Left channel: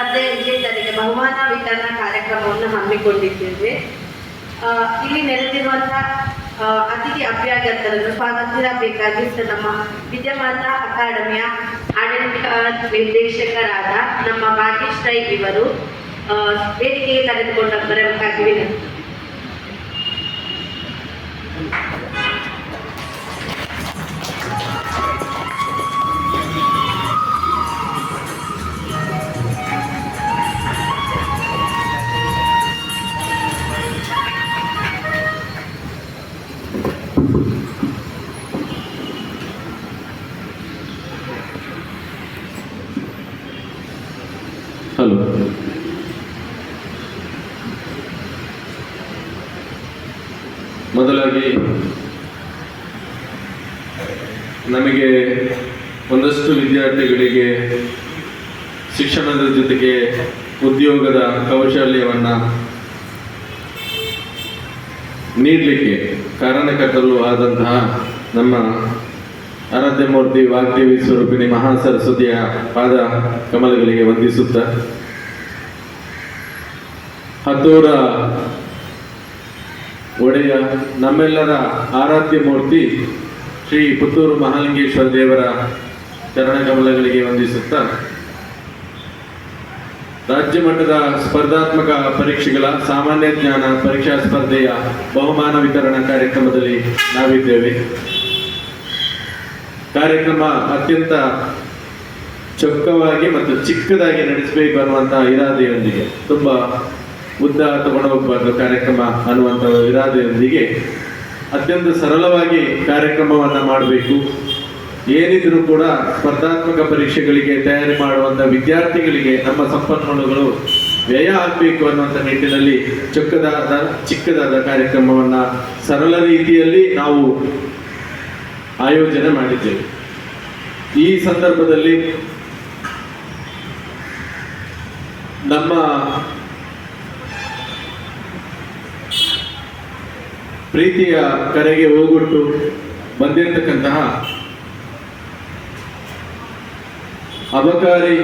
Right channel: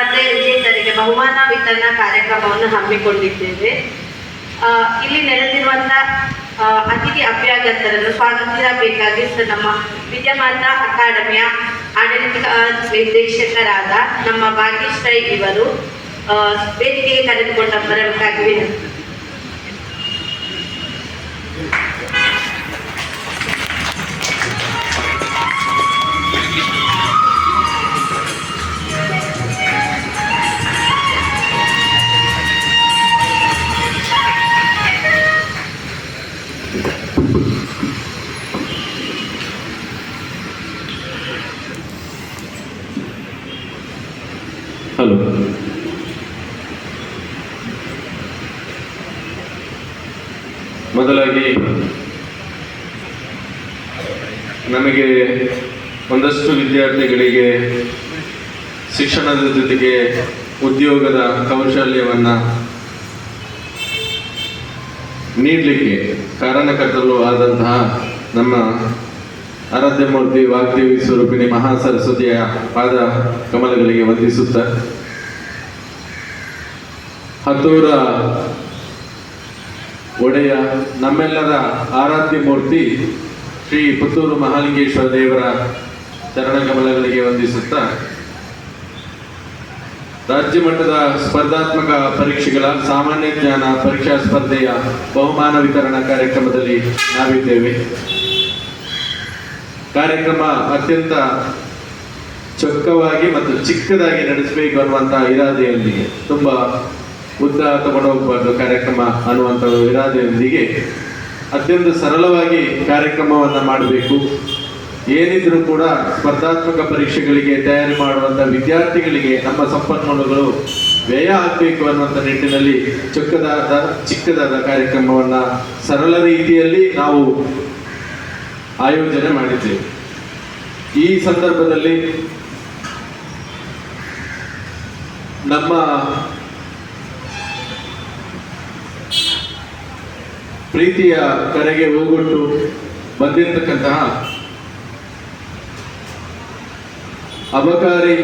ಸ್ಪರ್ಧೆ ವಿಜೇತರಿಗೆ ಬಹುಮಾನ ವಿತರಣಾ ಕಾರ್ಯಕ್ರಮವನ್ನು ಹಮ್ಮಿಕೊಂಡಿದ್ದೇವೆ. ಇಲ್ಲಿ ನೆರೆದಿರುವಂತಹ ಅತಿಥಿ ಅಭ್ಯಾಗತರನ್ನು ಸ್ವಾಗತಿಸಬೇಕಾಗಿ ನಮ್ಮ ವಿದ್ಯಮಾನ ಅಕಾಡೆಮಿಯ ಆಡಳಿತ ನಿರ್ದೇಶಕರಾದ ನಮ್ಮ ಭಾಗ್ಯಶ್ ರೈ ಇವರು ವೇದಿಕೆಗೆ ಕರೆದುಕೊಂಡ ಬರಬೇಕಾಗಿ ವಿನಂತಿ. ಹಲೋ, ಮೊದಲಾಗಿ ನಮಗೆ ಒಂದಷ್ಟು ವಿದ್ಯಾರ್ಥಿಗಳಿಗೆ ಶಿಕ್ಷಣದ ಜೊತೆಗೆ ಉದ್ಯೋಗದ ಕೌಶಲ್ಯವನ್ನು ನೀಡಲಿಕ್ಕೆ ಕಾರಣಕರ್ತರು ಆದಂತಹ ನಮ್ಮ ಆರಾಧ್ಯ ಮೂರ್ತಿ ವಾಗ್ದೇವಿ ಸ್ವರೂಪಿಣಿ ಮಹಾಸರಸ್ವತಿಯ ಪಾದ ಕಮಲಗಳಿಗೆ ವಂದಿಸುತ್ತಾ, ಹತ್ತೂರ ಒಡೆಯ ನಮ್ಮೆಲ್ಲರ ಆರಾಧ್ಯ ಮೂರ್ತಿ ಶ್ರೀ ಪುತ್ತೂರು ಮಹಾಲಿಂಗೇಶ್ವರ ದೇವರ ಚರಣ ಕಮಲಗಳಿಗೆ ವಂದಿಸುತ್ತಾ, ರಾಜ್ಯ ಮಟ್ಟದ ಸ್ಪರ್ಧಾತ್ಮಕ ಪರೀಕ್ಷೆಗಳ ಸಾಮಾನ್ಯ ಜ್ಞಾನ ಪರೀಕ್ಷಾ ಸ್ಪರ್ಧೆಯ ಬಹುಮಾನ ವಿತರಣಾ ಕಾರ್ಯಕ್ರಮದಲ್ಲಿ ನಾವಿದ್ದೇವೆ. ಕಾರ್ಯಕ್ರಮ ಅತ್ಯಂತ ಚೊಕ್ಕವಾಗಿ ಮತ್ತು ಚಿಕ್ಕದಾಗಿ ನಡೆಸಬೇಕು ಅನ್ನುವಂತಹ ಇರಾದೆಯೊಂದಿಗೆ, ತುಂಬ ಉದ್ದ ತಗೊಂಡು ಹೋಗಬಾರ್ದು ಕಾರ್ಯಕ್ರಮ ಅನ್ನುವಂಥ ಇರಾದೆಯೊಂದಿಗೆ ಅತ್ಯಂತ ಸರಳವಾಗಿ ಕಾರ್ಯಕ್ರಮವನ್ನು ಮಾಡಬೇಕು. ಏನಿದ್ರೂ ಕೂಡ ಸ್ಪರ್ಧಾತ್ಮಕ ಪರೀಕ್ಷೆಗಳಿಗೆ ತಯಾರಿ ಮಾಡುವಂಥ ವಿದ್ಯಾರ್ಥಿಗಳಿಗೆ ನಮ್ಮ ಸಂಪನ್ಮೂಲಗಳು ವ್ಯಯ ಆಗಬೇಕು ಅನ್ನುವಂಥ ನಿಟ್ಟಿನಲ್ಲಿ ಚಿಕ್ಕದಾದ ಕಾರ್ಯಕ್ರಮವನ್ನು ಸರಳ ರೀತಿಯಲ್ಲಿ ನಾವು ಆಯೋಜನೆ ಮಾಡಿದ್ದೇವೆ. ಈ ಸಂದರ್ಭದಲ್ಲಿ ನಮ್ಮ ಪ್ರೀತಿಯ ಕರೆಗೆ ಹೋಗೊಟ್ಟು ಬಂದಿರತಕ್ಕಂತಹ ಅಬಕಾರಿ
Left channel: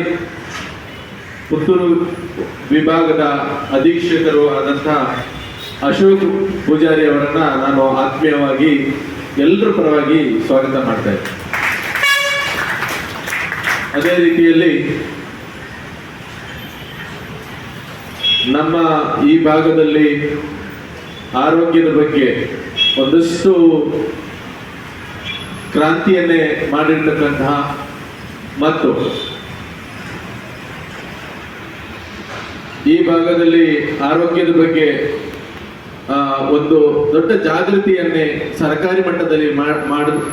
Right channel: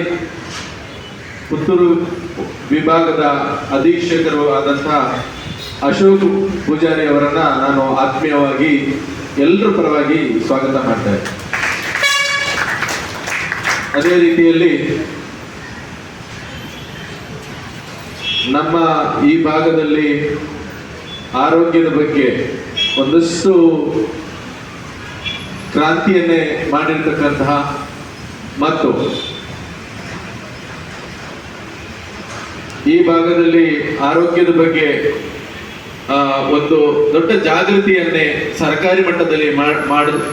ಪುತ್ತೂರು ವಿಭಾಗದ ಅಧೀಕ್ಷಕರು ಆದಂತಹ ಅಶೋಕ್ ಪೂಜಾರಿ ಅವರನ್ನ ನಾನು ಆತ್ಮೀಯವಾಗಿ ಎಲ್ಲರ ಪರವಾಗಿ ಸ್ವಾಗತ ಮಾಡ್ತಾ ಇದ್ದೇನೆ. ಅದೇ ರೀತಿಯಲ್ಲಿ ನಮ್ಮ ಈ ಭಾಗದಲ್ಲಿ ಆರೋಗ್ಯದ ಬಗ್ಗೆ ಒಂದಷ್ಟು ಕ್ರಾಂತಿಯನ್ನೇ ಮಾಡಿರ್ತಕ್ಕಂತಹ ಮತ್ತು ಈ ಭಾಗದಲ್ಲಿ ಆರೋಗ್ಯದ ಬಗ್ಗೆ ಒಂದು ದೊಡ್ಡ ಜಾಗೃತಿಯನ್ನೇ ಸರ್ಕಾರಿ ಮಟ್ಟದಲ್ಲಿ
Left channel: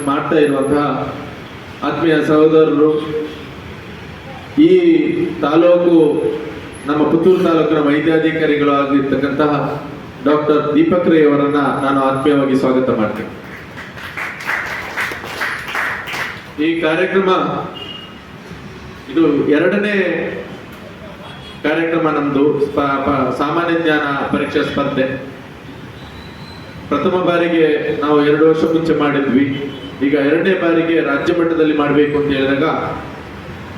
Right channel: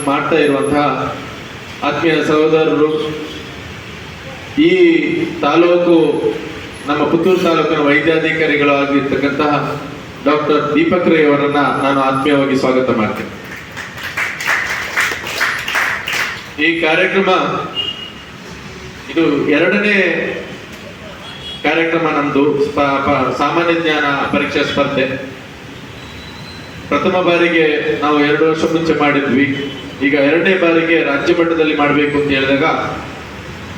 ಮಾಡ್ತಾ ಇರುವಂತಹ ಆತ್ಮೀಯ ಸಹೋದರರು, ಈ ತಾಲೂಕು ನಮ್ಮ ಪುತ್ತೂರು ತಾಲೂಕಿನ ವೈದ್ಯಾಧಿಕಾರಿಗಳು ಆಗಿರ್ತಕ್ಕಂತಹ ಡಾಕ್ಟರ್ ದೀಪಕ್ ರೈ ಅವರನ್ನ ನಾನು ಆತ್ಮೀಯವಾಗಿ ಸ್ವಾಗತ ಮಾಡ್ತೇನೆ. ಈ ಕಾರ್ಯಕ್ರಮ ಇದು ಎರಡನೇ ಕಾರ್ಯಕ್ರಮ ನಮ್ದು ಸಾಮಾನ್ಯ ಜ್ಞಾನ ಪರೀಕ್ಷಾ ಸ್ಪರ್ಧೆ. ಪ್ರಥಮ ಬಾರಿಗೆ ನಾವು 2 ವರ್ಷ ಮುಂಚೆ ಮಾಡಿದ್ವಿ. ಈಗ ಎರಡನೇ ಬಾರಿಗೆ ರಾಜ್ಯ ಮಟ್ಟದಲ್ಲಿ ಮಾಡಬೇಕು ಅಂತ ಹೇಳಿದಾಗ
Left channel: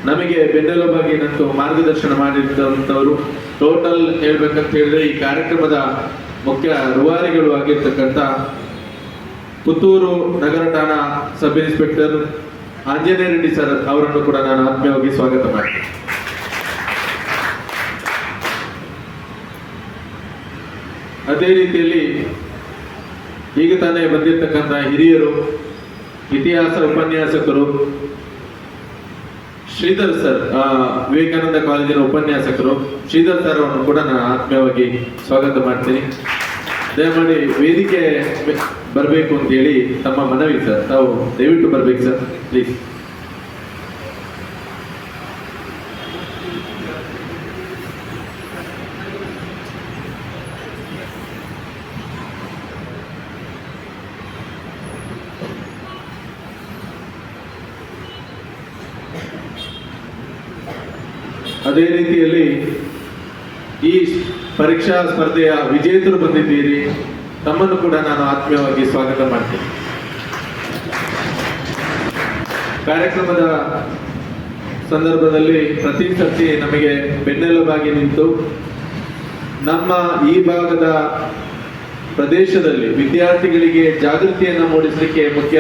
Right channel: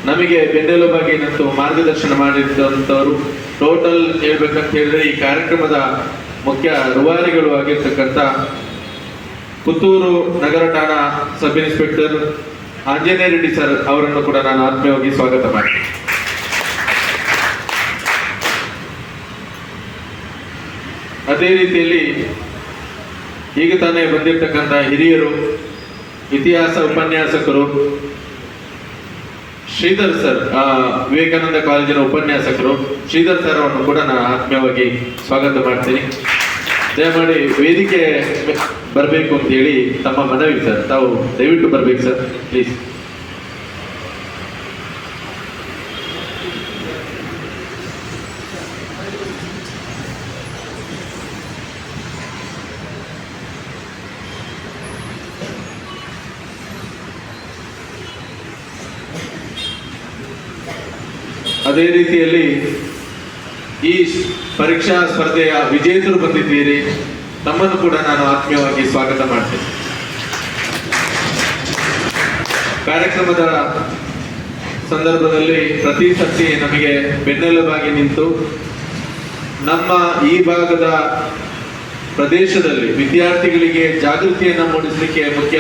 ನಮಗೆ ಬೆನ್ನೆಲುಬಾಗಿ ನಂತು ಮಾರ್ಗದರ್ಶನ ಮಾಡಿದಂಥವರು ಟೋಟಲ್ ಹೇಳ್ಬೇಕಂತ ಹೇಳಿದ್ರೆ ಈ ಕಾರ್ಯಕ್ರಮದ ಮುಖ್ಯ ರೂವಾರಿಗಳು ಆಗಿರ್ತಕ್ಕಂಥ ಪುತ್ತೂರು ನಗರ ಠಾಣಾ sub inspector Anjaneya Reddy sir ಅವರನ್ನು ಕೂಡ ನಾನು ಆತ್ಮೀಯವಾಗಿ ಸ್ವಾಗತ ಮಾಡ್ತೀನಿ. ಅದೇ ರೀತಿಯಲ್ಲಿ ಈಗ ತಾನೇ ಬಂದಿರತಕ್ಕಂಥ ಹಿರಿಯರು, ಇತಿಹಾಸ ಉಪನ್ಯಾಸಕರು ಶ್ರೀಧರ್ ಸರ್, ವಿವೇಕಾನಂದ ಕಾಲೇಜಿನ ಉಪನ್ಯಾಸಕರು ಶ್ರೀಧರ್ ಸರ್ ಅವರನ್ನು ಕೂಡ ನಾನು ಆತ್ಮೀಯವಾಗಿ ಸ್ವಾಗತ ಮಾಡ್ತೀನಿ. ದಯಮಾಡಿ ವೇದಿಕೆ ಬರಬೇಕು ಅಂತ ಹೇಳಿ ತಮ್ಮ ಮನವಿ ಸರ್. ತಾವು ದಯವಿಟ್ಟು ಬರಬೇಕು ಸರ್, ಪ್ಲೀಸ್. ಅದೇ ರೀತಿಯಲ್ಲಿ ಈ ಪರೀಕ್ಷಾ ಸ್ಪರ್ಧೆಯ ವಿಜೇತರು ಬಂದಿದ್ದೀರಿ, ತಮ್ಮನ್ನು ಕೂಡ ನಾನು ಆತ್ಮೀಯವಾಗಿ ಸ್ವಾಗತ ಮಾಡ್ತೇನೆ. ಕಾರ್ಯಕ್ರಮದ ಸಂದರ್ಭದಲ್ಲಿ ಪ್ರತಿ ಸರ್ತಿ ನಮಗೆ ಬೆನ್ನೆಲುಬಾಗಿ ನಿಂತು ನಮ್ಮ ಈ ಭಾಗದ ಪ್ರದೇಶದಲ್ಲಿ ವಿದ್ಯಾರ್ಥಿಗಳಿಗೆ ಜಾಗೃತಿಯನ್ನು ಮೂಡಿಸಲಿಕ್ಕೆ ಮುಖ್ಯ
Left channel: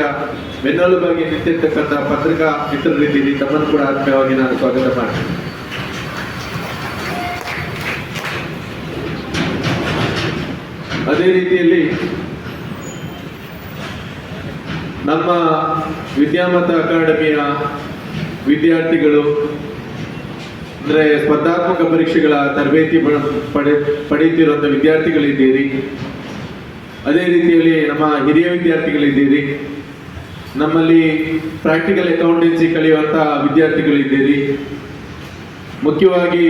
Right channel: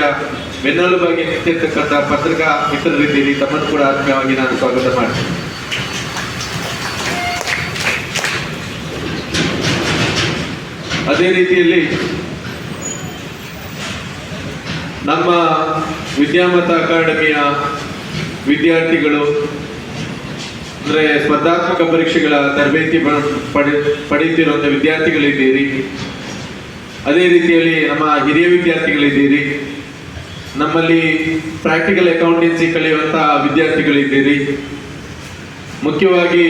ಬೆನ್ನೆಲುಬಾಗಿ ನಿಂತಿರ್ತಕ್ಕಂಥ ಪತ್ರಿಕಾ ಮಿತ್ರರಿದ್ದೀರಿ. ತಮ್ಮನ್ನು ಕೂಡ ಆತ್ಮೀಯವಾಗಿ ನಾನು ಸ್ವಾಗತ ಮಾಡ್ತೀನಿ. ಅದೇ ರೀತಿಯಲ್ಲಿ ನಮ್ಮ ವಿದ್ಯಾಮತ ಅಕಾಡೆಮಿಯ ವಿದ್ಯಾರ್ಥಿಗಳು ಅಂದರೆ ಸ್ಪರ್ಧಾತ್ಮಕ ಪರೀಕ್ಷೆಗಳ ತರಬೇತಿ ಪಡೆಯುತ್ತಿರುವಂಥ ವಿದ್ಯಾರ್ಥಿಗಳಿದ್ದೀರಿ. ಅದೇ ರೀತಿಯಲ್ಲಿ ನಮ್ಮ ಹಿರಿಯ ವಿದ್ಯಾರ್ಥಿಗಳಿದ್ದೀರಿ. ನಮ್ಮಲ್ಲಿ ಪ್ರಾಕ್ಟಿಕಲ್ ಅಕೌಂಟೆನ್ಸಿ ಕಲಿಯುವಂಥ ವಿದ್ಯಾರ್ಥಿಗಳಿದ್ದೀರಿ. ಮುಖ್ಯವಾಗಿ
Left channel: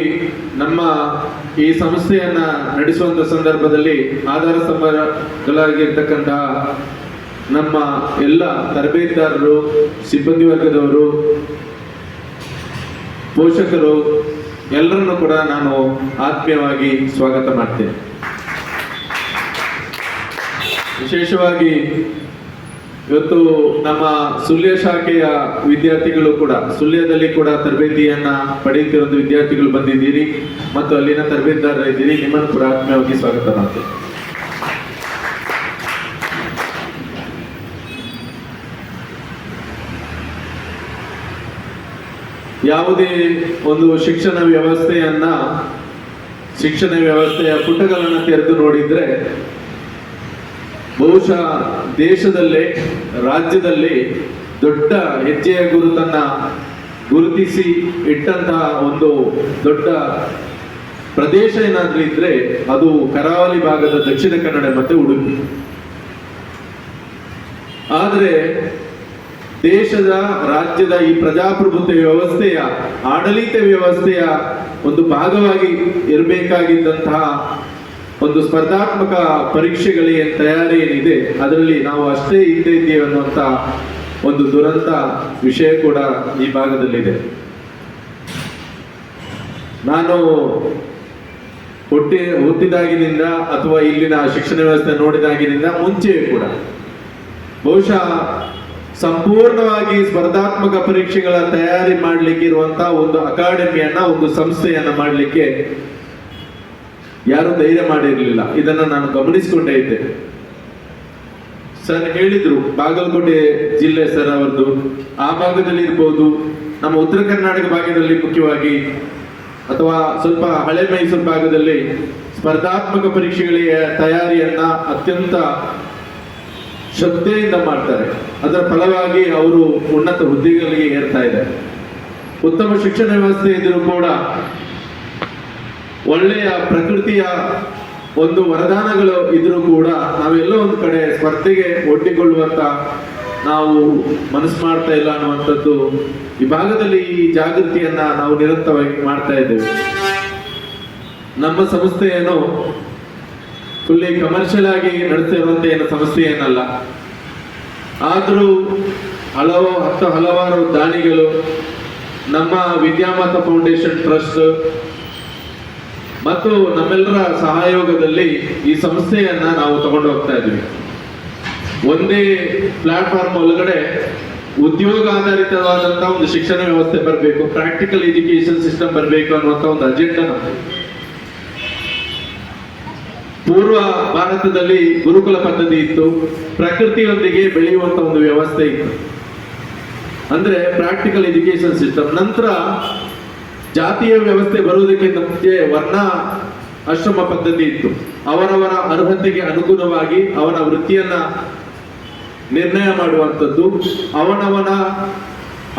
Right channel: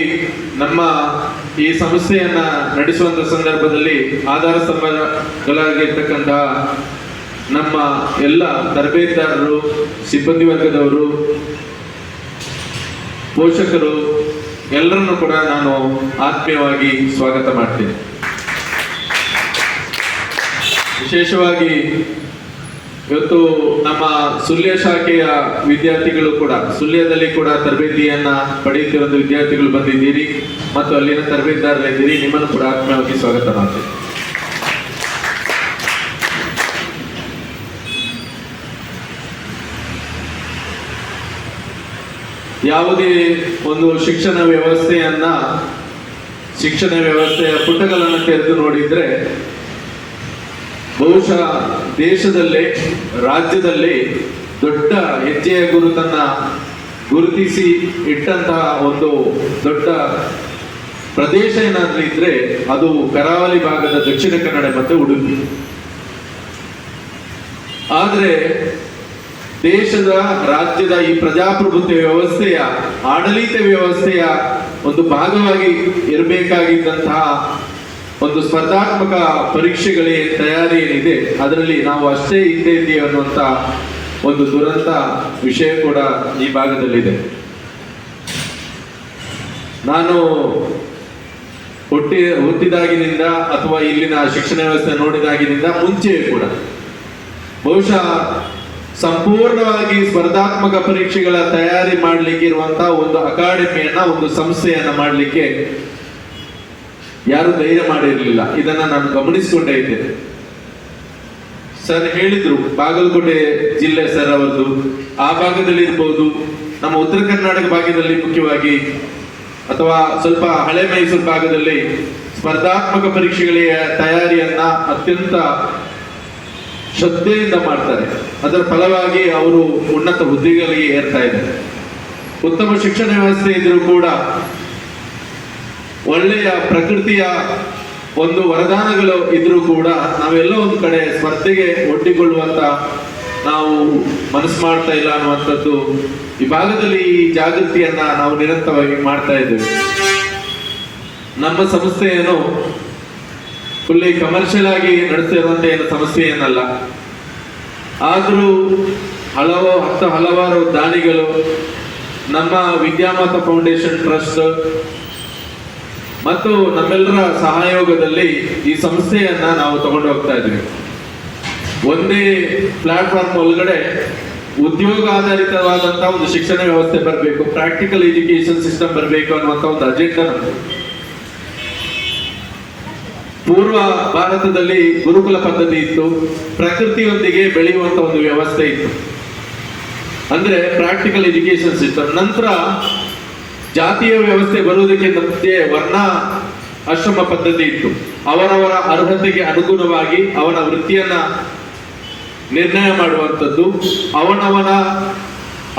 ನಮ್ಮ ಈ ಸಂಸ್ಥೆಯನ್ನ ನಡೆಸುವಂಥ ಸಂದರ್ಭದಲ್ಲಿ ಆಧಾರ ಸ್ತಂಭಗಳಾಗಿರ್ತಕ್ಕಂತಹ ನಮ್ಮ ಎಲ್ಲ ತರಬೇತುದಾರರು, ಸಿಬ್ಬಂದಿ ವರ್ಗದವರು, ಪೋಷಕರು ಎಲ್ಲರನ್ನು ಕೂಡ ನಾನು ಆತ್ಮೀಯವಾಗಿ ಸ್ವಾಗತ ಮಾಡ್ತೇನೆ. ವಿಶೇಷವಾಗಿ ಇವತ್ತು ನಮ್ಮ ಸುಳ್ಯ ಶಾಖೆಯ ವಿದ್ಯಾರ್ಥಿಗಳು ಕೂಡ ಸುಳ್ಯದಲ್ಲಿ ಕೂಡ ತರಬೇತಿಯನ್ನ ಪಡೆಯುತ್ತಿರುವ ವಿದ್ಯಾರ್ಥಿಗಳು ಬಂದಿದ್ದೀರಿ ಮತ್ತು ಅಲ್ಲಿನ ತರಬೇತುದಾರರಿದ್ದೀರಿ. ನಿಮ್ಮನ್ನು ಕೂಡ ಆತ್ಮೀಯವಾಗಿ ಸ್ವಾಗತ ಮಾಡ್ತೇನೆ. ಯಾವುದೇ ಒಂದು ಶಿಕ್ಷಣ ವ್ಯವಸ್ಥೆಯ ಪುಟಗಳನ್ನು ತೆರೆದು ನೋಡಿದ್ರೆ ಬಹುಶಃ ದೇಶದಲ್ಲೇ ರಾಜ್ಯದಲ್ಲಿ ದೊಡ್ಡ ಹೆಜ್ಜೆಯ ಗುರುತನ್ನ ಗುರುತಿಸಿ ಇಟ್ಟಂತಹ ಒಂದು ದೊಡ್ಡ ಪ್ರದೇಶ ಏನಾದ್ರೂ ಇದ್ರೆ ಅದು ಕರಾವಳಿ ಭಾಗದ ದಕ್ಷಿಣ ಕನ್ನಡ ಮತ್ತು ಉಡುಪಿ. ಆದ್ರೆ ದೇಶದ ರಾಜ್ಯದ ಈ ಪ್ರಜಾಪ್ರಭುತ್ವ ವ್ಯವಸ್ಥೆಯ ಆಡಳಿತ ವ್ಯವಸ್ಥೆಯ ಒಂದು ಭಾಗವಾಗಿ ಇರಬೇಕಾಗಿದ್ದಂತಹ ಒಂದು ಸ್ಪರ್ಧಾತ್ಮಕ ಪರೀಕ್ಷೆಗಳ ತಯಾರಿ ಏನಿದೆ ಅದರಲ್ಲಿ ನಾವು ಅಷ್ಟೇ ಹಿಂದೆ ಇದ್ದೀವಿ ಅನ್ನುವಂಥ ಒಂದು ದುರಂತ ವಿಷಯ ಕೂಡ ಈ ಭಾಗದಲ್ಲಿದೆ. ನಾನು ಹುಟ್ಟಿದಾಗಿನಿಂದ ಅಥವಾ ಇಲ್ಲಿನ ಶಿಕ್ಷಣ ವ್ಯವಸ್ಥೆ ನೋಡಿದಾಗಿನಿಂದ ಮುಂಚೆಯೇ ಕೂಡ ಬಹುಶಃ ಸಂಪೂರ್ಣವಾಗಿ ಸ್ಪರ್ಧಾತ್ಮಕ ಪರೀಕ್ಷೆಗಳ ತಯಾರಿ ಮಾಡಲಿಕ್ಕೆ ಇರುವಂತಹ ಒಂದು ಅಕಾಡೆಮಿಯನ್ನ, ಒಂದು ಸಂಸ್ಥೆಯನ್ನ ಮಾಡಲಿಕ್ಕೆ ಯಾರು ಧೈರ್ಯ ಮಾಡಿರಲಿಲ್ಲ. ಇದನ್ನ ನಾನು ಗಮನಿಸಿಕೊಂಡೇ ಇದ್ದೇನೆ. ಸರ್ ಹೇಳಿದ್ರು ಬಾಗಲಕೋಟೆ ಜಿಲ್ಲೆ ಸರ್ ಅವರದ್ದು, ಆ ಭಾಗದಲ್ಲಿ ಇರ್ಬೋದು, ನಮ್ಮ ಉತ್ತರ ಕರ್ನಾಟಕ ಭಾಗದಲ್ಲಿ ಮುಖ್ಯವಾಗಿ ಅಥವಾ ಸ್ವಲ್ಪ ಹಳೆ ಮೈಸೂರು ಭಾಗದಲ್ಲಿ ಸ್ಪರ್ಧಾತ್ಮಕ ಪರೀಕ್ಷೆಗಳಿಗೆ ತಯಾರಿಯನ್ನ ಅತ್ಯಂತ ಶ್ರದ್ಧೆಯಿಂದ ಮಾಡ್ತಾರೆ. ಅದರ ಫಲವಾಗಿ ಅವರು ಉನ್ನತ ಹುದ್ದೆಗಳಿಗೆ ಏರ್ತಾ ಇದ್ದಾರೆ. ಉತ್ತಮ ಶಿಕ್ಷಣ ವ್ಯವಸ್ಥೆ ಇದ್ರೂ ಕೂಡ ಒಳ್ಳೆಯ ಪ್ರಕೃತಿಯ ಒಂದು ವರದಾನಗಳು ಇದ್ರೂ ಕೂಡ ನಾವೆಲ್ಲೋ ಒಂದು ಕಡೆ ಸ್ಪರ್ಧೆಗೆ ಒಡ್ಡಿಕೊಳ್ಳುವಂತ ನಾವು ಮನಸ್ಸು ಮಾಡ್ತಾ ಇಲ್ಲ ಅನ್ನುವಂಥದ್ದು ಈ ಭಾಗದಲ್ಲಿ ಈ ಜಾಗೃತಿಯನ್ನ ನಾವು ನಿರಂತರವಾಗಿ ಮಾಡ್ತಾ ಇದ್ದೇವೆ. ನಮ್ಮ ಸಂಸ್ಥೆಯನ್ನು ಫುಲ್ಲಿ ಕಮರ್ಷಿಯಲ್ ಆಗಿ ನಡೆಸ್ತಿರುವಂತ ಏನು ಸಮಸ್ಯೆ ಏನಲ್ಲ. ಆದರೂ ಹಲವಾರು ದಾನಿಗಳು, ನಮ್ಮ ವಿದ್ಯಾಮತ ಫೌಂಡೇಶನ್ ಟ್ರಸ್ಟ್ ಮತ್ತು ನಮ್ಮೆಲ್ಲರ ಸಹಯೋಗದಲ್ಲಿ ಈ ಸಂಸ್ಥೆಯನ್ನ ನಾವು ತಗೊಂಡು ಹೋಗ್ತಾ ಇದ್ವಿ. ಒಂದೇ ಪ್ಲಾಟ್ಫಾರ್ಮ್ ಒಳಗಡೆ ಉದ್ಯೋಗ ಆಧಾರಿತವಾದಂತಹ ಒಂದು ಶಿಕ್ಷಣ ವ್ಯವಸ್ಥೆ ಬರಬೇಕು, ಪ್ರಾಕ್ಟಿಕಲ್ ಎಜುಕೇಶನ್ ಸಿಸ್ಟಮ್ ಬರಬೇಕು ಅನ್ನುವಂಥ ಒಂದು ಅಜೆಂಡಾ. ಪೂರ್ವ ಭಾರತದಲ್ಲಿ ಗುರುಕುಲ ಪದ್ಧತಿ ಇತ್ತು, ಪ್ರಕೃತಿಯೊಂದಿಗೆ ಬೆಳೆಯುವಂತ ಒಂದು ವ್ಯವಸ್ಥೆ ಇತ್ತು, ಅಂದ್ರೆ ಪ್ರಾಕ್ಟಿಕಲ್ ಎಜುಕೇಶನ್ ಸಿಸ್ಟಮ್. ನಂತರ ಜಾತಿಯ ವ್ಯವಸ್ಥೆ ಬರುವುದಕ್ಕೆ ಮುಂಚೆ ವರ್ಣ ಆಶ್ರಮ ಪದ್ಧತಿ ಇತ್ತು. ಅವರವರ ಅರ್ಹತೆಗೆ ಅನುಗುಣವಾಗಿ ಅವನ ವೃತ್ತಿಯನ್ನ ನಿರ್ಣಯ ಮಾಡುವಂಥದ್ದು,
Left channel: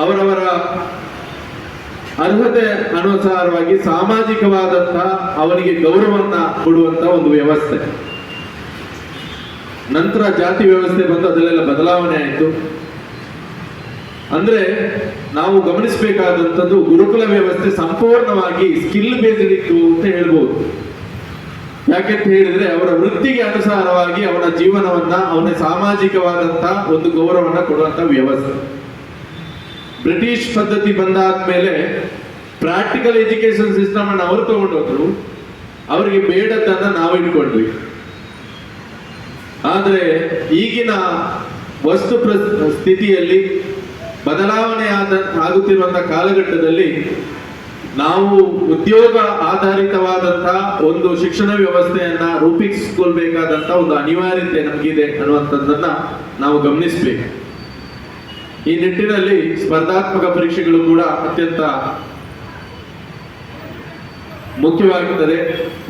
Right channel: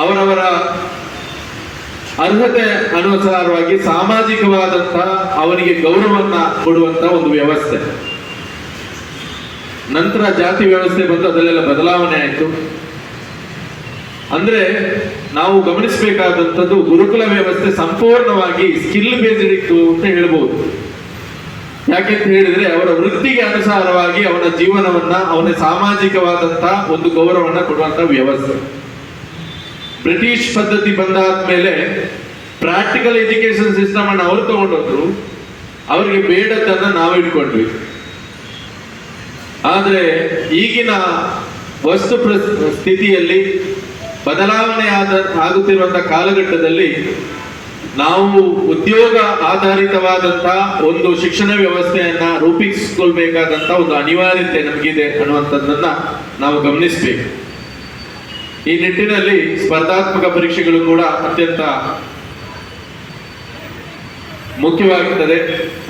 ಅವರವರ ಅರ್ಹತೆ ಅನುಸಾರವಾಗಿ ಸಾಮಾಜಿಕವಾದಂತಹ ಅವನಿಗೆ ಗೌರವವನ್ನ ಕೊಡುವಂತಹ ಒಂದು ವ್ಯವಸ್ಥೆ. ನಂತರ ಜಾತಿ ವ್ಯವಸ್ಥೆ ಬಂದು ಅದರಲ್ಲೆಲ್ಲ ಬದಲಾವಣೆ ಆಯಿತು. ಅಂದ್ರೆ ನಾವು ಗಮನಿಸಬೇಕಾದಂಥದ್ದು ಗುರುಕುಲ ವ್ಯವಸ್ಥೆ ಸಂಪೂರ್ಣವಾಗಿ ಸ್ಕಿಲ್ ಬೇಸ್ಡ್ ಇತ್ತು ಅಂತ ಹೇಳ್ಬೋದು. ಯಾಕೆಂತ ಹೇಳಿದ್ರೆ ಅವರ ವೃತ್ತಿಗೆ ಅನುಸಾರವಾಗಿ ಅವನ ಜೀವನವನ್ನ, ಅವನ ಸಾಮಾಜಿಕವಾದಂತಹ ಒಂದು ಗೌರವವನ್ನ ಕೊಡುವಂತಹ ವ್ಯವಸ್ಥೆ. ಬ್ರಿಟಿಷ್ ಪದ್ಧತಿ ಬಂದಾದ್ಮೇಲೆ ಪ್ರಾಕ್ಟಿಕಲ್ ಎಜುಕೇಶನ್ ಸಿಸ್ಟಮ್ ಅನ್ನು ಅವರು ತಗೊಂಡೋದ್ರು, ಅವರಿಗೆ ಬೇಡದ್ದನ್ನ ನಾವು ಇಟ್ಕೊಂಡ್ವಿ. ಆದ್ರೆ ಈಗಿನ ಸ್ಥಿತಿಯಲ್ಲಿ ಬದಲಾವಣೆ ಆಗುತ್ತಿರುವಂತಹ ಕಾಲಘಟ್ಟದಲ್ಲಿ ನಾವು ಉದ್ಯೋಗ ಆಧಾರಿತವಾದಂತಹ ಒಂದು ಶಿಕ್ಷಣ ವ್ಯವಸ್ಥೆಯನ್ನ ರೂಪಿಸಿಕೊಳ್ಬೇಕಾದಂತ ಒಂದು ಅನಿವಾರ್ಯತೆ ನಮಗಿದೆ ಅನ್ನುವಂಥದ್ದನ್ನ ನಾವು ಗಮನಿಸಬೇಕು. ಈ ನಿಟ್ಟಿನಲ್ಲಿ ಸ್ಪರ್ಧಾತ್ಮಕ ಪರೀಕ್ಷೆಗಳು ಕೂಡ ಅತ್ಯಂತ ಮುಖ್ಯವಾಗುತ್ತದೆ.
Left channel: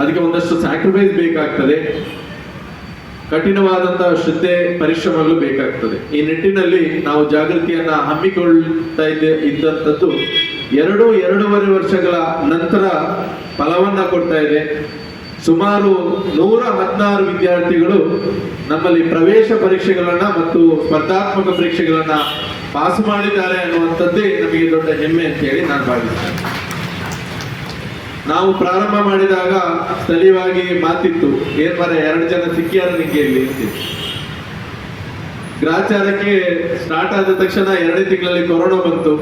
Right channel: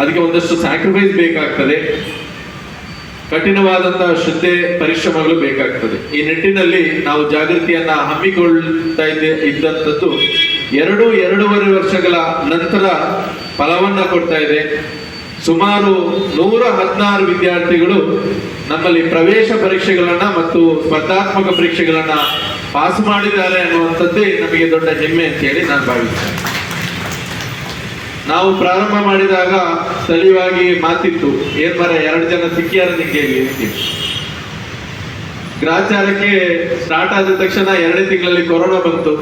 ಅದಕ್ಕೆ ಒಂದಷ್ಟು ಸ್ಯಾಕ್ರಿಫೈಸ್ ಬೇಕಾಗ್ತದೆ, ಕಠಿಣವಾದಂತಹ ಶ್ರದ್ಧೆ ಪರಿಶ್ರಮಗಳು ಬೇಕಾಗ್ತದೆ. ಈ ನಿಟ್ಟಿನಲ್ಲಿ ನಾವು ಜಾಗೃತಿಯನ್ನ ಹಮ್ಮಿಕೊಳ್ತಾ ಇದ್ದಂಥದ್ದು ಎರಡೂವರೆ ವರ್ಷಗಳ ನಂತರ ಫಲವನ್ನ ಕೊಡ್ತಾ ಇದೆ. ಸುಮಾರು 116 ವಿದ್ಯಾರ್ಥಿಗಳು ನಮ್ಮಲ್ಲಿ ಪ್ರವೇಶ ಪರೀಕ್ಷೆಗಳನ್ನ ಮತ್ತು ಸ್ಪರ್ಧಾತ್ಮಕ ಪರೀಕ್ಷೆಗಳನ್ನ ಪಾಸ್ ಮಾಡಿದ್ದಾರೆ ಅನ್ನುವಂಥದ್ದೇ ನಮಗೆ ದೊಡ್ಡ ಹೆಮ್ಮೆ ಅಂತ ಹೇಳಿ ನಾನು ಭಾವಿಸ್ತೇನೆ. ನಾವು ಪ್ರಾರಂಭ ಮಾಡಿದಾಗ ಸ್ಥಳೀಯವಾಗಿ ಮಾತಿತ್ತು, ಏನ್ ಮರ 2 ಜನ ಸಿಕ್ಕಿಯಾರ ನಿಂಗೆ ಅಂತಿತ್ತು. ಗ್ರಾಚಾರಕ್ಕೆ ಸ್ಟಾರ್ಟ್ ಆದ ತಕ್ಷಣ 2 ತಿಂಗಳಲ್ಲಿ ಕೊರೋನಾ ಬಂತು.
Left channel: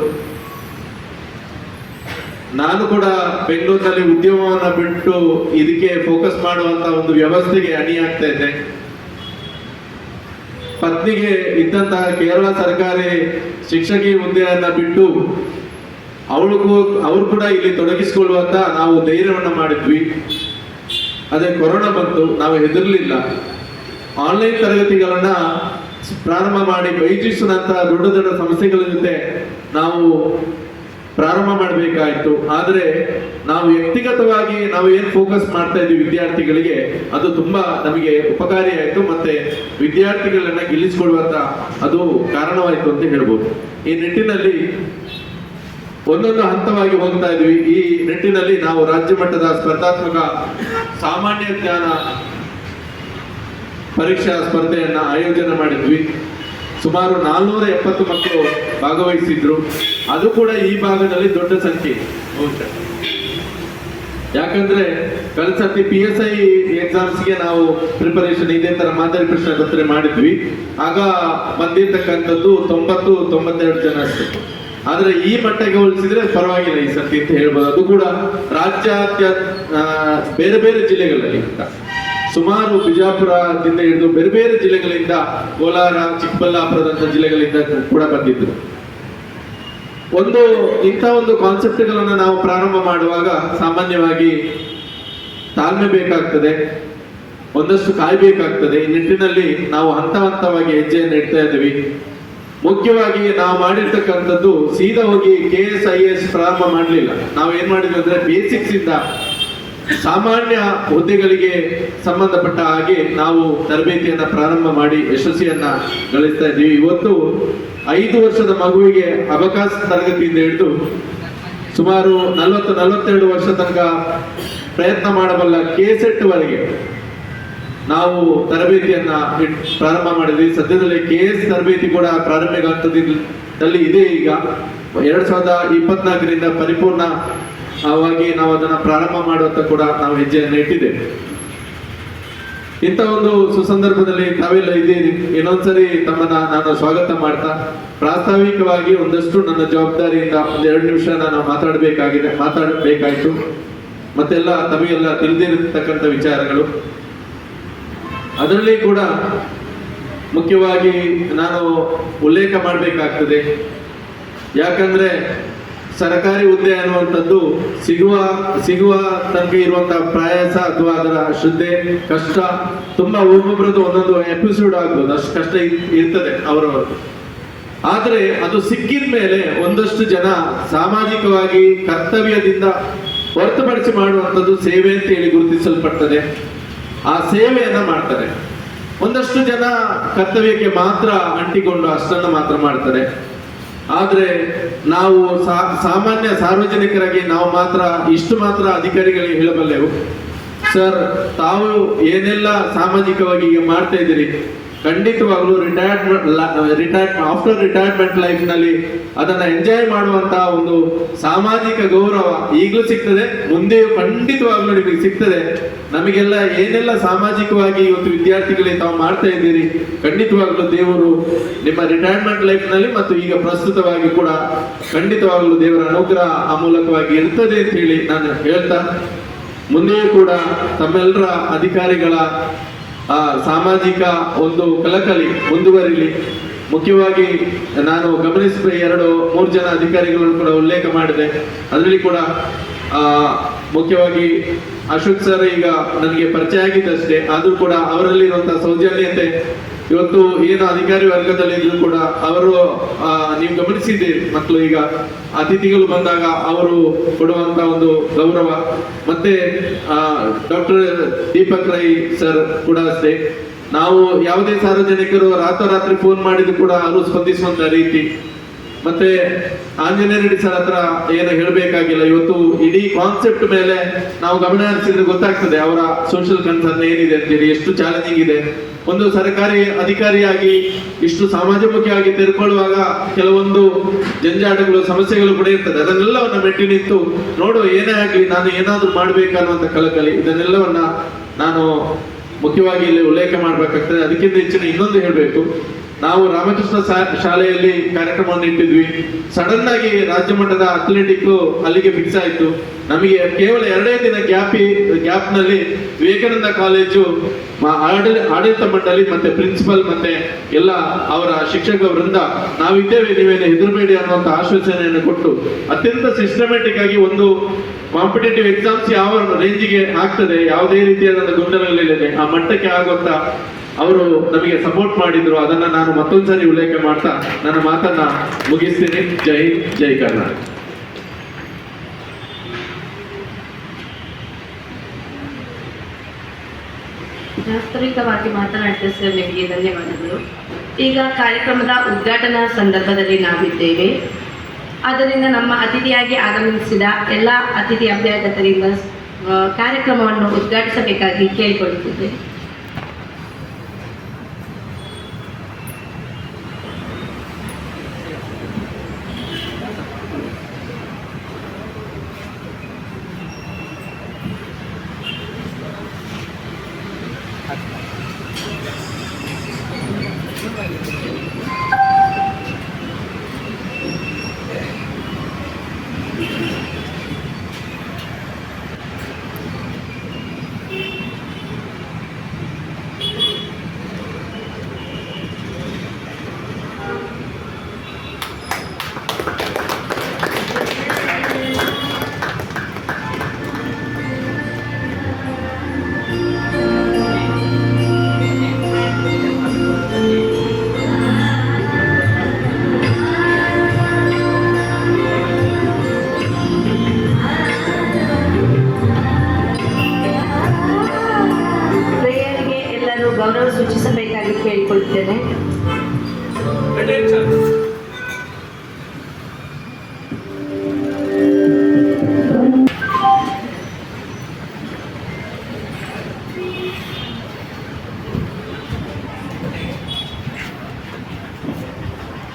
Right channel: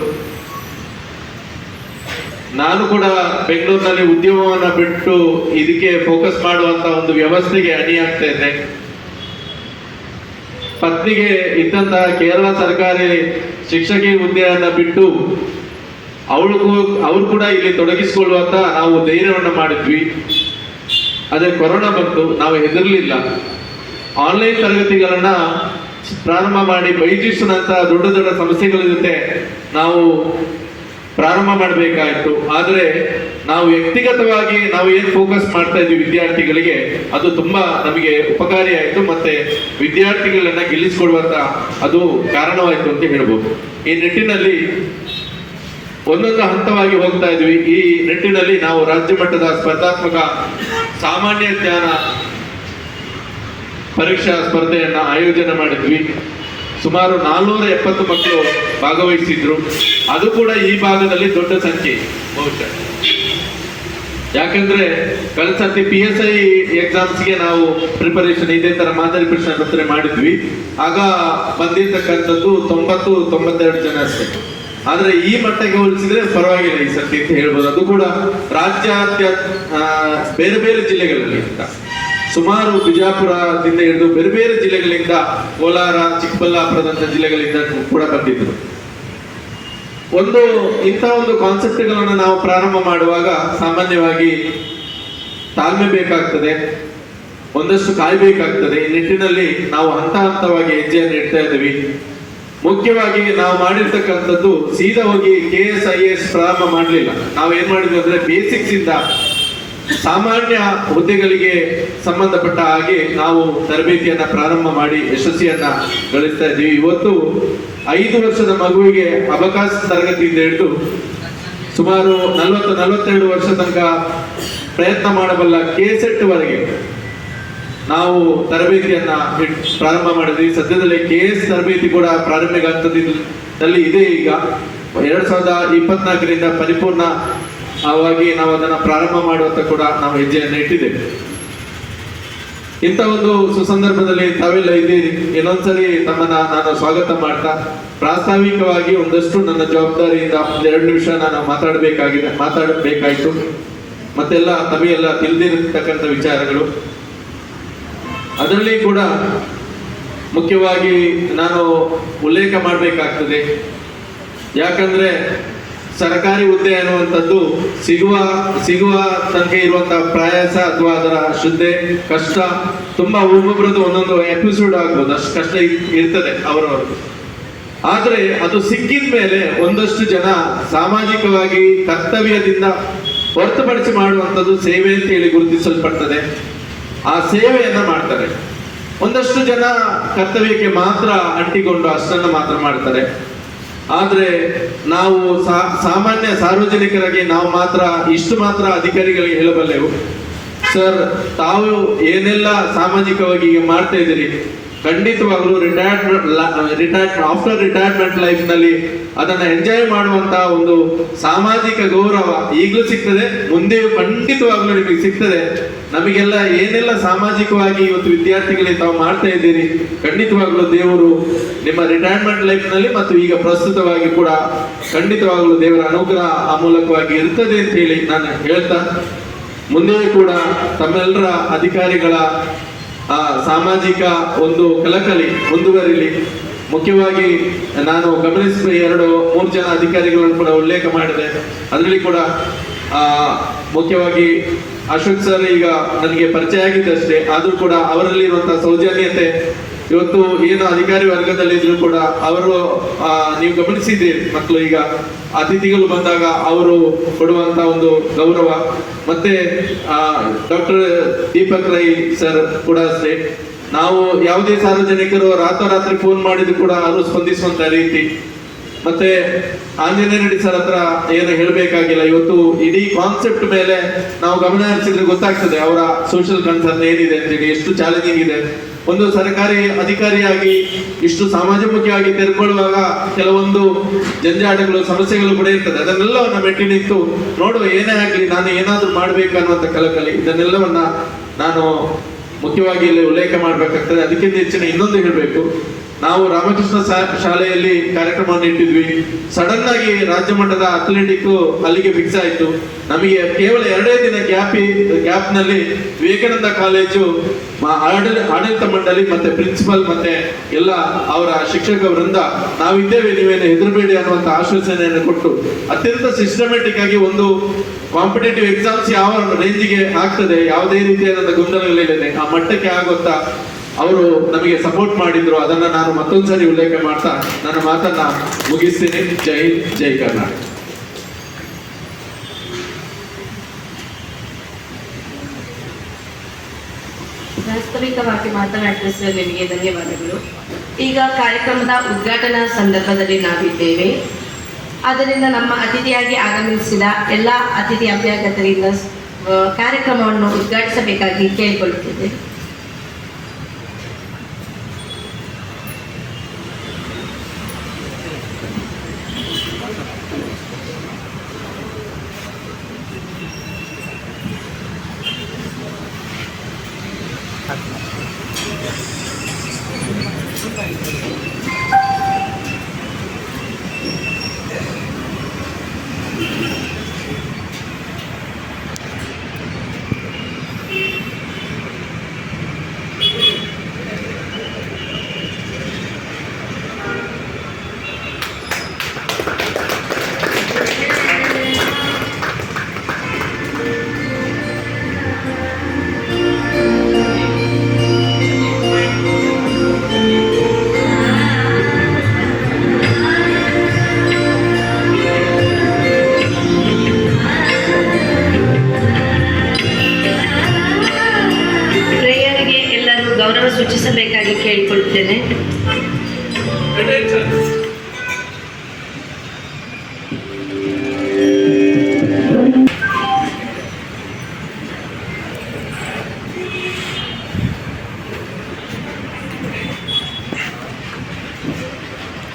ನಾನು ಕೂಡ ಬೆಂಗಳೂರಿನಲ್ಲಿ ಉದ್ಯಮವನ್ನ ಬಿಟ್ಟು ಇದಕ್ಕೆ ಫೋಕಸ್ ಮಾಡುವಂತ ಒಂದು ವ್ಯವಸ್ಥೆಗೆ ಅಣಿಯಾಗ್ತಾ ಇದ್ದೆ. ಪತ್ನಿಗೆ ಇದ್ದಂತಹ ಕೇರಳ ಸರ್ಕಾರಿ ಶಿಕ್ಷಕಿ ಹುದ್ದೆಯನ್ನ ಬಿಟ್ಟು ಅವ್ರು ಕೂಡ ಇಲ್ಲಿ ತೊಡಗಿಸಿಕೊಳ್ಳುವಂತ ನಾವು ಧೈರ್ಯವನ್ನ ಮಾಡಿದ್ವಿ. ಅದೇ ಕೊರೋನಾ ಬಂತು, ನಾವು ಹೆದರ್ಲಿಲ್ಲ. ಆನ್ಲೈನ್ ತರಗತಿಗಳನ್ನ ಪ್ರಾರಂಭ ಮಾಡಿ ಬೈಜೂಸ್ನಂತಹ ದೊಡ್ಡ ದೊಡ್ಡ ಸಂಸ್ಥೆಗಳ ಜೊತೆ ನಾವು ಪ್ರಾರಂಭ ಮಾಡಬೇಕಾಯಿತು. ಆದರೆ ನಾವು ವ್ಯಕ್ತಿಗತವಾಗಿ ನಾವು ಏನು ಫೋಕಸ್ ಮಾಡ್ತಾ ಇದ್ವಿ ವಿದ್ಯಾರ್ಥಿಗಳಿಗೆ, ಅದು ತುಂಬಾ ನಮಗೆ ಉಪಕಾರಿ ಆಯಿತು. ಮತ್ತೆ ವಿದ್ಯಾರ್ಥಿಗಳನ್ನ ಗೆಲ್ಲಿಸಿಕೊಡುವಂತ ಅದು ಕಾರಣವಾಯಿತು ಅಂತ ಹೇಳ್ಬೋದು. ಈ ನಿಟ್ಟಿನಲ್ಲಿ ಒಂದೊಂದು ಹಂತವಾಗಿ ಹೋಗ್ತಾ ಇದ್ವಿ. ಈ ನಿಟ್ಟಿನಲ್ಲಿ ನಾವು ರಾಜ್ಯ ಮಟ್ಟದ ಸ್ಪರ್ಧಾತ್ಮಕ ಸಾಮಾನ್ಯ ಜ್ಞಾನ ಪರೀಕ್ಷಾ ಸ್ಪರ್ಧೆಯನ್ನ ಆಯೋಜನೆ ಮಾಡಿದ್ವಿ. ಸುಮಾರು 470 ಮಕ್ಕಳು ಭಾಗವಹಿಸಿದ್ರು. ಅದು ಕೂಡ ಈ ಭಾಗದಲ್ಲಿ ದೊಡ್ಡ ಸಂಖ್ಯೆ ಬಹುಶಃ. ಯಾಕಂದ್ರೆ ಕಳೆದ ಸರ್ತಿ PSI ಎಕ್ಸಾಮ್ಸ್ಗೆ ನಾವು ಪ್ರಿಪರೇಷನ್ ಇದೇ ತರ ಮಾದರಿ ಪ್ರಶ್ನೆ ಪತ್ರೆ ಮಾಡಿದ್ವಿ. ಆಗ ಬಂದಿರ್ತಕ್ಕಂಥದ್ದು 92 ಜನ ಅಷ್ಟೇ. ಆದ್ರೆ ಈ ಮಟ್ಟಕ್ಕೆ ಹೋಲಿಸಿದ್ರೆ ಪರವಾಗಿಲ್ಲ ಈ ಸರ್ತಿ ಅಂತ ಹೇಳ್ಬೋದು. ಅದು ಕೂಡ ರಾಜ್ಯಾದ್ಯಂತ ಬೇರೆ ಬೇರೆ ಜಿಲ್ಲೆಗಳಲ್ಲಿ ಸುಮಾರು ಬಿಜಾಪುರದಿಂದ ಹಿಡಿದು ಬೇರೆ ಬೇರೆ ಜಿಲ್ಲೆಗಳಿಂದ, ಕೋಲಾರ, ಚಿಕ್ಕಬಳ್ಳಾಪುರದಂತ ಜಿಲ್ಲೆಗಳಿಂದ ಕೂಡ ಬಂದಿದ್ರು. ಇಂಥ ಒಂದು ಕಾನ್ಸೆಪ್ಟ್ಗಳನ್ನು ನಾವು ಪ್ರಾರಂಭ ಮಾಡುವಾಗ ಸಾಮಾನ್ಯವಾಗಿ ತಾಳ್ಮೆ ಬೇಕಾಗ್ತದೆ, ಒಂದಷ್ಟು ಕಾಯ್ಬೇಕಾಗ್ತದೆ. ಈ ನಿಟ್ಟಿನಲ್ಲಿ ನಾವು ಹಂತವಾಗಿ ಹೆಜ್ಜೆಯನ್ನು ಇಡ್ತಾ ಇದ್ದೀವಿ. ಮುಖ್ಯವಾಗಿ ನಾವು ಮಾಡಿರ್ತಕ್ಕಂಥದ್ದು ಸೀದಾ ಹೋಗಿ KS IAS ಪ್ರಾರಂಭ ಮಾಡಲಿಲ್ಲ. ನಾವು ಏನ್ ಮಾಡಿದ್ವಿ ಅಂದ್ರೆ ಬೇಸಿಕ್ಸ್ ಇಂದ ಸಾಮಾನ್ಯ ಹುದ್ದೆಗಳಿಗೆ ಸಂಬಂಧಪಟ್ಟ ಹಾಗೆ ನಾವು ತರಬೇತಿಯನ್ನ ಪ್ರಾರಂಭ ಮಾಡಿ ಯಶಸ್ವಿಯನ್ನ ಗಳಿಸ್ತಾ ಇದ್ದೀವಿ. ಇವತ್ತು 5 ವರ್ಷದ ಮಗುವಿಗೆ ಅಬಕಾಸ್ ತರಗತಿಯಿಂದ ಹಿಡಿದು ಸುಮಾರು 40-42 ವರ್ಷ ತನಕ ಪ್ರಯತ್ನ ಮಾಡಬಲ್ಲ KSET ವರೆಗೆ ನಾವು ತರಬೇತಿಯನ್ನ ಪ್ರಾರಂಭ ಮಾಡಿದ್ವಿ. ಸದ್ಯದಲ್ಲಿ KS ತರಬೇತಿ ಕೂಡ ಪ್ರಾರಂಭಿಕ ಹಂತದಲ್ಲಿ ಇದೆ. ಈಗ 2024ರಿಂದ ಪರಿಪೂರ್ಣವಾಗಿ ನಾವು ಅದನ್ನು ಪ್ರಾರಂಭ ಮಾಡುವಂತ ಕೂಡ ನಾವು ಹೆಜ್ಜೆಯನ್ನು ಇಟ್ಟಿದ್ದೇವೆ. ಇಂಥ ಒಂದು ಸುಸಂದರ್ಭದಲ್ಲಿ ತಾವೆಲ್ಲ ಇದ್ದೀರಿ. ಇನ್ನೊಂದ್ಸರಿ ತಮ್ಮನ್ನ ನಾನು ಸ್ವಾಗತ ಮಾಡ್ತಾ, ಪ್ರಾಸ್ತಾವಿಕವಾಗಿ ಒಂದಷ್ಟು ನನ್ನ ಜವಾಬ್ದಾರಿಯಿಂದ 2 ನಿಮಿಷ ನಾನು ಮಾತಾಡಬೇಕಾಯ್ತು. ಮತ್ತೆಲ್ಲ ತಮಗೆಲ್ಲ ತಿಳಿದಿರತಕ್ಕಂಥ ವಿಚಾರಗಳು. ಅದರಲ್ಲಿ ಕೂಡ ಮುಖ್ಯವಾಗಿ ನಾನು ಉಲ್ಲೇಖ ಮಾಡಬೇಕಾಗ್ತದೆ. ಯಾಕಂದ್ರೆ ಸರ್ಕಾರಿ ಹುದ್ದೆ ಅನ್ನುವಂಥದ್ದು ಸಿಗುವ ತನಕ ಇರುವಂತಹ ಪ್ರಯಾಸ ಅಥವಾ ಅದರ ಶ್ರದ್ಧೆ, ಕಷ್ಟ ತುಂಬಾ ಒಬ್ಬೊಬ್ಬರದ್ದು ಒಂದೊಂದು ಎಪಿಸೋಡ್ ಆಗ್ಬೋದು, ಅಷ್ಟು ಕಷ್ಟ ಇರ್ತದೆ ಅವರವರು. ಆದ್ರೆ ಅದು ಸಿಕ್ಕಿದ ಮೇಲೆ ಒಂದಷ್ಟು ಜನ ಸಾಮಾಜಿಕವಾಗಿ ಕರ್ತವ್ಯದಿಂದ ಹೊರತುಪಡಿಸಿ ಮಾಡುವಂಥದ್ದು ಸೇವೆ ಅಂತ ಹೇಳಿ ಗುರುತಿಸಲ್ಪಡ್ತದೆ. ಆ ಸೇವೆಯನ್ನ ಮಾಡ್ತಾರೆ. ಒಂದಷ್ಟು ಜನ ಕರ್ತವ್ಯಕ್ಕೆ ಮಾತ್ರ ಅಂಟಿಕೊಂಡು ಅಷ್ಟನ್ನು ಮಾತ್ರ ಮಾಡ್ತಾರೆ. ಆದ್ರೆ ನಾವು ಸಾಮಾನ್ಯ ಸಾರ್ವಜನಿಕರಾಗಿ ನಾವು ಇಷ್ಟು ಮಾತ್ರ ಅಧಿಕಾರಿಗಳಿಗೆ ಹೇಳಬಲ್ಲೆವು, ಸರ್ ತಾವು ಏನೆಲ್ಲ ಸಾಮಾಜಿಕವಾಗಿ ಈಗ ಮಾಡ್ತಾ ಇದ್ದೀರಿ, ಖಂಡಿತವಾಗ್ಲೂ ಆಫ್ಟರ್ ರಿಟೈರ್ಮೆಂಟ್ ಲೈಫ್ ನಲ್ಲಿ ಅದನ್ನ ಎಂಜಾಯ್ ಮಾಡುವಂತಹ ಒಂದು ಸಾಮಾಜಿಕ ಗೌರವ ಈಗಲೂ ಸಿಗ್ತದೆ, ಮುಂದೆಯೂ ಖಂಡಿತವಾಗ್ಲೂ ನಿಮಗೆ ಸಿಗ್ತದೆ. ನಮಗೆಲ್ಲ ಏನೆಲ್ಲ ಸಾಮಾಜಿಕವಾಗಿ ಇವತ್ತು ವಿದ್ಯಾರ್ಥಿಗಳಿಗೆ ತಾವು ಮಾಡ್ತಾ ಇದ್ದೀರಿ, ಖಂಡಿತವಾಗ್ಲೂ ದೇವರು ನಿಮ್ಮ ರಿಟೈರ್ಮೆಂಟ್ ಲೈಫ್ ನಲ್ಲಿ ಮತ್ತು ಈಗ ಪ್ರಸ್ತುತವಾಗಿ ಕೂಡ ಖಂಡಿತವಾಗ್ಲೂ ದೇವರ ಅನುಗ್ರಹ ಆ ಮೂಲಕವಾಗಿ ಇರ್ತದೆ ಅಂತ ಹೇಳಿ ನಾನು ಹೇಳ್ತಾ, ಮುಂದೆಯೂ ಕೂಡ ತಮ್ಮೆಲ್ಲರ ಅಧಿಕಾರಿಗಳ ಸಾಮಾಜಿಕ ಒಂದು ಕಳಕಳಿ ಮುಂದುವರಿಲಿ. ಮುಖ್ಯವಾಗಿ ನಾನು ಗಮನಿಸಿದ 2-3 ಜನ ಅಧಿಕಾರಿಗಳನ್ನು ಕೂಡ ಉಲ್ಲೇಖ ಮಾಡಿದೆ. ಅದರಲ್ಲಿ ಕೂಡ ಮುಖ್ಯವಾಗಿ ಅಶೋಕ್ ಸರ್ ಈಗ ನನಗೆ ಪರಿಚಯ ಆಗಿದ್ದಷ್ಟೇ, ಆದರೂ ಕೂಡ ಅವರಲ್ಲಿರುವಂತಹ ಸೌಜನ್ಯತೆ ಇವತ್ತು ಏನು ಅಧಿಕಾರಿ ವರ್ಗದಲ್ಲಿ ಇದ್ರು ಕೂಡ ಅವರು ನೀವು ಗಮನಿಸಿದ್ರಿ, ಮಕ್ಕಳು ಈಗ ಅತಿಥಿಗಳು ಬಂದಾಗ ಅವರು ಕೊಡುವಂತ ಒಂದು ಗೌರವ. ಮತ್ತೆ ಡಾಕ್ಟರ್ ದೀಪಕ್ ರೈ ಸರ್ ಕೂಡ ಅಷ್ಟೇ, ನಾವು ಯಾವುದೇ ಸಾರ್ವಜನಿಕರು ರಾತ್ರೋರಾತ್ರಿ ಫೋನ್ ಮಾಡಿದ್ರು ಕೂಡ ಅವರು ಸ್ಪಂದಿಸುವಂತ ರೀತಿ. ಮತ್ತೆ ಆಂಜನೇಯ ರೆಡ್ಡಿ ಸರ್ ಹತ್ರ ಏನು ಹೇಳಬೇಕಾಗಿಲ್ಲ, ಇವತ್ತು ಇಡೀ ಕಾನ್ಸೆಪ್ಟ್ ಮೇಲೆ ನಾವು ಗಮನ ಹರಿಸಿದ್ರೆ ಗೊತ್ತಾಗ್ತದೆ ಅವರ ಸೋಷಿಯಲ್ ಕನ್ಸರ್ನ್ ಏನಿದೆ ಅಂತೇಳಿ, ಎಷ್ಟು ಚಾಲೆಂಜಿಂಗ್ ಇದೆ. ಒಂದು ಸರ್ಕಾರಿ ಅಧಿಕಾರಿಯಾಗಿ ಇಷ್ಟು ಸಮಾಜಮುಖಿಯಾಗಿ ತೆರೆದುಕೊಳ್ಳುವಾಗ ಕೆಲವೊಂದು ಜಂಜಾಟಗಳು, ಸಮಸ್ಯೆಗಳು ಕೂಡ ಇರ್ತದೆ. ಅದನ್ನೆಲ್ಲವನ್ನ ಮೆಟ್ಟಿ ನಿಂತು ನೋಡುವ, ಏನೇ ಆಗಲಿ ನಾನು ಏನಾದ್ರೂ ಮಾಡ್ಬೇಕನ್ನುವಂತ ಕಳಕಳಿ, ಇದನ್ನೆಲ್ಲವನ್ನ ನಾನು ಮುಖ್ಯವಾಗಿ ಇಲ್ಲಿ ಉಲ್ಲೇಖ ಮಾಡಬೇಕಾಗ್ತದೆ. ಅದಕ್ಕಿಂತ ಹೆಚ್ಚಿನ ಇನ್ನೊಂದು ಹೇಳಬೇಕು, ನಾವು ರಾಮಕೃಷ್ಣ ಶಾಲೆಯಲ್ಲಿ ಕಾರ್ಯಕ್ರಮವನ್ನು ಇಟ್ಟಿದ್ವಿ. ಸಡನ್ ಆಗಿ ರಾಜ್ಯ ಮಟ್ಟದ ಅಥ್ಲೆಟಿಕ್ ಅಲ್ಲಿಗೆ ಫಿಕ್ಸ್ ಆಯಿತು. ನಮಗೆ ಕೇವಲ 2 ದಿನ ಗ್ಯಾಪ್ ನಲ್ಲಿ ವಿವೇಕಾನಂದ ಕಾಲೇಜು ಆಡಳಿತ ಮಂಡಳಿ ಮತ್ತೆ ಪ್ರಿನ್ಸಿಪಲ್ ಮತ್ತೆ ಎಲ್ಲ ಅವರ ಶಿಕ್ಷಕ ವೃಂದ ನಾವಿದ್ದೇವೆ, ನೀವೇನು ಹೆದರಬೇಡಿ ಅನ್ನುವಂತ ಆಶ್ವಾಸನೆಯನ್ನು ಕೊಟ್ಟು ಅತ್ಯಂತ ಸಿಸ್ಟಮ್ಯಾಟಿಕ್ ಆಗಿ ಒಂದು ಕಾಂಪಿಟೇಟಿವ್ ಎಕ್ಸಾಮ್ಸ್ ಯಾವ ರೇಂಜಿಗೆ ಆಗ್ತದೆ, ಯಾವುದೇ ರೀತಿಯಾದ ಗೊಂದಲಗಳಿಲ್ಲದೆ ಆ ಮಟ್ಟಕ್ಕೆ ಆಗುತ್ತಾ ಅವರು ನಮಗೆ ಸಪೋರ್ಟ್ ಮಾಡಿದ್ರು. ಅದನ್ನ ನಾನು ಮತ್ತೊಂದ್ಸರಿ ಉಲ್ಲೇಖ ಮಾಡ್ತಾ ನನ್ನ ಮಾತನ್ನ ಮುಗಿಸ್ತೀನಿ. ಜೈ ಹಿಂದ್, ಜೈ ಕರ್ನಾಟಕ. ವಾಸ್ತವಿಕವಾಗಿ ಮಾತನಾಡಿದ ಸರ್ ನಿಮಗೆ ಧನ್ಯವಾದಗಳು. ಈಗ ಕಾರ್ಯಕ್ರಮದ ಉದ್ಘಾಟನಾ ಸಂದರ್ಭದಲ್ಲಿ ನಾವಿದ್ದೇವೆ. ಆದ್ದರಿಂದ ನಮ್ಮ ಅತಿಥಿಯಾಗಿ ಆಗಮಿಸಿದ ಎಲ್ಲ ಅತಿಥಿ ಅಭ್ಯಾಗತರಿಂದ ಕಾರ್ಯಕ್ರಮವನ್ನು ಉದ್ಘಾಟಿಸಬೇಕಾಗಿ ಕೇಳಿಕೊಳ್ಳುತ್ತಿದ್ದೆ. ಸೂಚಿಸಬೇಕಾಗಿ ಕೇಳಿಕೊಳ್ಳುತ್ತೇನೆ.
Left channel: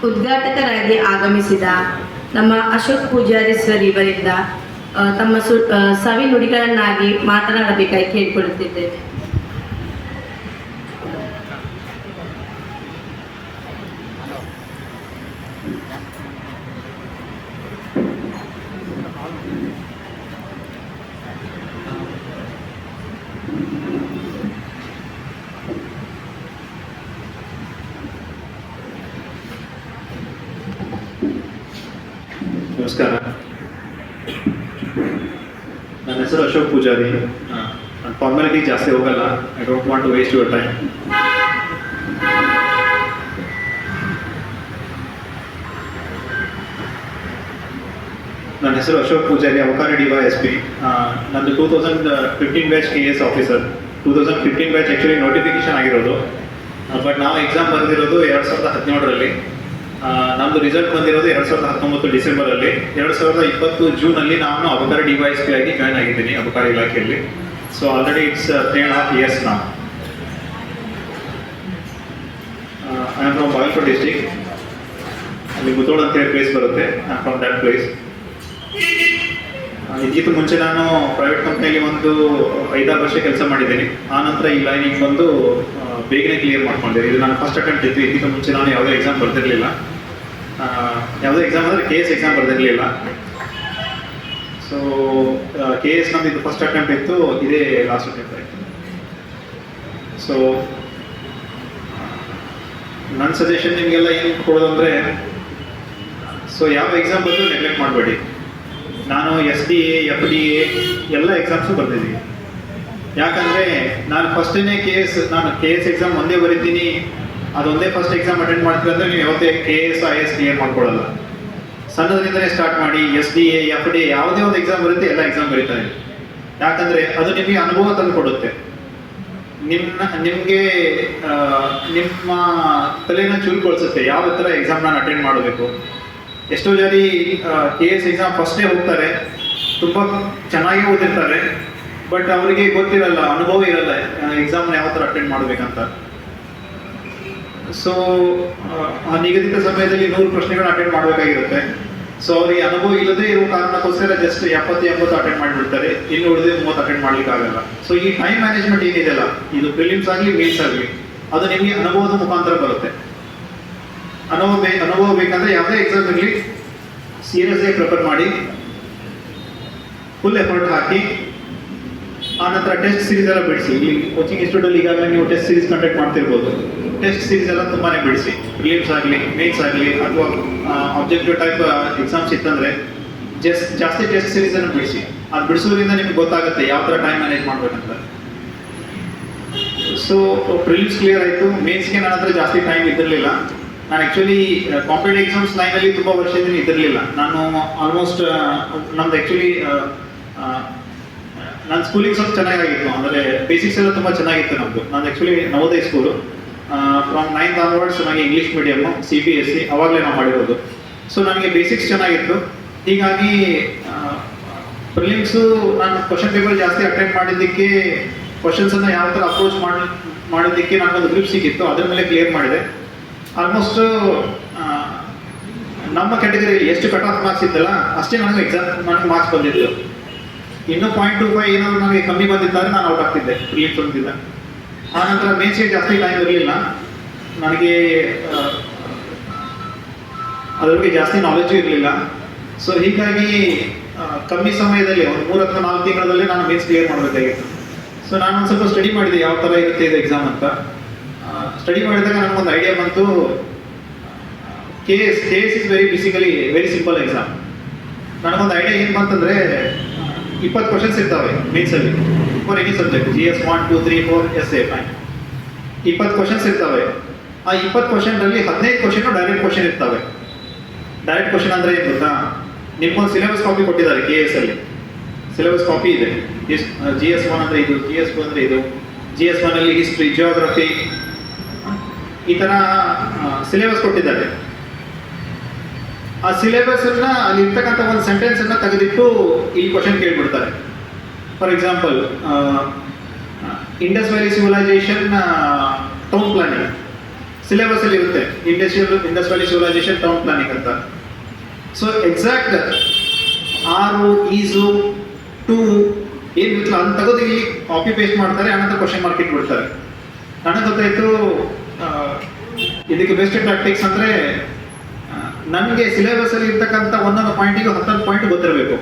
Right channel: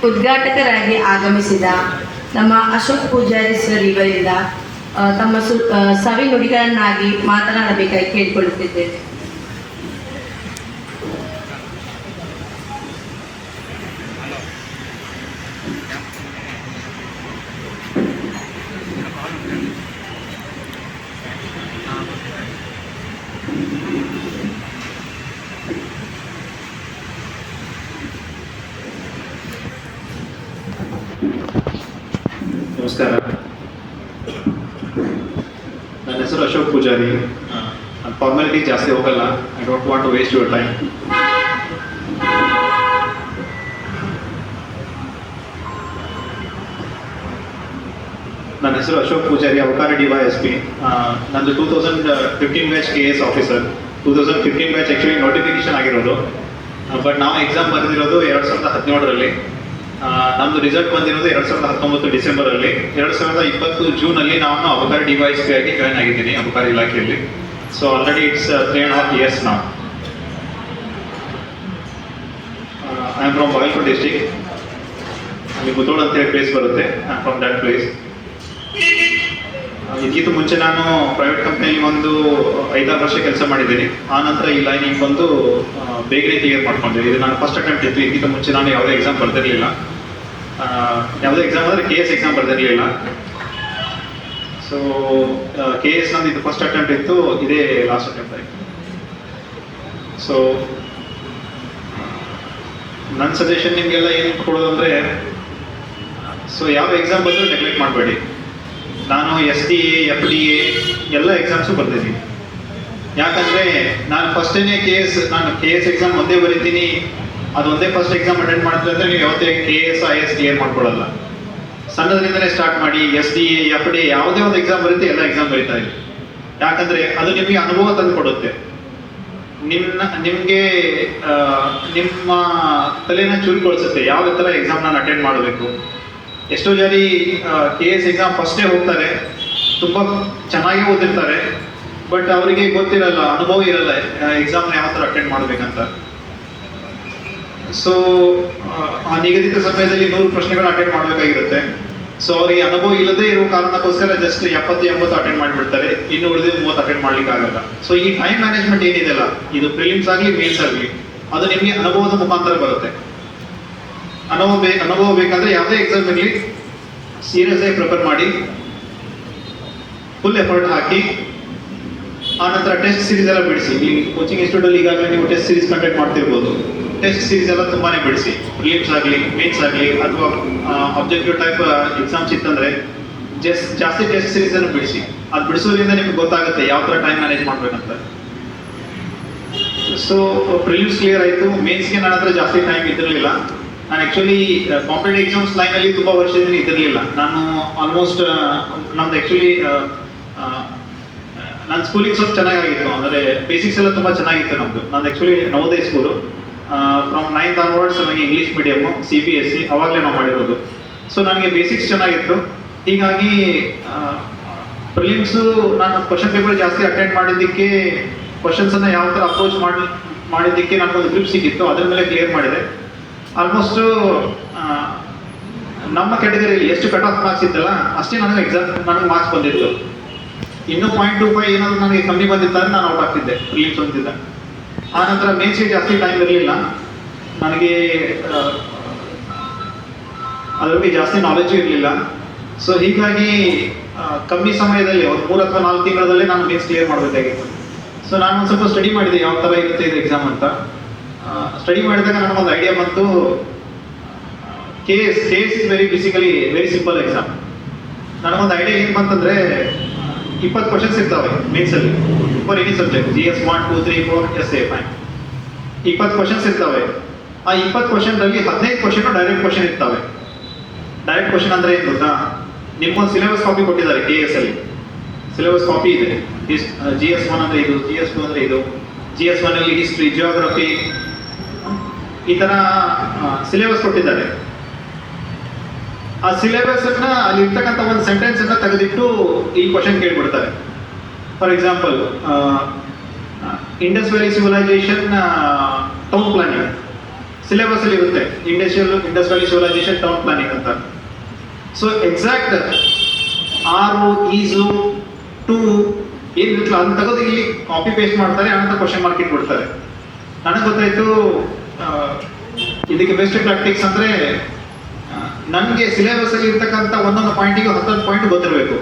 ಉದ್ಘಾಟಕರಾಗಿ ಆಗಮಿಸಿದ ನಮ್ಮ ಅಶೋಕ್ ಪೂಜಾರಿ ಸರ್ ಇವರಿಂದ ತಮ್ಮ ಸವಿ ನುಡಿಗಳನ್ನಾಗಿ ಮಾತನಾಡಬೇಕಾಗಿ ಕೇಳಿಕೊಳ್ಳುತ್ತಿದ್ದೇನೆ. ನಮಸ್ಕಾರ, ನನ್ನ ಹೆಸರು ಅಶೋಕ್ ಪೂಜಾರಿ. ನಾನು ಫಾರ್ಮಾಲಿಟಿ ಜಾಸ್ತಿ ಹೋಗಲ್ಲ. I don't want to waste your time. ನನ್ನ ಹೆಸರು ಅಶೋಕ್ ಪೂಜಾರಿ, ಅವಕಾರಿ DYSP. ನಂದು 2015 batch KS officer. 2015 batch actually notification ಆಗಿರೋದು, ಬಟ್ ನಾವು ಎಕ್ಸಾಮ್ ಬರೆದಿರೋದು 2017ರಲ್ಲಿ. ನಮ್ಮದು ರಿಸಲ್ಟ್ ಬಂದಿರೋದು 2019 ಡಿಸೆಂಬರಲ್ಲಿ. 2020 ಜೂನಲ್ಲಿ ನಾನು ಅಬಕಾರಿ DYSP ಆಗಿ ಜಾಯ್ನ್ ಆಗಿದ್ದೀನಿ ಅಬಕಾರಿ ಇಲಾಖೆಯಲ್ಲಿ. ಸೊ ಆಲ್ರೆಡಿ ಇಟ್ಸ್ 3.5 years ನಾವು. I am from Bagalkote district. ಅಲ್ಲಿ ಮುತೋಡ್ ಅಂತ ಹೇಳಿ ಪ್ಲೇಸ್ ಬರುತ್ತೆ. I am from that place. ಇದಕ್ಕಿಂತ ಮುಂಚೆ ನಾನು ಪ್ರೈವೇಟ್ ಕಂಪ್ನಿಯಲ್ಲಿ ಒಂದು 5-6 ವರ್ಷ ಕೆಲಸ ಮಾಡಿದ್ದೀನಿ. ಆ ನಂತರ ಈ ಲೈನಿಗೆ ಬಂದು ಬೇಗನೆ ಕ್ಲಿಯರ್ ಮಾಡ್ಕೊಂಡೆ. ಇದು ನಾನು ಫಸ್ಟ್ ಅಟೆಂಪ್ಟ್ ಇತ್ತು. ಇದಕ್ಕಿಂತ ಮುಂಚೆ ನಾನು ಯಾವುದೇ ಎಕ್ಸಾಮ್ ಬರ್ತಿರಲಿಲ್ಲ. ಯಾವುದೇ ಎಕ್ಸಾಮ್ ಅಂದರೆ KS ಎಕ್ಸಾಮ್ ಬರ್ತಿರಲಿಲ್ಲ. ಸೊ KS ನಂದು ಇದು ಫಸ್ಟ್ ಅಟೆಂಪ್ಟ್ ಇತ್ತು, ಇದೇ ಲಾಸ್ಟ್ ಅಟೆಂಪ್ಟ್ ಆಯಿತು. ಸೊ ನನ್ನ ಸಜೆಷನ್ ನಿಮಗೆಲ್ಲ ಏನು ಕೊಡೋದು ಅಂದರೆ, ಸೊ ಯಾವ ಎಕ್ಸಾಮ್ ಬಂದರೂ ನೆಗ್ಲೆಕ್ಟ್ ಮಾಡಬೇಡಿ. ನಾನು SDA FDA ಎಲ್ಲ ಎಕ್ಸಾಮ್ಸು ಬರ್ತಿದ್ದೀನಿ. ಯಾಕಂದರೆ ನಾನು ಫಸ್ಟೇ ನಾನು KS ಎಕ್ಸಾಮ್ ಒಂದೇ ಬರೀತೀನಿ, ಅದೊಂದೇ ಫಸ್ಟ್ ಎಕ್ಸಾಮ್ ಅಟೆಂಡ್ ಮಾಡ್ತೀವಿ ಅಂದರೆ ನೀವು ಯಾವತ್ತೇ KS IS ಕ್ಲಿಯರ್ ಮಾಡ್ಕೊಳ್ಳಲ್ಲ. ಸಣ್ಣದ್ರಿಂದಲೇ ಸ್ಟಾರ್ಟ್ ಮಾಡಿ SDA FDA ಯಾವುದೇ ಒಂದು ಎಕ್ಸಾಮ್ ಬರುತ್ತೆ, ಎಲ್ಲ ಎಕ್ಸಾಮ್ ಬರೀತಾ ಇದೆ. ಯಾಕಂದರೆ ಅದು ನಿಮಗೆ ಅನುಭವ ತಂದು ಕೊಡುತ್ತೆ. ನಿಮಗೆ ನಿಮ್ಮ ತಲೆನ ಚುರುಕೊಳಿಸುತ್ತೆ ಯಾವ ಥರ ಎಕ್ಸಾಮ್ ನಾನು ಅಟೆಂಡ್ ಮಾಡಬೇಕು. ಎಷ್ಟೋ ಜನ KS ಎಕ್ಸಾಮ್ ಫಸ್ಟೇ ಹೋಗ್ತಾರೆ, ತುಂಬ ಚೆನ್ನಾಗಿ ಓದಿರ್ತಾರೆ, ಬಟ್ ಅವರಿಗೆ ಗೊತ್ತಿರಲ್ಲ, ಅನುಭವ ಇರಲ್ಲ ಎಕ್ಸಾಮ್ನ ಯಾವ ಥರ ಅಟೆಂಡ್ ಮಾಡಬೇಕಂತ. ಸೊ ಆ ನಿಗದಿತ ಸಮಯದಲ್ಲಿ 100 ಪ್ರಶ್ನೆಗಳನ್ನ ಅಟೆಂಡ್ ಮಾಡಬೇಕಾಗಿರುತ್ತೆ. ಸೊ ಅವರಿಗೆ ಅನುಭವ ಇಲ್ಲದೆ ಇರೋ ಕಾರಣಕ್ಕೋಸ್ಕರ ಜಸ್ಟ್ 70-80 ಅಟೆಂಡ್ ಮಾಡಿಬಿಡ್ತಾರೆ, ಇನ್ನು ಉಳಿದ 30 ಅಟೆಂಡ್ ಮಾಡ್ಲಿಕ್ಕೆ ಆಗಲ್ಲ. ಸೊ ಈ ಟೈಮ್ ಮ್ಯಾನೇಜ್ಮೆಂಟ್ ಏನಿದೆಯಲ್ಲ, ಇದು ಪ್ರಿಲಿಮ್ಸ್ ಆಗಲಿ ಮೇನ್ಸ್ ಆಗಲಿ, ಅದು ನಿಮಗೆ ಅನುಭವದ ಮುಖಾಂತರ ಬರುತ್ತೆ. ಅನುಭವ ಬೇಕಂದ್ರೆ ಯಾವುದೇ ಎಕ್ಸಾಮ್ ಇರಲಿ ಸೀರಿಯಸ್ ಆಗಿ ಪ್ರಿಪೇರ್ ಮಾಡಿ, ಫುಲ್ ಎಫರ್ಟ್ ಹಾಕಿ, ಆನಂತರ ಟೆಸ್ಟ್ ಸೀರೀಸ್ ಎಲ್ಲ ಬಿಡಿಸಿ. ಈ ಕೋಚಿಂಗ್ ಇನ್ಸ್ಟಿಟ್ಯೂಟಲ್ಲಿ ಈಗಾಗಲೇ ನೀವು ಟೆಸ್ಟ್ ಸೀರೀಸ್ ಕಂಡಕ್ಟ್ ಮಾಡ್ತಿರ್ಬೋದು. ಟೆಸ್ಟ್ ಸೀರೀಸ್ ಎಲ್ಲ ತುಂಬಾನೇ ಬಿಡಿಸಿ, ಪ್ರಿಲಿಮ್ಸ್ ಆಗಲಿ ಮೇನ್ಸ್ ಆಗಲಿ ಅಥವಾ ಆಬ್ಜೆಕ್ಟಿವ್ ಟೈಪ್ ಎಕ್ಸಾಮ್ಸ್ ಇತ್ತಂದರೆ ಜಾಸ್ತಿ ಟೆಸ್ಟ್ ಸೀರೀಸ್ ಅನ್ನು ಬಿಡಿಸಿ. ಅದು ಬಿಡಿಸೋದ್ರಿಂದ ನಿಮ್ಗೆ ಗೊತ್ತಾಗುತ್ತೆ ಯಾವ ಥರ ಟೈಮ್ ಮ್ಯಾನೇಜ್ ಮಾಡ್ಬೇಕಂತ. ಸೊ ಪ್ರಿಲಿಮ್ಸ್ ಕ್ಲಿಯರ್ ಆಯಿತು. ಮೇನ್ಸ್ಗೆ ನನ್ನ ಹತ್ರ ಜಾಸ್ತಿ ಟೈಮ್ ಇದ್ದಿರಲಿಲ್ಲ. ನಾನು ಆ್ಯಕ್ಚುಲಿ ಕಾಂಪಿಟೇಟಿವ್ ಎಕ್ಸಾಮ್ಸ್ ಲೈನಲ್ಲಿ ತುಂಬ ವರ್ಷದಿಂದ ಇದ್ದಿರಲಿಲ್ಲ. ನಾನು ಆಲ್ಮೋಸ್ಟ್ ನಮ್ದು ಆ್ಯಕ್ಚುಲಿ ನನ್ನ ಸ್ಕೂಲಿಂಗ್ ಸ್ವಲ್ಪ ಚೆನ್ನಾಗಿತ್ತು, ಅಂದರೆ ಬೇಸಿಕ್ಸ್ ಎಲ್ಲ ತುಂಬ ಚೆನ್ನಾಗಿತ್ತು ನಮ್ಮದು. ನಾನು actually Navodaya school. From 9th onwards ನನಗೆ ಇಂಗ್ಲೀಷ್ ಮೀಡಿಯಮ್ಮು, CBSE ಅವಾಗಲೇ ನಾವು ಮಾಡಿರೋದು. ಸೊ ನನಗೆ ಬೇಸಿಕ್ಸ್ ಚೆನ್ನಾಗಿತ್ತು. ಹೀಗಾಗಿ ಪ್ರಿಲಿಮ್ಸು ನಾನು ಕ್ವಶನ್ ಪೇಪರ್ ಜಾಸ್ತಿ ಅಟೆಂಡ್ ಮಾಡಿದ್ದಕ್ಕೆ, ಕ್ವಶನ್ಸನ್ನು ಯಾವ ಥರ ಅಪ್ರೋಚ್ ಮಾಡಿದ್ದಕ್ಕೆ ನನಗೊಂದು ಗ್ರಿಪ್ ಸಿಕ್ಕಿತ್ತು. ಅದ್ರ ಮೇಲೆ ಕ್ಲಿಯರ್ ಮಾಡಿದೆ. ಆಲ್ಮೋಸ್ಟು ನಮ್ಮ ಕ್ಯಾಟಗರಿಯಲ್ಲಿ ಎಷ್ಟು ಕಟ್ ಆಫ್ ಮಾರ್ಕ್ಸ್ ಇತ್ತಲ್ಲ ಅಷ್ಟೇ ನನಗೆ ಮಾರ್ಕ್ಸ್ ಬಂದಿತ್ತು. ಇನ್ನೂ 0.25 ಏನಾದರೂ ನನಗೆ ಕಮ್ಮಿ ಬಂದಿದ್ದಾರೆ, ನಾನು ಔಟ್ ಆಗ್ತಿದ್ದೆ ಪ್ರಿಲಿಮ್ಸ್ ಅಂತಿದ್ದೆ. ಆನಂತರ ಮೇನ್ಸ್ಗೆ ಜಾಸ್ತಿ ಟೈಮ್ ಇರಲಿಲ್ಲ ನನಗೆ, ಅದ್ರ ಬಗ್ಗೆ ಜಾಸ್ತಿ ನಾಲೆಜು ಇರಲಿಲ್ಲ. ಸೊ ಹೀಗಾಗಿ ಕಮ್ಮಿ ಸಮಯದಲ್ಲಿ ಒಂದು 3 ಅಥವಾ 4 ತಿಂಗಳಲ್ಲೇ ನಾನು ಮೇನ್ಸ್ ಕ್ಲಿಯರ್ ಮಾಡಬೇಕಾಗಿತ್ತು. ಸೊ ನಾನು ಒಂದು ಸ್ವಲ್ಪ ಸ್ಟಡಿ ಮಾಡಿದೆ ಯಾವ ಥರ ಇರುತ್ತೆ ಇದು ಎಕ್ಸಾಮ್ ಅಂತ. ಸ್ಟಡಿ ಮಾಡಿದಾಗ ನನಗೊಂದು ಐಡಿಯಾ ಬಂತು. KS is very simple exam. ನನಗೊಂದು ಐಡಿಯಾ ಏನು ಬಂತಂದರೆ, 20 ಕ್ವಶನ್ಸ್ ಇರ್ತವೆ ಮೇನ್ಸಲ್ಲಿ for any subject, GS 1, 2, 3, 4 SA 5. 20 questions ಇರ್ತವೆ. ಆ 20 ಕ್ವಶನ್ರಲ್ಲಿ 15 ಕ್ವಶನ್ ಡೈರೆಕ್ಟ್ ಕ್ವಶನ್ ಇರ್ತವೆ. ಡೈರೆಕ್ಟ್ ಕ್ವಶನ್ ಅಂದರೆ ಏನು ಗೊತ್ತಾ, ನಿಮ್ಗೊಂದು ಸಿಲೆಬಸ್ ಕಾಪಿ ಕೊಟ್ಟಿದ್ದಾರೆ KS ಅಲ್ಲಿ. ಸಿಲೆಬಸ್ ಕಾಪಿ ಇದೆ. GS 1 ಅಂದರೆ ಇದು, GS 2 ಅಂದರೆ ಇದು, GS 1 ಅಲ್ಲಿ ಹಿಸ್ಟ್ರಿ, ಜಿಯೋಗ್ರಫಿ, ಈ ಥರ ಸಿಲೆಬಸ್ ಕೊಟ್ಟಿದ್ದಾರೆ. ಆ ಸಿಲೆಬಸ್ನ ಅಲ್ಲಿ ಇರ್ತಕ್ಕಂಥ ಒಂದು ಸೆಂಟೆನ್ಸನ್ನು ತೆಗೆದಿಟ್ಟು ಈ ಕ್ವಶನ್ ಕೇಳ್ಬಿಡ್ತಾರೆ. For example, Indus valley civilisation town planning syllabus ಅಲ್ಲಿ ಇರುತ್ತೆ. Indus valley civilisation town planning ಅಂತ. So exact are is to ಏನಿರುತ್ತಲ್ಲ ಅದನ್ನ ತೆಗೆದು ಇಲ್ಲಿ ಕಾಪಿ ಪೇಸ್ಟ್ ಮಾಡ್ತಾರೆ, ಆನಂತರ ಕ್ವಶನ್ ಮಾರ್ಕ್ ಇಟ್ಬಿಡ್ತಾರೆ. ನನಗೆ ಗೊತ್ತಾಯಿತು ಇದಕ್ಕೆ ಬೆಸ್ಟ್ ಟ್ಯಾಕ್ಟಿಕ್ಸ್ ಅಂದರೆ, ನನಗೆ ಸಿಲೆಬಸಲ್ಲಿ ಇರ್ತಕ್ಕಂಥ ಒಂದೊಂದು ಪಾಯಿಂಟಿಗೆ 10 ಪಾಯಿಂಟ್ ಗೊತ್ತಿರಬೇಕು.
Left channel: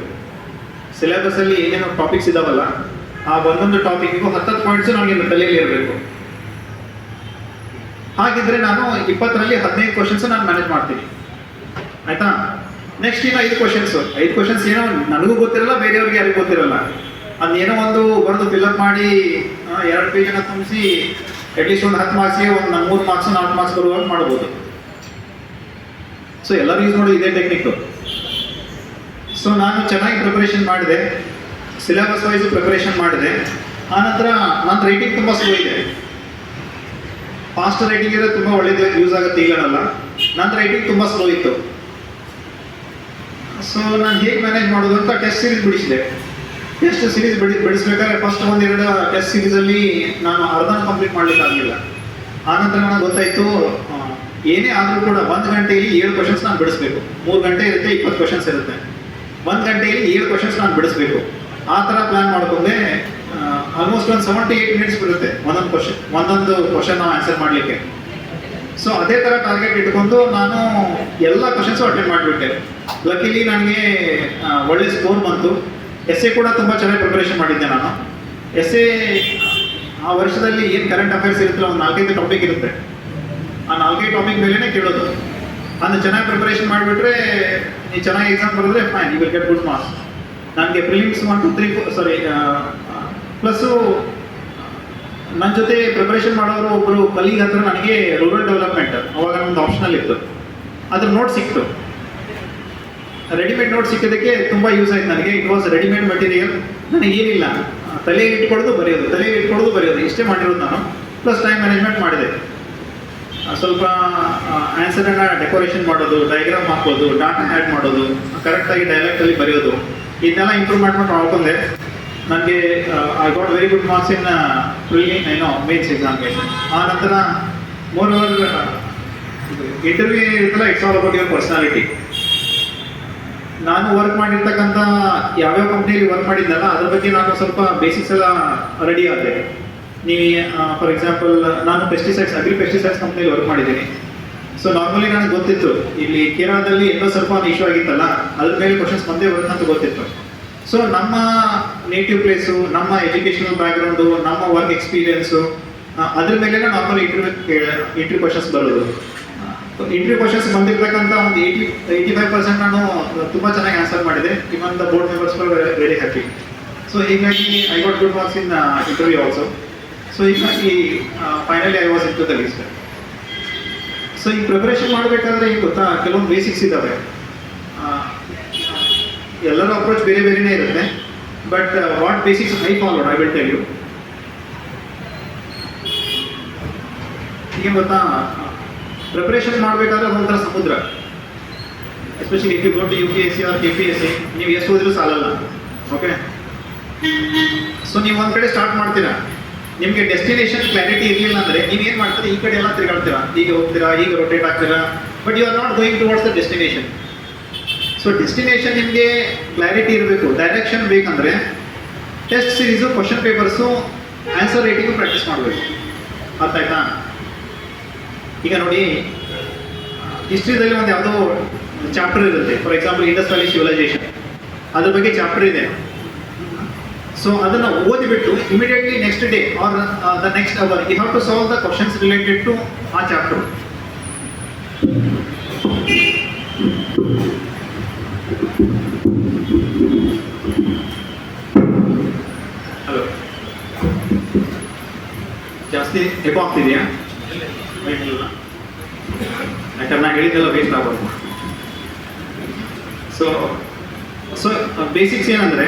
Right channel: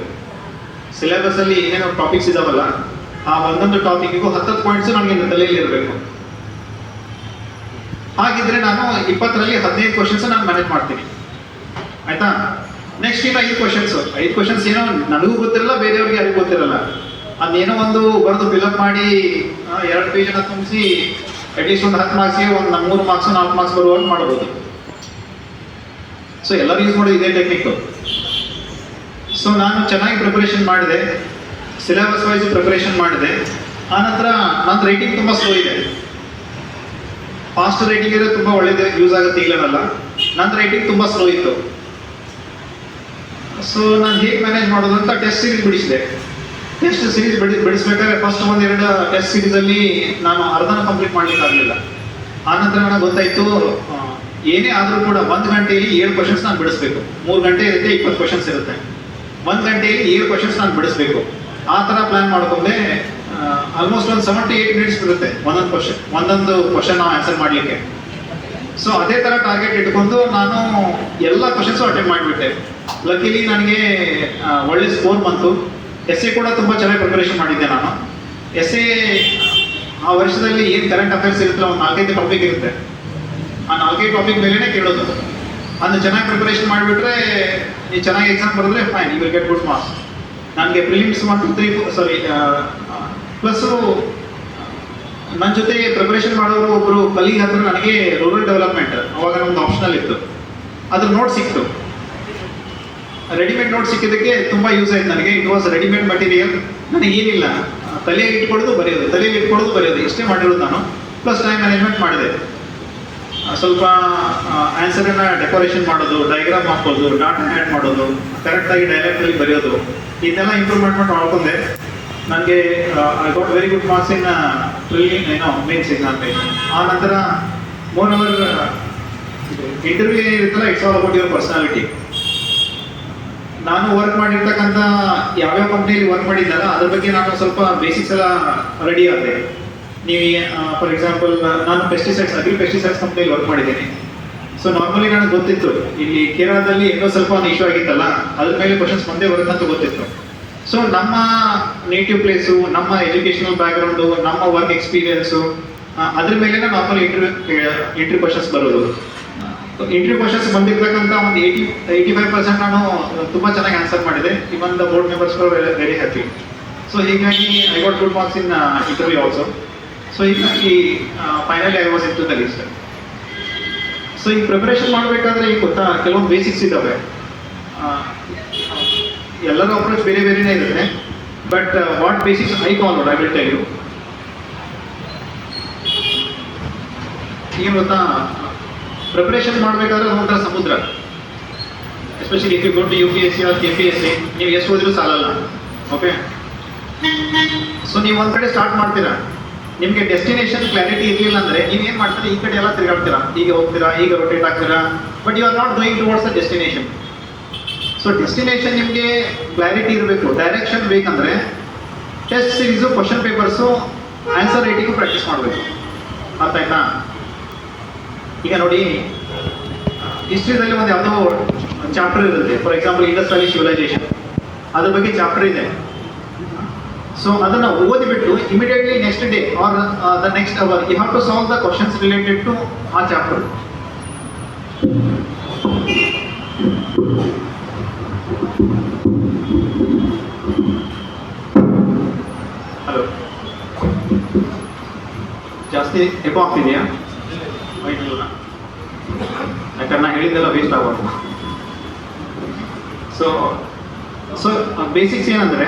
ಸಿಲೆಬಸಲ್ಲಿ ಏನೇನೋ ಟಾಪಿಕ್ಸ್ ಇದಾವಲ್ಲ, ಆ ಒಂದೊಂದು ಟಾಪಿಕ್ಕಿಗೂ 10 ಪಾಯಿಂಟ್ಸು ನನಗೆ ತಲೆಯಲ್ಲಿ ಇರಬೇಕು. ಹಾಗಿದ್ರೆ ನಾನು 20ರಲ್ಲಿ 15 ಕ್ವಶನ್ಸ್ ನಾನು ಮ್ಯಾನೇಜ್ ಮಾಡ್ತೀನಿ, ಆಯ್ತಾ. ನೆಕ್ಸ್ಟ್ ಇನ್ನು 5 ಕ್ವಶನ್ಸ್ ಏನೋ ನನಗೂ ಗೊತ್ತಿರಲ್ಲ, ಬೇರೆಯವ್ರಿಗೆ ಯಾರಿಗೂ ಗೊತ್ತಿರಲ್ಲ. ಅದೇನೋ ಒಂದು ಬರೆದು ಫಿಲ್ಅಪ್ ಮಾಡಿ 2 ಪೇಜನ್ನು ತುಂಬಿಸಿ ಅಟ್ಲೀಸ್ಟ್ ಒಂದು 10 ಮಾರ್ಕ್ಸ್ಗೆ ಒಂದು 3 ಮಾರ್ಕ್ಸ್ 4 ಮಾರ್ಕ್ಸ್ ಬರುವಾಗ ಮಾಡ್ಬೋದು. ಸೊ ಎಲ್ಲರೂ ಯೂಸ್ ಮಾಡೋದು ಇದೇ ಟೆಕ್ನಿಕ್ಕು. ಸೊ ನಾನು ಚೆನ್ನಾಗಿ ಪ್ರಿಪರೇಷನ್ ಮಾಡಿದೆ, ಸಿಲೆಬಸ್ ವೈಸ್ ಪ್ರಿಪರೇಷನ್ ಮಾಡಿದೆ. ಆನಂತರ ನನ್ನ ರೈಟಿಂಗ್ ತುಂಬ ಸ್ಲೋ ಇದೆ. ಫಾಸ್ಟ್ ರೈಟಿಂಗ್ ಇದ್ರೆ ತುಂಬ ಒಳ್ಳೇದು, ಯೂಸ್ ಆಗುತ್ತೆ, ಇಲ್ಲನಲ್ಲ. ನನ್ನ ರೈಟಿಂಗ್ ತುಂಬ ಸ್ಲೋ ಇತ್ತು. ಸೊ ನಾನು ಹೇಗೆ ಮ್ಯಾನೇಜ್ ಮಾಡೋದು ಅಂತ ಟೆಸ್ಟ್ ಸೀರೀಸ್ ಬಿಡಿಸಿದೆ. ಟೆಸ್ಟ್ ಸೀರೀಸ್ ಬಿಡಿಸ್ಬೇಕಾದ್ರೆ ಫಸ್ಟ್ 1-2 ಟೆಸ್ಟ್ ಸೀರೀಸಲ್ಲಿ ನಾನು ಅರ್ಧನ ಕಂಪ್ಲೀಟ್ ಮಾಡ್ಲಿಕ್ಕೆ ಆಗಲಿಲ್ಲ. ಆನಂತರ ನನಗೆ ಗೊತ್ತಾಯಿತು, ಏನೇ ಆದರೂ ಕೂಡ 1 ಗಂಟೆಯಲ್ಲಿ 7 ಕ್ವಶನ್ಸ್ ನಾನು ಬಿಡಿಸ್ಬೇಕು. 3 ಗಂಟೆ ಇರುತ್ತೆ, 20 ಕ್ವಶನ್ಸ್ ಇರುತ್ತೆ. 1 ಗಂಟೆಯಲ್ಲಿ 7 ಕ್ವಶನ್ಸ್ ನಾನು ಬಿಡಿಸ್ಬೇಕು. ಆ ಥರ ಪ್ಲ್ಯಾನ್ ಮಾಡ್ಕೊಂಡೆ. ಆಲ್ಮೋಸ್ಟ್ ಒಂದು 78 ಮಿನಿಟ್ಸ್ ಬರುತ್ತೆ ಒಂದೊಂದು ಕ್ವಶನ್ ನಾವು ಆನ್ಸರ್ ಮಾಡಲಿಕ್ಕೆ. ಸೊ ಅದೇ ಥರ ಟಾರ್ಗೆಟ್ ಇಟ್ಕೊಂಡು ನಾನು ಎಲ್ಲ ಕ್ವಶನ್ಸು ಅಟೆಂಡ್ ಮಾಡಿಬಿಟ್ಟೆ. ಲಕ್ಕಿಲಿ ನನಗೆ ಒಳ್ಳೆ ಸ್ಕೋರ್ ಬಂತು. ಎಸ್ಸೆ ಕೂಡ ತುಂಬ ಚೆನ್ನಾಗಿ ಪ್ರಿಪರೇಷನ್ ಮಾಡಿದ್ದೆ ನಾನು. ಎಸ್ಸೆ ಆ ವರ್ಷದಲ್ಲಿ ಏನು ಕರೆಂಟ್ ಅಫೇರ್ಸ್ ಇರುತ್ತಲ್ಲ, ಒಂದು 4-5 ಟಾಪಿಕ್ ಇರುತ್ತೆ. ಆ 4 ಟಾಪಿಕ್ ಮೇಲೆನೇ ಕೇಳೋದು. ಅಂದ್ರೆ ಚೆನ್ನಾಗಿ ಪ್ರಿಪರೇಷನ್ ಮಾಡಿಬಿಟ್ರೆ ನೀವು ಚೆನ್ನಾಗಿ ಎಕ್ಸಾಮ್ ಬರೆದ್ರೆ fine, you will get good marks. ನನಗೆ ಪ್ರಿಲಿಮ್ಸ್ 1 2 3 ಸಾರಿ ಪ್ಲಸ್ಸು ನನ್ನ ಜೊತೆ ಪ್ರಿಪರೇಷನ್ ಮಾಡೋರು ಒಬ್ಬರು ಕಲೀಗ್ ಹತ್ರ ನನಗೆ ರೂರಲ್ ಡೆವಲಪ್ಮೆಂಟ್ ಅವಾಗ ಒಂದು ಆಪ್ಷನಲ್ ಇತ್ತು, ಅದ್ರ ನೋಟ್ ಸಿಕ್ತು. ರೆಡಿಮೇಡ್ ನೋಟ್ ಸಿಕ್ಕಿದ್ದಕ್ಕೆ ತುಂಬ ಯೂಸ್ ಆಯ್ತು ನನಗೆ. It was readymade material. ನನಗೆ ಏನಿಲ್ಲ, ತಲೆಯಲ್ಲಿ ಇಟ್ಕೊಳ್ಳೋದು ಬರೆಯೋದು ಇಷ್ಟೇ ಮಾಡಿರೋದು ನಾನು. ಪ್ಲಸ್ ಟೈಮ್ ಮ್ಯಾನೇಜ್ಮೆಂಟ್ ಮಾಡಿದೆ. ಸ್ವಲ್ಪ ಆನ್ಸರನ್ನು ಡೆಕೋರೇಷನ್ ಮಾಡೋದು, ಡಯಾಗ್ರಾಮ್ ಹಾಕೋದು, ಡಾಟಾ ಆ್ಯಡ್ ಮಾಡೋದು, ಕರೆಕ್ಟಾಗಿ ಡೈಲೆಕ್ಟಲ್ಲಿ ಬರೆಯೋದು, ಇದೆಲ್ಲ ಇಂಪ್ರೂವ್ಮೆಂಟ್ ಮಾಡ್ಕೊಂಡೆ. ನನಗೆ I got very good marks in mains examination. ಆ ನಂತರ ಮೋರ್ ಓವರ್ ಇಂಟರ್ವ್ಯೂ ಏನಿರುತ್ತಲ್ಲ, it's all about your personality. ನಾನು ವರ್ಕ್ ಮಾಡಿರ್ತಕ್ಕಂಥ ಯಾವ್ಯಾವ ಕಂಪ್ನಿಯಲ್ಲಿ ವರ್ಕ್ ಮಾಡಿದ್ದಲ್ಲ ಅದ್ರ ಬಗ್ಗೆ ನಾನು ಸ್ವಲ್ಪ ಬೇಸಿಕ್ಸ್ ಎಲ್ಲ ರೆಡಿ ಆದೆ. ನೀವು ಫಾರ್ ಎಕ್ಸಾಂಪಲ್ ನಾನು ಅಗ್ರಿ ಪೆಸ್ಟಿಸೈಡ್ಸ್ ಕಂಪ್ನಿಯಲ್ಲಿ ವರ್ಕ್ ಮಾಡಿದ್ದೀನಿ. ಸೊ ನಾರ್ಮಲಿ ನನಗೆ ಗೊತ್ತಿತ್ತು ಇಲ್ಲಿ ಕೇರಳದಲ್ಲಿ ಏನೋ ಸ್ವಲ್ಪ ಒಂದು ಇಶ್ಯೂ ಆಗಿತ್ತಲ್ಲ, ಅದ್ರ ಮೇಲೆ ಕ್ವಶನ್ಸ್ ಬಂದೇ ಬರುತ್ತೆ ಅಂತ ಗೊತ್ತಿತ್ತು. ಸೊ ನಮ್ಮ ನೇಟಿವ್ ಪ್ಲೇಸು, ನಮ್ಮ ಎಜುಕೇಷನಲ್ ಬ್ಯಾಕ್ಗ್ರೌಂಡು, ನಮ್ಮ ವರ್ಕ್ ಎಕ್ಸ್ಪೀರಿಯನ್ಸು, ಅದ್ರ ಮೇಲೆ ನಾರ್ಮಲಿ ಇಂಟರ್ವ್ಯೂ ಕ್ವಶನ್ಸ್ ಬರೋದು. ಇಂಟರ್ವ್ಯೂ ಕ್ವಶನ್ಸ್ ಬಂದಿರ್ತಕ್ಕಂಥ ಒಂದು 85% ನಾನು ತುಂಬ ಚೆನ್ನಾಗಿ ಆನ್ಸರ್ ಮಾಡಿದೆ. Even the board members very happy. So ಹೀಗಾಗಿ I got good marks in interview also. So ಹೀಗಾಗಿ finally I was in to the list. So ಈ ಪ್ರಿಪರೇಷನ್ ಮಾಡಬೇಕಾದ್ರೆ ಈಗ ಗೊತ್ತಾ ಕೆಲವೊಂದು ಬೇಸಿಕ್ಸ್ ಇದ್ದಾವೆ. ಎಲ್ಲರ ಅಪ್ರೋಚ್ ಬೇರೆ ಬೇರೆನೇ ಇರುತ್ತೆ. But what basics I followed I will tell you. ಈಗ ಗೊತ್ತಾ ಪ್ರಿಪರೇಷನ್ ಮಾಡಬೇಕಾದ್ರೆ ಅದೊಂಥರ ಸಮುದ್ರ. Especially if you go to UPSC or KPSC, ನೀವು ಎಷ್ಟು ಹೋದ್ರೂ ಸಾಲಲ್ಲ. ಓಕೆ, ಸೊ ನೀವು ಒಂದು ಕಡೆ ಸ್ಟಾರ್ಟ್ ಮಾಡ್ತೀರಾ, ನಿಮಗೆ ಡೆಸ್ಟಿನೇಷನ್ ಕ್ಲಾರಿಟಿ ಇರಲಿಲ್ಲ ಅಂದರೆ ನೀವು ಏನು ಮಾಡ್ತೀರಾ, ಈ ಕಡೆ ಎಲ್ಲ ತಿರುಗಾಡ್ತೀರಾ, ಹೀಗೆ ಹೋಗ್ತೀರಾ, ಈಗ ರೊಟೇಟ್ ಆಗ್ತೀರಾ, but you are not going towards the destination. So destination ನಿಮಗೆ ಕ್ಲಾರಿಟಿ ಇರಬೇಕು, ಡೈರೆಕ್ಷನ್ ಬೇಕಂದರೆ test series, question papers, answer writing practice ಮಾಡಬೇಕು. ಅರ್ಥ ಆಯ್ತಾ? ಈಗ ನೋಡಿ, ಹಿಸ್ಟ್ರಿದಲ್ಲಿ ಒಂದು ಯಾವುದೋ ಚಾಪ್ಟರ್ ಇರುತ್ತೆ. For example Indus valley civilisation, ಅದ್ರ ಬಗ್ಗೆ ಚಾಪ್ಟರ್ ಇದೆ. ಸೊ ಅದನ್ನು ಓದಿಬಿಟ್ಟು immediately next day or the next hour you have to solve the questions related to ಆ ಚಾಪ್ಟರ್. ಹಲೋ, ಜಾಸ್ತಿ ಎಕೋ ಆಗ್ತಿದೆಯಾ? ಯಾಕಂದ್ರೆ ನಾನು ಹೇಳಿದ್ದೆಲ್ಲ ವೇಸ್ಟ್ ಆಗೋದು. ಸೊ ಬೇಸಿಕ್ಸ್ ಏನಂದರೆ,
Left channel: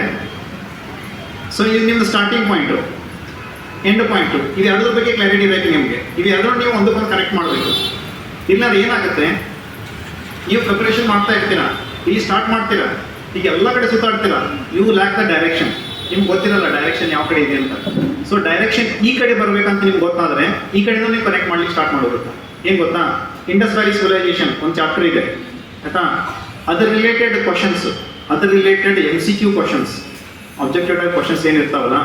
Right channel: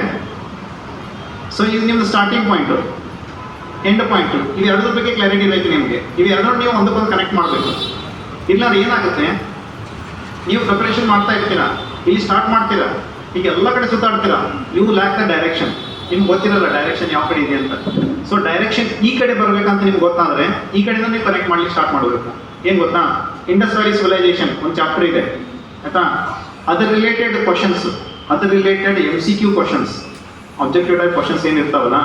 ಸೊ ಇದು ನಿಮ್ಮದು ಸ್ಟಾರ್ಟಿಂಗ್ ಪಾಯಿಂಟು, ಎಂಡ್ ಪಾಯಿಂಟು, ಇದು ಎರಡರ ಬಗ್ಗೆ ಕ್ಲಾರಿಟಿ ಬೇಕು ನಿಮಗೆ. ಇದು ಎರಡರೂ ನೀವು ಒಂದಕ್ಕೊಂದು ಕನೆಕ್ಟ್ ಮಾಡಬೇಕು. ಇಲ್ಲಾಂದ್ರೆ ಏನಾಗುತ್ತೆ, ನೀವು ಪ್ರಿಪರೇಷನ್ ಮಾಡ್ತಾ ಇರ್ತೀರಾ, ಇಲ್ಲಿ ಸ್ಟಾರ್ಟ್ ಮಾಡ್ತೀರಾ, ಈಗ ಎಲ್ಲ ಕಡೆ ಸುತ್ತಾಡ್ತೀರಾ, ಯು ಲ್ಯಾಕ್ ದ ಡೈರೆಕ್ಷನ್. ನಿಮ್ಗೆ ಗೊತ್ತಿರಲ್ಲ ಡೈರೆಕ್ಷನ್ ಯಾವ ಕಡೆ ಇದೆ ಅಂತ. ಸೊ ಡೈರೆಕ್ಷನ್ ಈ ಕಡೆ ಬರಬೇಕಂತ ನಿಮ್ಗೆ ಗೊತ್ತಾದರೆ ಈ ಕಡೆಯಿಂದ ನೀವು ಕನೆಕ್ಟ್ ಮಾಡ್ಲಿಕ್ಕೆ ಸ್ಟಾರ್ಟ್ ಮಾಡಬೇಕು. ಏನು ಗೊತ್ತಾ, ಇಂಡಸ್ ವ್ಯಾಲಿ ಸಿವಿಲೈಸೇಷನ್ ಒಂದು ಚಾಪ್ಟರ್ ಇದೆ ಆಯಿತಾ, ಅದರ ರಿಲೇಟೆಡ್ ಕ್ವಶನ್ಸ್, ಅದರ related MCQ questions, objective type questions ಏನಿರ್ತಾವಲ್ಲ,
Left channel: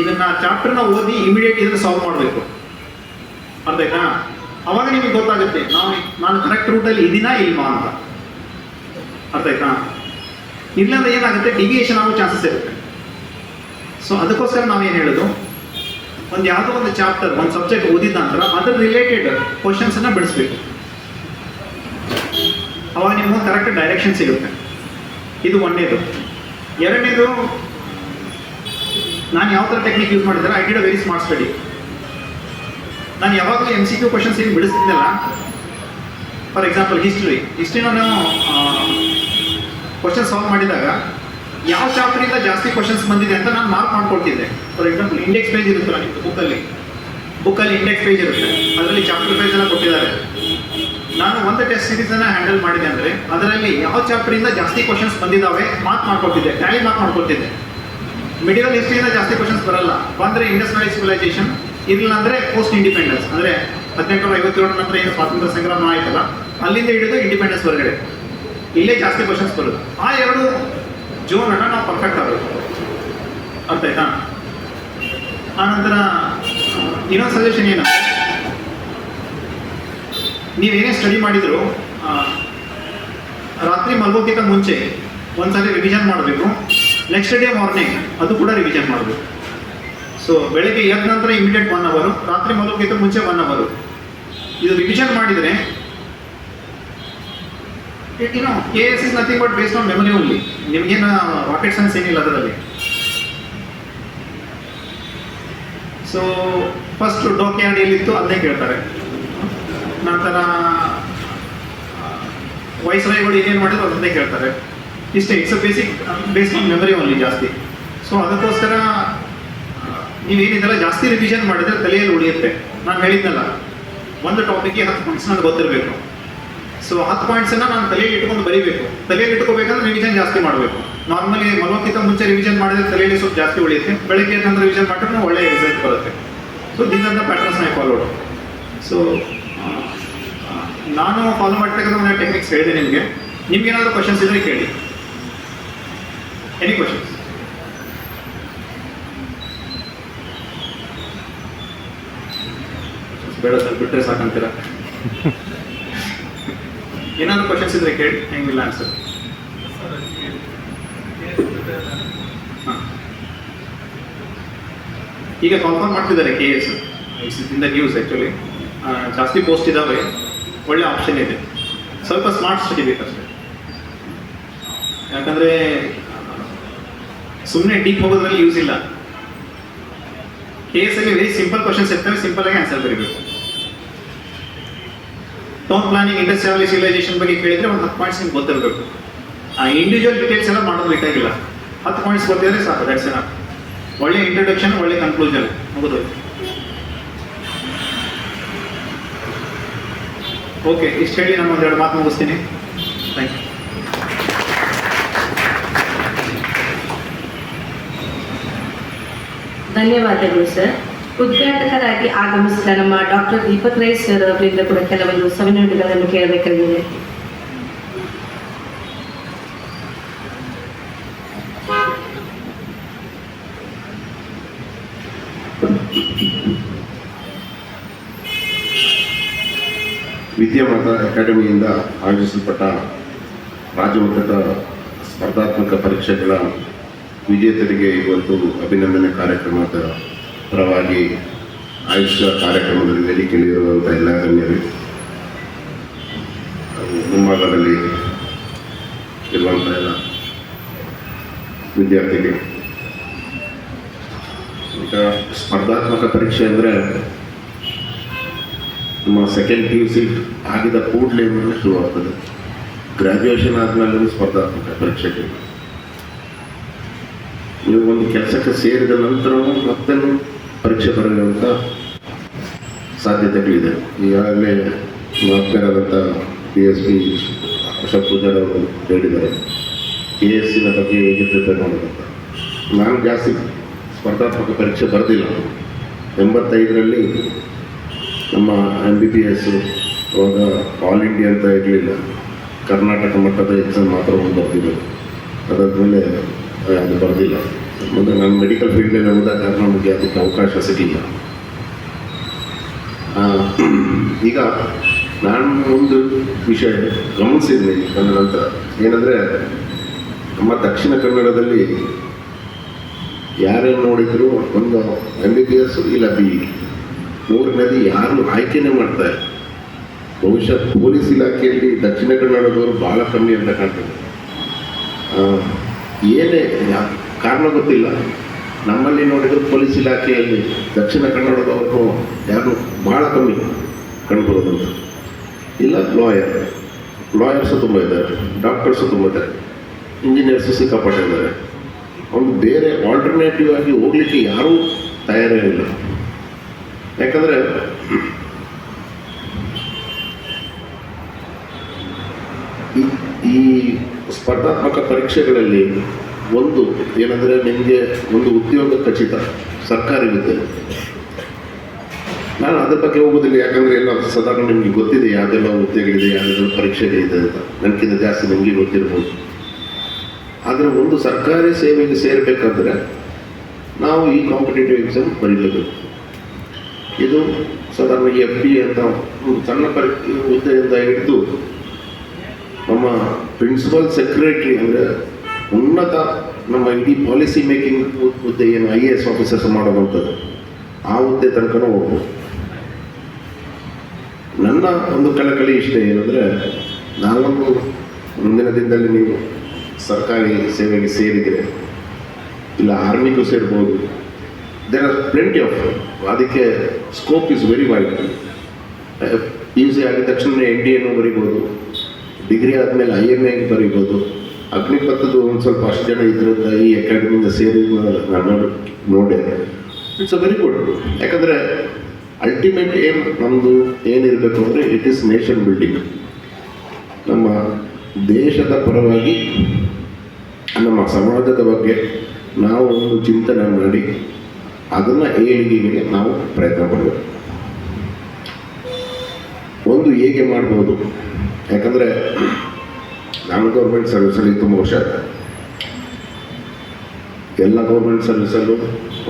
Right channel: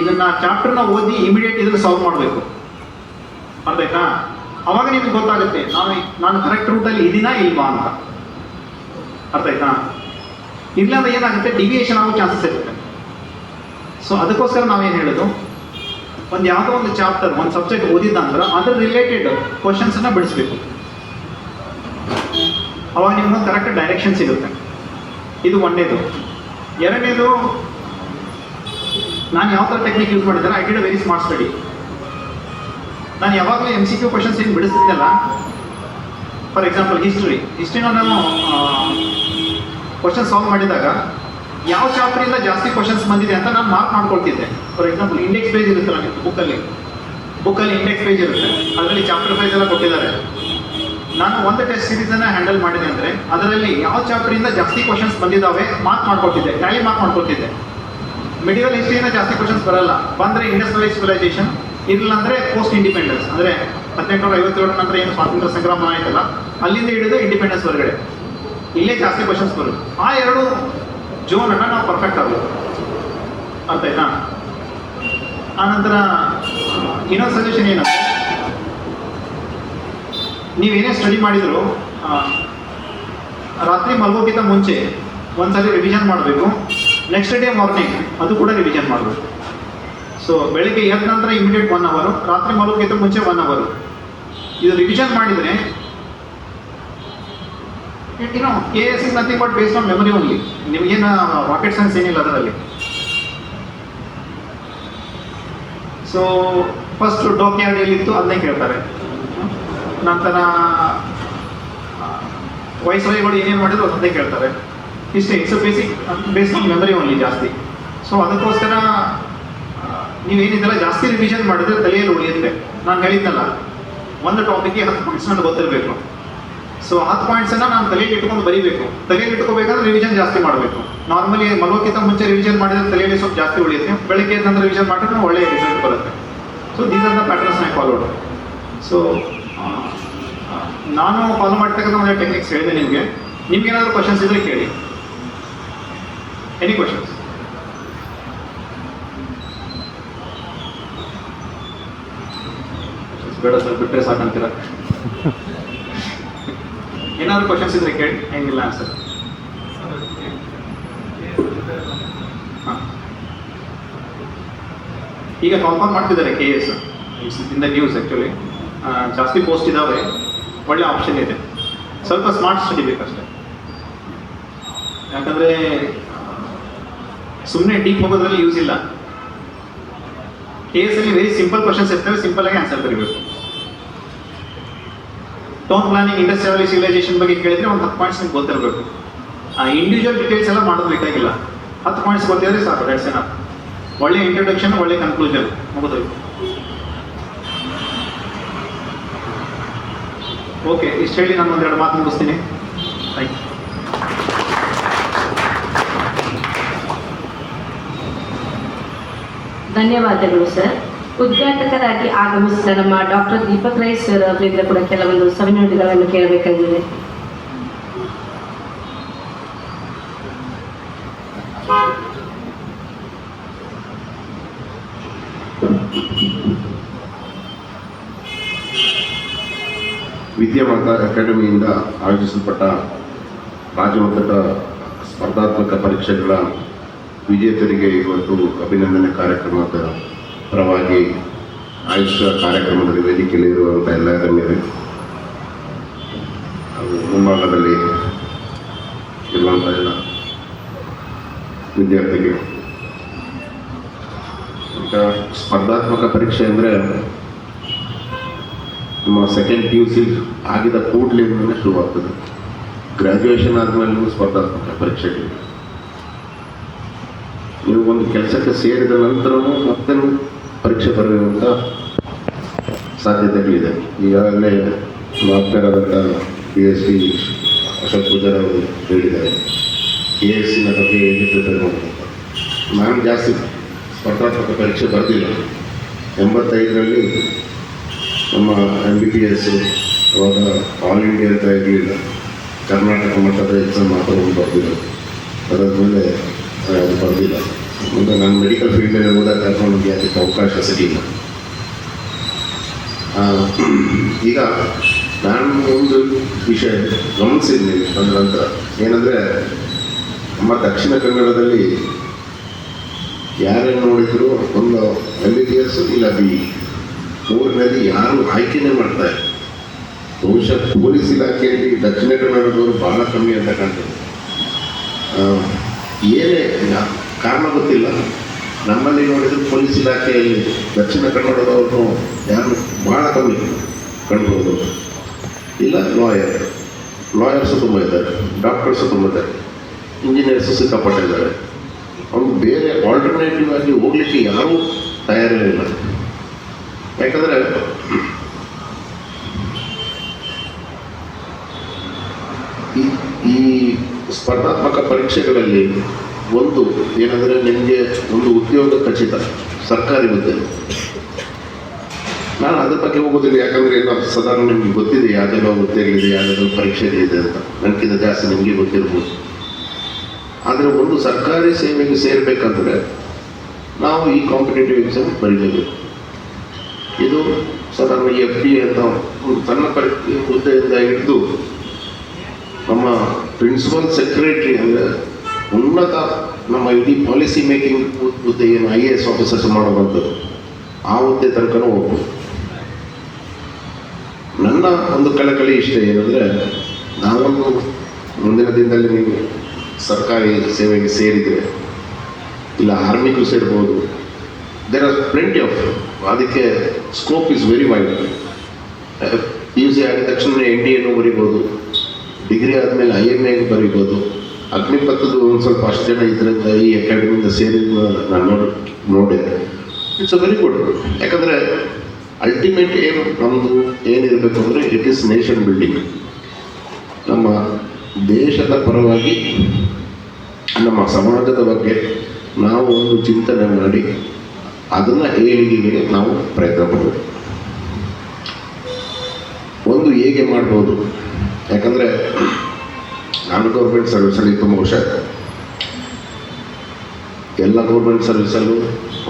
ಇದನ್ನು ಚಾಪ್ಟರ್ನ ಓದಿ ಇಮಿಡಿಯೇಟ್ ಇದನ್ನು ಸಾಲ್ವ್ ಮಾಡಬೇಕು. ಅರ್ಥ ಆಯ್ತಾ? ಅವಾಗ ನಿಮಗೆ ಗೊತ್ತಾಗುತ್ತೆ ನಾನು ಕರೆಕ್ಟ್ ರೂಟಲ್ಲಿ ಇದೀನಾ ಇಲ್ವಾ ಅಂತ. ಅರ್ಥ ಆಯ್ತಾ? ಇಲ್ಲಾಂದ್ರೆ ಏನಾಗುತ್ತೆ, ಡಿವಿಯೇಷನ್ ಆಗೋ ಚಾನ್ಸಸ್ ಇರುತ್ತೆ. ಸೊ ಅದಕ್ಕೋಸ್ಕರ ನಾವೇನು ಹೇಳೋದು, ಒಂದು ಯಾವುದೋ ಒಂದು ಚಾಪ್ಟರ್, ಒಂದು ಸಬ್ಜೆಕ್ಟ್ ಓದಿದ ನಂತರ ಅದರ ರಿಲೇಟೆಡ್ ಕ್ವಶನ್ಸನ್ನು ಬಿಡಿಸ್ಬೇಕು. ಅವಾಗ ನಿಮ್ಗೆ ಕರೆಕ್ಟ್ ಡೈರೆಕ್ಷನ್ ಸಿಗುತ್ತೆ. ಇದು ಒಂದನೇದು. ಎರಡನೇದು, ನಾನು ಯಾವ ಥರ ಟೆಕ್ನಿಕ್ ಯೂಸ್ ಮಾಡಿದ್ದಾರೆ, I did a very smart study. ನಾನು ಯಾವಾಗಲೂ MCQ ಕ್ವಶನ್ಸ್ ಏನು ಬಿಡಿಸ್ತಿದ್ದೆಲ್ಲ, ಫಾರ್ ಎಕ್ಸಾಂಪಲ್ ಹಿಸ್ಟ್ರಿನ ನಾವು ಕ್ವಶನ್ ಸಾಲ್ವ್ ಮಾಡಿದಾಗ ಯಾವ ಚಾಪ್ಟರಿಂದ ಜಾಸ್ತಿ ಕ್ವಶನ್ಸ್ ಬಂದಿದೆ ಅಂತ ನಾನು ಮಾರ್ಕ್ ಮಾಡ್ಕೊಳ್ತಿದ್ದೆ. ಫಾರ್ ಎಕ್ಸಾಂಪಲ್ ಇಂಡೆಕ್ಸ್ ಪೇಜ್ ಇರುತ್ತಲ್ಲ ನಿಮ್ಮದು ಬುಕ್ಕಲ್ಲಿ ಇಂಡೆಕ್ಸ್ ಪೇಜ್ ಇರುತ್ತೆ, ಅದರಲ್ಲಿ ಚಾಪ್ಟರ್ ಪೇಜ್ ಎಲ್ಲ ಕೊಟ್ಟಿದ್ದಾರೆ. ನಾನು ಒಂದು ಟೆಸ್ಟ್ ಸೀರೀಸನ್ನು ಹ್ಯಾಂಡಲ್ ಮಾಡಿದೆ ಅಂದರೆ ಅದರಲ್ಲಿ ಯಾವ ಚಾಪ್ಟರಿಂದ ಜಾಸ್ತಿ ಕ್ವಶನ್ಸ್ ಬಂದಿದ್ದಾವೆ ಮಾರ್ಕ್ ಮಾಡ್ಕೊಳ್ತಿದ್ದೆ, ಟ್ಯಾಲಿ ಮಾರ್ಕ್ ಮಾಡ್ಕೊಳ್ತಿದ್ದೆ. ಮಿಡಿವಲ್ ಹಿಸ್ಟ್ರಿಯಿಂದ ಜಾಸ್ತಿ ಕ್ವಶನ್ಸ್ ಬರಲ್ಲ, ಬಂದರೆ ಇಂಡಸ್ ವ್ಯಾಲಿ ಸಿವಿಲೈಸೇಷನ್, ಇಲ್ಲ ಅಂದರೆ ಪೋಸ್ಟ್ ಇಂಡಿಪೆಂಡೆನ್ಸ್, ಅಂದರೆ 1857 ನಂತರ ಏನು ಸ್ವಾತಂತ್ರ್ಯ ಸಂಗ್ರಾಮ ಆಯ್ತಲ್ಲ, ಅಲ್ಲಿಂದ ಹಿಡಿದು ಇಂಡಿಪೆಂಡೆನ್ಸ್ ಹೊರಗಡೆ ಇಲ್ಲೇ ಜಾಸ್ತಿ ಕ್ವಶನ್ಸ್ ಬರೋದು. ಆ ಎರಡು ಜೋನನ್ನು ನಾವು ಪರ್ಫೆಕ್ಟ್ ಆಗಬೇಕು. ಅರ್ಥ ಆಯ್ತಾ? ಆನಂತರ ಇನ್ನೊಂದು ಸಜೆಷನ್ ಏನಂದರೆ, ನೀವೇನೇ ಸ್ಟಡಿ ಮಾಡಿದರೂ ರಾತ್ರಿ ಮಲಗೋಕ್ಕಿಂತ ಮುಂಚೆ ಒಂದ್ಸರಿ ರಿವಿಷನ್ ಮಾಡಬೇಕು. ನೆಕ್ಸ್ಟ್ ಡೇ ಮಾರ್ನಿಂಗ್ ಅದು ಕೂಡ ರಿವಿಷನ್ ಮಾಡಬೇಕು. ಸೊ ಬೆಳಿಗ್ಗೆ ಎದ್ದ ನಂತರ ಇಮಿಡಿಯೇಟ್ 1 ಅವರ್, ರಾತ್ರಿ ಮಲಗೋಕ್ಕಿಂತ ಮುಂಚೆ 1 ಅವರ್. ಇದು ರಿವಿಷನ್ ಮಾಡಿದರೆ KS is nothing but based on memory only. ನಿಮಗೇನು ರಾಕೆಟ್ ಸೈನ್ಸ್ ಏನಿಲ್ಲ ಅದರಲ್ಲಿ. ಸೊ ಫಸ್ಟ್ ಡಾಕ್ಯಾರ್ಡ್ ಎಲ್ಲಿತ್ತು ಅದನ್ನೇ ಕೇಳ್ತಾರೆ. ನಂತರ ವೈಸ್ರಾಯ್ಗಳು ಏನೇನು ಮಾಡಿದ್ರು ಅದನ್ನೇ ಕೇಳ್ತಾರೆ. ಇಷ್ಟೇ. It's basic based on memory only ಜಾಸ್ತಿ. ಸೊ ಅದಕ್ಕೋಸ್ಕರ ನೀವೇನಿದೆಲ್ಲ ಜಾಸ್ತಿ ರಿವಿಷನ್ ಮಾಡಿದ್ರೆ ತಲೆಯಲ್ಲಿ ಉಳಿಯುತ್ತೆ. ನಾನು ಹೇಳಿದ್ನಲ್ಲ, ಒಂದು ಟಾಪಿಕ್ಗೆ 10 ಪಾಯಿಂಟ್ಸ್ ನನಗೆ ಗೊತ್ತಿರಬೇಕು. ಸೊ 10 ಪಾಯಿಂಟ್ಸನ್ನು ನಾನು ತಲೆಯಲ್ಲಿ ಇಟ್ಕೊಂಡು ಬರೀಬೇಕು. ತಲೆಯಲ್ಲಿ ಇಟ್ಕೋಬೇಕಾದ್ರೆ ರಿವಿಷನ್ ಜಾಸ್ತಿ ಮಾಡಬೇಕು. ನಾರ್ಮಲಿ ಮಲಗೋಕ್ಕಿಂತ ಮುಂಚೆ ರಿವಿಷನ್ ಮಾಡಿದ್ರೆ ತಲೆಯಲ್ಲಿ ಸ್ವಲ್ಪ ಜಾಸ್ತಿ ಉಳಿಯುತ್ತೆ. ಬೆಳಗ್ಗೆ ನಂತರ ರಿವಿಷನ್ ಮಾಡಿದ್ರೆ ಒಳ್ಳೆಯ ರಿಸಲ್ಟ್ ಬರುತ್ತೆ. So these are the patterns I followed. So ನಾನು ಫಾಲೋ ಮಾಡ್ತಕ್ಕಂಥ ಒಂದು ಟೆಕ್ನಿಕ್ಸ್ ಹೇಳಿದೆ ನಿಮಗೆ. ನಿಮ್ಗೇನಾದರೂ ಕ್ವಶನ್ಸ್ ಇದ್ರೆ ಕೇಳಿ. Any questions? ಬೇಡ ಸರ್, ಬಿಟ್ಟರೆ ಸಾಕಂತೀರ. ಏನಾದರೂ ಕ್ವಶನ್ಸ್ ಇದ್ರೆ ಕೇಳಿ, ಹೆಂಗಿಲ್ಲ ಆನ್ಸರ್. ಹಾಂ, ಈಗ ಕಾಲ್ಫಾರ್ಮ್ ಮಾಡ್ತಿದ್ದಾರೆ KS. In the news actually. ಜಾಸ್ತಿ ಪೋಸ್ಟ್ ಇದ್ದಾವೆ, ಒಳ್ಳೆ ಆಪ್ಷನ್ ಇದೆ. ಸ್ವಲ್ಪ ಸ್ಮಾರ್ಟ್ ಸ್ಟಡಿ ಬೇಕಷ್ಟೇ. ಯಾಕಂದರೆ ಸುಮ್ಮನೆ ಡೀಪ್ ಹೋಗೋದ್ರಲ್ಲಿ ಯೂಸ್ ಇಲ್ಲ. KS ಅಲ್ಲಿ ವೆರಿ ಸಿಂಪಲ್ ಕ್ವಶನ್ಸ್ ಇರ್ತವೆ, ಸಿಂಪಲ್ ಆಗಿ ಆನ್ಸರ್ ಬರೀಬೇಕು. ಟೌನ್ ಪ್ಲಾನಿಂಗ್, ಇಂಡಸ್ಟ್ರಿಯಲ್ ಸಿವಿಲೈಸೇಷನ್ ಬಗ್ಗೆ ಕೇಳಿದ್ರೆ ಒಂದು 10 ಪಾಯಿಂಟ್ಸ್ ನಿಮ್ಗೆ ಗೊತ್ತಿರಬೇಕು. ಆ ಇಂಡಿವಿಜುವಲ್ ಡೀಟೇಲ್ಸ್ ಎಲ್ಲ ಮಾಡೋದು ಬೇಕಾಗಿಲ್ಲ. 10 ಪಾಯಿಂಟ್ಸ್ ಗೊತ್ತಿದ್ರೆ ಸಾಕು. That's enough. ಒಳ್ಳೆ ಇಂಟ್ರೊಡಕ್ಷನ್, ಒಳ್ಳೆ ಕನ್ಕ್ಲೂಷನ್, ಮುಗಿದೋಯ್ತು. ಓಕೆ, ಇಷ್ಟು ಹೇಳಿ ನಾನು ಒಂದೆರಡು ಮಾತು ಮುಗಿಸ್ತೀನಿ. Thank you. ಧನ್ಯವಾದಗಳು ಸರ್. ಉದ್ಘಾಟಕರಾಗಿ ಆಗಮಿಸಿದ ನಮ್ಮ ಡಾಕ್ಟರ್ ದೀಪಕ್ ರೈ ಸರ್ ಅವರಿಂದ ಕೂಡ ಕೆಲವೊಂದು ಸವಿನುಡಿಗಳನ್ನು ಕೇಳಬೇಕಾಗಿದೆ. ವಿದ್ಯಾಮಾತಾ ಅಕಾಡೆಮಿಯಿಂದ ಆಯೋಜಿಸಲ್ಪಟ್ಟ ರಾಜ್ಯಮಟ್ಟದ ಸ್ಪರ್ಧಾತ್ಮಕ ಪರೀಕ್ಷೆಗಳ ವಿಜೇತರಿಗೆ ಇವತ್ತು ಅಭಿನಂದನೆ ಕಾರ್ಯಕ್ರಮದ ಪರವಾಗಿ ಆಯೋಜಿಸುವ ಕಾರ್ಯಕ್ರಮದಲ್ಲಿ ವೇದಿಕೆಯಲ್ಲಿರುವಂಥ ಎಲ್ಲ ಗಣ್ಯರು, ಮುಂಭಾಗದಲ್ಲಿ ಇರುವಂಥ ಎಲ್ಲ ವಿದ್ಯಾರ್ಥಿಗಳು. ಈಗ ಸ್ಪರ್ಧಾತ್ಮಕ ಪರೀಕ್ಷೆ ಅಂದರೆ ನಮ್ಮ ಸೆಕೆಂಡ್ PUC ಆಗಿದ ಕೂಡಲೇ ಶುರುವಾಗ್ತದೆ. ಗ್ರ್ಯಾಜುಯೇಷನ್ ಆದಮೇಲೆ ಸ್ಪರ್ಧಾತ್ಮಕ ಪರೀಕ್ಷೆಗಳು. ನೀವು ಒಂದು ಕೆಲಸಕ್ಕೆ ಸೇರಿದ ನಂತರವೂ ಮತ್ತೆ ಪರೀಕ್ಷೆ ಬರೆಯುವಂಥ ಸಾಧ್ಯತೆಗಳಿದೆ. ಈಗಾಗಲೇ ಮಾತನಾಡದಂಥ PhD ಅಶೋಕ್ ಪೂಜಾರ್ ಅವರು ಹೇಳಿದ್ದಾರೆ KSನ ಬಗ್ಗೆ ಹೇಗೆ ಪ್ರಿಪೇರ್ ಮಾಡೋದಂತ. ನಾನು ಜಾಸ್ತಿ ಸ್ಪರ್ಧಾತ್ಮಕ ಪರೀಕ್ಷೆ ಬರೆದಿಲ್ಲ. 85ರಲ್ಲಿ ನಮ್ಮ MBBS ಅವಾಗ ಆಲ್ ಇಂಡಿಯಾ ಅಂತ ಇರಲಿಲ್ಲ, ಕರ್ನಾಟಕ ಮಟ್ಟದ ಎಕ್ಸಾಮ್ ಮಾತ್ರ ಒಂದು ಬರೆದಿದ್ದರು. ಅದಾದಮೇಲೆ ಅದು ಬರೆದಿಲ್ಲ. ಮುಂದೆ ನಾನು ಮೆಡಿಕಲ್ ಫೀಲ್ಡಲ್ಲಿ ಹೋದ ಕಾರಣ ನಮಗೆ ಅದಕ್ಕೆ ಅವಕಾಶ ಸಿಗಲಿಲ್ಲ. ಈಗ ನಾನು ಒಂದು ವಿಷಯ ಗಮನಿಸಿದ್ದೀನಿ ಅದರ ನಂತರ ಏನಂದರೆ, ನಮ್ಮ ದಕ್ಷಿಣ ಕನ್ನಡದಲ್ಲಿ ಯಾರೇನು ನೋಡಿದ್ರು ಒಂದು MBBS ಇಲ್ಲ BE ಮೂರನೇದು ಯಾರು ಆಯ್ಕೆನೇ ಮಾಡ್ತಾರೆ. ಬಹುಶಃ ಪೊಲೀಸ್ ಇಲಾಖೆಯಲ್ಲಿ ದಕ್ಷಿಣ ಕನ್ನಡದವರು ಭಾಳ ಕಮ್ಮಿ ಅಂತ ಕಾಣ್ತದೆ. ಏನೇ ಕಾರಣ ಗೊತ್ತಿಲ್ಲ. ನಮ್ಮಲ್ಲಿ ನೋಡಿದರೆ ಪೊಲೀಸ್ ಇಲಾಖೆಯಲ್ಲಿ ದಕ್ಷಿಣ ಕನ್ನಡದವರು ಯಾರು ಭಾಳ ಕಮ್ಮಿ ಕಂಡುಕೊಳ್ಳೋದು. ಇಲ್ಲ ಲಾಯರ್ಸು ತುಂಬ ಇದ್ದಾರೆ, ಡಾಕ್ಟರ್ಸು ತುಂಬ ಇದ್ದಾರೆ, ಇಂಜಿನಿಯರ್ಸು ಸಿಕ್ಕಾಪಟ್ಟಿದ್ದಾರೆ. ಅವ್ರು ಬೇರೆ ಆಲ್ಟರ್ನೇಟಿವ್ ಆಗಿ ಹೋಗಲಿಕ್ಕೆ ಯಾರೂ ತಯಾರಿಲ್ಲ. ಯಾಕಂದರೆ ಈ ಸ್ಪರ್ಧಾತ್ಮಕ ಪರೀಕ್ಷೆಗಳಲ್ಲಿ ಒಂದು ಏನಂದರೆ, ನಿಮಗೆ ಒಂದು ಉದ್ಯೋಗ ಖಚಿತ, ಸರ್ಕಾರಿ ಹುದ್ದೆ. ನಾನು ಅದ್ರ ಬಗ್ಗೆ ಹೋಗೋದಿಲ್ಲ, ಯಾಕಂದರೆ ಎಲ್ಲ ಸಾಧಾರಣ ನಿಮಗೆ ಗೊತ್ತಿದೆ ಯಾವುದೆಲ್ಲ ಹುದ್ದೆಗಳಿದೆ, ಯಾವುದೆಲ್ಲ ಪರೀಕ್ಷೆಗಳಿದೆ ಅಂತ. ನನಗಿಂತ ಜಾಸ್ತಿ ನಿಮಗೆ ಗೊತ್ತಿರ್ಬೋದು. ಆದರೆ ಒಂದು ಸರ್ಕಾರಿ ಸೇವೆಗೆ ಸೇರಬೇಕಂದ್ರೆ ನಾವು ಈ ಕಾಂಪಿಟೇಟಿವ್ ಎಕ್ಸಾಮ್ ಬರೀಬೇಕು. ಇದು ಸಾಧಾರಣ FD ಅಂತ ಒಂದು ಸಣ್ಣ ಹುದ್ದೆಯಿಂದ ಹಿಡಿದು ನಮ್ಮ ಪ್ರಿನ್ಸಿಪಲ್ ಸೆಕ್ರೆಟರಿ ಅಂದರೆ ಉನ್ನತ ನಮ್ಮ ಇಡೀ ಪಾಲಿಸಿ ಮೇಕಿಂಗ್ ಹುದ್ದೆ ಏನು IAS ಆಫೀಸರ್ಸ್ ಮಾಡೋವಂಥದ್ದು ಆ ಹುದ್ದೆ ತನಕನೂ ಹೋಗ್ಬೋದು. ನನ್ನ ಒಂದು ಕಳಕಳಿ ಇಷ್ಟ ಏನಂದರೆ, ನಾವೊಂದು ಮುಂದಿನ ದಿನದಲ್ಲಿ ನೀವು ಸರ್ಕಾರಿ ಸೇವೆಗೆ ಸೇರಿದರೆ ಇಲ್ಲ ಆರ್ಮಿಗೂ ಸೇರ್ಬೋದು. ದೇರ್ ಆರ್ ಪ್ಲೆಂಟಿ ಆಫ್, ಅದಕ್ಕೆ scope is very wide. PUC ಆಗಿದ ತಕ್ಷಣ NDAನೂ ಬರಿಬೋದು, ಡಿಗ್ರಿ ಆದಮೇಲೆ IMA ಬರಿಬೋದು. ಅಗ್ನಿಪಥದ್ದು ಒಂದು ಸ್ವಲ್ಪ ಅಷ್ಟು ಜನ ಇದರಿಂದ ಈ ಅಕಾಡೆಮಿಯಿಂದ ಸೇರಿ ನಾನು ನೋಡಿದೆ. It's a very good. ಯಾಕಂದರೆ ಅಲ್ಟಿಮೇಟ್ ಏಮ್ ನಮ್ಮದು ಏನಿರಬೇಕು ಅಂದರೆ ಇಟ್ ಈಸ್ ನೇಷನ್ ಬಿಲ್ಡಿಂಗ್. ನಮ್ಮ ದೇಶದ ಪರವಾಗಿ ನಮ್ಮ ಸಮಾಜದ ಬಗ್ಗೆ ನಾವು ಒಂದು ಚಿಂತನೆ ಮಾಡಿ ಅದನ್ನು ಏಳಿಗೆಗೆ ನಾವು ಪ್ರಯತ್ನ ಪಡಬೇಕು. ಒಂದು ಹೇಗೆ ಮಾಡ್ಬೋದು, ಯಾಕಂದರೆ ನಾನು ಗೌರ್ಮೆಂಟ್ ಸರ್ವಿಸಲ್ಲಿ ತುಂಬ ವರ್ಷ ಆಯಿತು. ಎಲ್ಲ ಗೌರ್ಮೆಂಟ್ ಸರ್ವಿಸಲ್ಲೂ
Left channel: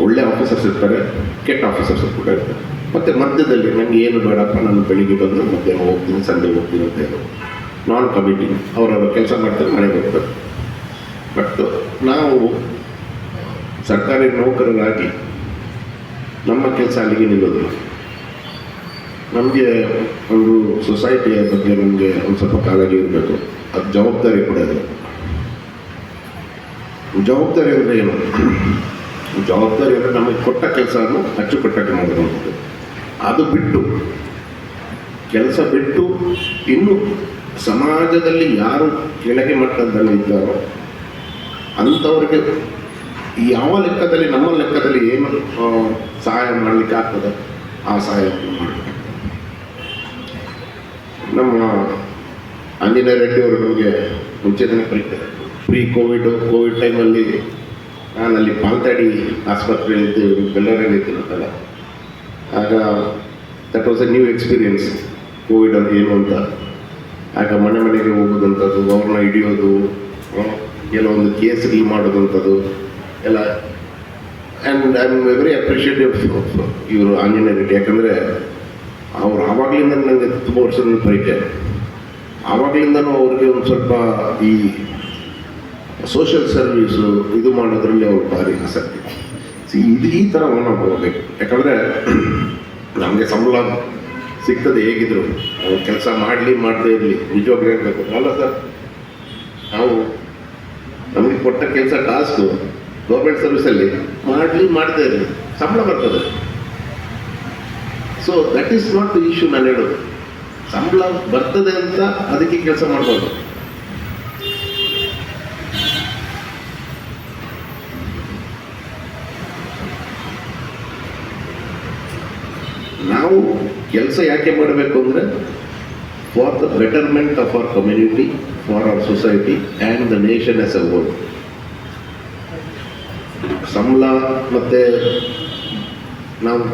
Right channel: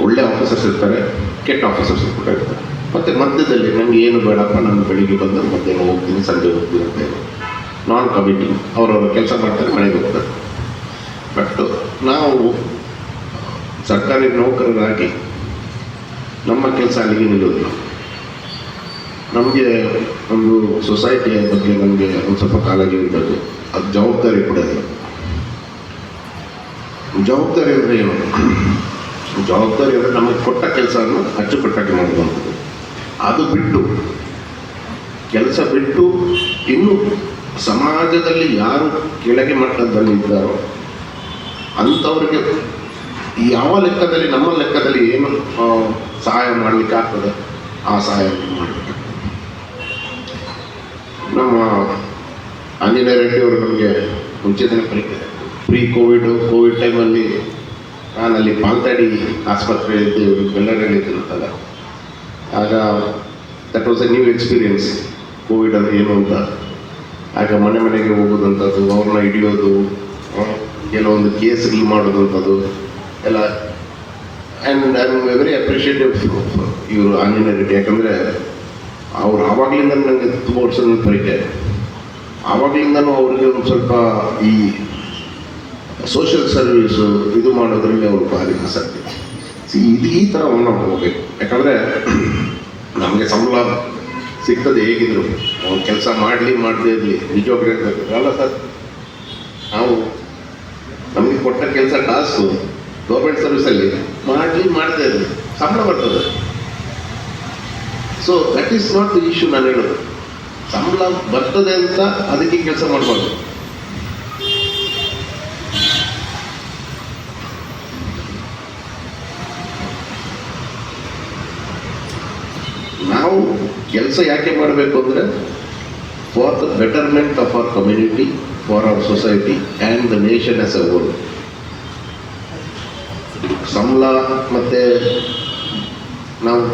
ಒಳ್ಳೆ ಆಫೀಸರ್ಸ್ ಇರ್ತಾರೆ, ಕೆಟ್ಟ ಆಫೀಸರ್ಸ್ ಕೂಡ ಇರ್ತಾರೆ. ಮತ್ತು ಮಧ್ಯದಲ್ಲಿ ನನಗೆ ಏನು ಬೇಡಪ್ಪ, ನಾನು ಬೆಳಿಗ್ಗೆ ಬಂದು ಮಧ್ಯಾಹ್ನ ಹೋಗ್ತೀನಿ, ಸಂಜೆ ಹೋಗ್ತೀನಿ ಅಂತ ಹೇಳಿ ನಾನ್ ಕಮಿಟಿಂಗ್ ಅವರವರು ಕೆಲಸ ಮಾಡ್ತಾರೆ, ಮನೆಗೆ ಹೋಗ್ತಾರೆ. ಬಟ್ ನಾವು ಸರ್ಕಾರಿ ನೌಕರರಾಗಿ ನಮ್ಮ ಕೆಲಸ ಅಲ್ಲಿಗೆ ನಿಲ್ಲೋದಿಲ್ಲ. ನಮಗೆ ಒಂದು ಸೊಸೈಟಿಯ ಬಗ್ಗೆ ನಮಗೆ ಒಂದು ಸ್ವಲ್ಪ ಕಾಳಜಿ ಇರಬೇಕು, ಅದು ಜವಾಬ್ದಾರಿ ಕೂಡ ಇಲ್ಲ. ಜವಾಬ್ದಾರಿ ಅಂದರೆ ಏನು? ಜವಾಬ್ದಾರಿ ಅಂದರೆ ನಮಗೆ ಕೊಟ್ಟ ಕೆಲಸವನ್ನು ಅಚ್ಚುಕಟ್ಟಾಗಿ ಮಾಡುವಂಥದ್ದು. ಅದು ಬಿಟ್ಟು ಕೆಲಸ ಬಿಟ್ಟು ಇನ್ನು ಸಮಾಜದಲ್ಲಿ ಯಾರು ಕೆಳಗೆ ಮಟ್ಟದಲ್ಲಿ ಇದ್ದಾರೋ ಅಂಥವ್ರಿಗೆ ಯಾವ ಲೆಕ್ಕದಲ್ಲಿ, ನಮ್ಮ ಲೆಕ್ಕದಲ್ಲಿ ಏನು ಸಹಾಯ ಮಾಡಲಿಕ್ಕೆ ಆಗ್ತದೆ ಆ ಸಹಾಯ ಮಾಡಬೇಕು. ನಮ್ಮ ಆಂಜನೇಯ ರೆಡ್ಡಿ ಅವರು ನಮಗೆ ಮುಂಚೆ ದಿನ ಕರೀತಾರೆ. ಕೋವಿಡ್ ಟೈಮಲ್ಲಿ ನಾನಲ್ಲಿ ಪಾಲ್ತಾಡಿ ಆಸ್ಪತ್ರೆ ಇದ್ದೇವೆ, ಬೆಳ್ಳಾರಿಯಲ್ಲಿ ಇದ್ದೀನಂತಲ್ಲ. ಆಗ that was A new experience. Covid ಅಂದರೆ ಏನು ಅಂತ. ಆಗ ಮನೆ ಮನೆಗೆ ಹೋಗೋದಂಥದ್ದು, ಅವ್ರನ್ನ ಹಿಡಿಯೋದು, ಕೆಲವೊಂದು ಕೇಸ್ ಡೀಲ್ ಮಾಡೋದಂಥದ್ದು ಎಲ್ಲ. And I am very appreciative ಇವರು ಆಂಜನೇಯ ರೆಡ್ಡಿ. ಯಾಕಂದರೆ ಅವ್ರು ಆವಾಗಲಿಂದ ನನಗೆ ತುಂಬ ವರ್ಷದ ಪರಿಚಯ. ಆವಾಗಲಿಂದನೂ ಅವ್ರಿಗೆ ಒಂದು ಸ್ವಲ್ಪ ಈ ಸೋಷಿಯಲ್ ಸರ್ವೀಸು ಇದು ಮಾಡೋದ್ರಲ್ಲಿ ಅವ್ರು ಭಾರಿ ಆಸಕ್ತಿ. ಇದು ಈ ಥರ ನಾವು ಹೋಗ್ಬೇಕು. ಯಾಕಂದರೆ ನಮಗೆ ಸಂಬಳ ಸಿಗ್ತದೆ ಹೇಗಿದ್ರು, ಅವ್ರು ಕೆಲಸ ಮಾಡದೇ ಇರಲಿ, ನಿಜವಾಗ್ಲೂ ಹೇಳ್ಬೇಕು ಅಲ್ಲ ಸರ್. ನಾವು ನಮಗೆ ಕೊಟ್ಟ ಕೆಲಸ ಟಾಸ್ಕು ಗೌರ್ಮೆಂಟ್ ಸರ್ವಿಸಲ್ಲಿ ಮಾಡದೇ ಇರಲಿ, ಸಂಬಳ ಬರ್ತದೆ. So that is not the issue. ನಾನು ಹೇಳೋದು ಸಂಬಳ ಬರ್ತದೆ ಅಂತ ಅದಕ್ಕೆ ಕೆಲಸ ಮಾಡ್ಬೋದು. ನಾವು ಕೆಲಸ ಯಾಕೆ ಮಾಡಬೇಕು ಅಂದರೆ for the betterment of our community, for our society and the nation as a whole. ಸಂಬಳ ಮತ್ತು ನಾವು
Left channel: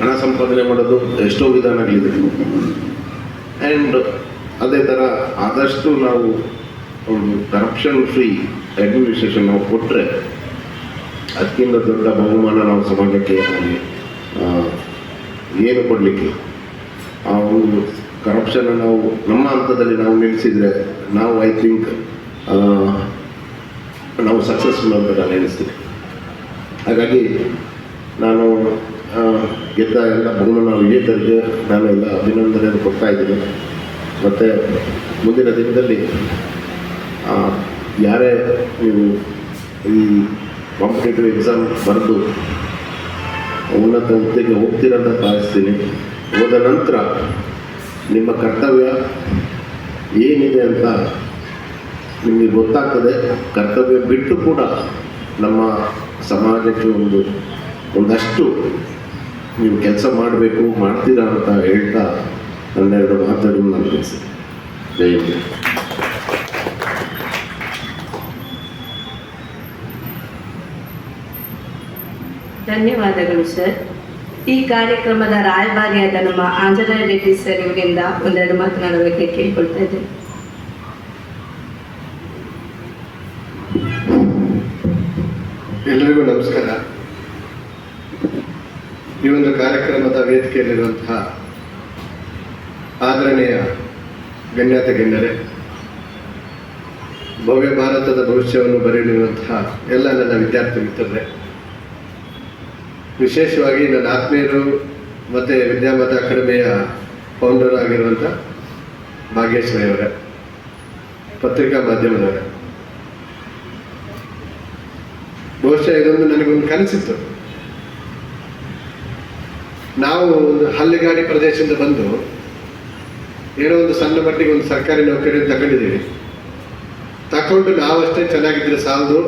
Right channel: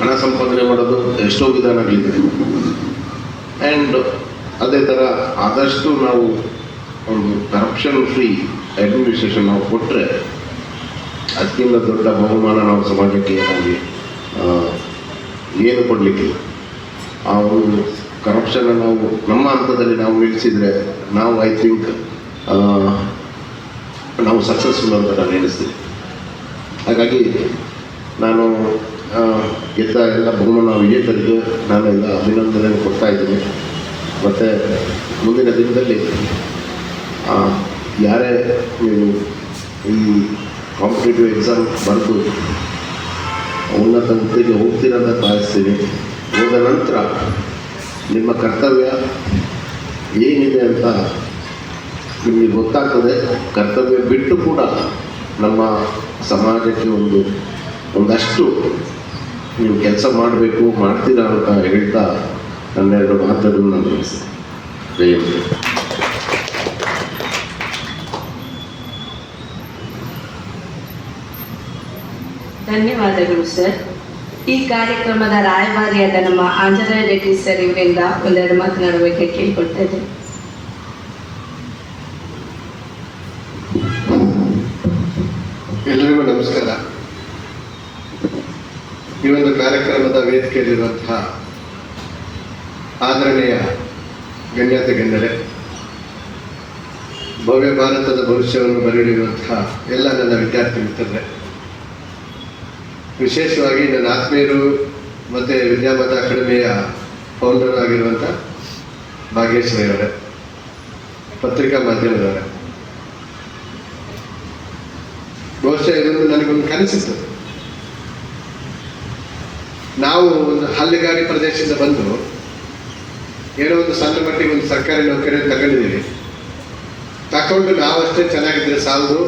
ಹಣ ಸಂಪಾದನೆ ಮಾಡೋದು ಎಷ್ಟೋ ವಿಧಾನಗಳಿದೆ. ಆ್ಯಂಡ್ ಅದೇ ಥರ ಆದಷ್ಟು ನಾವು ಒಂದು ಕರಪ್ಷನ್ ಫ್ರೀ ಅಡ್ಮಿನಿಸ್ಟ್ರೇಷನ್ ನಾವು ಕೊಟ್ಟರೆ ಅದಕ್ಕಿಂತ ದೊಡ್ಡ ಬಹುಮಾನ ನಾವು ಸಮಾಜಕ್ಕೆ ಏನು ಕೊಡಲಿಕ್ಕೆ. ಆ ಒಂದು ಕರಪ್ಷನ್ನ ನಾವು ನಮ್ಮ ಹಂತದಲ್ಲಿ ನಾವು ನಿಲ್ಲಿಸಿದರೆ ನಾವು ಐ ಥಿಂಕ್ ನಾವು ಸಕ್ಸಸ್ಫುಲ್ ಅಂತ ನಾನು ಎಣಿಸ್ತೀನಿ. ಹಾಗಾಗಿ ನಾನು ಗೆದ್ದ ಎಲ್ಲ ಬಹುಮಾನ ವಿಜೇತರಿಗೆ ನಾನೆಲ್ಲ ಅಭಿನಂದನೆಯನ್ನು ಕೊಡ್ತಾ ಇದ್ದೀನಿ. ಮತ್ತು ಮುಂದಿನ ದಿನದಲ್ಲಿ ಯಾರೇ ನೀವು ಈ ಕಾಂಪಿಟೇಟಿವ್ ಎಕ್ಸಾಮ್ ಬರೆದು ಉನ್ನತ ಹುದ್ದೆಗೆ ಹೋಗ್ತೀರಂತ ಭಾವಿಸ್ತೀನಿ. ಹೋದ ನಂತರ ನಿಮ್ಮ ಕರ್ತವ್ಯ ಏನಿದೆ ಅಂತ ನಿಮಗೆ ಗೊತ್ತಾಗ್ತದೆ. ಕರ್ತವ್ಯ ಬಿಟ್ಟು ಕೂಡ ನಮ್ಮ ಸಮಾಜಕ್ಕೆ ಒಂದಷ್ಟು ನೀವು ಕೆಲಸ ಮಾಡಬೇಕು, ಮಾಡ್ತೀರಾ ಅಂತ ಹೇಳ್ತಾ ನನ್ನೆರಡು ಮಾತುಗಳನ್ನು ನಾನು ಮುಗಿಸ್ತೇನೆ. ಧನ್ಯವಾದಗಳು ಸರ್. ಈ ಕಾರ್ಯಕ್ರಮದ ರಾಯಭಾರಿಯಾದ ನಮ್ಮ ಆಂಜನೇಯ ರೆಡ್ಡಿ ಸರ್ ಇವರಿಂದ ಒಂದೆರಡು ಮಾತನಾಡುವಿಕೆ ಕೇಳಿಕೊಳ್ತಾ ಇದ್ದೇನೆ. ಎಲ್ಲರಿಗೂ ನಮಸ್ಕಾರ. ಈ ಒಂದು ಕಾರ್ಯಕ್ರಮದ ವೇದಿಕೆಯಲ್ಲಿರುವಂತಹ ಆದರಣೀಯ ಗಣ್ಯತೆ ಗಣ್ಯರೇ, ಭವ್ಯ ಭಾರತದ ಭವಿಷ್ಯವನ್ನು ಬರೆಯಲಿರುವಂತಹ ಎಲ್ಲ ನನ್ನ ವಿದ್ಯಾರ್ಥಿ ಮಿತ್ರರೇ, ವಿಶೇಷವಾಗಿ ನನ್ನ ಆತ್ಮೀಯರು ಮತ್ತು ವಿದ್ಯಾಮತ ಅಕಾಡೆಮಿಯ ಫೌಂಡರ್ ಆಗಿರುವಂಥ ಭಾಗ್ಯಶ್ರೀ ಅವರೇ, ಪತ್ರಿಕಾ ಮಾಧ್ಯಮದವರೇ, ಬಹುಶಃ ಇದೊಂದು ನನಗೊಂದು ಕನಸಿತ್ತು. ನಾವು ಒಂದು ಹಳ್ಳಿಗಾಡಿ ಪ್ರದೇಶದಿಂದ ಬಂದು ಏನೋ ಒಂದು ಸಣ್ಣ ಮಟ್ಟಿಗೆ ಒಂದು ಸರ್ಕಾರಿ ನೌಕರಿಯನ್ನು ತಗೊಂಡಿದ್ದೀವಿ. ತಗೊಂಡು ನಾವಷ್ಟೇ ಚೆನ್ನಾಗಿದ್ದರೆ ಸಾಲದು,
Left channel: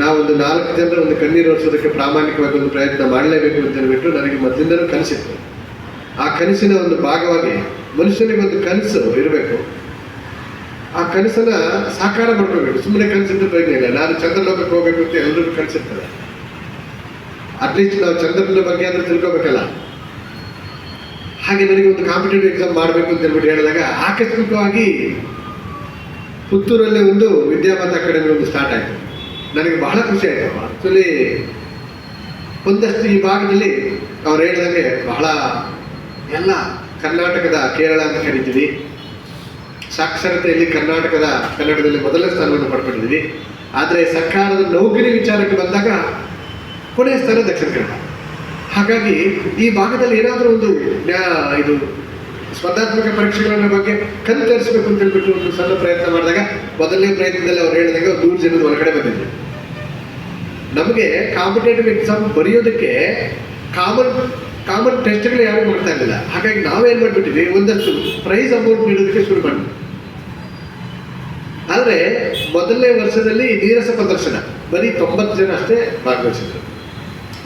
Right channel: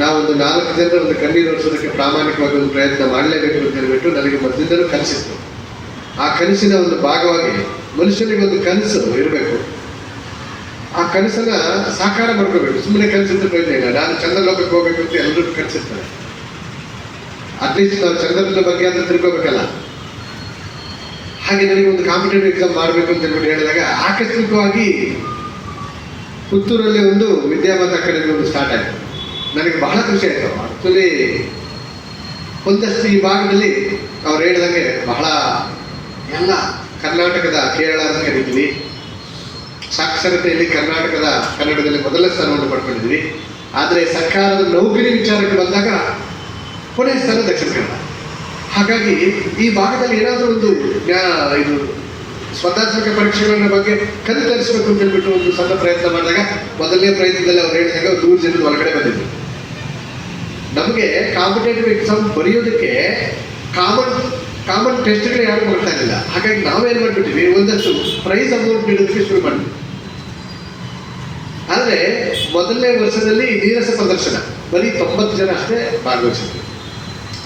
ನಾವೊಂದು 4 ಜನರ ಒಂದು ಕಣ್ಣೀರು ಒರೆಸೋದಕ್ಕೆ ಪ್ರಾಮಾಣಿಕವಾಗಿ ಒಂದು ಪ್ರಯತ್ನ ಮಾಡಲೇಬೇಕು ಅಂತ ಹೇಳ್ಬಿಟ್ಟು ನನಗೆ ಮೊದಲಿಂದಲೂ ಕನಸಿತ್ತು. ಆ ಕನಸಿನ ಒಂದು ಭಾಗವಾಗಿ ಮನುಷ್ಯನಿಗೆ ಒಂದು ಕನಸು ಇರಬೇಕು. ಆ ಕನಸನ್ನ ಸಾಕಾರ ಮಾಡ್ಕೋಬೇಕು. ಸುಮ್ಮನೆ ಕನಸಿದ್ರೆ ಪ್ರಯೋಜನ ಇಲ್ಲ. ನಾನು ಚಂದ್ರಲೋಕಕ್ಕೆ ಹೋಗ್ಬೇಕು ಅಂತ ಎಲ್ಲರೂ ಕನಸಿರ್ತಾರೆ. ಅಟ್ಲೀಸ್ಟ್ ನಾವು ಚಂದ್ರನ ಬಗ್ಗೆ ಅಂತ ತಿಳ್ಕೊಬೇಕಲ್ಲ. ಹಾಗೆ ನನಗೆ ಒಂದು ಕಾಂಪಿಟೇಟಿವ್ ಎಕ್ಸಾಮ್ ಮಾಡಬೇಕು ಅಂತ ಹೇಳ್ಬಿಟ್ಟು ಹೇಳಿದಾಗ ಆಕಸ್ಮಿಕವಾಗಿ ಪುತ್ತೂರಲ್ಲಿ ಒಂದು ವಿದ್ಯಾಮತ ಅಕಾಡೆಮಿ ಒಂದು ಸ್ಟಾರ್ಟ್ ಆಯಿತು. ನನಗೆ ಬಹಳ ಖುಷಿ ಆಯಿತು. ಆ್ಯಕ್ಚುಲಿ ಒಂದಷ್ಟು ಈ ಭಾಗದಲ್ಲಿ ಅವ್ರು ಹೇಳಿದಂಗೆ ಬಹಳ ಎಲ್ಲ ಕರ್ನಾಟಕದ ಕೇರಳ ಅಂತ ಕರಿತೀವಿ, ಸಾಕ್ಷರತೆಯಲ್ಲಿ ಕನ್ನಡದಲ್ಲಿ ಮೊದಲ ಸ್ಥಾನವನ್ನು ಪಡ್ಕೊಂಡಿದ್ದೀವಿ. ಆದರೆ ಸರ್ಕಾರದ ನೌಕರಿ ವಿಚಾರಕ್ಕೆ ಬಂದಾಗ ಕೊನೆಯ ಸ್ಥಾನ ದಕ್ಷಿಣ ಕನ್ನಡ. ಹಾಗಾಗಿ ಈ ಭಾಗದಲ್ಲಿ ಏನಾದರೂ ಒಂದು ಇದು ಸ್ಪರ್ಧಾತ್ಮಕ ಪರೀಕ್ಷೆಗಳ ಬಗ್ಗೆ ಕಲಿತರಿಸಬೇಕು ಅಂತ ಹೇಳ್ಬಿಟ್ಟು ಒಂದು ಸಣ್ಣ ಪ್ರಯತ್ನ ಮಾಡಿದಾಗ ಮೊದಲನೇ ಪ್ರಯತ್ನದಲ್ಲಿ ಅವ್ರು ಹೇಳಿದಾಗ ಒಂದು 100 ಜನದ ಹೊರಗಡೆ ಬಂದಿದ್ದೆ. ನಮಗೆ ಕಾಂಪಿಟೇಟಿವ್ ಎಕ್ಸಾಮ್ ಬರೆಯೋದಕ್ಕೆ ಕಾಮನ್ ಟೆಸ್ಟ್ಗಳು ಯಾರು ಮಾಡ್ತಾ ಇರಲಿಲ್ಲ. ಹಾಗಾಗಿ ನಾವೇನು ಮಾಡಿಬಿಟ್ಟಿದ್ವಿ, ಒಂದಷ್ಟು ಪ್ರೈಸ್ ಅಮೌಂಟ್ ನೀಡೋದಕ್ಕೆ ಶುರು ಮಾಡಿದ್ವಿ. ಆದರೆ ಮೊದಲನೇ ವರ್ಷದಲ್ಲಿ ನೀರಸ ಪ್ರದರ್ಶನ ಬರೀ 90 ಜನ ಅಷ್ಟೇ ಭಾಗವಹಿಸಿದ್ರು.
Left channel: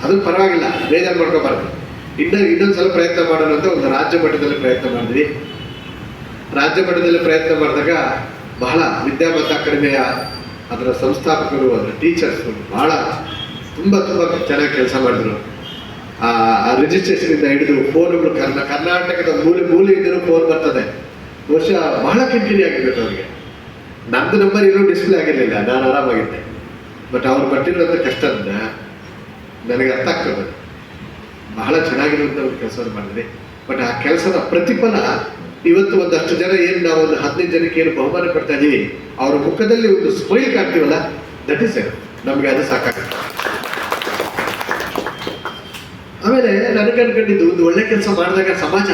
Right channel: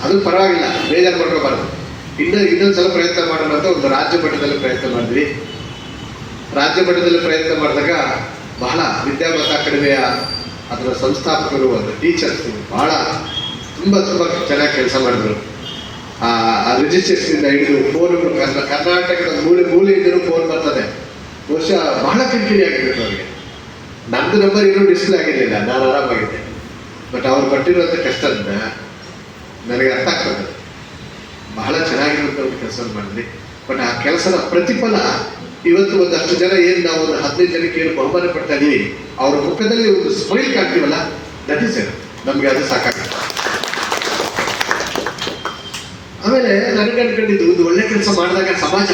ಅದು ಪರವಾಗಿಲ್ಲ, ಬೇಜಾರು ಮಾಡ್ಕೋಬಾರ್ದು. ಇನ್ನೊಂದು ಸಲ ಪ್ರಯತ್ನ ಮಾಡೋಣ ಅಂತ ಒಂದು ರಾಜ್ಯ ಮಟ್ಟದಲ್ಲಿ ಪ್ರಯತ್ನ ಮಾಡಿದ್ವಿ. ರಾಜ್ಯ ಮಟ್ಟದಲ್ಲಿ ಪ್ರಯತ್ನ ಮಾಡಿದಾಗ ಬಹಳ ವಿದ್ಯಾಮತ ಅಕಾಡೆಮಿಯ ಅದರ ಸಂಸ್ಥಾಪಕರು, ಅದರ ಟೀಚರ್ಸ್ ಬಹಳ ತುಂಬ ಚೆನ್ನಾಗಿ ಕೆಲಸ ಮಾಡಿದ್ರು. ಆ ರಿಜಿಸ್ಟ್ರೇಷನಿಂದ ಹಿಡಿದು ಫೋನ್ಗಳು ಕರ್ನಾಟಕದ ಮೂಲೆಯಿಂದಲೂ ಫೋನ್ ಬರ್ತದೆ. ಬಹುಶಃ ಬಹಳ ಕಿರಿಕಿರಿ ಆಗಿರ್ಬೇಕು ಅವರಿಗೆ. ನಮ್ಮದು ನಂಬರ್ ಇನ್ನೂ ಡಿಸ್ಪ್ಲೇ ಆಗಿರಲಿಲ್ಲ, ನಾನು ಆರಾಮಾಗಿದ್ದೆ. ಬಟ್ ಅವ್ರು ಪಟ್ಟಿರುವಂಥ ಕಷ್ಟದಿಂದ ನನಗೆ ಅರ್ಥ ಆಗ್ತದೆ. ಬಹಳ ಚೆನ್ನಾಗಿರುವಂಥ ಒಂದು ಕೆಲಸ ಮಾಡಿದ್ವಿ. ಬಟ್ ಆ ಕೆಲಸದ ಪ್ರತಿಫಲ ಇವತ್ತು ಒಂದಷ್ಟು ಜನ ಏನು ನಾವು ಒಂದು 15 ಜನಕ್ಕೆ ಏನು ಬಹುಮಾನ ಪಡ್ತಾ ಇದ್ದೀವಿ, ಅವ್ರ ಮುಖದಲ್ಲಿ ಒಂದು ಸ್ಮೈಲ್ ಕಾಣ್ತೀವಲ್ಲ, ದಟ್ ಇಸ್ ಇಟ್. ನಮಗೆ ಅದು ಸಾಕಾಗುತ್ತೆ. ಆಮೇಲೆ ನನಗೆ ಅನ್ಕೊಂಡಿದ್ದು, ಒಂದು ಒಳ್ಳೆ ಕೆಲಸ ಮಾಡಿದಾಗ ಸಮಾಜ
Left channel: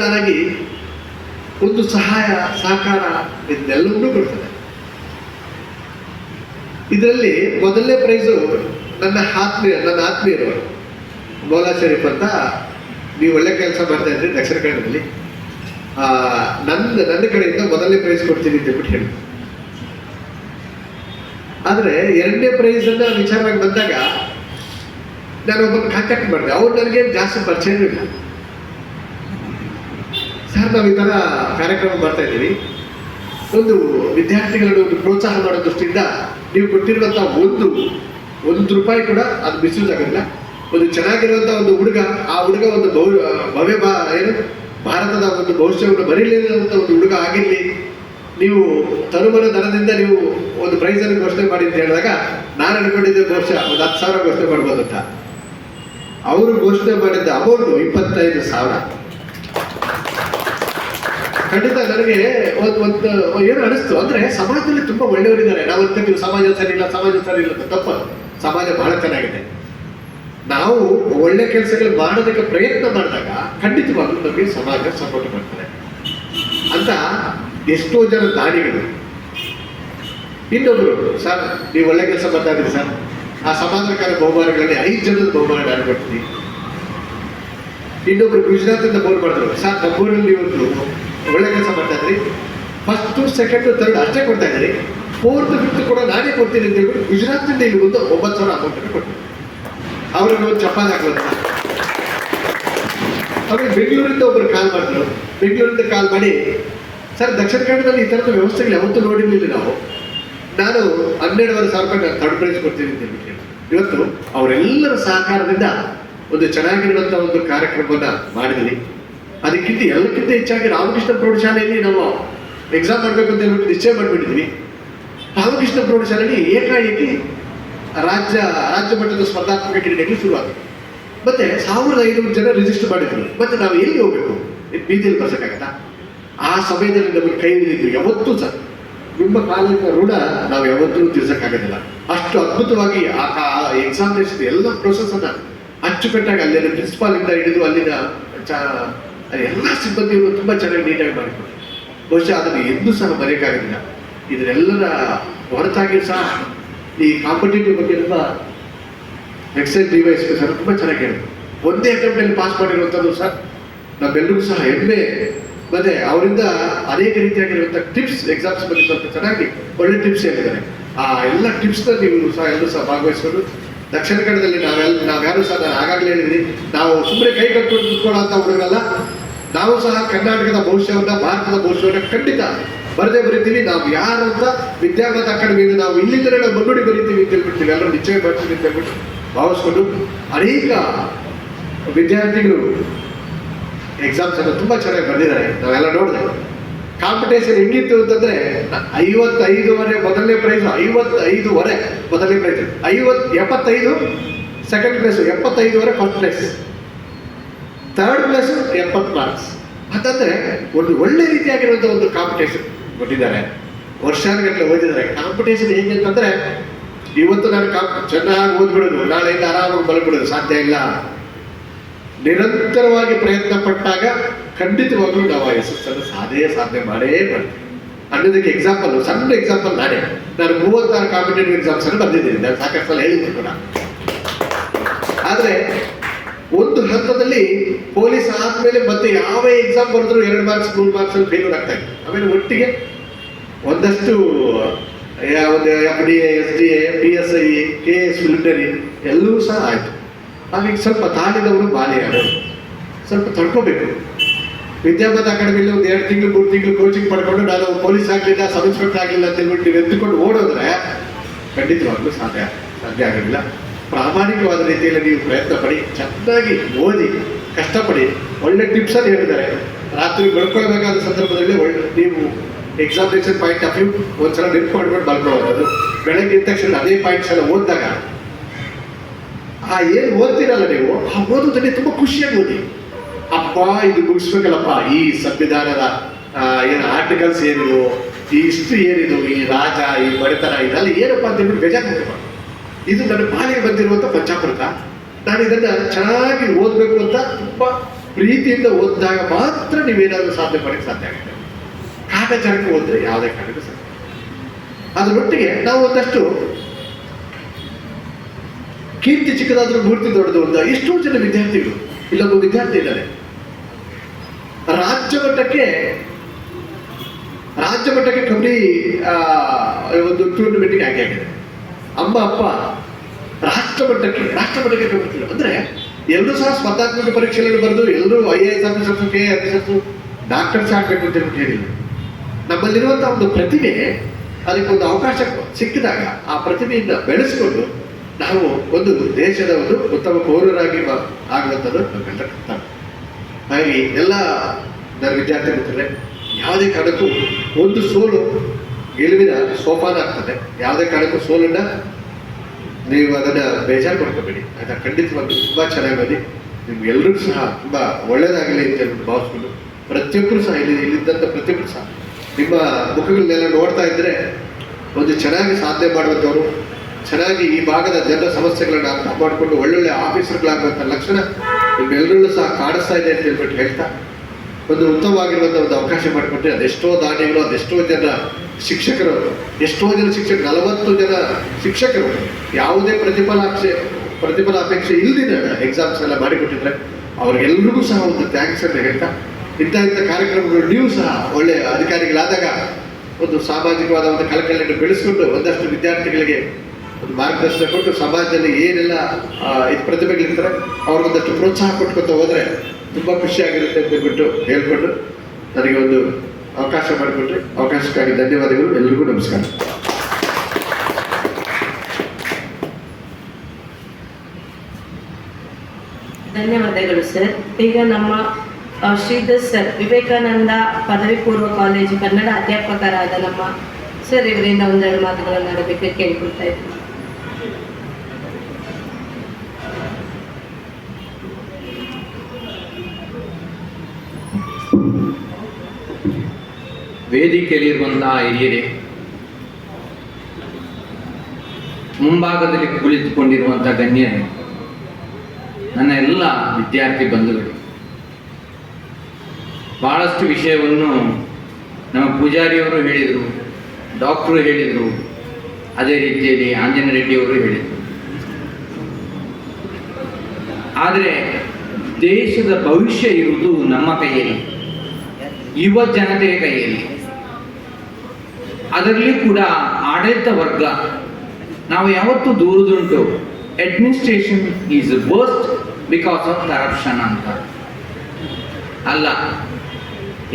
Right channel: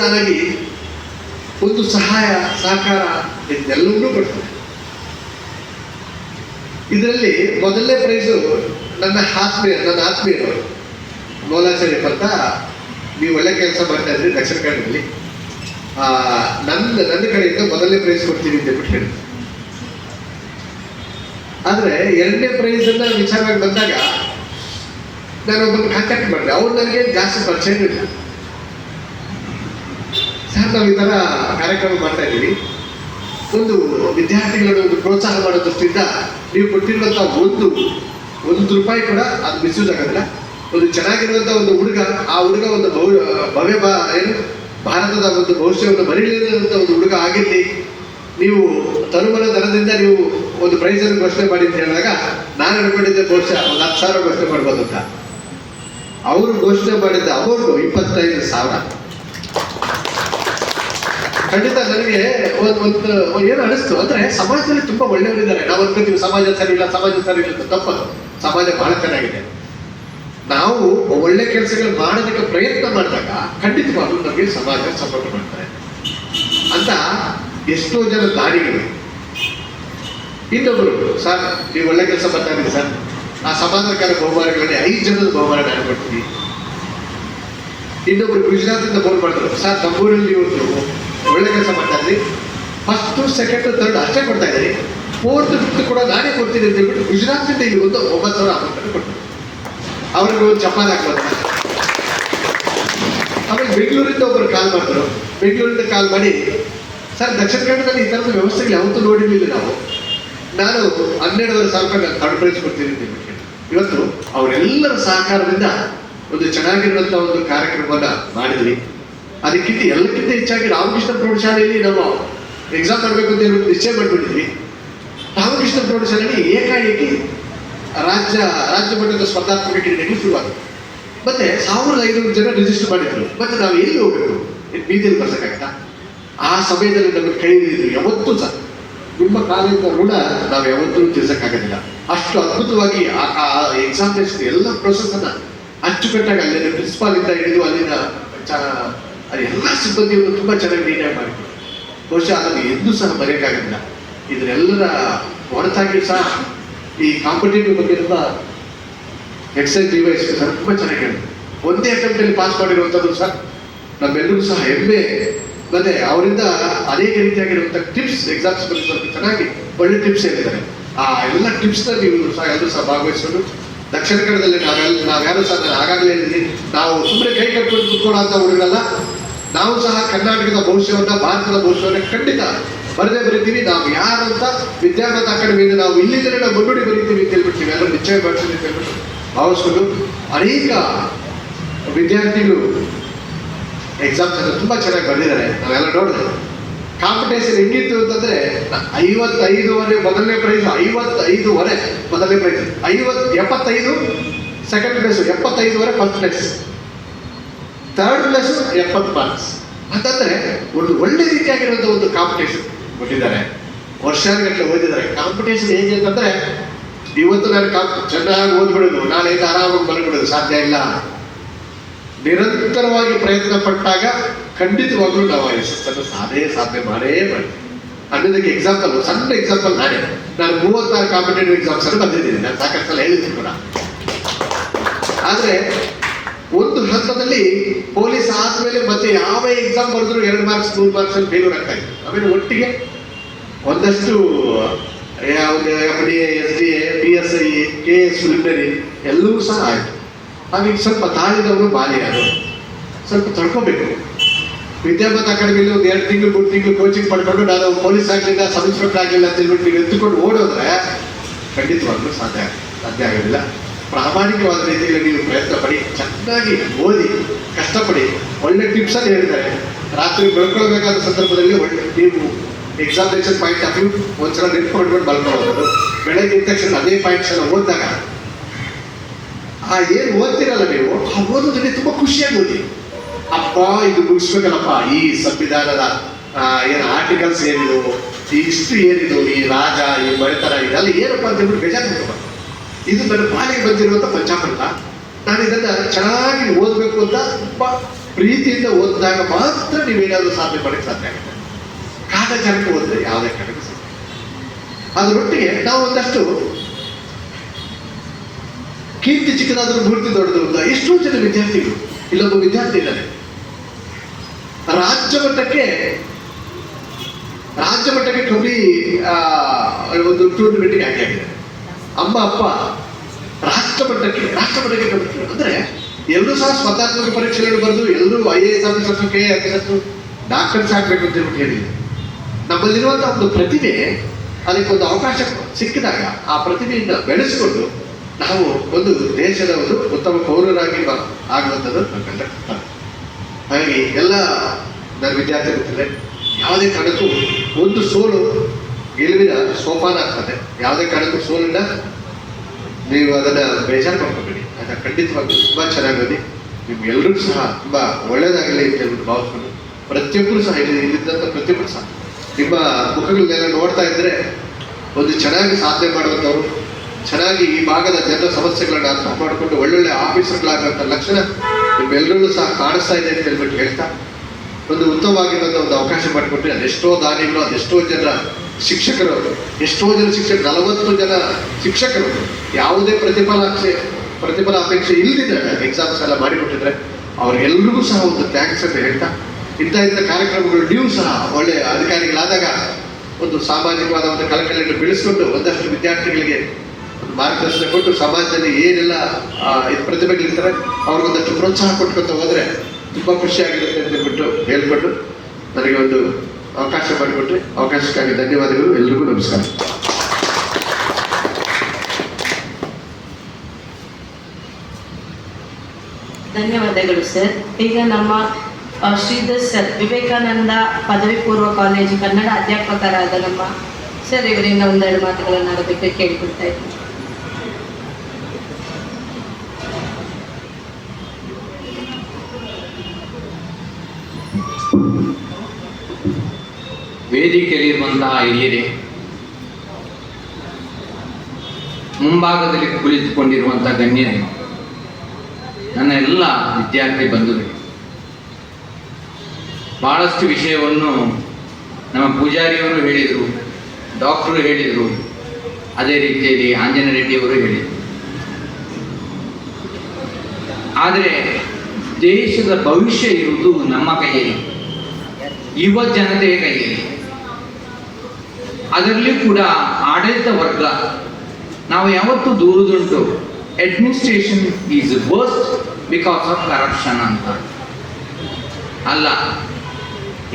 ತಾನಾಗಿ ಒಂದು ಸಹಾಯ ಸಹಕಾರ ಇದೆಲ್ಲವನ್ನೂ ಕೊಡ್ತಾರೆ. ಇದರಲ್ಲಿ ಮೊದಲನೇ ಪ್ರೈಸು ನನ್ನ ಆತ್ಮೀಯರು ಮೌಲಾ ಶರೀಫ್ ಅಂತ, ನೀವು ಒಳ್ಳೆ ಕೆಲಸ ಮಾಡ್ತಾ ಇದ್ರಿ ದಕ್ಷಿಣ ಕನ್ನಡದಲ್ಲಿ, ನನ್ನ ಕಡೆಯಿಂದ ಮೊದಲನೇ ಪ್ರೈಸ್ ಕೊಡ್ತೀನಿ ಅಂತ ಹೇಳ್ಬಿಟ್ಟು ಹೇಳಿದ್ರು. ಆದರೆ 2ನೇ ಪ್ರೈಸನ್ನು ವಿಚಾರವಾಗಿ ಬಂದಾಗ ನಾನೊಬ್ಬರು ಕಾಂಟ್ಯಾಕ್ಟ್ ಮಾಡಿದೆ. ಅವ್ರು ನನಗೆ ಜಾಸ್ತಿ ಪರಿಚಯನೂ ಇಲ್ಲ. ಸರ್, ನಾವು ಈ ಥರ ಕಾರ್ಯಕ್ರಮ ಮಾಡ್ತಾ ಇದ್ದೀವಿ, ಒಂದು ವಿದ್ಯಾರ್ಥಿಗಳನ್ನು ಒಂದು ಪ್ರೋತ್ಸಾಹ ಮಾಡೋ ದೃಷ್ಟಿಯಿಂದ ನೀವು ಕೊಟ್ಟಿರುವಂಥ ಒಂದು ರೂಪಾಯಿ ಕೂಡ ಅದು ಮಿಸ್ಯೂಸ್ ಆಗೋದಿಲ್ಲ. ಒಂದು ಚೆನ್ನಾಗಿರುವಂಥ ಒಂದು ಹುಡುಗ, ಆ ಹುಡುಗ ಒಂದು ಭವ್ಯ ಭಾರತದ ಒಂದು ಭವಿಷ್ಯವನ್ನು ಬರೀಲಿರುವಂಥ ಒಂದು ಹುಡುಗ ಆಗಿರಲಿ, ನೀವು ತನುಮನ ದರದಿಂದ ನೀವು ಒಂದು ಪ್ರೈಸನ್ನು ಘೋಷಣೆ ಮಾಡಿ ಅಂತ ಹೇಳಿದಾಗ ನಾನು ಅನ್ಕೊಂಡಿದ್ದೆ ಬಹುಶಃ ಒಂದು 10,000 ಘೋಷಣೆ ಮಾಡ್ಬೋದು ಅಂತ. ಅವರು ಘೋಷಣೆ ಮಾಡಿದ್ದ ಅಮೌಂಟು 25,000. ಖಂಡಿತ ನನಗೆ ಒಂದು ಏನು ಅನಿಸ್ತು ಅಂದರೆ, ಸಮಾಜದಲ್ಲಿ ತುಂಬ ಒಳ್ಳೆಯವರಿದ್ದಾರೆ. ನಾವು ಅನ್ಕೋತೀವಿ ಸಮಾಜ ಸರಿ ಇಲ್ಲ ಅಂತ. ತಪ್ಪದು. ಸಮಾಜ ಬಹಳ ಚೆನ್ನಾಗಿದೆ. ನಾವು ಒಳ್ಳೆ ಕೆಲಸಗಳು ಮಾಡೋದಕ್ಕೆ ಪ್ರಯತ್ನ ಮಾಡಿದಾಗ ಖಂಡಿತವಾಗ್ಲೂ ನಮಗೆ ಸಮಾಜ ಸಪೋರ್ಟ್ ಮಾಡ್ತಾರೆ ಅಂತ ಎಷ್ಟೋ ಜನ ದಾನಿಗಳು. ಇನ್ನೊಬ್ರು, ಸರ್ ನೀವು ಒಳ್ಳೆ ಕೆಲಸ ಮಾಡ್ತಾ ಇದ್ದೀರಿ ಸರ್, ಆ ಸಮಾಧಾನಕಾರಿ ಬಹುಮಾನಗಳಲ್ಲಿ 5 ಜನದ ಬಹುಮಾನ ನಾನು ಕೊಡ್ತೀನಿ. ಇನ್ನೊಬ್ರು ಗುಜರಾತಿಂದ ಫೋನ್ ಮಾಡ್ತಾರೆ, ಸರ್ ನಮ್ಮೂರಲ್ಲಿ ಇವತ್ತು ಒಳ್ಳೆ ಕೆಲಸ ಮಾಡ್ತಾ ಇದ್ರಿ, 1st, 2nd, 3rd ಅಷ್ಟೇ ಕೊಡ್ತಾ ಇದ್ದೀರಿ, 4th, 5th ಕೂಡ ನಾನೇ ಕೊಡ್ತೀನಿ ಅಂತ ಹೇಳ್ಬಿಟ್ಟು ಗುಜರಾತಿಂದ ಇಲ್ಲಿ ಒಂದು 9,000 ಅಮೌಂಟನ್ನು ಕೊಡ್ತೀನಿ. ಅವ್ರಿಗೆ ಒಂದು ಚಪಾತಿ ಹಾಕ್ಬೋದು. ಆಮೇಲೆ ಬೆಂಗಳೂರಿಂದ ಒಬ್ಬರು ಕಾಲ್ ಮಾಡಿದ್ರು. ಬೆಂಗಳೂರಿಂದ ಕಾಲ್ ಮಾಡಿ, ಸರ್ ದಕ್ಷಿಣ ಕನ್ನಡದಲ್ಲಿ ಈ ಥರದ ವ್ಯವಸ್ಥೆಗಳು ಯಾವತ್ತೂ ನೋಡಿರಲಿಲ್ಲ ನಾವು, ನಾನು 12,500 ರೂಪಾಯಿ ನಾನು 3rd ಪ್ರೈಸ್ ಕೊಡ್ತೀನಿ ಅಂತ ಹೇಳ್ಬಿಟ್ಟು. ಇವತ್ತು ಅವರೆಲ್ಲರ ಸಹಕಾರದಿಂದ ಒಂದು ಚೆನ್ನಾಗಿರುವಂಥ ಒಂದು ಕಾರ್ಯಕ್ರಮವನ್ನು ಮಾಡಿದ್ವಿ. ಎಲ್ಲಕ್ಕಿಂತ ಹೆಚ್ಚಾಗಿ ರಾಮಕೃಷ್ಣ ಪ್ರೌಢಶಾಲೆಯಲ್ಲಿ ನಾವು ಎಕ್ಸಾಮ್ ಮಾಡಬೇಕು ಅಂತ ಹೇಳ್ಬಿಟ್ಟು ನಿಶ್ಚಯ ಮಾಡಿಬಿಟ್ಟಿದ್ವಿ. ರಾಮಕೃಷ್ಣ ಪ್ರೌಢಶಾಲೆಯಲ್ಲಿ ಏಕಾಏಕಿ ರಾಜ್ಯ ಮಟ್ಟದ ಸ್ಪರ್ಧಾತ್ಮಕ ಕ್ರೀಡೆಗಳು ಶುರುವಾಗಿದೆ. ಮತ್ತೆ 1,500 ಜನ ರಿಜಿಸ್ಟರ್ ಮಾಡಿದ್ರು. ಮತ್ತೆ ನಾವು ಎಲ್ಲಿ ಹೋಗಬೇಕು, ಬೀದಿಯಲ್ಲಿ ಬರ್ಸಕ್ಕಾಗತ್ತಾ? ಆ ಸಮಯದಲ್ಲಿ ನಮಗೆ ಕೈ ಹಿಡಿದಿದ್ರು. ಯಾವತ್ತೂ ಸರ್ ನಿಮ್ಮ ಕಾಲೇಜಿನ ಋಣ ನಾವು ಯಾವತ್ತೂ ತೀರ್ಸಕ್ಕಾಗೋದಿಲ್ಲ. ಅಷ್ಟು ಅದ್ಭುತವಾಗಿ ಆ ಎಕ್ಸಾಮಿನೇಷನ್ ಎಲ್ಲ ಪ್ರೊಸೆಸ್ ಅನ್ನ ಅಚ್ಚುಕಟ್ಟಾಗಿ ಅಲ್ಲಿನ ಪ್ರಿನ್ಸಿಪಾಲ್ ಇಂದ ಹಿಡಿದು ಅಲ್ಲಿನ ಅಲ್ಲಿ ಎಲ್ಲ ಸಿಬ್ಬಂದಿಗಳು ತುಂಬಾ ಚೆನ್ನಾಗಿ ನೀಟಾಗಿ ಮಾಡಿದ್ರು. ಬಹುಶಃ ಅದನ್ನು ಎಂದೂ ಸಹ ಮರೆಯಕ್ಕಾಗೋದಿಲ್ಲ. ಇದರೆಲ್ಲರ ಹೊರತಾಗಿ ಸಹ ಈ ಕಾಂಪಿಟೇಟಿವ್ ಬಗ್ಗೆ ಎಲ್ಲ ಎಕ್ಸೈಸ್ ಡಿವೈಸ್ ಸರ್ ತುಂಬ ಚೆನ್ನಾಗಿ ಹೇಳಿದ್ರು. ಒಂದೇ ಅಟೆಂಪ್ಟಲ್ಲಿ ಪಾಸ್ ಮಾಡಿರುವಂಥದ್ದು ಸರ್ ನಮ್ಮೆಲ್ಲರಿಗೂ ಸಹ ಹೆಮ್ಮೆ. ಮತ್ತೆ ಅವರಿಂದ ಅನೇಕ ರೀತಿಯಾಗಿರುವಂಥ ಟಿಪ್ಸ್ ಎಕ್ಸಾಮ್ಸ್ ಬಗ್ಗೆ ಸ್ವಲ್ಪ ಚೆನ್ನಾಗಿ ಒಳ್ಳೆ ಟಿಪ್ಸ್ ಹೇಳಿದ್ದಾರೆ. ಆ ಎಲ್ಲ ಟಿಪ್ಸ್ನ ನೀವು ಸಹ ಎಲ್ಲರೂ ಸಹ ಭಾಗವಹಿಸ್ಕೊಂಡು ದಕ್ಷಿಣ ಕನ್ನಡದಲ್ಲಿ ನಾವ್ಯಾರು ಸಹ ನಾನು ಆಗಾಗಲೇ ಹೇಳಿದ್ದೀನಿ, ನಾವು ಸುಮ್ಮನೆ ಕೈ ಕಟ್ಕೊಂಡು ಕೂತ್ಕೊಳ್ಳೋಂಥ ಹುಡುಗರಲ್ಲ. ನಾವು ಸಹ ಕರ್ನಾಟಕದ ಭವಿಷ್ಯವನ್ನ, ಭಾರತದ ಭವಿಷ್ಯವನ್ನ ಖಂಡಿತ ಬರೀತೀವಿ. ನಾವು ಯಾರಂತ ವಿದ್ಯಾರ್ಥಿ ಅಕಾಡೆಮಿಯಿಂದ ನಾವು ಇಲ್ಲಿಂದಲೇ ನಾವು ಮುನ್ನುಡಿ ಬರೀತೀವಿ ಅಂತ ಹೇಳ್ಬಿಡ್ತೀವಿ, ಎಲ್ಲರೂ ನಿಶ್ಚಯ ಮಾಡ್ತೀವಿ ಅಂತ ಹೇಳ್ಬಿಟ್ಟು ಭಾವಿಸ್ಕೊಂಡು ಅನೇಕ ವಿದ್ಯಾರ್ಥಿಗಳು ಎಕ್ಸಾಮ್ಸ್ ಎಲ್ಲ ತುಂಬ ಚೆನ್ನಾಗಿ ಬರೆದಿದ್ದಾರೆ. ನಾವೆಲ್ಲ ನೋಡಿದೆ ಕಾಂಪಿಟೇಷನ್ ಹೆಂಗಿತ್ತು ಅಂತಂದ್ರೆ 55 ಮೊದಲನೇ ಪ್ರೈಸ್, 55 ಮೊದಲನೇ prize, 75 second place, 75 first place, third place 70 marks ಅಂತಂದ್ರೆ ಒಂದು ಒಳ್ಳೆ ರೀತಿಯಾಗಿರುವಂಥ ಒಂದು ಕಾಂಪಿಟೇಷನ್ ಕೊಟ್ಟಿದ್ದಾರೆ. ವರ್ಷಾನುಗಟ್ಟಲೆ ಓದಿದ್ದಾರೆ. ಕಾಂಪಿಟೇಷನ್ ಹೇಗೆ ಅಂತಂದ್ರೆ ಇವತ್ತು ನಾನು ಚೆನ್ನಾಗಿ ಓದ್ಬಿಡೋದು, ನಾಳೆ ಆರಾಮಾಗಿ ಮಲಗಿಬಿಡೋದು ಸಾಧ್ಯ ಇಲ್ಲ. ನಿರಂತರವಾಗಿ ಪ್ರಯತ್ನ ಪಟ್ಟಾಗ ಖಂಡಿತವಾಗ್ಲೂ ನಾವು ಆ ಯಶಸ್ಸನ್ನು ಸಾಧನೆ ಮಾಡೇ ಮಾಡ್ತೀವಿ ಅನ್ನೋದಕ್ಕೆ ಎಕ್ಸಾಂಪಲ್, ಸಣ್ಣ ಎಕ್ಸಾಂಪಲ್ ನಾನು 36 ಕಾಂಪಿಟೇಟಿವ್ ಎಕ್ಸಾಮ್ಸ್ ಅನ್ನು ಬಂದಿದ್ದೀನಿ. ನಾನು ಸಾಕಷ್ಟು ಸಲ ಹೇಳಿದ್ದೀನಿ ಕೂಡ. ಆದರೆ ಒಂದು ಹಂತದಲ್ಲಿ ಪೊಲೀಸ್ ಆದ್ಮೇಲೆ ಮತ್ತೆ ಯಾವ ಎಕ್ಸಾಮ್ ಬರೆದ್ರು 2 ಮಾರ್ಕ್ಸ್ 3 ಮಾರ್ಕ್ಸ್ ಅಲ್ಲಿ ಫೇಲ್ಯೂರ್ ಆಗ್ತಾ ಇತ್ತು. ಆಮೇಲೆ ಒಟ್ಟಿಗೆ ಒಂದಷ್ಟು FDA, SDA, PSI, KS preliminary ಎಲ್ಲವೂ ಸಹ ಆಯಿತು. ನಾವೀಗ ಸ್ವಲ್ಪ ತಾಳಿದವರು ಬಾಲಿಯಾರು ಸ್ವಲ್ಪ ತಡ್ಕೋಬೇಕು. ವಿದ್ಯಾಪಥ ಅಕಾಡೆಮಿಲಿ ಒಂದು 2 ತಿಂಗಳು 3 ತಿಂಗಳು ಕೋಚಿಂಗ್ ಪಡ್ಕೊಂಡು ನಾನು ಪೊಲೀಸ್ ಆಗಲಿಲ್ಲ, ಸಬ್ ಇನ್ಸ್ಪೆಕ್ಟರ್ ಆಗಲಿಲ್ಲ ಅಂತ ಹೇಳ್ಬಿಟ್ಟು ನೀವು ಎದ್ದುಕೊಂಡು ಓಡೋದ್ರೆ ಖಂಡಿತವಾಗ್ಲೂ ಸಾಧ್ಯ ಆಗೋದಿಲ್ಲ. ಪ್ರಾಮಾಣಿಕವಾದ ರೀತಿಯಲ್ಲಿ ನೀವು ಪ್ರಯತ್ನ ಪಡಿ, ಚೆನ್ನಾಗಿ ಓದಿ, ಕಷ್ಟಪಡಿ. ಒಳ್ಳೆ ಟಿಪ್ಸ್ ಅಲ್ಲಿ ಹೇಳಿದ್ದಾರೆ. ರಾತ್ರಿ ಬೆಳ್ಕೊಳ್ಬೇಕಾದ ಸಂದರ್ಭದಲ್ಲಿ ನೀವು ಎಕ್ಸಾಮಿನೇಷನ್ ಪಾಯಿಂಟ್ ಆಫ್ ವ್ಯೂ ಒಂದ್ಸಲ ನಿಂತ್ಕೊಂಡು ಬಲ್ಕೊಳ್ಳೋದು. ಬೆಳಗ್ಗೆ ಇದ್ದ ತಕ್ಷಣ ಅದೇ ಪಾಯಿಂಟ್ಸ್ ಎಲ್ಲ ಓದಿದಾಗ ಏನು ಓದ್ತಿರಲ್ಲ ನೀವು, ಆ ಓದೋದಕ್ಕೆ ತುಂಬ ಖುಷಿಯಾಗಿ ಓದಿ. ಅಪ್ಪ ಇದು ಮುಗಿಸ್ಬೇಕಲ್ಲಪ್ಪ, ಈ ಸಂವಿಧಾನದ ಏನು ಆರ್ಟಿಕಲ್ಸ್ ಏನಿದು, ಈ ಹಿಸ್ಟ್ರಿ ಏನಿದು, ಈ ರಾಜ, ಈ ಬಡತನ, ಇದೆಲ್ಲ ಏನಪ್ಪ ಅಂತ ಹೇಳ್ಬಿಟ್ಟು ಬೇಜಾರು. ಇದು ನನ್ನ ಪಾಲಿಗೆ ಬಂದಿರುವಂಥ ಪಂಚಾಮೃತ. ನಾನು ಇದನ್ನು ಚೆನ್ನಾಗಿ ಓದಬೇಕು ಅಂತ ತುಂಬ ಪ್ರೀತಿಯಿಂದ ಓದಿದಾಗ ಮಾತ್ರ ನೀವೇನಾದರೂ ಸಾಧನೆ ಮಾಡೋಕ್ಕೆ ಸಾಧ್ಯ ಆಗುತ್ತೆ. ಕಾಟಾಚಾರಕ್ಕೆ ಓದಿದ್ರೆ ಯಾವುದೇ ಕಾರಣಕ್ಕೂ ಸಾಧ್ಯ. ಅದರೊಟ್ಟಿಗೆ ನಾವು ಒಂದಷ್ಟು ಕೀರ್ತಿ ಚಿಕ್ಕದಾದ್ರೂ ಮೂರ್ತಿ ದೊಡ್ಡದು ಅಂತ ಎಷ್ಟೋ ಜನ ವಿದ್ಯಾರ್ಥಿಗಳು, ಇಲ್ಲೊಂದು ವಿದ್ಯಾರ್ಥಿ ಇದ್ದಾರೆ ರಾಜ್ಯ ಮಟ್ಟಕ್ಕೆ ಕಬಡ್ಡಿ ಒಂದು ಟೂರ್ನಮೆಂಟ್ಗೆ ಆಗಿ ಆಗಿದೆ. ಅಮ್ಮ ಅಪ್ಪ ರಾಷ್ಟ್ರ ಮಟ್ಟಕ್ಕೆ ಕಬಡ್ಡಿ ಅಂದ್ರೆ ಎಲ್ಲರೂ ಸಹ ಸ್ಪರ್ಧಾತ್ಮಕ ಪರೀಕ್ಷೆಗಳನ್ನು ಬರೆದು ಎಲ್ಲರೂ IAS ಆಫೀಸರ್ಸು, KS ಡಾಕ್ಟರ್ಸ್ ಆಗಬೇಕು ಅಂತ ಹೇಳ್ಬಿಟ್ಟು ಹೇಳಿ ನಮ್ಮಲ್ಲಿರುವಂಥ ಒಂದು ಪ್ರತಿಭೆ, ಅದಕ್ಕೆ ಒಂದು ಅವಕಾಶ ಸಿಕ್ಕಿದಾಗ ಆ ಪ್ರತಿಭೆಯಿಂದ ಬೆಳೆಸಿಕೊಂಡು ನಾವು ಒಂದು ದೇಶದ ಒಂದು ಉತ್ತಮ ಪೌರರಾಗಿ ಆಗುವಂಥದ್ದು ನಮ್ಮೆಲ್ಲರ ಕರ್ತವ್ಯ. ಹಾಗಾಗಿ ಎಲ್ಲ ನನ್ನ ವಿದ್ಯಾರ್ಥಿ ಮಿತ್ರರೇ, ಯಾವುದೇ ಕಾರಣಕ್ಕೂ ಒಂದು ಸೋಲು ಗೆಲುವಿನ ಸೋಪಾನ ಆಗ್ತದೆ. ಯಾವುದೇ ಕಾರಣಕ್ಕೂ ಸೋಲನ್ನ ನೀವು ಅದನ್ನು ಬೇಜಾರು ಮಾಡ್ಕೋಬೇಡಿ. ಅದನ್ನು ಖಂಡಿತವಾಗಿ ತುಂಬ ಚೆನ್ನಾಗಿ ಓದಿ, ನಿಮ್ಗೆಲ್ಲರಿಗೂ ಸಹ ತುಂಬ ಒಳ್ಳೆಯದಾಗಲಿ ಅಂತ ಹೇಳ್ಬಿಟ್ಟು ಭಾವಿಸ್ಕೊಂಡು ಪ್ರತಿಯೊಬ್ಬರು ಸಹ ಇಲ್ಲಿದ್ದಂಥ ಪ್ರತಿಯೊಬ್ಬರು ಸಹ ನಿಮ್ಮ ಮುಖಗಳನ್ನೆಲ್ಲ ನೋಡ್ತಾ ಇದ್ದರೆ ಒಂದು ಚೆನ್ನಾಗಿ ಸಾಧನೆ ಮಾಡುವಂಥವ್ರು, ಚೆನ್ನಾಗಿ ಈ ಭಾಗದ ಜನರ ಸಮಸ್ಯೆಗಳನ್ನು ಅರ್ಥ ಮಾಡಿಕೊಂಡು ಒಳ್ಳೊಳ್ಳೆ ಆಫೀಸರ್ಗಳಾಗುವಂಥ ಲಕ್ಷಣ ನಿಮ್ಮೆಲ್ಲರಲ್ಲೂ ಸಹ ಕಾಣಿಸ್ತಾ ಇದೆ ಅಂತ ಹೇಳ್ಬಿಟ್ಟು ಹೇಳ್ತಾ ಒಂದು ಉತ್ತಮವಾಗಿರುವಂಥ ಒಂದು ಅವಕಾಶ ಮಾಡಿಕೊಟ್ರೆ ಅದೆಷ್ಟೋ ದಾನಿಗಳು, ಅದೆಷ್ಟೋ ಜನ ಶಿಕ್ಷಕರು, 40 ಜನ ಶಿಕ್ಷಕರು ಯಾವುದೇ ಪ್ರತಿಫಲಾಪೇಕ್ಷೆ ಇಲ್ಲದಿದ್ದ ಎಕ್ಸಾಮ್ಸ್ ಎಲ್ಲ ಮಾಡಿಕೊಟ್ಟಿದ್ರೆ ಅವ್ರಿಗೆಲ್ಲರಿಗೂ ಸಹ ಒಂದು ಥ್ಯಾಂಕ್ಸ್ ಅಂತ ಹೇಳ್ತಾ, ಇಂಥ ಕಾರ್ಯಕ್ರಮಗಳು ನೀವು ಸಹ ಒಳ್ಳೆಯ ಅಧಿಕಾರಿಗಳಾದಾಗ ಒಂದು ಸಾಮಾಜಿಕವಾದ ಒಂದು ಕಳಕಳಿಯನ್ನು ಬೆಳೆಸ್ಕೊಂಡು ಒಂದಷ್ಟು ವಿದ್ಯಾರ್ಥಿಗಳಿಗೆ ಒಂದು ಮಾರ್ಗದರ್ಶನ ಕೊಟ್ಟು ಸಮಾಜದಲ್ಲಿ ಏನೆಲ್ಲ ಪ್ರತಿಭೆಗಳಿರ್ತಾರೆ ಅವ್ರಿಗೊಂದಷ್ಟು ಪ್ರೋತ್ಸಾಹ ಕೊಟ್ಕೊತ ಹೋದರೆ ತುಂಬ ಖುಷಿಯಾಗಿರುತ್ತೆ ಅಂತ ಹೇಳ್ಬಿಟ್ಟು ಹೇಳ್ಕೊಂಡು ನನಗೆ ಒಂದು ಅವಕಾಶ ಮಾಡಿಕೊಟ್ರೆ ಅವಕಾಶಕ್ಕಾಗಿ ಧನ್ಯವಾದಗಳು. ಎಲ್ರಿಗೂ ನಮಸ್ಕಾರ. ಧನ್ಯವಾದಗಳು ಸರ್. ಈಗ ನಮ್ಮ ಶ್ರೀಧರ್ ಸರ್, ವಿವೇಕಾನಂದ ಪದವಿ ಪೂರ್ವ ಕಾಲೇಜು ಕನ್ನಡ ಅಧ್ಯಾಪಕರಾದ ನಮ್ಮ ಸರ್ ಇವರಿಂದ ಒಂದೆರಡು ಮಾತುಗಳನ್ನು ಆಡಬೇಕು ಕೇಳ್ಕೊಳ್ತಾ ಇದ್ದೀನಿ. ವೇದಿಕೆಯಲ್ಲಿರುವಂತಹ ಹಿರಿಯರೇ, ಮುಂಭಾಗದಲ್ಲಿ ಕುಳಿತುಕೊಂಡಿರುವಂಥ ಗಣ್ಯರು, ನನ್ನ ಎಲ್ಲ ವಿದ್ಯಾರ್ಥಿ ಬಂಧುಗಳು, ಬಹಳಷ್ಟು ವಿಷಯವನ್ನು ನಮ್ಮ ಪೂಜಾರಿಯವರು ಹೇಳಿದರು, ಡಾಕ್ಟರು ಹೇಳಿದರು, ಅದೇ ರೀತಿಯಲ್ಲಿ ಆಂಜನೇಯ ರೆಡ್ಡಿಯವರು ಹೇಳಿದರು. ಆದರೆ ದೇಶದ ಭವಿಷ್ಯ ಇರುವುದು ನಮ್ಮ ಕೈಯಲ್ಲಿ, ಯುವ ಜನತೆಯ ಕೈಯಲ್ಲಿ. ಅದರಲ್ಲಿ ಕೂಡ ಆಡಳಿತ ವರ್ಗ ನಾವು ಯಾವತ್ತೂ ದೂರುದುಂಟು, administration is worst because of corruption ಅಂತ. ಅಲ್ಲ,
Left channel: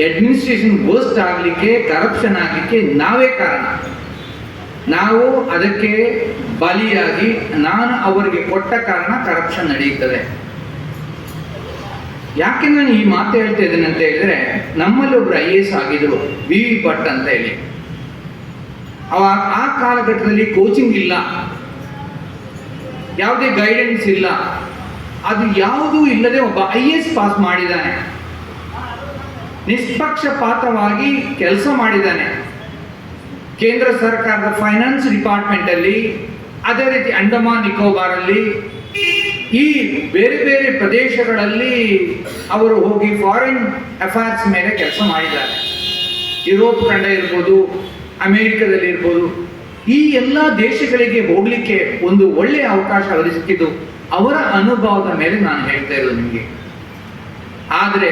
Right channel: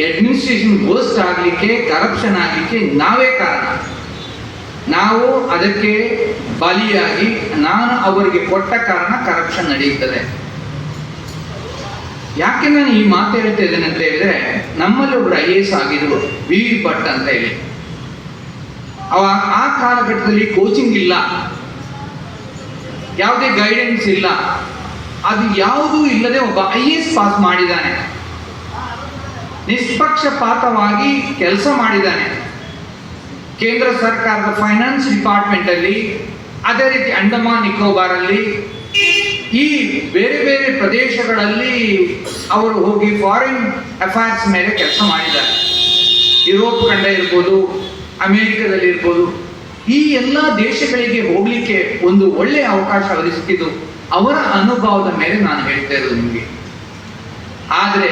ಅಡ್ಮಿನಿಸ್ಟ್ರೇಷನ್ ವರ್ಸ್ಟ್ ಆಗಲಿಕ್ಕೆ, ಕರಪ್ಷನ್ ಆಗಲಿಕ್ಕೆ ನಾವೇ ಕಾರಣ. ನಾವು ಅದಕ್ಕೆ ಬಲಿಯಾಗಿ ನಾನು ಅವರಿಗೆ ಕೊಟ್ಟ ಕಾರಣ ಕರಪ್ಷನ್ ನಡೆಯುತ್ತದೆ. ಯಾಕೆ ನಾನು ಈ ಮಾತು ಹೇಳ್ತಾ ಇದ್ದೇನೆ ಅಂತ ಹೇಳಿದ್ರೆ, ನಮ್ಮಲ್ಲಿ ಒಬ್ರು IAS ಆಗಿದ್ರು, ವಿ ಭಟ್ ಅಂತ ಹೇಳಿ. ಆ ಕಾಲಘಟ್ಟದಲ್ಲಿ ಕೋಚಿಂಗ್ ಇಲ್ಲ, ಯಾವುದೇ ಗೈಡೆನ್ಸ್ ಇಲ್ಲ, ಅದು ಯಾವುದೂ ಇಲ್ಲದೆ ಒಬ್ಬ IAS ಪಾಸ್ ಮಾಡಿದ್ದಾನೆ, ನಿಷ್ಪಕ್ಷಪಾತವಾಗಿ ಕೆಲಸ ಮಾಡಿದ್ದಾನೆ. ಕೇಂದ್ರ ಸರ್ಕಾರದ ಫೈನಾನ್ಸ್ ಡಿಪಾರ್ಟ್ಮೆಂಟ್ ಅಲ್ಲಿ, ಅದೇ ರೀತಿ ಅಂಡಮಾನ್ ನಿಕೋಬಾರಲ್ಲಿ, ಈ ಬೇರೆ ಬೇರೆ ಪ್ರದೇಶಗಳಲ್ಲಿ ಅವರು ಹೋಗಿ ಫಾರಿನ್ ಅಫೇರ್ಸ್ ಮೇಲೆ ಕೆಲಸ ಮಾಡಿದ್ದಾರೆ. ಯುರೋಪ್ ಖಂಡ ಇರ್ಬೋದು, ಅಮೇರಿಕದಲ್ಲಿ ಇರ್ಬೋದು, ಈ ಎಲ್ಲ ದೇಶಗಳಿಗೆ ಹೋಗ್ಲಿಕ್ಕೆ ಒಂದು ಒಳ್ಳೆಯ ಅವಕಾಶ ಅವರಿಗೆ ಸಿಕ್ಕಿದ್ದು ಅವರ ಅನುಭವದ ಮೇಲೆ ನಾನು ಹೇಳ್ತಾ ಇರೋದು ನಿಮಗೆ. ಆದರೆ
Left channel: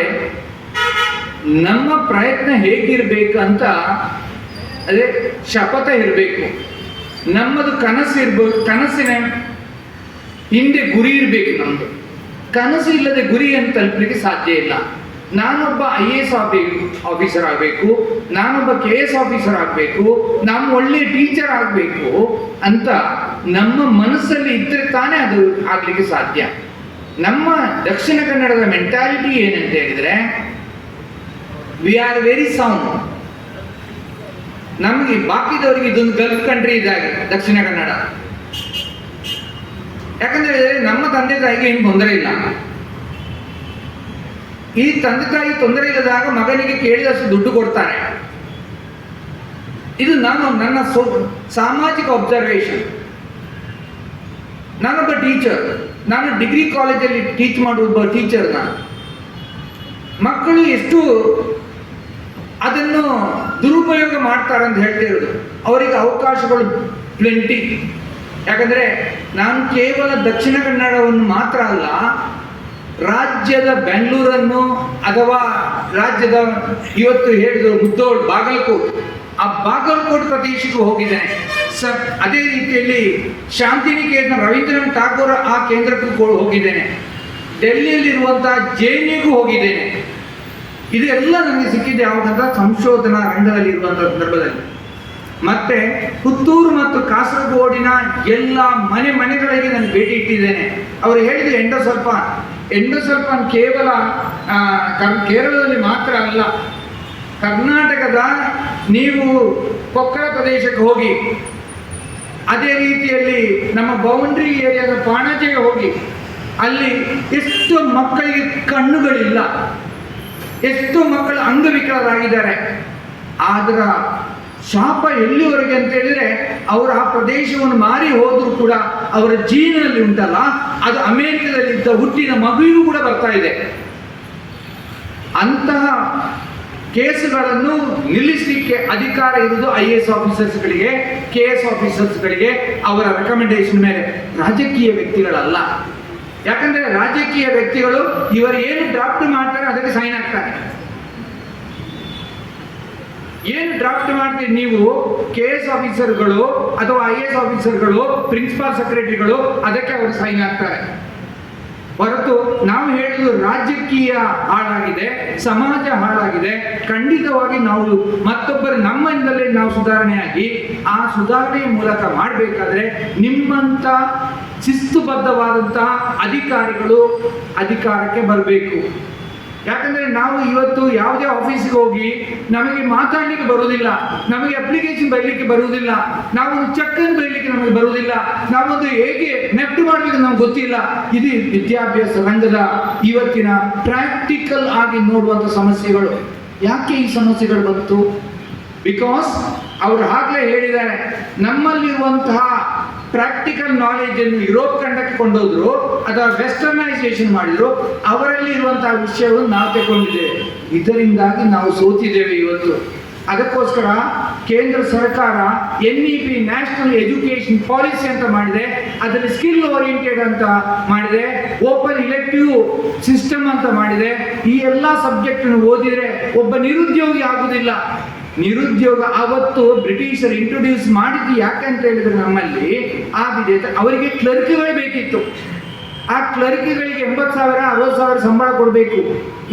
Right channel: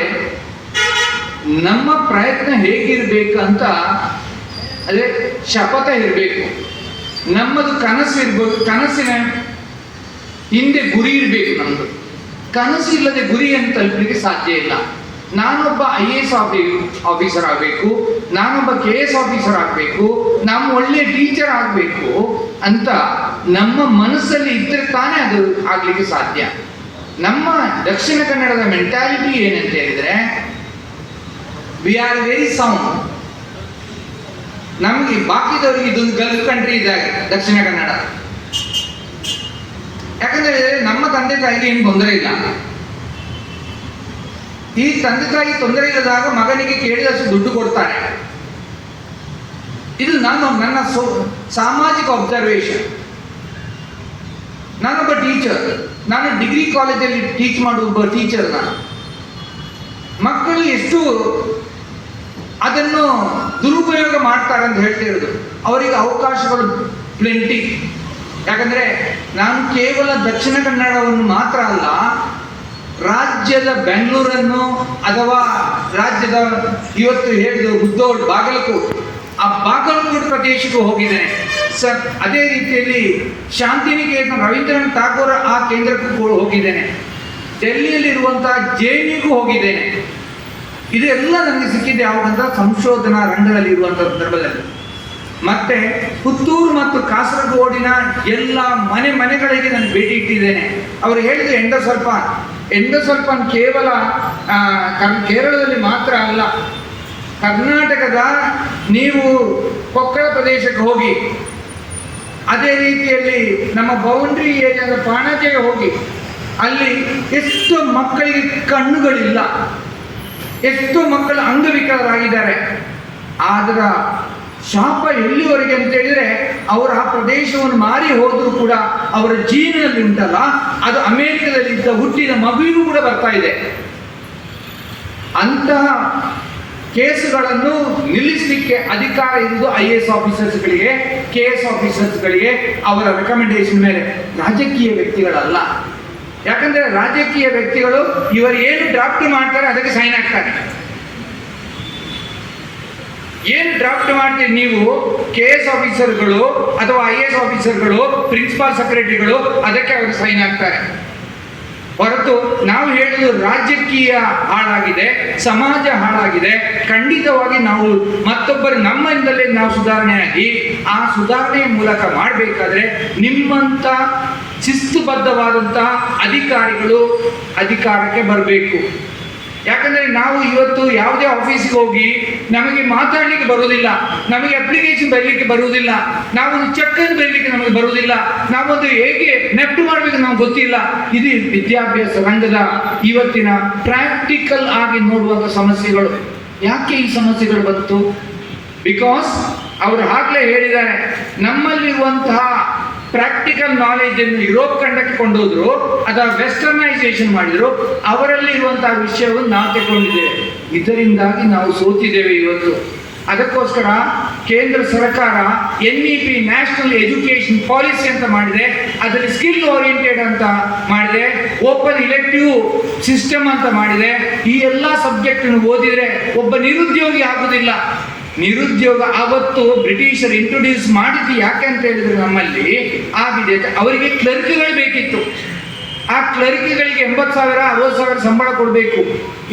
ನಮ್ಮ ಪ್ರಯತ್ನ ಹೇಗಿರ್ಬೇಕು ಅಂತ, ಅದೇ ಶಪಥ ಇರಬೇಕು. ನಮ್ಮದು ಕನಸು ಇರ್ಬೋದು, ಕನಸಿನ ಹಿಂದೆ ಗುರಿ ಇರಬೇಕು. ನಮ್ಮದು ಕನಸು ಇಲ್ಲದೆ ಗುರಿಯನ್ನು ತಲುಪಲಿಕ್ಕೆ ಸಾಧ್ಯ ಇಲ್ಲ. ನಾನೊಬ್ಬ IAS ಆಫೀಸರ್ ಆಗಬೇಕು, ನಾನೊಬ್ಬ KS ಆಫೀಸರ್ ಆಗಬೇಕು, ನಾವು ಒಳ್ಳೆಯ ಟೀಚರ್ ಆಗಬೇಕು ಅಂತ ನಮ್ಮ ಮನಸ್ಸಲ್ಲಿ ಇದ್ದರೆ ತಾನೇ ಅದು ಆಗಲಿಕ್ಕೆ ಸಾಧ್ಯ. ನಮ್ಮ ದಕ್ಷಿಣ ಕನ್ನಡದ ಮೆಂಟಾಲಿಟಿ ಏನಂತ ಹೇಳಿದರೆ, ವಿ ಆರ್ ವೆರಿ ಸೌಂಡ್. ನಮಗೆ ಬಾಕಿದವರಿಗೆ ಇದೊಂದು ಗಲ್ಫ್ ಕಂಟ್ರಿ ಇದ್ದಾಗೆ ದಕ್ಷಿಣ ಕನ್ನಡ. ಯಾಕಂದ್ರೆ ನಮ್ಮ ತಂದೆ ತಾಯಿಗೆ ಏನು ತೊಂದರೆ ಇಲ್ಲ. ಈ ತಂದೆ ತಾಯಿ ತೊಂದರೆ ಇಲ್ಲದಾಗ ಮಗನಿಗೆ ಕೇಳಿದಷ್ಟು ದುಡ್ಡು ಕೊಡ್ತಾರೆ. ಇದು ನನ್ನ ಸಾಮಾಜಿಕ ಅಬ್ಸರ್ವೇಷನ್. ನಾನೊಬ್ಬ ಟೀಚರ್, ನಾನು ಡಿಗ್ರಿ ಕಾಲೇಜಲ್ಲಿ ಟೀಚ್ ಮಾಡುವ ಒಬ್ಬ ಟೀಚರ್. ನಾನು ಮಕ್ಕಳು ಎಷ್ಟು ಅದನ್ನು ದುರುಪಯೋಗ ಮಾಡ್ತಾರೆ ಅಂತ ಹೇಳ್ತಾ ಇರೋದು. ಅವರಿಗೆ ಅವಕಾಶಗಳು ಪ್ಲೆಂಟಿ. ಯಾಕಂದ್ರೆ ನಾನು ಕೇವಲ ದಕ್ಷಿಣ ಕನ್ನಡವನ್ನು ಮಾತ್ರ ಅಲ್ಲ, ರಾಜ್ಯದ ಬೆಂಗಳೂರನ್ನು ಅಥವಾ ರಾಜ್ಯದ ಇವತ್ತು ಹೇಳಿದ ಮುದ್ದೋಡ್, ಬಾಗಲಕೋಟ್, ಆ ಬಾಗಲಕೋಟ್ ಪ್ರದೇಶಕ್ಕೂ ಹೋಗಿದ್ದೇನೆ ಸರ್. ಅದೇ ರೀತಿಯಲ್ಲಿ ಶಾಂತಿನಿಕೇತನ ರವೀಂದ್ರನಾಥ್ ಠಾಗೂರ್ ಆ ಕೇಂದ್ರಕ್ಕೂ ಹೋಗಿದ್ದೇನೆ. ಡೆಲ್ಲಿಯಲ್ಲಿರುವಂತಹ JNUಗೂ ಹೋಗಿದ್ದೇನೆ. ಇದೆಲ್ಲ ನನಗೆ ಸಿಕ್ಕಿದ್ದು ಯಾವಾಗಂತ ಸಂಶೋಧನಾ ರಂಗದಲ್ಲಿ ಇರುವಂತಹ ಸಂದರ್ಭದಲ್ಲಿ. ಮತ್ತೆ ಪುತ್ತೂರು ಮತ್ತು ಕಾಸರಗೋಡಿನ ಎಲ್ಲ ಮನೆಗಳಿಗೆ ನಾನು ಭೇಟಿ ಇಟ್ಟಿದ್ದೇನೆ. ಅವರು ಹೇಳಿದ ಎಂಡೋಸಲ್ಫಾನ್ ಕೇವಲ ಕೇರಳದಲ್ಲಿ ಮಾತ್ರ ಅಲ್ಲ, ಕರ್ನಾಟಕದ ನೀವು ಕೊಕ್ಕಳ ಪ್ರದೇಶಕ್ಕೆ ಹೋಗಿ, ಅದೇ ರೀತಿಯಲ್ಲಿ ನಮ್ಮ ಬೌಂಡ್ರಿ ಏರಿಯಾದ ಪಾಣಾಜೆಗೆ ಹೋಗಿ, ಅಲ್ಲಿ ಎಷ್ಟು ಮಕ್ಕಳಿಗೆ ಕಣ್ಣುಗಳಿಲ್ಲ, ಎಷ್ಟು ಮಕ್ಕಳು ಅಂಗವಿಕಲರಾಗಿದ್ದಾರೆ. ಅದರ ಶಾಪ ಎಲ್ಲಿವರೆಗೆ ಅಂತ ಹೇಳಿದ್ರೆ, ಅವರು ಆ ಪ್ರದೇಶವನ್ನು ಮಾರಿ ಹೋದರೂ ಕೂಡ ಅವರ ಜೀವನದಲ್ಲಿ ಉಂಟಲ್ಲ, ಅದು ಅಮೆರಿಕದಲ್ಲಿ ಇದ್ದ ಹುಟ್ಟಿದ ಮಗುವಿಗೂ ಕೂಡ ಬರ್ತಾ ಇದೆ. ಅಂತಹ ಕೇಸುಗಳನ್ನು ನಿಲ್ಲಿಸಲಿಕ್ಕೆ ಅಧಿಕಾರ ಇರುವುದು IAS ಆಫೀಸರ್ಸ್ಗಳಿಗೆ, KS ಆಫೀಸರ್ಸ್ಗಳಿಗೆ, ಅವರ ರೆಕಮೆಂಡೇಶನ್ ಮೇಲೆ, ರಾಜಕೀಯ ವ್ಯಕ್ತಿಗಳಲ್ಲ. ಯಾಕಂದ್ರೆ ರಾಜಕೀಯ ವ್ಯಕ್ತಿಗಳು ಇವರು ಏನು ಡ್ರಾಫ್ಟ್ ಮಾಡ್ತಾರೆ ಅದಕ್ಕೆ ಸೈನ್ ಹಾಕ್ತಾರೆ. ಏನು ಡ್ರಾಫ್ಟ್ ಮಾಡ್ತೀರಿ ನೀವು, KS ಆಫೀಸರ್ಗಳು ಅಥವಾ IAS ಆಫೀಸರ್ಗಳು, ಪ್ರಿನ್ಸಿಪಾಲ್ ಸೆಕ್ರೆಟರಿಗಳು, ಅದಕ್ಕೆ ಅವರು ಸೈನ್ ಹಾಕ್ತಾರೆ. ಹೊರತು ನಾವು ಹೇಳುವುದು ರಾಜಕೀಯ ಹಾಳಾಗಿದೆ, ಸಮಾಜ ಹಾಳಾಗಿದೆ. ಖಂಡಿತವಾಗಿ ನಾವು ಮತ್ತೊಬ್ಬರು ನಮ್ಮಿಂದಲೇ ನಾವು ಸುಧಾರಣೆಯಾಗಿ ಆ ಸುಧಾರಣೆಯ ಮೂಲಕ ಮಾಡಬೇಕಾದ್ರೆ ನಿಮ್ಮಂತ ಶಿಸ್ತುಬದ್ಧವಾದಂತಹ ಅಧಿಕಾರಿಗಳು ಅಧಿಕಾರಕ್ಕೆ ಬರಬೇಕು. ಯಾಕಂದ್ರೆ ನಾವು ಇವತ್ತು ಯಾವುದೇ ಆಫೀಸ್ಗೆ ಹೋಗಿ ನಮಗೆ ಮಾತಾಡಲಿಕ್ಕೆ ಬರುವುದಿಲ್ಲ, ನಮಗೆ ಅಪ್ಲಿಕೇಶನ್ ಬರೀಲಿಕ್ಕೆ ಬರುವುದಿಲ್ಲ, ನಾವೊಂದು ಚೆಕ್ ಅನ್ನು ಬರೀಲಿಕ್ಕೆ ನಮಗೆ ಬರುವುದಿಲ್ಲ, ನಾವೊಂದು ಹೇಗೆ ನೆಫ್ಟ್ ಮಾಡಬೇಕು ನಮ್ಗೆ ಗೊತ್ತಿಲ್ಲ. ಇದು ವಿದ್ಯಾಭ್ಯಾಸ ರಂಗದ ಇವತ್ತಿನ ಪ್ರಾಕ್ಟಿಕಲ್ ಆಗಿ ನೋಡುವಂಥ ಸಮಸ್ಯೆಗಳು. ಯಾಕೆ ಈ ಸಮಸ್ಯೆಗಳು ಬಂತು? ಬಿಕಾಸ್ ಅವರು ಆಗಲೇ ಹೇಳಿದ್ದಾರೆ, ನಮ್ಮಲ್ಲಿರುವಂತಹ ಪ್ರಾಕ್ಟಿಕಲ್ ನಾಲೆಜ್ ಅನ್ನು ಯುರೋಪ್ ಖಂಡಕ್ಕೆ ಕೊಂಡೋದ್ರು ಅಥವಾ ವೆಸ್ಟರ್ನೈಸೇಷನ್ ಮಾಡಿದ್ರು, ಅವರಲ್ಲಿ ಇರುವಂತಹ ವಿಷಯವನ್ನು ನಾವು ತಗೊಂಡಿದ್ದೇವೆ. ಇದರಿಂದಾಗಿ ನಾವು ಸೋತಿದ್ದೇವೆ ಇವತ್ತು. ಅದಕ್ಕೋಸ್ಕರ ಕೇಂದ್ರ ಸರ್ಕಾರ NEP ನ್ಯಾಷನಲ್ ಎಜುಕೇಶನ್ ಪಾಲಿಸಿ ಅಂತ ಮಾಡಿದೆ, ಅದರಲ್ಲಿ ಸ್ಕಿಲ್ ಓರಿಯೆಂಟೆಡ್ ಅಂತ ಮಾಡಿದೆ, ಓಪನ್ ಇಲೆಕ್ಟಿವ್ ಸಿಸ್ಟಮ್ ಅಂತ ಮಾಡಿದೆ. ಈ ಎಲ್ಲ ಸಬ್ಜೆಕ್ಟ್ ಓದಿದ್ರೆ ಒಬ್ಬ ನಿರುದ್ಯೋಗಿ ಆಗುದಿಲ್ಲ. ನಿರುದ್ಯೋಗ ಅವತ್ತು ಬ್ರಿಟಿಷರು ಇಂಟ್ರೊಡ್ಯೂಸ್ ಮಾಡಿದ್ದು ಯಾಕೆ ಅಂತ ಹೇಳಿದ್ರೆ ನಮ್ಮಲ್ಲಿ ಆಗಿದೆ, ಅವರಿಗೆ ಕ್ಲರ್ಕ್ಗಳು ಬೇಕಿತ್ತು. ಆ ಕ್ಲರ್ಕ್ಗಳಿಗೆ 80,000 60,000 ಸಂಬಳ ಕೊಡಬೇಕು.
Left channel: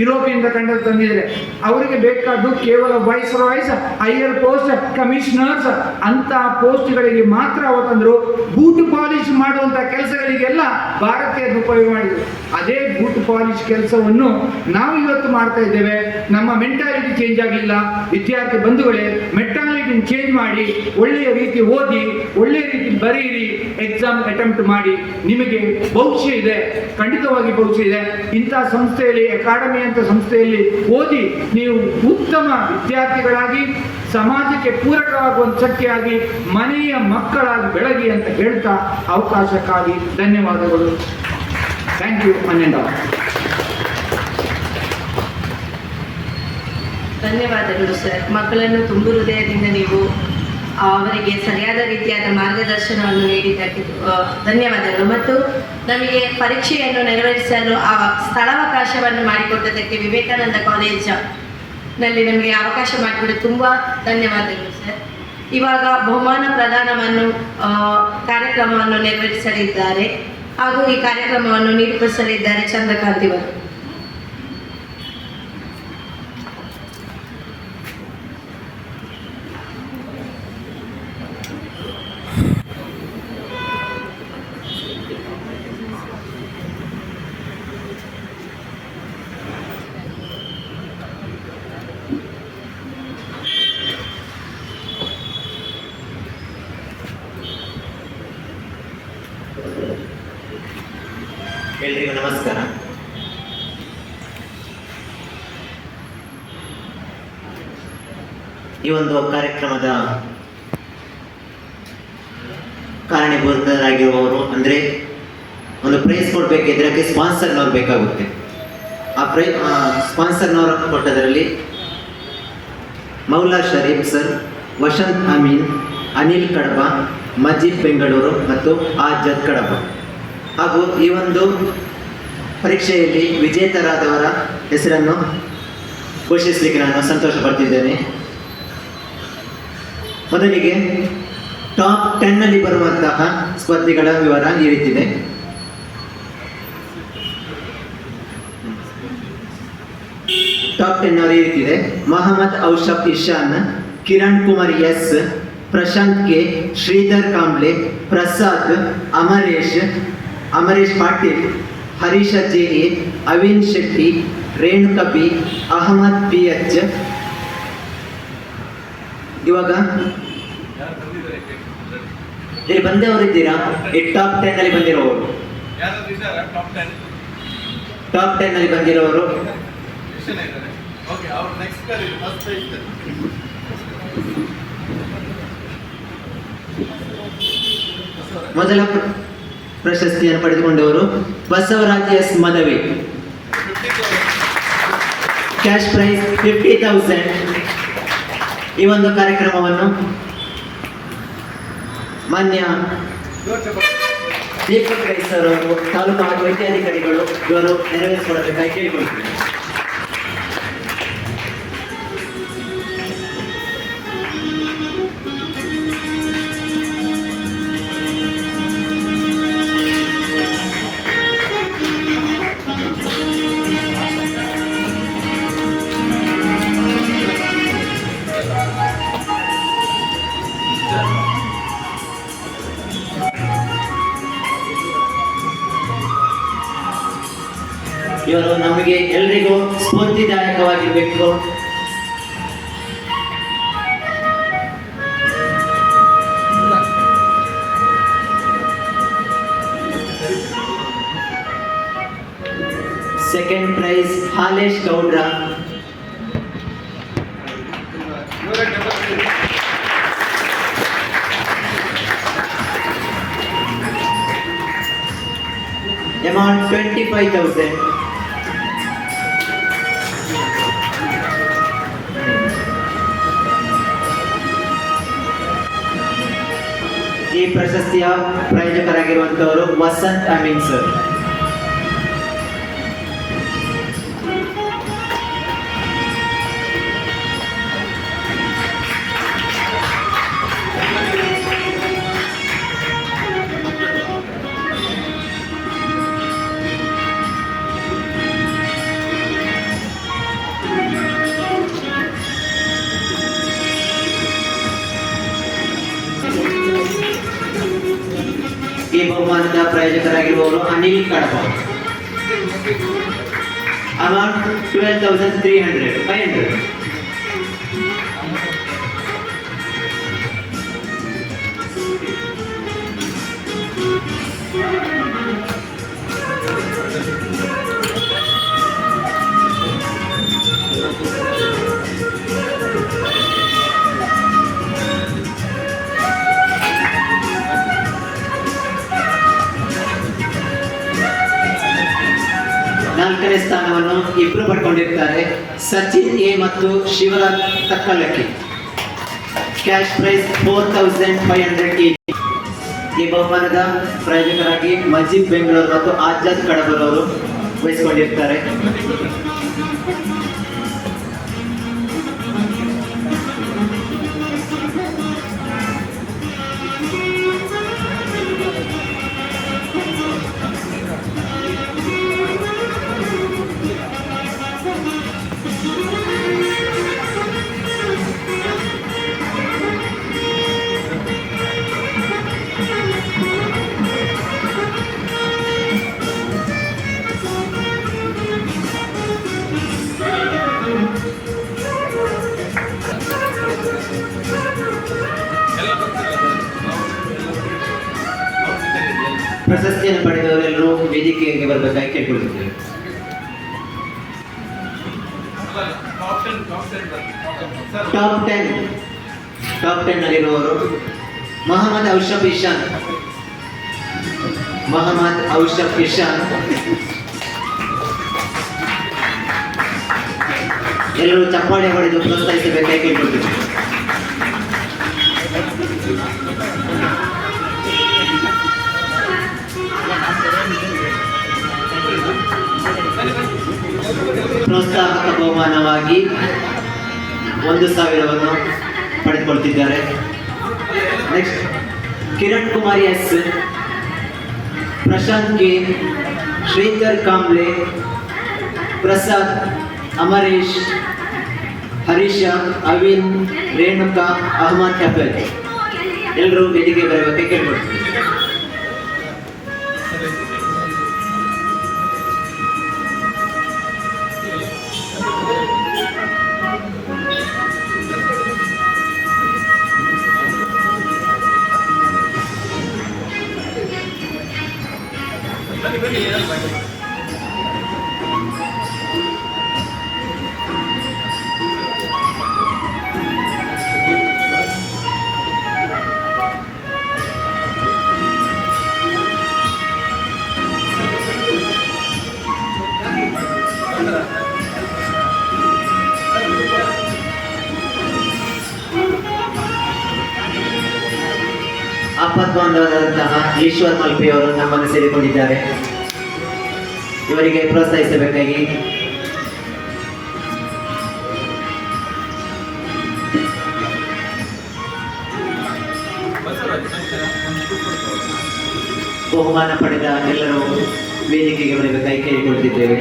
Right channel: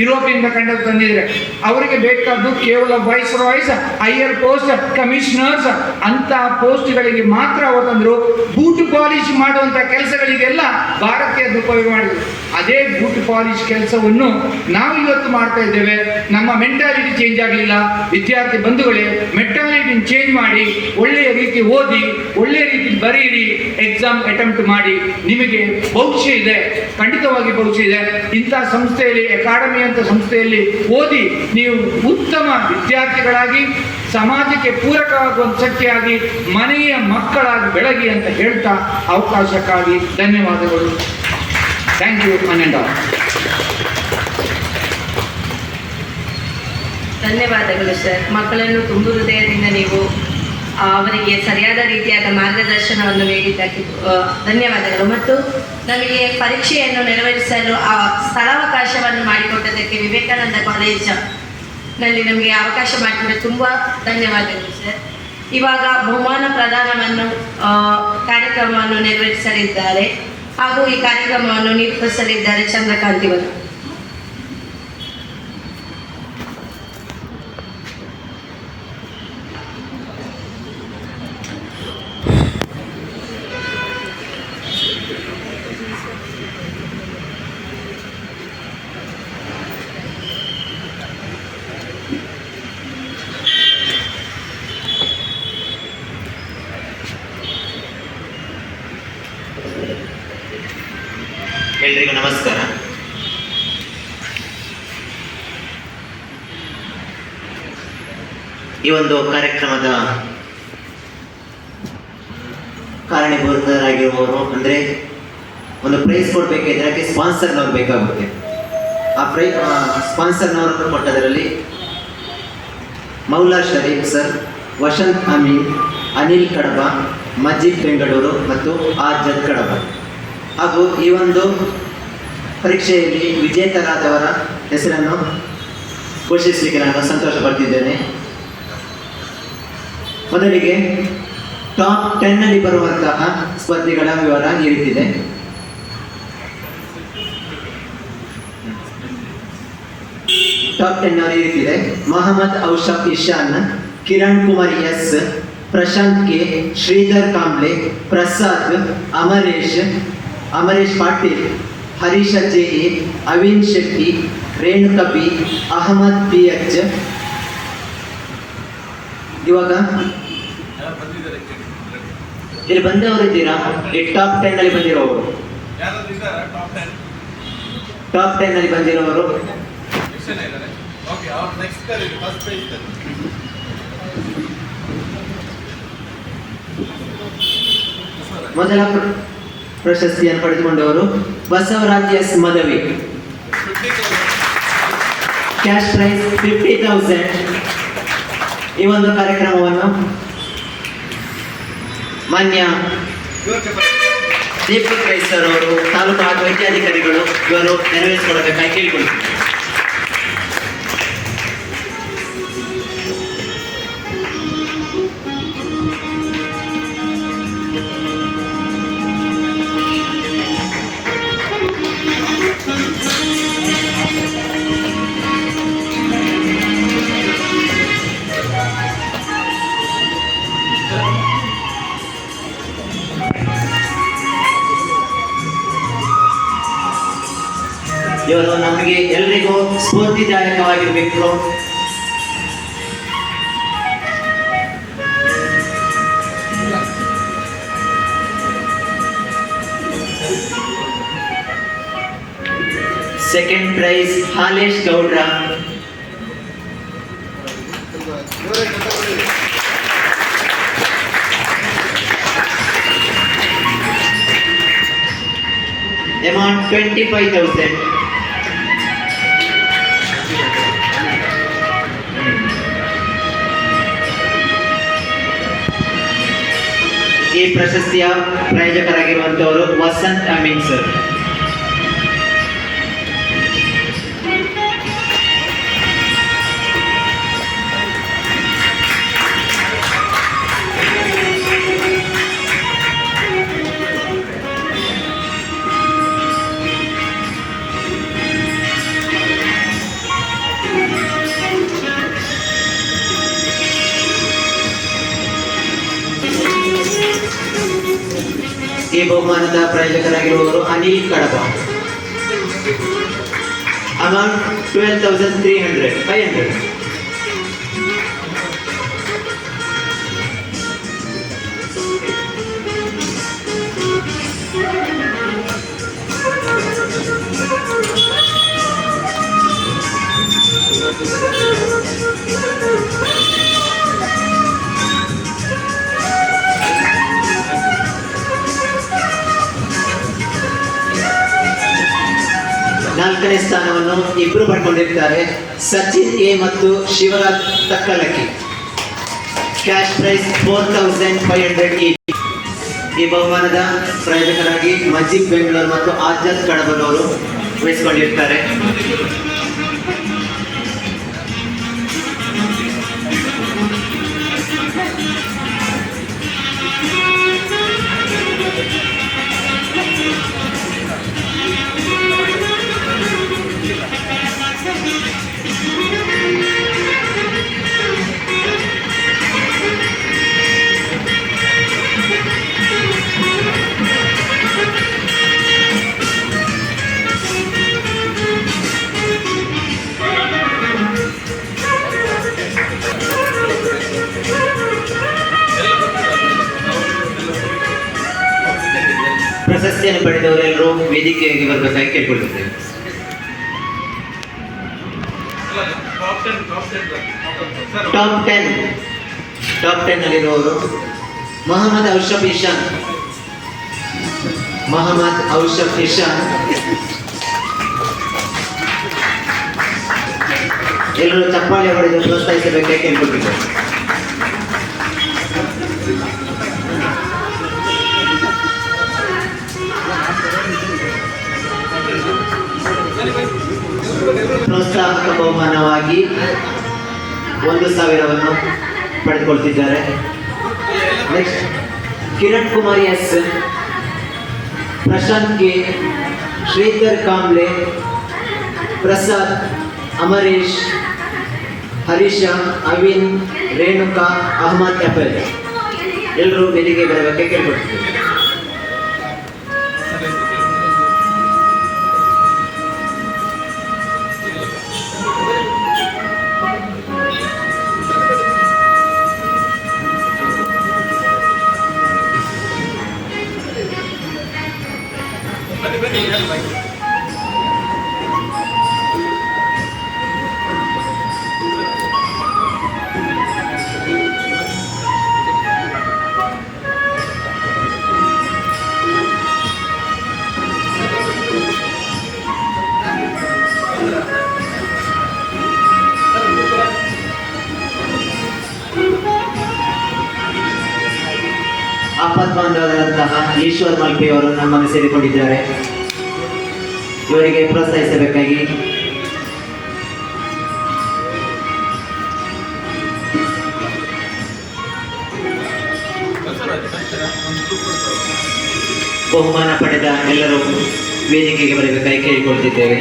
ಯುರೋಪಿನಿಂದ ಕಂಡು ತಂದಿದ್ರೆ ಅವರಿಗೆ ಬೇಕಾದ್ದು ಕೇವಲ viceroys, higher post, commissioners ಅಂತ ಪೋಸ್ಟ್ಗಳಿಗೆ ಮಾತ್ರ ಅವತ್ತಂದ್ರು. ಬೂಟ್ ಪಾಲಿಶ್ ಮಾಡುವಂತ ಕೆಲಸಗಳಿಗೆಲ್ಲ ಭಾರತೀಯದ ಉಪಯೋಗ ಮಾಡಿದ್ರು. ಅದೇ ಬೂಟ್ ಪಾಲಿಶ್ ಕೆಲಸವನ್ನು ನಾವು ಇವತ್ತು ಮಾಡ್ತಾ ಇದ್ದೇವೆ. ನಮ್ಮ ಮೆಂಟಾಲಿಟಿ ಚೇಂಜ್ ಆಗಲಿಲ್ಲ. ವಿದ್ಯಾರ್ಥಿ ಬಂಧುಗಳೇ, ಮೆಂಟಾಲಿಟಿ ಚೇಂಜ್ ಮಾಡಿ ಒಳ್ಳೆಯ ರೀತಿ ಓದಿ, ಒಳ್ಳೆಯ ರೀತಿ ಬರೆಯಿರಿ, ಎಕ್ಸಾಮ್ ಅಟೆಂಪ್ಟ್ ಮಾಡಿ. ನಿಮಗೆ ಭವಿಷ್ಯ ಇದೆ, ಖಂಡಿತವಾಗಿ ಭವಿಷ್ಯ ಇದೆ. ಇಂಥ ಸಂಸ್ಥೆಯಲ್ಲಿ, ಅಕಾಡೆಮಿ ಅಂತ ಸಂಸ್ಥೆಯಲ್ಲಿ ಓದಿ ನೀವು ಉತ್ತಮ ವಿದ್ಯಾರ್ಥಿಗಳಾಗಿ ಸಮಾಜಕ್ಕೆ ಪೂರಕವಾಗುವಂತ ಶಕ್ತಿಯಾಗಿ ಮನೆಯ ಮಕ್ಕಳಾಗಿ ಬೆಳಗಿ ಅಂತ ಹೇಳ್ತಾ ಅವಕಾಶಕ್ಕಾಗಿ ಧನ್ಯವಾದಗಳು. Thank you. ಧನ್ಯವಾದಗಳು ಸರ್. ಮಕ್ಕಳನ್ನು ತುಂಬು ಹೃದಯದಿಂದ ನೀವು ಅವರಿಗೆ ಸರಿಯಾದ ರೀತಿಯಾದ ಮಾರ್ಗದರ್ಶನವನ್ನು ನೀಡಿದ್ದಕ್ಕೆ ಧನ್ಯವಾದಗಳು. ಮತ್ತು ನಮಗೆ ಪರೀಕ್ಷೆಯನ್ನು ನೆರವೇರಿಸಲು ಆ ಸ್ಥಳಾವಕಾಶವನ್ನು ಮಾಡಿಕೊಟ್ಟದಕ್ಕೆ ವಿವೇಕಾನಂದ ಕಾಲೇಜಿನಲ್ಲಿ ನಮಗೆ ಅವಕಾಶ ಮಾಡಿಕೊಟ್ಟು ತುಂಬ ಧನ್ಯವಾದಗಳು ಸರ್. ಇವಾಗ ಬಹುಮಾನ ಪ್ರದಾನವನ್ನು ಕಾರ್ಯಕ್ರಮವನ್ನು ನೆರವೇರಿಸಲಿದ್ದಾರೆ ಹಾಗೂ ಈ ಕಾರ್ಯಕ್ರಮವನ್ನು ನಿರೂಪಿಸಲಿದ್ದಾರೆ ಚಂದ್ರಕಾಂತಿವರು. ಎಲ್ರಿಗೂ ನಮಸ್ಕಾರ. ಈ ಒಂದು ಕಾರ್ಯಕ್ರಮದ ಕಾರಣೀಭೂತರಾಗಿರುವವರು ಅಂದರೆ ಒಂದು ಪ್ರೈಸ್ ಕೊಡಬೇಕಿದ್ರೆ ಅದಕ್ಕೆ ಸ್ಪಾನ್ಸರ್ನವ್ರು ಬೇಕಾಗುತ್ತೆ. ಆ ಸ್ಪಾನ್ಸರ್ನವರು ಕೊಟ್ಟದರಲ್ಲಿ ಮೌಲಾ ಶರೀಫ್ ಸರ್, ವಸಂತ್ ಅಮೀನ್, ಅನಿಲ್ ಕಡಬ, ಮಜೀದ್ ಬೆಂಗಳೂರು ಮತ್ತು ಆಜದ್ ಕಡಬ. ಹಾಗೂ ಈ ಒಂದು ಪರೀಕ್ಷೆಯಲ್ಲಿ ವಿಜೇತರಾದವರ ಹೆಸರನ್ನು ಘೋಷಿಸಲಿಕ್ಕೆ ನಾನು ಸಂತೋಷ ಪಡ್ತಿದ್ದೇನೆ. ಮೊದಲಿಗೆ ಟಾಪ್ 10 ಬರುವಂತಹ ಸ್ಪರ್ಧಿಗಳ ವಿವರ ಈ ರೀತಿದೆ. ಟಾಪ್ 10 ಈ ರೀತಿದೆ. Mohammed Aushaf Ishan, Kiran Kumar S, Prashanth K, Sridhar Kamble, Prasad, Amaresh Patil, Harisha J A, Avin Shetty, Renuka B, Ahmed PH. ಇವಾಗ ಇಲ್ಲಿ ಬಂದವರು ಇದ್ದೀರಾ? ಈ ಟಾಪ್ 10 ಬಂದಿರೋರು, ಟಾಪ್ 10 ಬಂದಿರೋರು ಮೊದಲ ಪ್ರಶಸ್ತಿಯನ್ನು ಪಡೆದುಕೊಂಡವರು ಬಸವರಾಜ್ ಎಸ್ ಮದವಿ, ಕ್ಯಾಶ್ ಪ್ರೈಸ್ 50,000. ಈ ಒಂದು ಕಾರ್ಯಕ್ರಮವನ್ನು ಮಾನ್ಯ ದೀಪಕ್ ರೈ ಸರ್ ಅವರು, ತಾಲೂಕು ಹಾಗೂ ವೈದ್ಯಾಧಿಕಾರಿಗಳು ಇವರು ನೆರವೇರಿಸಿಕೊಳ್ಳಬೇಕಾಗಿ ಕೇಳಿಕೊಳ್ತೀನಿ. ಇವರು ನಮಗೆ ಎಲ್ಲರಿಗೂ ಸ್ಫೂರ್ತಿದಾಯಕವಾಗಿರಬೇಕು. ಸೆಕೆಂಡ್ ಪ್ರೈಸ್ ಹಾಲೇಶ್ ಗೌಡ್ರ, amount 25,000. ಈ ಪ್ರಶಸ್ತಿಯ ಪ್ರಾಯೋಜಕರಾಗಿರುವಂತವರು ವಸಂತ್ ಅಮೀನ್ ಸರ್. ಈ ಬಹುಮಾನದ ಪ್ರಾಯೋಜಕರಾಗಿರುವವರು ಅನಿಲ್ ಕಡಬ. ಅಮೌಂಟ್ 12,300. ನಾಲ್ಕನೇ ಸ್ಥಾನವನ್ನು ಇಬ್ಬರು ಪಡ್ಕೊಂಡಿರ್ತಾರೆ, ಸಚಿನ್ ಎ ಮತ್ತು Shivaraj Takkalakki. Cash prize 4,500 each. ಈ ಬಹುಮಾನದ ಪ್ರಾಯೋಜಕರಾಗಿ ಮಜೀಬ್ ಬೆಂಗಳೂರು ಮತ್ತು ಆಜಾದ್ ಕಡಬನವರು ವಹಿಸಿಕೊಂಡಿರ್ತಾರೆ. ಪ್ರಶಸ್ತಿಯನ್ನು ಪಡೆದವರೆಲ್ಲರೂ ವೇದಿಕೆಗೆ ಬರಬೇಕಾಗಿ ಕೇಳ್ಕೊಳ್ತಿದ್ದೇವೆ. ಟಾಪ್ 10 ಅಲ್ಲಿರುವವರು ಮೊಹಮ್ಮದ್ ಔಷಫ್ ಇಶಾನ್. ಎಲ್ಲರೂ ಚಪ್ಪಾಳೆ ಹೊಡೆದು ಪ್ರೋತ್ಸಾಹಿಸಬೇಕಾಗಿ ಕೇಳ್ಕೊಳ್ತಿದ್ದೇವೆ. ಪ್ರೋತ್ಸಾಹಕ ಬಹುಮಾನವಾಗಿ 1,000 ಪಡೆದುಕೊಳ್ತಿದ್ದಾರೆ. Next Kiran Kumar S, Prashanth K, Sridhar Kamble, Prasad, Amareesh, Harisha, Avin, Renuka, Ahmed ಎಫೆಲ್ ಎಲ್ಲರೂ ವೇದಿಕೆ ಬರಬೇಕೆ ಕೇಳ್ಕೊಳ್ತಿದ್ದಾರೆ. ಆಪದ್ಬಾಂಧವರಾದಂತಹ ಈಶ್ವರ್ ಮಲ್ಪೆಯವರು ನಮ್ಮನ್ನು ಸೇರಿಕೊಂಡಿದ್ದಾರೆ. ಇವರಿಗೆ ಪ್ರೋತ್ಸಾಹಿಸಬೇಕಾಗಿ ಬಹುಮಾನ ಪಡೆದ ಎಲ್ಲರೂ ವೇದಿಕೆಗೆ ಬರಬೇಕಾಗಿ ಕೇಳಿಕೊಳ್ತಿದ್ದೇವೆ.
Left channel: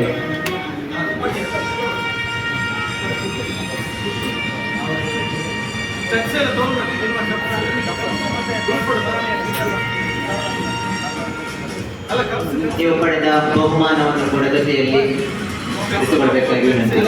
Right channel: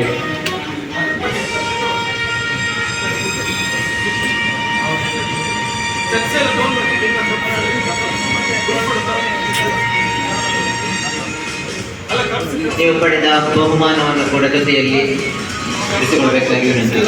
ನೀವು ಪಡೆದ ಬಹುಮಾನವನ್ನು ಕೂಡ ಜೊತೆಯಲ್ಲಿ ಇಟ್ಟುಕೊಳ್ಬೇಕಾಗಿ ವಿನಂತಿ.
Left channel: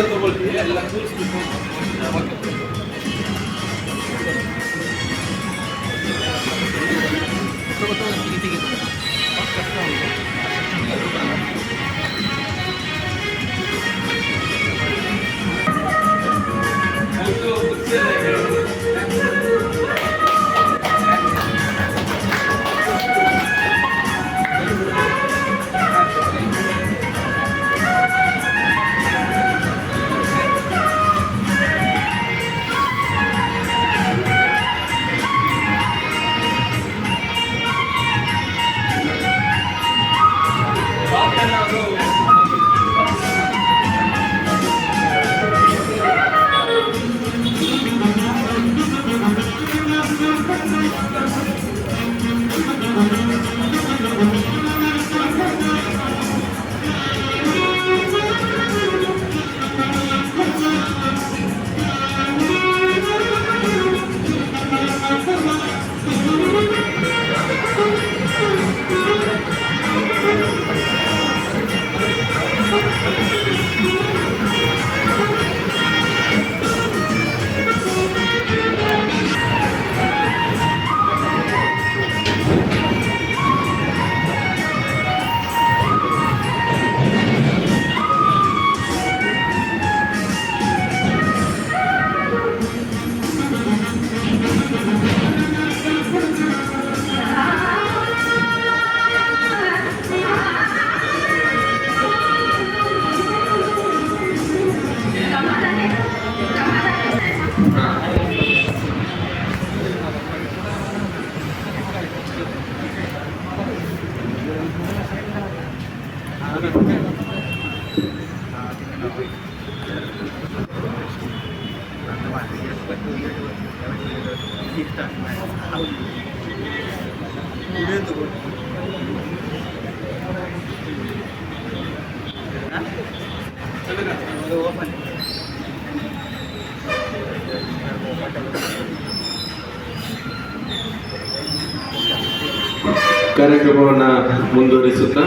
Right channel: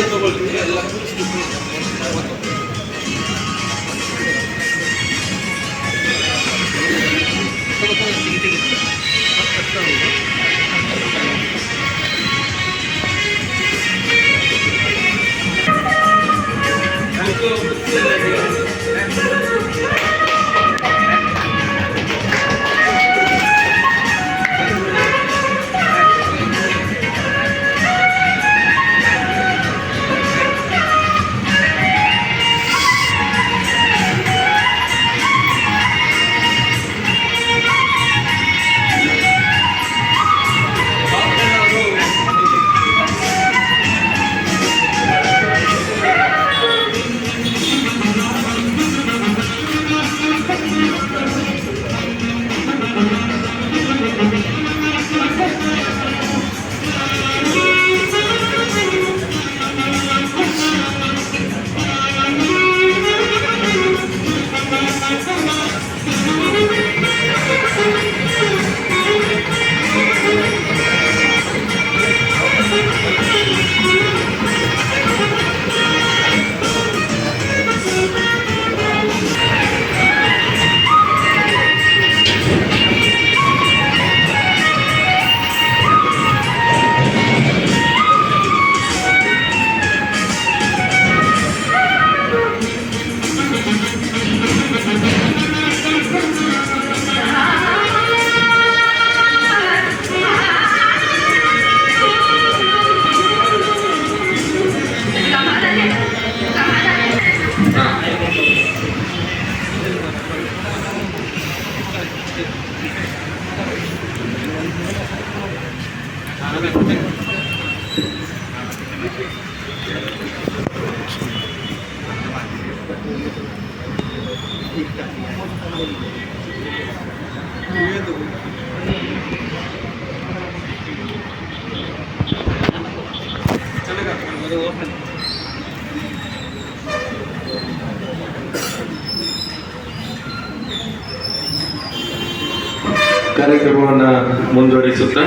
ಕಾರ್ಯಕ್ರಮವನ್ನು ಮುಂದುವರಿಸುತ್ತಾ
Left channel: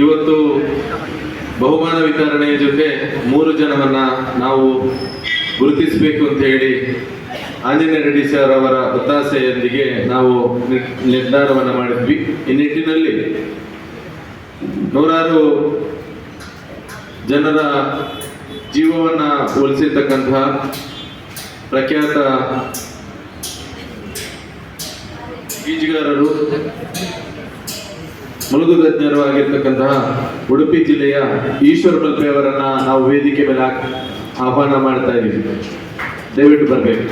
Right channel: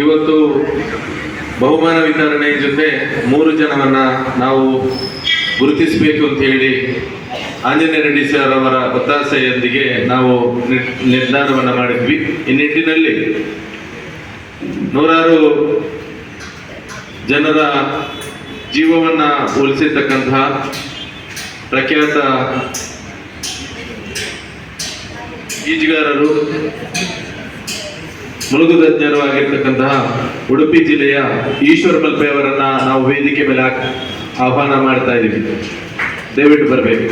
ಇವತ್ತು ಬಹುಮಾನ ವಿತರಣೆಯ ಜೊತೆ 3 ಜನವನ್ನ ನಾವು ಗುರುತಿಸಬೇಕು ಅಂತ ಹೇಳಿ ಆಂಜನೇಯ ರೆಡ್ಡಿ ಸರ್ ಅವರ ಒತ್ತಾಸೆಯೊಂದಿಗೆ ನಾವು ನಿರ್ಧಾರವನ್ನು ಮಾಡಿದ್ವಿ. ಈ ನಿಟ್ಟಿನಲ್ಲಿ ನೂರಾರು ಜನರ ಜೀವವನ್ನ ಉಳಿಸಿರ್ತಕ್ಕಂತಹ ಪ್ರಖ್ಯಾತ ಈಜುಗಾರರು, ಮುಳುಗು ತಜ್ಞರು ಆಗಿರ್ತಕ್ಕಂತಹ ಉಡುಪಿ ಜಿಲ್ಲೆಯ ಈಶ್ವರ ಮಲ್ಪೆ ಅವರನ್ನ ನಾವು ವೇದಿಕೆ ಮೇಲೆ ಆಹ್ವಾನ ಮಾಡ್ತಾ ಇದ್ದೀವಿ. ದಯವಿಟ್ಟು ಬರಬೇಕು.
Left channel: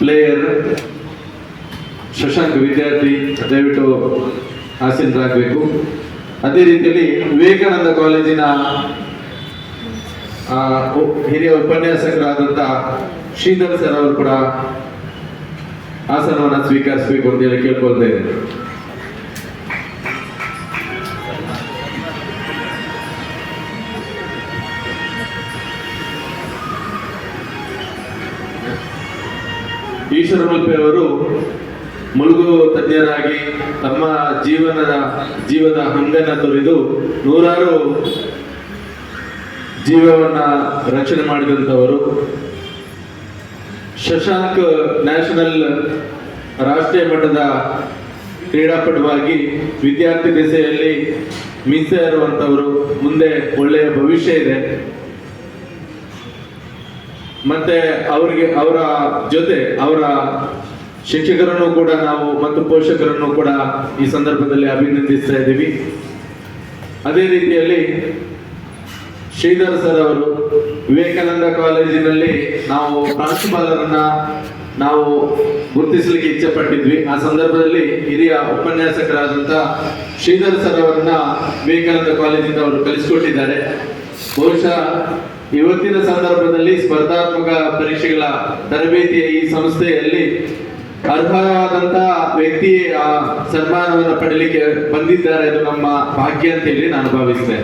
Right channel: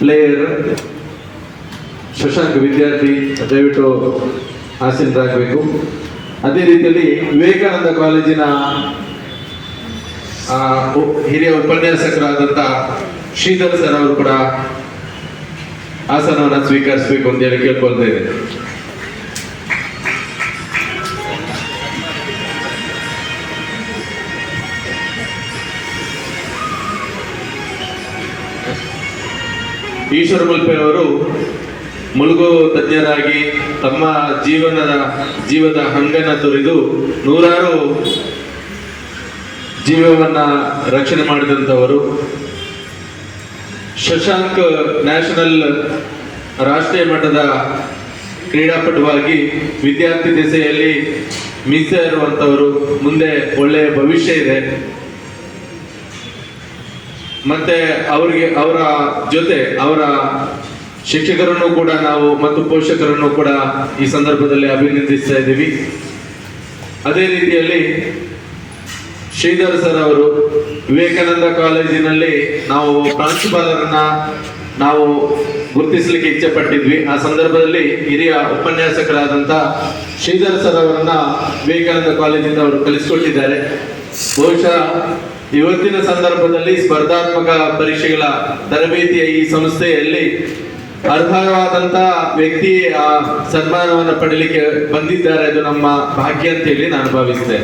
ಪ್ಲೇಯರ್ ಶಶಾಂಕ್ ವಿದ್ಯಾರ್ಥಿ ದಯವಿಟ್ಟು ಆಸೀನರಾಗಬೇಕು. ಅದೇ ರೀತಿಯಲ್ಲಿ ವಿವೇಕಾನಂದ ಕಾಲೇಜಿನ ಹಿರಿಯ ಉಪನ್ಯಾಸಕರಾದಂಥ ಶ್ರೀಧರ್ ಸರ್ ಅವರು ಕೂಡ ಆಸನವನ್ನು ಸ್ವೀಕರಿಸಬೇಕು ಅಂತ ಹೇಳಿ ಕೇಳ್ಕೊಳ್ತೇನೆ. ಈಶ್ವರ ಮಲ್ಪೆ ಅವರು ಮುಳುಗು ತಜ್ಞರಾಗಿ ತಮ್ಮ ಜೀವದ ಹಂಗನ್ನ ತೊರೆದು ನೂರಾರು ಜೀವವನ್ನ ರಕ್ಷಣೆ ಮಾಡಿದಂಥವರು. ಶಶಾಂಕ್ ನ್ಯಾಷನಲ್ ರಾಷ್ಟ್ರೀಯ ಮಟ್ಟದ ಕ್ರೀಡಾಪಟುವಾಗಿ ವಿದ್ಯಾರ್ಥಿ ದೆಸೆಯಲ್ಲಿ ಮೀಸ ಇರುವಂಥವರು. ಮುಂದೆ ಒಳ್ಳೆಯ ಭವಿಷ್ಯ ಇದೆ. ಮತ್ತೆ ಅವರ ಜೊತೆ ಅವರ ಶಿಕ್ಷಕರನ್ನು ಕೂಡ ನಾವು ಮತ್ತು ಪೋಷಕರನ್ನು ಕೂಡ ಈ ಸಂದರ್ಭದಲ್ಲಿ ಅಭಿನಂದಿಸ್ತಾ ಇದ್ದೀವಿ. ಅದೇ ರೀತಿಯಲ್ಲಿ ಶ್ರೀಧರ್ ಸರ್ ಅವರು ವಿವೇಕಾನಂದ ಕಾಲೇಜಿನಲ್ಲಿ ನಾವು ಪ್ರಾಂಶುಪಾಲರನ್ನ ನಾವು ಗುರುತಿಸಲಿಕ್ಕೆ ಇಚ್ಛೆ ಪಟ್ಟಿದ್ವಿ. ಆ ಸಂದರ್ಭದಲ್ಲಿ ಹಿರಿಯ ಉಪನ್ಯಾಸಕರಾದಂಥ ಶ್ರೀಧರ್ ಸರ್ ಅವರನ್ನ ವಿವೇಕಾನಂದ ಕಾಲೇಜಿಂದ ಅವರು ಕಲಿಸಿಕೊಟ್ಟಿದ್ದಾರೆ. ಬಹುಶಃ ಇವತ್ತಿನ ಸಂದರ್ಭದಲ್ಲಿ ಸ್ಪರ್ಧಾತ್ಮಕ ಪರೀಕ್ಷೆಗಳ ತರಬೇತಿಯ ಈ ಸಂಸ್ಥೆಯಲ್ಲಿ ಅರ್ಹವಾದಂತ ವ್ಯಕ್ತಿ ಆ ಸನ್ಮಾನವನ್ನು ಪಡೀಲಿಕ್ಕೆ ಬಂದಿದ್ದಾರೆ. ಅದು ನಮ್ಮ ಭಾಗ್ಯ ಅಂತ ಹೇಳಿ ನಾನು ಭಾವಿಸ್ತೇನೆ.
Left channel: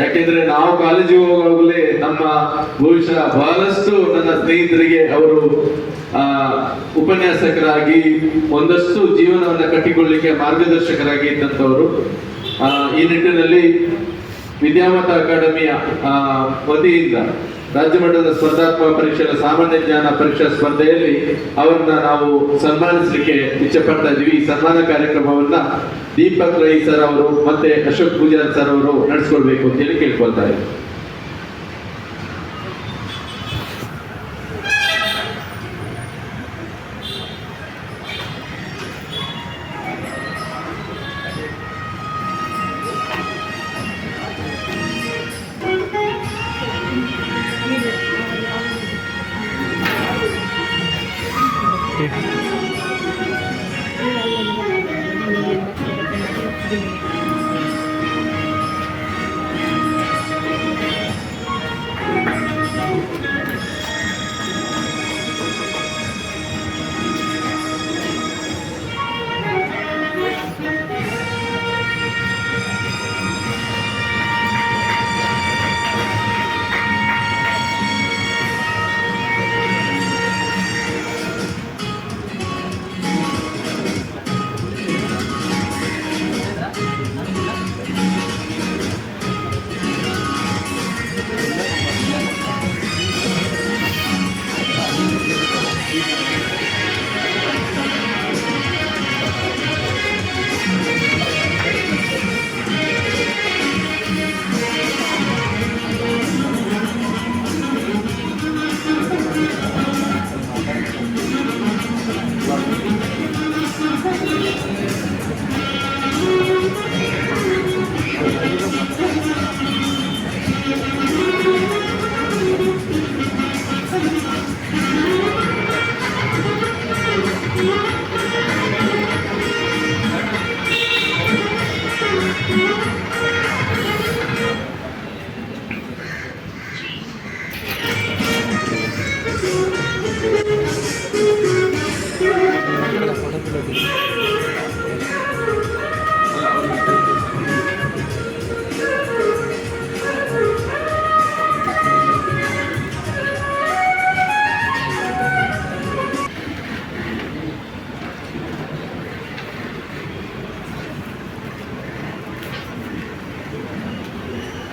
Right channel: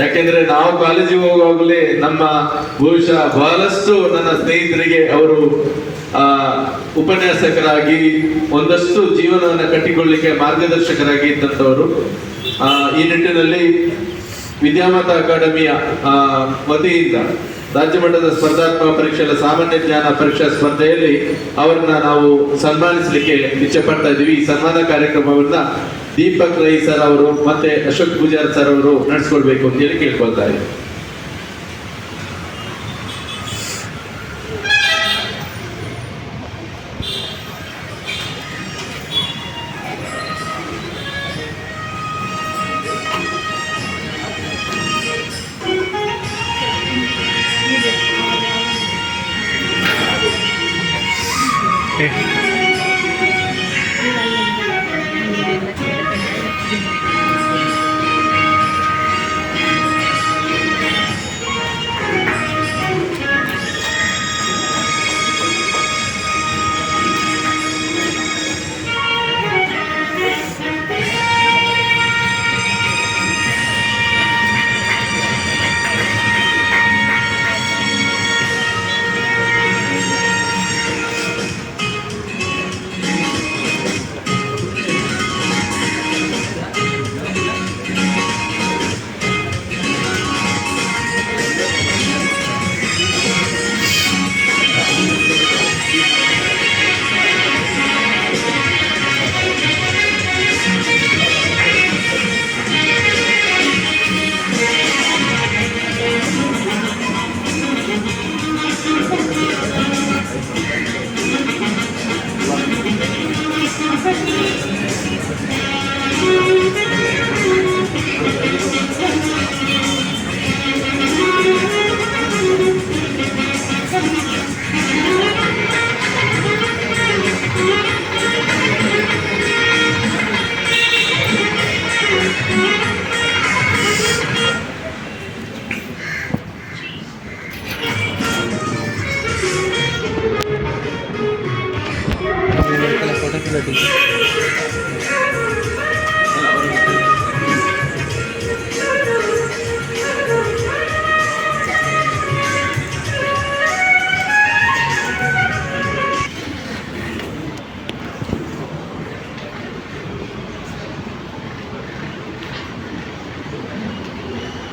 ಯಾಕೆಂದ್ರೆ ನಾವು ಕಾಲೇಜಿಗೆ ಹೋಗುವಾಗಲೇ ನಮ್ಮ ಬಹುಶಃ ಬಹಳಷ್ಟು ನನ್ನ ಸ್ನೇಹಿತರಿಗೆ ಅವರು ಉಪನ್ಯಾಸಕರಾಗಿ ಒಂದಷ್ಟು ಜೀವನವನ್ನು ಕಟ್ಟಿಕೊಳ್ಳಿಕ್ಕೆ ಮಾರ್ಗದರ್ಶಕರಾಗಿ ಇದ್ದಂಥವರು. ಈ ನಿಟ್ಟಿನಲ್ಲಿ ವಿದ್ಯಾಮತ ಅಕಾಡೆಮಿಯ ವತಿಯಿಂದ ರಾಜ್ಯ ಮಟ್ಟದ ಸ್ಪರ್ಧಾತ್ಮಕ ಪರೀಕ್ಷೆಗಳ ಸಾಮಾನ್ಯ ಜ್ಞಾನ ಪರೀಕ್ಷಾ ಸ್ಪರ್ಧೆಯಲ್ಲಿ ಅವರನ್ನ ನಾವು ಸನ್ಮಾನಿಸಲಿಕ್ಕೆ ಇಚ್ಛೆ ಪಡ್ತಾ ಇದ್ದೀವಿ. ಈ ಸನ್ಮಾನ ಕಾರ್ಯಕ್ರಮವನ್ನ ದೀಪಕ್ ರೈ ಸರ್ ಅವರು ಮತ್ತೆ ಅಶೋಕ್ ಪೂಜಾರ್ ಸರ್ ಅವರು ನಡೆಸ್ಕೊಳ್ಬೇಕು ಅಂತ ಹೇಳಿ ಕೇಳ್ಕೊಳ್ತಾರೆ.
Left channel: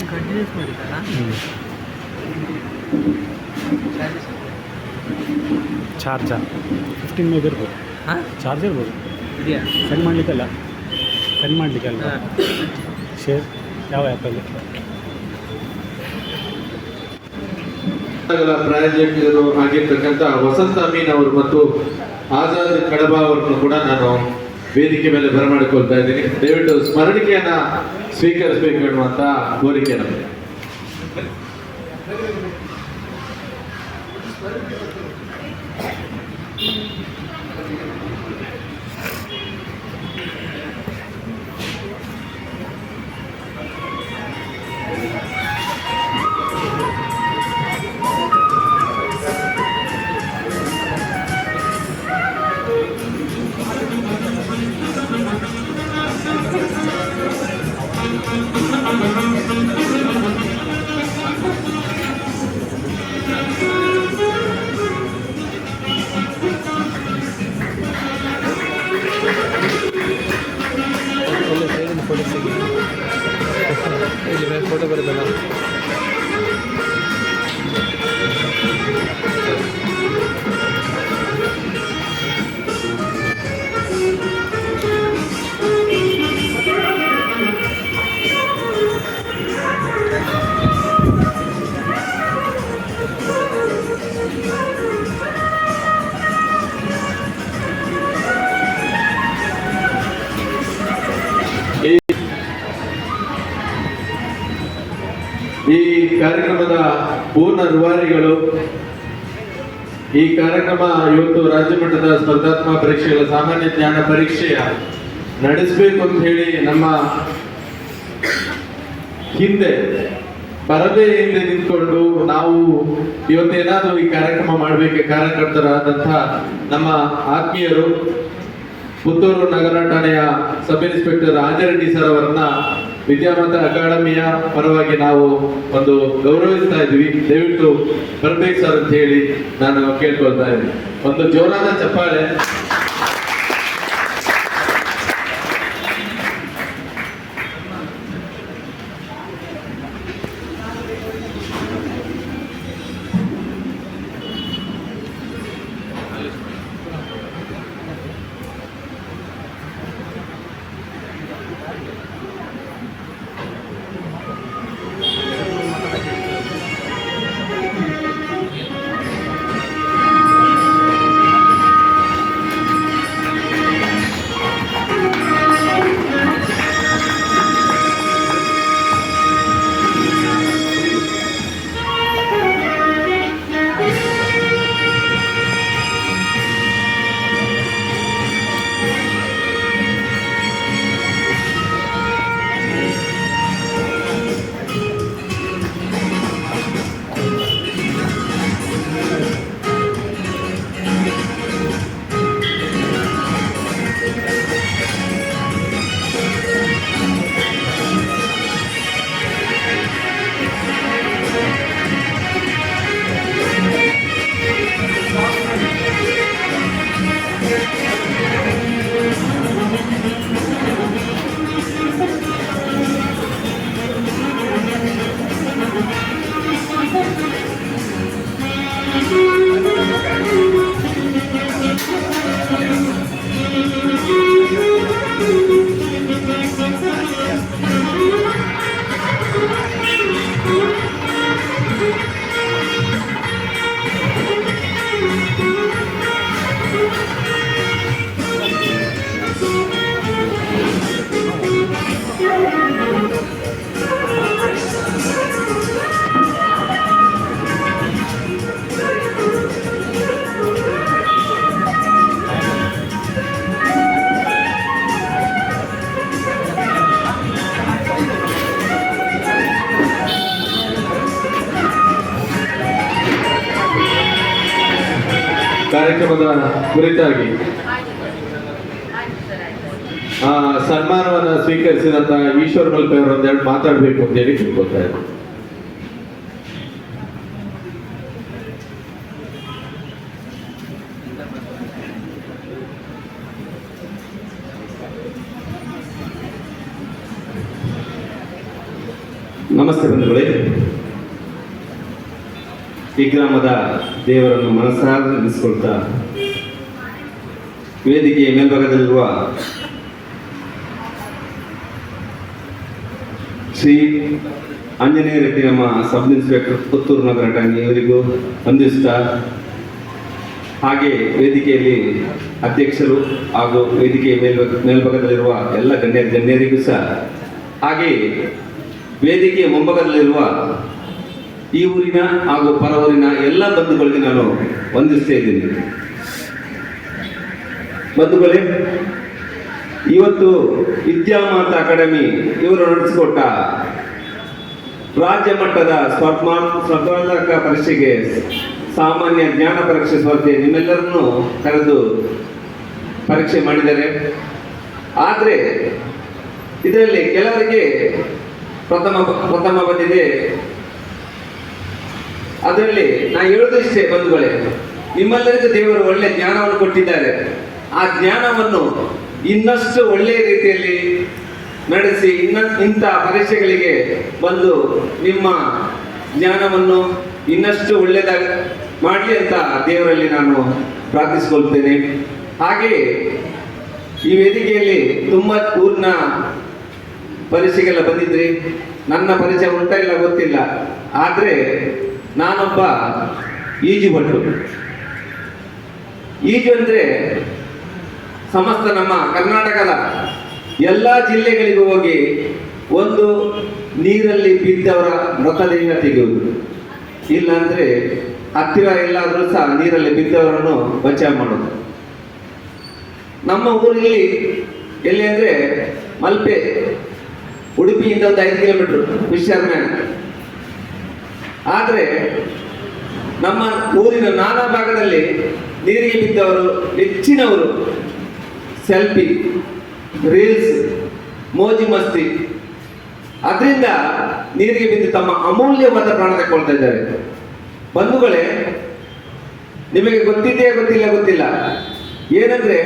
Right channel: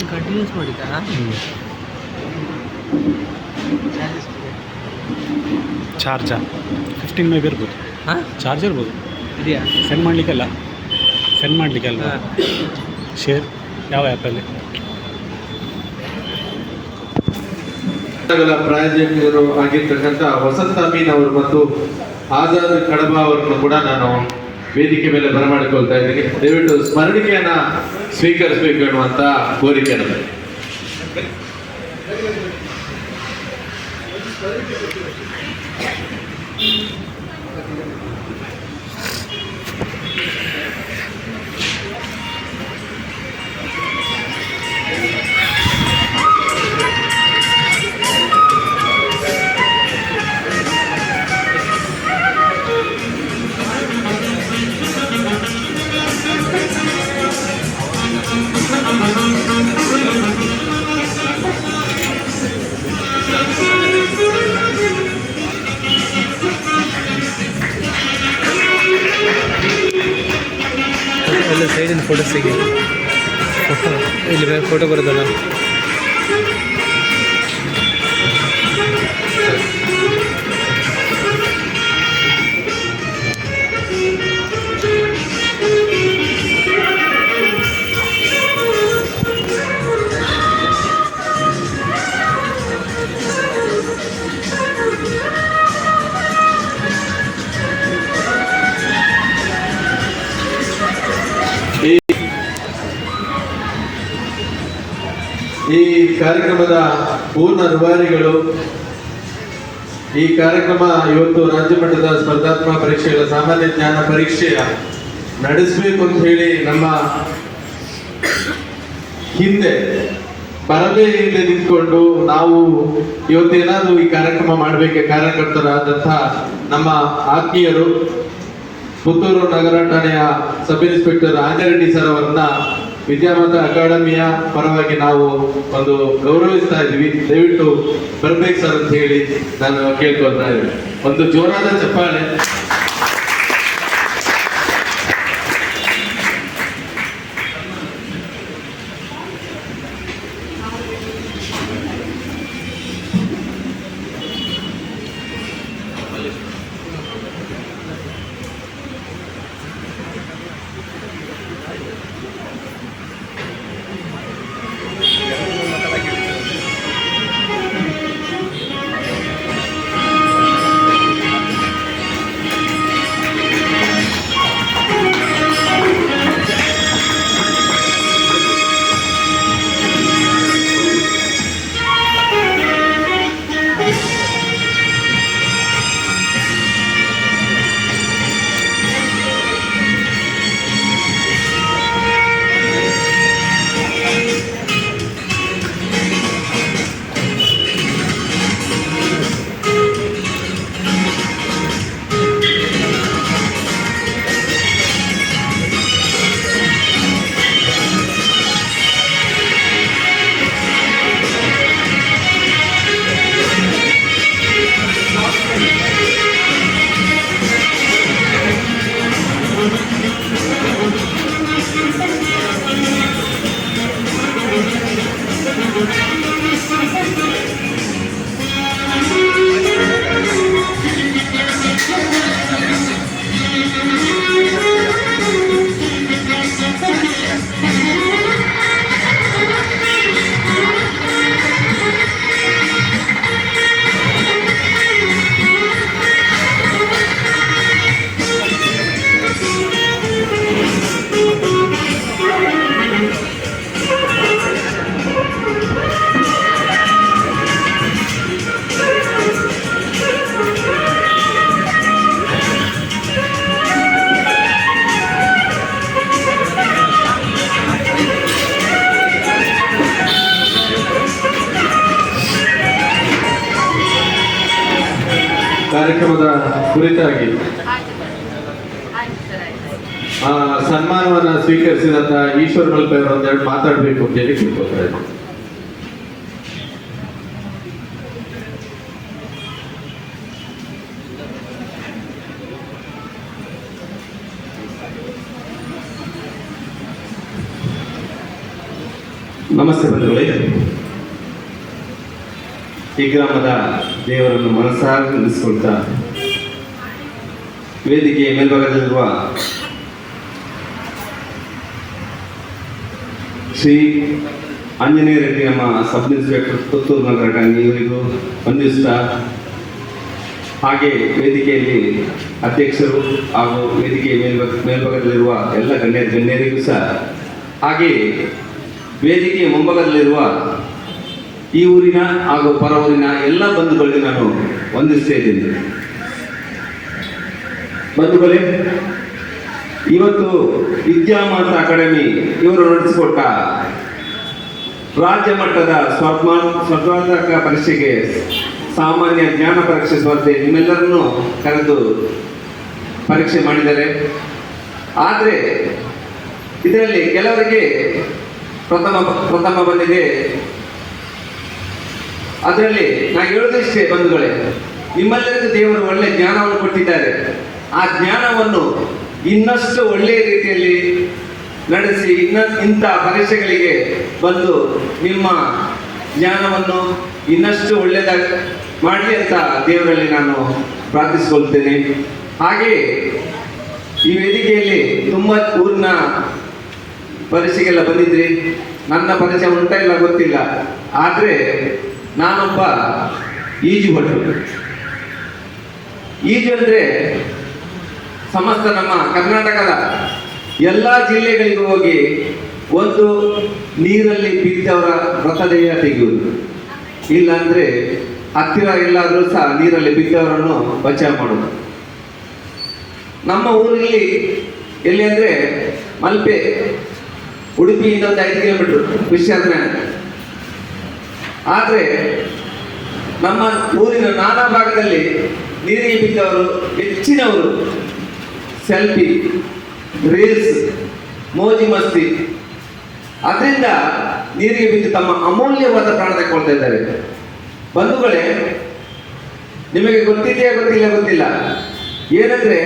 ಕಂಟಿನ್ಯೂಸ್ ಮಾಡಿದ್ದಾ ಚಾರ್ಜಾ 15 ಮೇಬಿ ಇರ್ಬೋದು. ಹಾಂ ಚಾರ್ಜ್ ಇರ್ಬೋದು. ಇದೆಯಾ ಸೆಂಡ್ ಮಾಡಲಿಕ್ಕಲ್ಲ ಶೇರ್ ಯಾವ ಆ್ಯಪಲ್ಲಿ? ಪ್ರಾಯೋಜಕರು ಆಗಿರ್ತಕ್ಕಂಥ ವಸಂತ ಅಮೀನ್ ಅವರು ಮತ್ತು ಆಜಾದ್ ಕಡಬ ಅವರನ್ನು ಕೂಡ ನಾನು ವೇದಿಕೆ ಮೇಲೆ ಬರಮಾಡಿಕೊಳ್ತಾ ಇದ್ದೀನಿ. ದಯವಿಟ್ಟು ಸ್ಮರಣಿಕೆಯನ್ನ ಸ್ವೀಕರಿಸಬೇಕು ಎನ್ನುವಂತ ಕೋರಿಕೆ ನಮಗೆ. ಎಲ್ಲ ಸೈಡಿನ ಫೋಟೋ ಸಿಗಿ ಇಲ್ಲಿ ಮೇಲೆ ಫೋಟೋ ಬರೋದಲ್ಲ. ಈ ಕಾರ್ಯಕ್ರಮದ ಪೂರ್ಣ ರೂವಾರಿಗಳು, ಈ ಕಾರ್ಯಕ್ರಮ ಇವತ್ತು ರಾಜ್ಯ ಮಟ್ಟದ ಸ್ಪರ್ಧಾತ್ಮಕ ಪರೀಕ್ಷೆಗಳ ಸಾಮಾನ್ಯ ಜ್ಞಾನ ಪರೀಕ್ಷೆಯ ನಡೆಸಬೇಕು ಅಂತ ಹೇಳಿ ನಮ್ಮ ಹಿಂದೆ ಪರದೆ ಹಿಂದೆ ನಿಂತ್ಕೊಂಡು ನಾವು ಇವತ್ತೇನಾದ್ರೂ ಈ ಕಾರ್ಯಕ್ರಮ ಮಾಡಬೇಕೆ ಕಾರ್ಯಕರ್ತರಾದಂಥ ನಮ್ಮ ಆತ್ಮೀಯರು ಪುತ್ತೂರು ನಗರ ಠಾಣೆಯ ಸಬ್ ಇನ್ಸ್ಪೆಕ್ಟರ್ ಆಂಜರೆಡ್ಡಿ ಸರ್ ಅವರನ್ನ ವಿದ್ಯಾಮಾತಾ ಅಕಾಡೆಮಿಯ ಪರವಾಗಿ ನಾವು ಒಂದು ಗೌರವಿಸ್ತಾ ಇದ್ವಿ. ದಯವಿಟ್ಟು ಬರ್ಬೇಕು ಸರ್ ಅಂತ ಹೇಳಿ ನಾನು ಕೇಳ್ಕೊಳ್ತಾ ಇದ್ದೀನಿ. ಒಂದು ಜೋರಾದ ಚಪ್ಪಾಳೆ. ಕಾರ್ಯಕ್ರಮದ ಕುರಿತಾಗಿ ಸನ್ಮಾನವನ್ನು ಸ್ವೀಕರಿಸಿದಂತ ಈಶ್ವರ್ ಮಲ್ಪೆ ಅವರು ಒಂದೆರಡು ಮಾತಾಡಬೇಕು ಅಂತ ಹೇಳಿ ತಿಳ್ಕೊತಾ ಇದ್ದಾರೆ. ನಮಸ್ತೆ ಬಂಧುಗಳೇ. ಈ ಗ್ರಾಮದ ದೇವರನ್ನು ಮನಸಾರೆ ನೆನೆಸಿಕೊಳ್ತಾ ವೇದಿಕೆಯ ಮೇಲ್ಭಾಗದಲ್ಲಿರುವ ಶ್ರೀ ಆಂಜನೇಯ ರೆಡ್ಡಿ ನಮ್ಮ ಸಬ್ ಇನ್ಸ್ಪೆಕ್ಟರ್ ಪುತ್ತೂರು ನಗರ ಠಾಣೆ ಇವರಿಗೂ ವಂದಿಸ್ತಾ, ಹಾಗೆ ವೇದಿಕೆಯಲ್ಲಿ ಅಧ್ಯಕ್ಷರು ಹಾಗೂ ವೇದಿಕೆಯ ಮೇಲ್ಭಾಗದಲ್ಲಿರುವ ಎಲ್ಲ ಗಣ್ಯರಿಗೂ ಸಹ, ಹಾಗೆ ವೇದಿಕೆಯ ಮುಂಭಾಗದಲ್ಲಿರುವ ಈ ಊರಿನ ಹಾಗೂ ಪರ ಊರಿನ ಎಲ್ಲ ಬಂಧುಗಳಿಗೆ ನಾನು ವಂದಿಸ್ತಾ ಇದ್ದೀನಿ. ಬಂಧುಗಳೇ, ಇವತ್ತು ವಿದ್ಯಾಮಾತ ಅಕಾಡೆಮಿ ಇವರು ನಡೆಸಿಕೊಟ್ಟ ರಾಜ್ಯ ಮಟ್ಟದ ಸ್ಪರ್ಧಾತ್ಮಕ ಪರೀಕ್ಷೆಗೆ ಸಾಮಾನ್ಯ ಜ್ಞಾನ ಪರೀಕ್ಷೆ ಸ್ಪರ್ಧೆ ನಿಮ್ಮೆಲ್ಲರನ್ನು ಕರೆದು ಪರೀಕ್ಷೆ ಮಾಡಿದ್ದಾರೆ. ಆದರೆ ಇದರಲ್ಲಿ ಕೆಲವರಿಗೆ ಪ್ರಥಮ ಬಂದಿದೆ. ಅದರಲ್ಲಿ ನಾನು ಹೇಳೋದಿಷ್ಟೇ ಬಂಧುಗಳೇ, ನಿಮ್ಮೆಲ್ಲರಿಗೂ ದೇವರು ಒಳ್ಳೆ ಜ್ಞಾನವನ್ನು ಕೊಟ್ಟಿದ್ದಾರೆ. ಆ ಜ್ಞಾನವನ್ನು ಇನ್ನಷ್ಟು ಒಳ್ಳೆಯ ರೀತಿಯಲ್ಲಿ ನಡೆಸಿ ಇಂಥ ಪರೀಕ್ಷೆಗಳಿಗೆ ಬಂದು ನಿಮ್ಮ ಜ್ಞಾನವನ್ನು ಇನ್ನಷ್ಟು ಒಳ್ಳೆಯದಾಗಿ ಮಾಡಲಿ ಅಂತ ದೇವರಲ್ಲಿ ನಾನು ಪ್ರಾರ್ಥಿಸಿಕೊಳ್ತೇನೆ. ಹಾಗೆಯೇ ಈ ವೇದಿಕೆಯಲ್ಲಿ ತುಂಬ ಊರಿನ ಪರೀಕ್ಷೆಗೆಲ್ಲ ಬಂದಿದ್ರಿ. ನನ್ನ ಪರಿಚಯ ಉಂಟಾ ಇಲ್ಲ ಗೊತ್ತಿಲ್ಲ, ಆದರೆ ನಾನೊಬ್ಬ ಈಜುಭಟ್ಟು. ಈಜು ಅಂದರೆ ಸಮಸ್ತ ನಮ್ಮ ಕರ್ನಾಟಕದ ಎಲ್ಲ ಜಿಲ್ಲೆಗಳಿಗೂ ಹೋಗಿ ಒಂದು ನೀರಲ್ಲಿ ಬಿದ್ದವರ ಮೃತದೇಹ ತೆಗೆಯುವುದು, ಇಲ್ಲಾಂದರೆ ಹತ್ತಿರ ಎಲ್ಲಾದರೂ ಸಹ ನೀರಲ್ಲಿ ಬಿದ್ದವರನ್ನು ಬಚಾವ್ ಮಾಡೋದು. ನಮ್ಮ ಊರಲ್ಲಿ ಎಲ್ಲಿ ಅಂದರೆ ಮಲ್ಪೆ, ಉಡುಪಿಯಿಂದ ಒಂದು 5 ಕಿಲೋಮೀಟರ್ ವಿಶ್ರಾಂತಿ. ಆದರೆ ನಮ್ಮ ಊರಿನ ನಾನಾ ಭಾಗದಲ್ಲಿ ನೀರಿಗೆ ಬಿದ್ದವರು ಹೆಚ್ಚಿನವರು ಸೆಲ್ಫಿ, ರೀಲ್ಸ್, ಮೋಜಿ ಮಸ್ತಿ, ಅದರಿಂದ ನೀರಿಗೆ ಬಿದ್ದು ತಮ್ಮ ಅಮೂಲ್ಯವಾದ ಪ್ರಾಣ ತಗೊಳ್ತಾ ಇದ್ದಾರೆ. ಬಂಧುಗಳೇ, ನಿಮಗೆ ಗೊತ್ತಿದೆಯೇ ಗೊತ್ತಿಲ್ಲ ಏನಂದ್ರೆ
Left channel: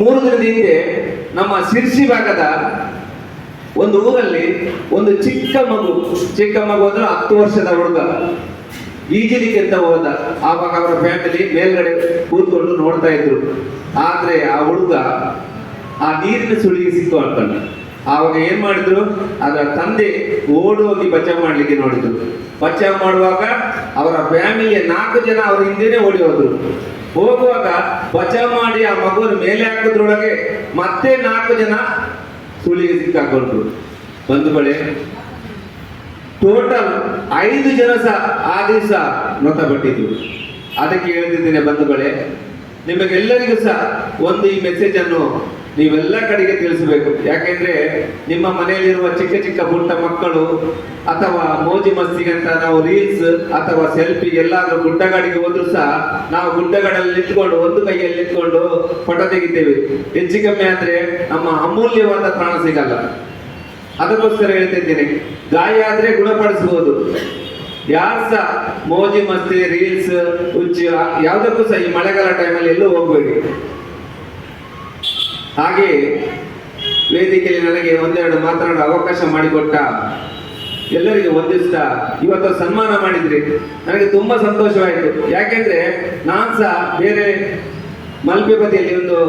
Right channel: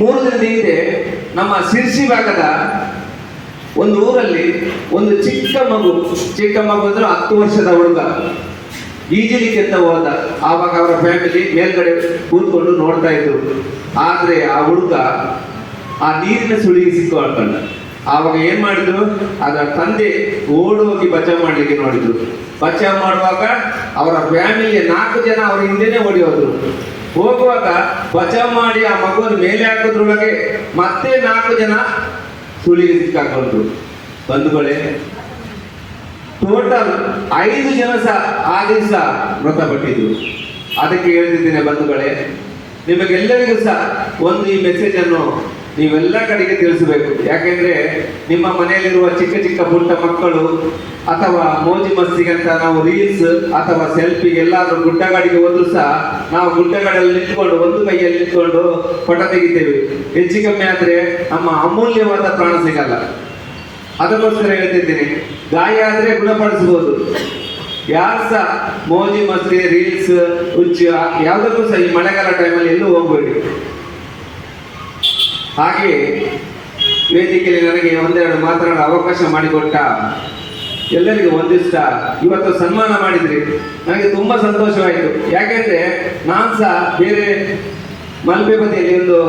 3 ದಿನದ ಹಿಂದೆ ನಮ್ಮ ಶಿರ್ಸಿ ಭಾಗದ ಒಂದು ಊರಲ್ಲಿ ಒಂದು ಚಿಕ್ಕ ಮಗು ಅಂದ್ರೆ 10 ವರ್ಷದ ಹುಡುಗ ಈಜಲಿಕ್ಕೆ ಅಂತ ಹೋದ. ಆವಾಗ ಅವರ ಫ್ಯಾಮಿಲಿ ಮೇಲ್ಗಡೆ ಕೂತ್ಕೊಂಡು ನೋಡ್ತಾ ಇದ್ರು. ಆದ್ರೆ ಆ ಹುಡುಗ ಆ ನೀರಿನ ಸುಳಿಗೆ ಸಿಕ್ಕಾಡ್ಕೊಂಡ. ಆವಾಗ ಏನ್ ಮಾಡಿದ್ರು, ಅದರ ತಂದೆ ಓಡೋಗಿ ಬಚಾವ್ ಮಾಡ್ಲಿಕ್ಕೆ ನೋಡಿದ್ರು. ಬಚಾವ್ ಮಾಡುವಾಗ ಅವರ ಫ್ಯಾಮಿಲಿಯ 4 ಜನ ಅವರ ಹಿಂದೆನೆ ಓಡಿ ಹೋದ್ರು. ಹೋಗುವಾಗ ಬಚಾವ್ ಮಾಡಿ ಆ ಮಗುವನ್ನು ಮೇಲೆ ಹಾಕೋದ್ರೊಳಗೆ ಮತ್ತೆ 4 ಜನ ಸುಳಿಗೆ ಸಿಕ್ಕಾಕೊಂಡ್ರು. ಬಂಧುಗಳೇ, ಟೋಟಲ್ 5 ಜನ ಸಹ ಆ ದಿವಸ ಮೃತಪಟ್ಟಿದ್ರು. ಅದಕ್ಕೆ ಹೇಳ್ತಿದ್ದೇನೆ ಬಂಧುಗಳೇ, ನಿಮಗೆಲ್ಲರಿಗೂ ಸಹ ಒಂದು ಈ ಮೆಸೇಜ್ ಅನ್ನು ನೀವೆಲ್ಲ ಕಡೆಗೆ ತಿಳಿಸಬೇಕು. ಯಾಕೆಂದ್ರೆ ನಿಮ್ಮ ಮನೆಯಲ್ಲಿರುವ ಚಿಕ್ಕ ಪುಟ್ಟ ಮಕ್ಕಳು ಅಥವಾ ಮೋಜಿ ಮಸ್ತಿಗಂತ ನಾವು ರೀಲ್ಸ್ ಅಥವಾ ಸೆಲ್ಫಿ ಎಲ್ಲಾದ್ರೂ ಗುಡ್ಡಗಾಡಿಗೆ ಹೋದ್ರು ಸಹ ನಾವು ಗುಡ್ಡಗಾಡಲ್ಲಿ ನಿಂತ್ಕೊಂಡು ಒಂದು ಕೈಯಲ್ಲಿ ನಿಂತ್ಕೊಂಡು ಫೋಟೋ ತೆಗಿತೇವೆ. ಹೆಚ್ಚು ಕಮ್ಮಿ ಆದ್ರೆ ನಮ್ಮ ಅಮೂಲ್ಯವಾದ ಪ್ರಾಣ ಸಿಗಲ್ಲ. ಅದಕ್ಕೋಸ್ಕರ ಹೇಳ್ತಿದ್ದೇನೆ, ಗಾಯ ಆದ್ರೆ ಗುಣಪಡಿಸಬಹುದು. ಯಾರು ಸಹ ಮೋಜಿ ಮಸ್ತಿ, ರೀಲ್ಸ್, ಹುಚ್ಚು ಯಾವುದಕ್ಕೂ ಸಹ ಈ ಮಳೆಗಾಲ ಟೈಮಲ್ಲಿ ಎಲ್ಲೂ ಹೋಗ್ಬೇಡಿ. ಹಾಗೆ ವೇದಿಕೆಯಲ್ಲಿ ನನಗೆ ಒಂದೆರಡು ಮಾತನಾಡಲು ಅವಕಾಶ ಮಾಡಿಕೊಟ್ಟ ಎಲ್ಲರಿಗೂ ವಂದಿಸ್ತಾ, ಇವತ್ತು ಸನ್ಮಾನ ಮಾಡಿದ್ರಿ, ನನಗೆ ತುಂಬಾ ಸಂತೋಷವಾಯಿತು. ಯಾಕೆಂದ್ರೆ ನಾನು ಸಹ ಬೇರೆ ಮಲ್ಪೆ ಬದಿಯಲ್ಲಿ ಒಂದು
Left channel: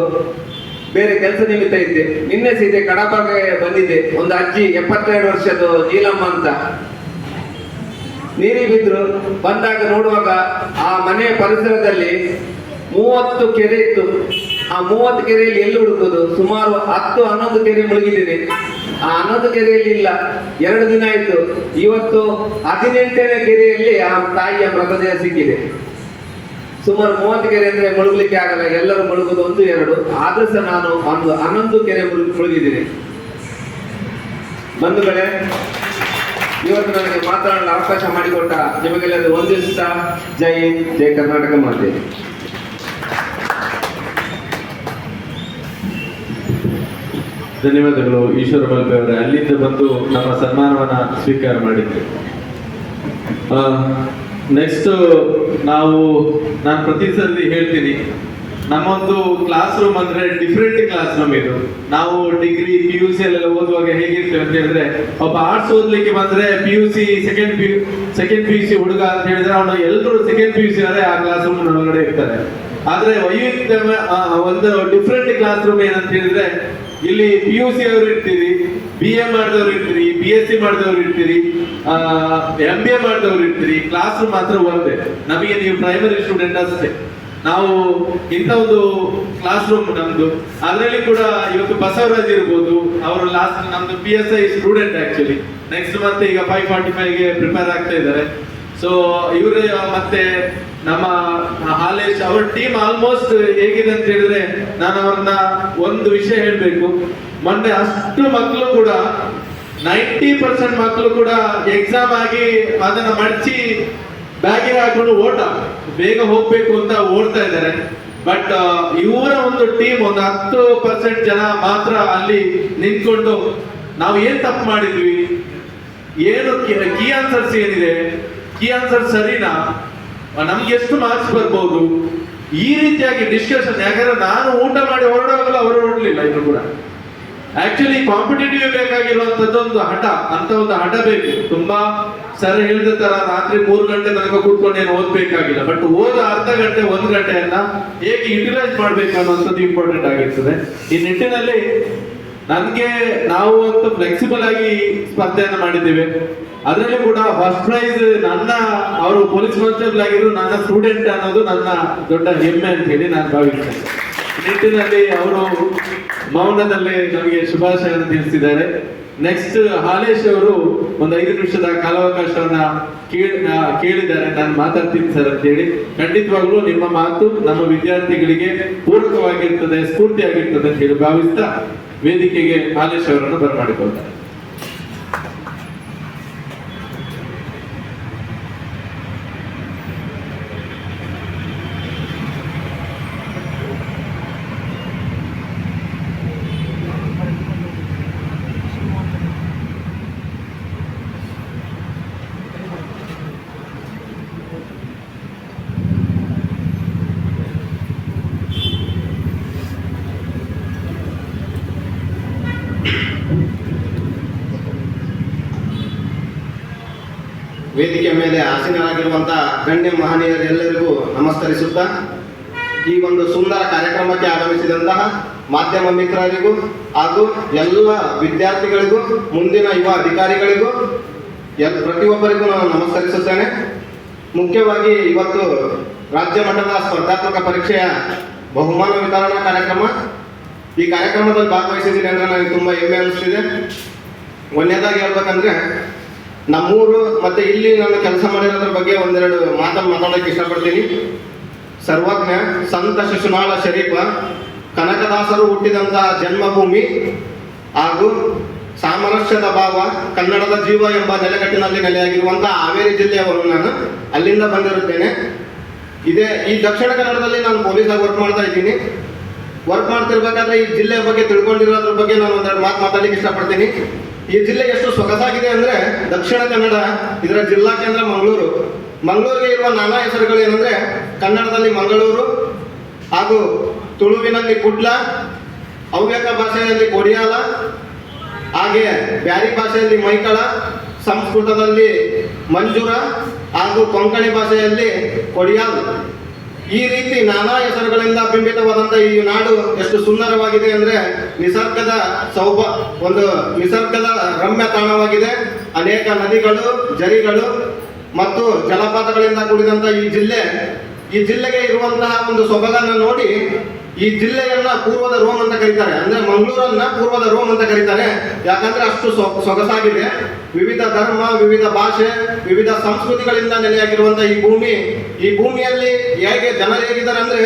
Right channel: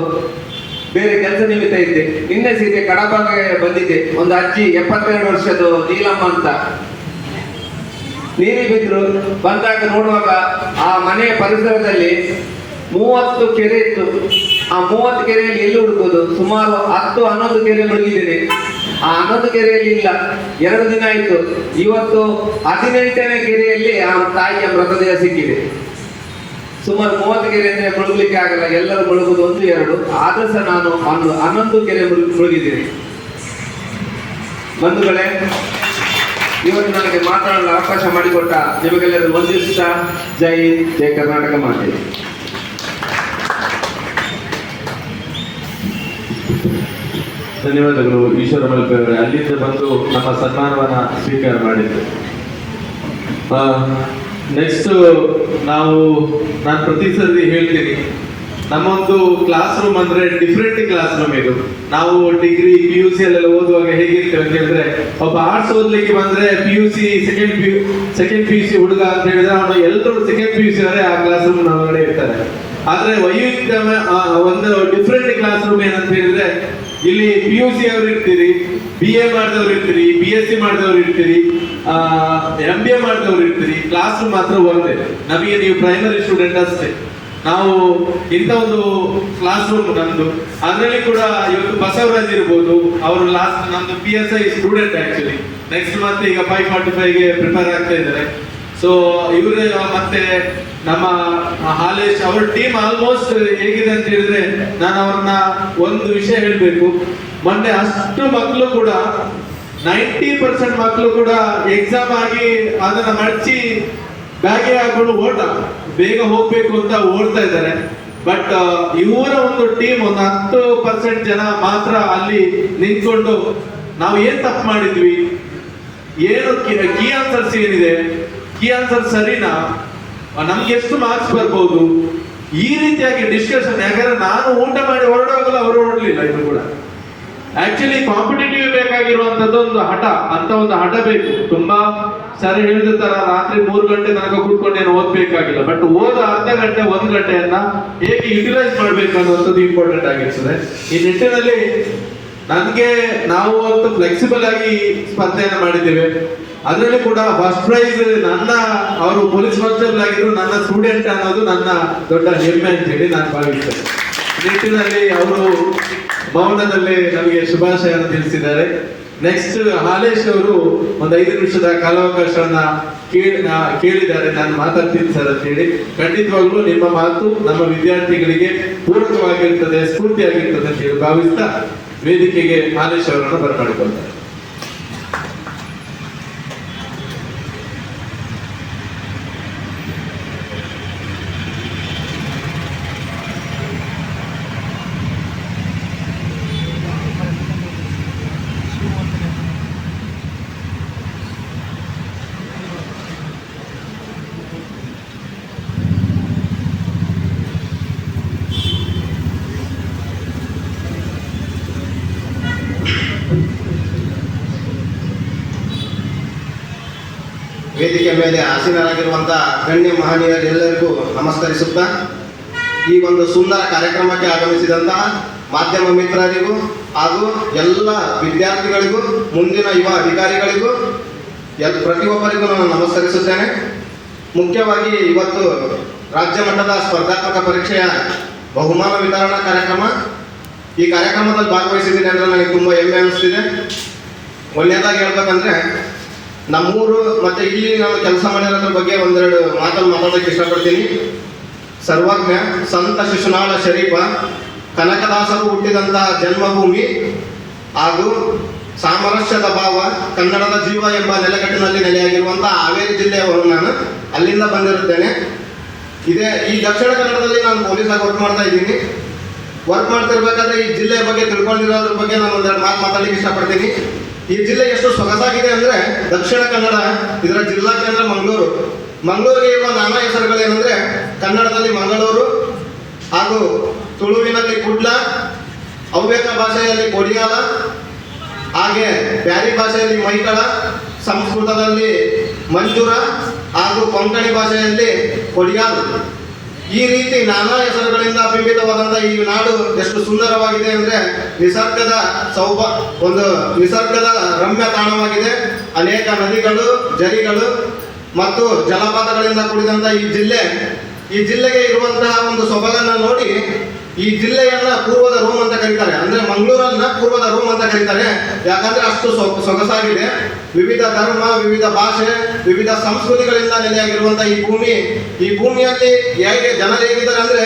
ಬೇರೆ ಕೆಲಸ ನಿಮಿತ್ತ ಇದ್ದೆ. ನಿನ್ನೆ ಸೀದೆ ಕಡಬಗೆ ಬಂದಿದ್ದೆ. ಒಂದು ಅಜ್ಜಿ 72 ವರ್ಷದ ನೀಲಮ್ಮ ಅಂತ ನೀರಿಗೆ ಬಿದ್ರು. ಬಂದಾಗ ನೋಡುವಾಗ ಆ ಮನೆಯ ಪರಿಸರದಲ್ಲಿ 30 ಕೆರೆ ಇತ್ತು. ಆ 30 ಕೆರೆಯಲ್ಲಿ ಎಲ್ಲಿ ಹುಡುಕೋದು? ಸುಮಾರು 10-11 ಕೆರೆ ಮುಳುಗಿದ್ದೇನೆ. ಆ 11 ಕೆರೆಯಲ್ಲಿ ಇಲ್ಲ, 2 ದಿನ ಆಯ್ತು. ಇವತ್ತು 18ನೇ ಕೆರೆಯಲ್ಲಿ ಆ ತಾಯಿಯ ಮೃತದೇಹ ಸಿಕ್ಕಿದೆ. ಸುಮಾರು 30 ಕೆರೆ ಅಂದ್ರೆ ಮುಳುಗಲಿಕ್ಕೆ ಆಗಲ್ಲ, ಎಲ್ಲರೂ ಮುಳುಗುದು 1-2. ಆದ್ರೂ ಸಹ ನಾನು 11 ಕೆರೆ ಮುಳುಗಿದ್ದೀನಿ. ಬಂಧುಗಳೇ, ಇವತ್ತು ನನಗೆ ಮಾತನಾಡಲು ಅವಕಾಶ ಮಾಡಿಕೊಟ್ಟ ನಿಮಗೆಲ್ಲರೂ ವಂದಿಸುತ್ತಾ ಜೈ ಹಿಂದ್, ಜೈ ಕರ್ನಾಟಕ ಮಾತೆ. ಧನ್ಯವಾದಗಳು ಈಶ್ವರ ಮಲ್ಪೆ ಅವರೇ, ಅಲ್ಲಿಂದ ಬಂದು ನಮ್ಮ ಸನ್ಮಾನವನ್ನ ಸ್ವೀಕಾರ ಮಾಡಿದ್ದು. ನೆಕ್ಸ್ಟ್ ನಾನು ಪ್ರತಿ ಸರಿ ಹೇಳ್ತೀನಿ, ನಮ್ಮೊಂದು ಕ್ಲಾಸ್ ರೂಮ್ ಅಂದ್ರೆ ಡಿಫ್ರೆಂಟ್ ಕ್ಲಾಸ್ ರೂಮ್ ಇದು. ನಾವು ಡಿಗ್ರಿ PUC ಎಲ್ಲ ಓದುವಾಗ ಹೇಗಿರ್ತೇವೆ ಅಂತ ಹೇಳಿದ್ರೆ, ಒಬ್ಬ ಆರ್ಟ್ಸ್ ಓದ್ಲಿಕ್ಕೆ ಬಂದ್ರೆ PUC ಸೆಕೆಂಡ್ PUC ಹುಡುಗ ಅಂತ ಹೇಳಿದ್ರೆ ಅವನು ಎಲ್ಲರೂ ಸೆಕೆಂಡ್ PUC ಅವರೇ ಆ ಕ್ಲಾಸ್ ರೂಮ್ ಒಳಗಡೆ ಇರ್ತಾರೆ. ಆದ್ರೆ ವೈವಿಧ್ಯ ಒಂದು ಡಿಫ್ರೆಂಟ್ ಕ್ಲಾಸ್ ರೂಮ್ ಏನಂತ ಹೇಳಿದ್ರೆ, ಇಲ್ಲಿ PUC ಅವರು ಇರ್ತೀರಿ, BA ಮಾಡಿದವ್ರು ಇರ್ತೀರಿ, BSc ಮಾಡಿದವ್ರು ಇರ್ತೀರಿ, MBA ಮಾಡಿದವ್ರು ಇರ್ತೀರಿ. ಕ್ಲಾಸ್ ರೂಮ್ ಮಾತ್ರ ಒಂದೇ. ನಮಗೆ ನೀವು ಪ್ರೈಮರಿ ಸ್ಟೂಡೆಂಟ್ ಅಷ್ಟೇ. ನಾವು ಇಂಥ ಒಂದು ಕ್ಲಾಸ್ ರೂಮ್ ನಮ್ದು. ಅದರಲ್ಲಿ ಕೂಡ ಇವತ್ತು ಬಸವರಾಜ್ ಇರ್ಬೋದು, ಅವರು ಲಾಸ್ಟ್ ನಮ್ದು PSI ಸ್ಟೂಡೆಂಟ್ ಆಕ್ಚುಲಿ. ನೆಕ್ಸ್ಟ್ ಮತ್ತೆ ಈಗ 545ಗೆ ಪ್ರಿಪೇರ್ ಆಗ್ತಾ ಇದ್ದಾರೆ. ಸೊ ಇವರೇ ಮತ್ತೆ ನಮ್ಮ ಹಾಲೇಶ್ ಅವ್ರ ಟೀಮ್ ಆಲ್ಮೋಸ್ಟ್ ಹೇಗಿದೆ ಅಂತ ಹೇಳಿದ್ರೆ, ನಾನು ಅವ್ರನ್ನ ಒಂದು ವಿಷಯ ಹೇಳ್ಬೇಕು. ಮೊನ್ನೆ ಅಷ್ಟು ಮಕ್ಕಳು ಕೂಡ 90% ಮಕ್ಕಳು ಕೂಡ ಎಕ್ಸಾಮ್ ಆಗಿ ಅದನ್ನ ಮಡಚಿ ಬ್ಯಾಗಿಗೆ ಹಾಕೊಂಡು ಬೇಗ ಹೋಗ್ಬೇಕು ಅಂತ ಓಡ್ತಾ ಇದ್ದಾರೆ. ಬಟ್ ಇವರ ಒಂದು ಟೀಮ್ ಒಂದು 10% ಜನ ಮಾತ್ರ ಅಲ್ಲಿ ನಿಂತ್ಕೊಂಡು ನಾವು ಏನ್ ತಪ್ಪು ಮಾಡಿದ್ವಿ, ಏನು ಕೀ ಆನ್ಸರ್ಸ್ ಏನಿದೆ, ಕೀ ಆನ್ಸರ್ ಸರಿನಾ, ನಮ್ಗೆ ಎಷ್ಟು ಮಾರ್ಕ್ಸ್ ಬರ್ಬೋದು, ಈ ರೀತಿಯಾಗಿ ಡಿಸ್ಕಷನ್. ಯಾಕಂದ್ರೆ ನಾನು ಊಟ ಮಾಡಿ ಹೊರಡುವಾಗಲ್ಲ ಅವರು ಹೊರಡಲಿಲ್ಲ. ಇದು ಕೂಡ ಆಕ್ಚುಲಿ ಕಾಂಪಿಟೇಟಿವ್ ಬೇಕಾಗಿರುವಂತದ್ದು ಒಂದು ಹಠ ಅಂತ ಒಂದು ಹಠ ಬೇಕು. ತುಂಬಾ ಸರಿ ಹೇಳಿದ ತರ ರಾತ್ರಿ 3 ಗಂಟೆ ತನಕ ಕೂತ್ಕೊಂಡು ಏನು ಓದ್ಬೇಕಾಗಿಲ್ಲ. ಬಟ್ ಓದ ಅರ್ಧ ಗಂಟೆ 1 ಗಂಟೆಯನ್ನ ಹೇಗೆ ಯುಟಿಲೈಸ್ ಮಾಡ್ಬೇಕು ಅನ್ನೋಂಥದ್ದು ಇಂಪಾರ್ಟೆಂಟ್ ಆಗಿರ್ತದೆ. ಈ ನಿಟ್ಟಿನಲ್ಲಿ ನಾವು ಒಂದು ಫ್ಲೆಕ್ಸಿಬಲ್ ಆಗಿ ಸ್ಪರ್ಧೆಯನ್ನು ಮಾಡಿದ್ದೇವೆ. ಅದರಲ್ಲಿ ಕೂಡ ಫಸ್ಟ್ ಪ್ರೈಸ್ ಅವರು ಪೊಲೀಸ್ ಕಾನ್ಸ್ಟೇಬಲ್ ಆಗಿದ್ರು ನನ್ನ ಸ್ಟೂಡೆಂಟ್ ಅನ್ನೋದು ನನ್ನ ದೊಡ್ಡ ಹೆಮ್ಮೆ ಅಂತ ಹೇಳಿ ನಾನು ಭಾವಿಸ್ತೇನೆ. ನಿಟ್ಟಿನಲ್ಲಿ ಅವರು ಮೌನದಲ್ಲೇ ನಮಗೆ ಶುಭಾಶಯವನ್ನು ತಿಳಿಸಿದ್ದಾರೆ. ನೆಕ್ಸ್ಟ್ ಹಾಲೇಶ್ ಅವರು ಒಂದು 5 ನಿಮಿಷದ ಕಾಲಾವಕಾಶವನ್ನ ಕೇಳಿದ್ದಾರೆ. ನಾನು ಮಾತಾಡ್ತೀನಿ ಸರ್ ಅಂತ ಹೇಳಿ. ಖಂಡಿತವಾಗ್ಲೂ ನಿಮ್ಮ ಮಾತು ನಮ್ಮ ವಿದ್ಯಾರ್ಥಿಗಳಿಗೆ ಪೂರಕವಾಗಿರ್ತದೆ, ಸ್ಫೂರ್ತಿಯಾಗಿರ್ತದೆ ಅಂತ ಹೇಳಿ ಭಾವಿಸ್ತಾ ವೇದಿಕೆಗೆ ಹಾಲೇಶ್ ಅವರನ್ನು ಬರಮಾಡಿಕೊಳ್ತಾರೆ. ವೇದಿಕೆ ಮೇಲೆ ಆಸೀನರಾಗಿರುವಂತಹ ಗಣ್ಯ ಮಹನೀಯರೆಲ್ಲರಿಗೂ ನಮಸ್ಕರಿಸುತ್ತಾ, ಈ ಒಂದು ಸುಂದರ ಕಾರ್ಯಕ್ರಮಕ್ಕೆ ಆಗಮಿಸಿದಂತಹ ಮಾಧ್ಯಮ ಮಿತ್ರರಿಗೂ ಹಾಗೂ ಎಲ್ಲ ವಿದ್ಯಾರ್ಥಿಗಳಿಗೂ, ಮುಂದಿನ ಯುವ ಅಧಿಕಾರಿಗಳಿಗೂ ಪ್ರತಿಯೊಬ್ಬರಿಗೂ ನಾನು ನಮಸ್ಕರಿಸುತ್ತೇನೆ. ಮುಖ್ಯವಾಗಿ ಇವತ್ತು ರಾಜ್ಯ ಮಟ್ಟದ ಸ್ಪರ್ಧಾತ್ಮಕ ಪರೀಕ್ಷೆಯ ಬಹುಮಾನ ವಿತರಣಾ ಕಾರ್ಯಕ್ರಮ. ಈ ಕಾರ್ಯಕ್ರಮದಲ್ಲಿ ಭಾಗವಹಿಸಿದ್ದೀನಿ ಅಂದರೆ ನನಗೆ ತುಂಬ ಹೆಮ್ಮೆ ಅನಿಸ್ತಿದೆ. ಒಂದನೇದಾಗಿ ಹೇಳ್ಬೇಕಂದ್ರೆ, ನಮ್ಮೂರು ಮತ್ತು ಇಲ್ಲಿ ನಾನು ಕೆಲಸ ಮಾಡಿರೋದ್ರ ಬಗ್ಗೆ ಒಂದೆರಡು ಮಾತಾಡೋಕ್ಕೆ ಇಷ್ಟಪಡ್ತೀನಿ. ಸರ್ವಜ್ಞ ಸಂತ ಶಿಶುನಾಳ ಶರೀಫ ಕನಕದಾಸರು ಹುಟ್ಟಿದಂತಹ ಜನ್ಮಭೂಮಿ ಹಾಗೂ ಸಾಮರಸ್ಯದ ಭಾವ, ಕನ್ನಡದ ಜೀವ ಎಂಬ ನೆಲೆಗಟ್ಟಿನಲ್ಲಿ ನೆಲೆಯಾಗಿರುವಂತಹ ಹಾವೇರಿ ಜಿಲ್ಲೆಯವನು ನಾನು. ಅಲ್ಲಿಂದ ಬಂದಿರುತ್ತೇನೆ. ಈ ದಕ್ಷಿಣ ಕನ್ನಡದಲ್ಲಿ ನಾನು ಪೊಲೀಸಾಗಿ ವರ್ಕ್ ಮಾಡ್ತಾ ಇದ್ದೀನಿ. ವರ್ಕ್ ಮಾಡ್ತಿರ್ಬೇಕಾದ್ರೆ ಈ ಜಿಲ್ಲೆಯ ಬಗ್ಗೆ ತಿಳ್ಕೊಂಡಿರೋದ್ರ ಬಗ್ಗೆ ನಾನು ಒಂದೆರಡು ಮಾತಾಡಲಿಕ್ಕೆ ಇಷ್ಟಪಡ್ತೀನಿ. ಈ ಜಿಲ್ಲೆ ಎಷ್ಟು ಸೊಗಸಾಗಿದೆ ಅಂದರೆ, ದಕ್ಷಿಣ ಕನ್ನಡ, ಇದರ ಜಿಲ್ಲಾ ಕೇಂದ್ರ ಮಂಗಳೂರು. ಮಂಗಳೂರಿಗೆ ಇರುವ ನಾನಾ ಹೆಸರುಗಳೇನೆಂದರೆ, ಕನ್ನಡದಲ್ಲಿ ಮಂಗಳೂರು ಹಾಗೂ ತುಳುವಿನಲ್ಲಿ ಕುಡ್ಲ, ಹವ್ಯಕ ಭಾಷೆಯಲ್ಲಿ ಕೊಡಿಯಾಲ, ಹಾಗೆ ಬ್ಯಾರಿ ಭಾಷೆಯಲ್ಲಿ ಮೈಕಳ, ಸಂಸ್ಕೃತದಲ್ಲಿ ಮಂಜೂರ ಹಾಗೂ ಕೊಂಕಣಿ ಭಾಷೆಯಲ್ಲಿ ಕೊಡಿಯಾಲ್. ಈ ರೀತಿ ನಾನಾ ಹೆಸರುಗಳಿಂದ ಬಿಂಬಿತವಾದಂಥ ಈ ನಾಡು ಎಷ್ಟು ಸುಂದರವಾಗಿದೆ ಅಂದರೆ, ನಿಸರ್ಗದ ರಮ್ಯ ತಾಣವಾಗಿದೆ. ಅನೇಕ ನದಿಗಳು, ಝರಿಗಳು ಮತ್ತು ಜಲಪಾತಗಳಿಂದ ಕೂಡಿದಂಥ ಈ ಜಿಲ್ಲೆಗೆ ಇರುವಂತಹ ಒಂದು ಸೊಬಗನ್ನು ನೋಡಿ ಈ ಜಿಲ್ಲೆಯನ್ನ ಪೂರ್ವದ ರೋಮ್ ಅಂತ ಕರೀತಾರೆ. ಅಂದ್ರೆ ಮಂಗಳೂರನ್ನ ಪೂರ್ವದ ರೋಮ್ ಅಂತ ಕರೀತಾರೆ. ಯಾಕಂದ್ರೆ ಅಷ್ಟು ಸೊಗಸಾಗಿದೆ. ವಿವಿಧ ಧರ್ಮ, ವಿವಿಧ ಭಾಷೆ, ವಿವಿಧ ಸಂಸ್ಕೃತಿಗಳಿಂದ ನೆಲೆಯಾಗಿರುವಂತಹ ಈ ಭೂಮಿಯಲ್ಲಿ ಜನರು ಹೇಗಿದ್ದಾರೆ ಅಂದ್ರೆ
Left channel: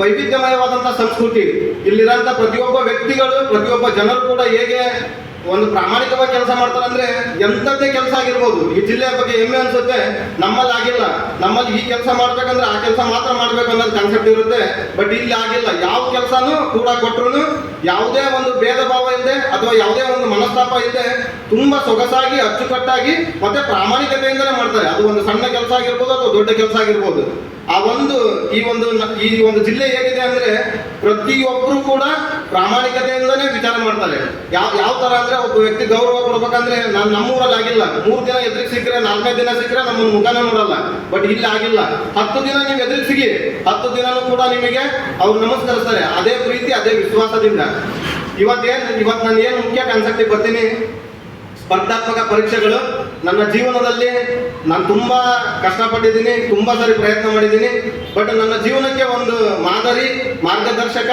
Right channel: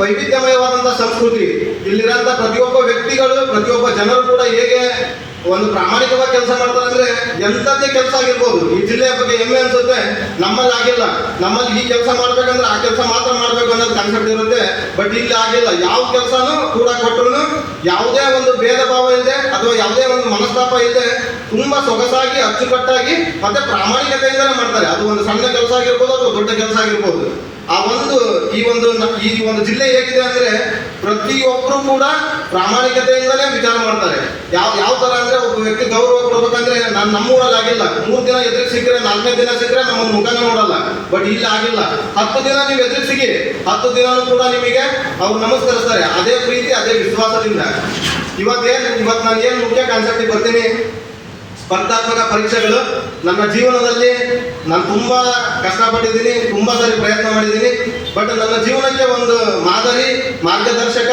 ವೈವಿಧ್ಯಮಯವಾದಂತಹ ಸಂಸ್ಕೃತಿ. ಇಲ್ಲಿರುವಂತಹ ಪ್ರತಿಯೊಬ್ಬ ವ್ಯಕ್ತಿಗಳು, ಪ್ರತಿಯೊಬ್ಬ ಜನರು ಕೂಡ ಹೇಗೆ ಒಂದು ಪ್ರಾಮಾಣಿಕವಾಗಿ ಕೆಲಸ ಮಾಡ್ತಾರೆ ಅಂದ್ರೆ ಎಂಥದ್ದೇ ಕೆಲಸ ಆಗಿರ್ಬೋದು. ಈ ಜಿಲ್ಲೆಯ ಬಗ್ಗೆ ಹೆಮ್ಮೆ ಅನ್ಸುತ್ತೆ. ನಮ್ಮಲ್ಲಿ ಆಗಿಲ್ಲ, ನಮ್ಮಲ್ಲಿ ಈ ಕೆಲಸ ಮಾಡ್ಬೇಕಂದ್ರೆ ಆ ಕೆಲಸ ಮಾತ್ರ ಮಾಡ್ಬೇಕು ಅನ್ನೋದು ಕಾನ್ಸೆಪ್ಟ್ ಇರುತ್ತೆ. ಬಟ್ ಇಲ್ಲಿ ಆಗಿಲ್ಲ. ಯಾವ ಕೆಲಸನೂ ಕೂಡ ಕೊಟ್ಟರು ಯಾವುದೇ ಒಂದು ಭೇದ ಭಾವ ಇಲ್ಲದೆ ಅಥವಾ ಯಾವುದೇ ಒಂದು ಮನಸ್ತಾಪ ಇಲ್ಲದೆ ತುಂಬಾ ಸೊಗಸಾಗಿ ಅಚ್ಚುಕಟ್ಟಾಗಿ ಮತ್ತೆ ಪ್ರಾಮಾಣಿಕತೆಯಿಂದಲೇ ಮಾಡ್ತಾರೆ. ಅದು ಒಂದು ಸಣ್ಣ ಕೆಲಸ ಆಗಿರ್ಬೋದು ಅಥವಾ ದೊಡ್ಡ ಕೆಲಸ ಆಗಿರ್ಬೋದು. ಈ ಒಂದು ಜಿಲ್ಲೆ ಹೇಗಿದೆ ಅಂದ್ರೆ ಪ್ರತಿಯೊಬ್ಬರು ಕೂಡ ಪ್ರಾಮಾಣಿಕತೆಯಿಂದಲೇ ವಿಚಾರ ಮಾಡ್ತಾರೆ. ಯಾವ ತರ ಅಂದ್ರೆ ಒಬ್ಬ ವ್ಯಕ್ತಿ ಗೌರವ ಕೊಡ್ಬೇಕಂದ್ರೆ ನಮ್ಮೂರಲ್ಲಿ ಆಗಿಲ್ಲ. 3 ದಿನ ಎದುರಿಗೆ ಸಿಕ್ಕರೆ 4ನೇ ದಿನ ಸಿಕ್ಕರೆ ನಮ್ಮ ಮುಖನ ನೋಡಲ್ಲ. ಬಟ್ ಇಲ್ಲಿ ಆಗಿಲ್ಲ. 10 ದಿನ ನೀವು ಎದುರಿಗೆ ಸಿಗಿ 10 ದಿನನೂ ಕೂಡ ನಿಮಗೆ ಅವ್ರು ನಮಸ್ಕರಿಸ್ತಾರೆ. ಅದೇ ಪ್ರೀತಿ, ಅದೇ ವಿಶ್ವಾಸದಿಂದ. ಇವತ್ತು ನಾನು ಏನು ಮುಖ್ಯ ಕಾನ್ಸೆಪ್ಟಿಗೆ ಬರ್ತೀನಿ, ಸ್ಪರ್ಧಾತ್ಮಕ ಪರೀಕ್ಷೆಗಳು ನನ್ನ ಜೀವನದಲ್ಲಿ ನಾನು ತುಂಬಾ ಕಷ್ಟಪಟ್ಟಿದ್ದೀನಿ, ತುಂಬಾ ಸಾರಿ ಪ್ರಯತ್ನ ಮಾಡಿದ್ದೀನಿ. ಬಟ್ ನನ್ನ ಜೀವನಕ್ಕೆ ಒಂದು ಮಾದರಿ, ಮಾರ್ಗದರ್ಶಕ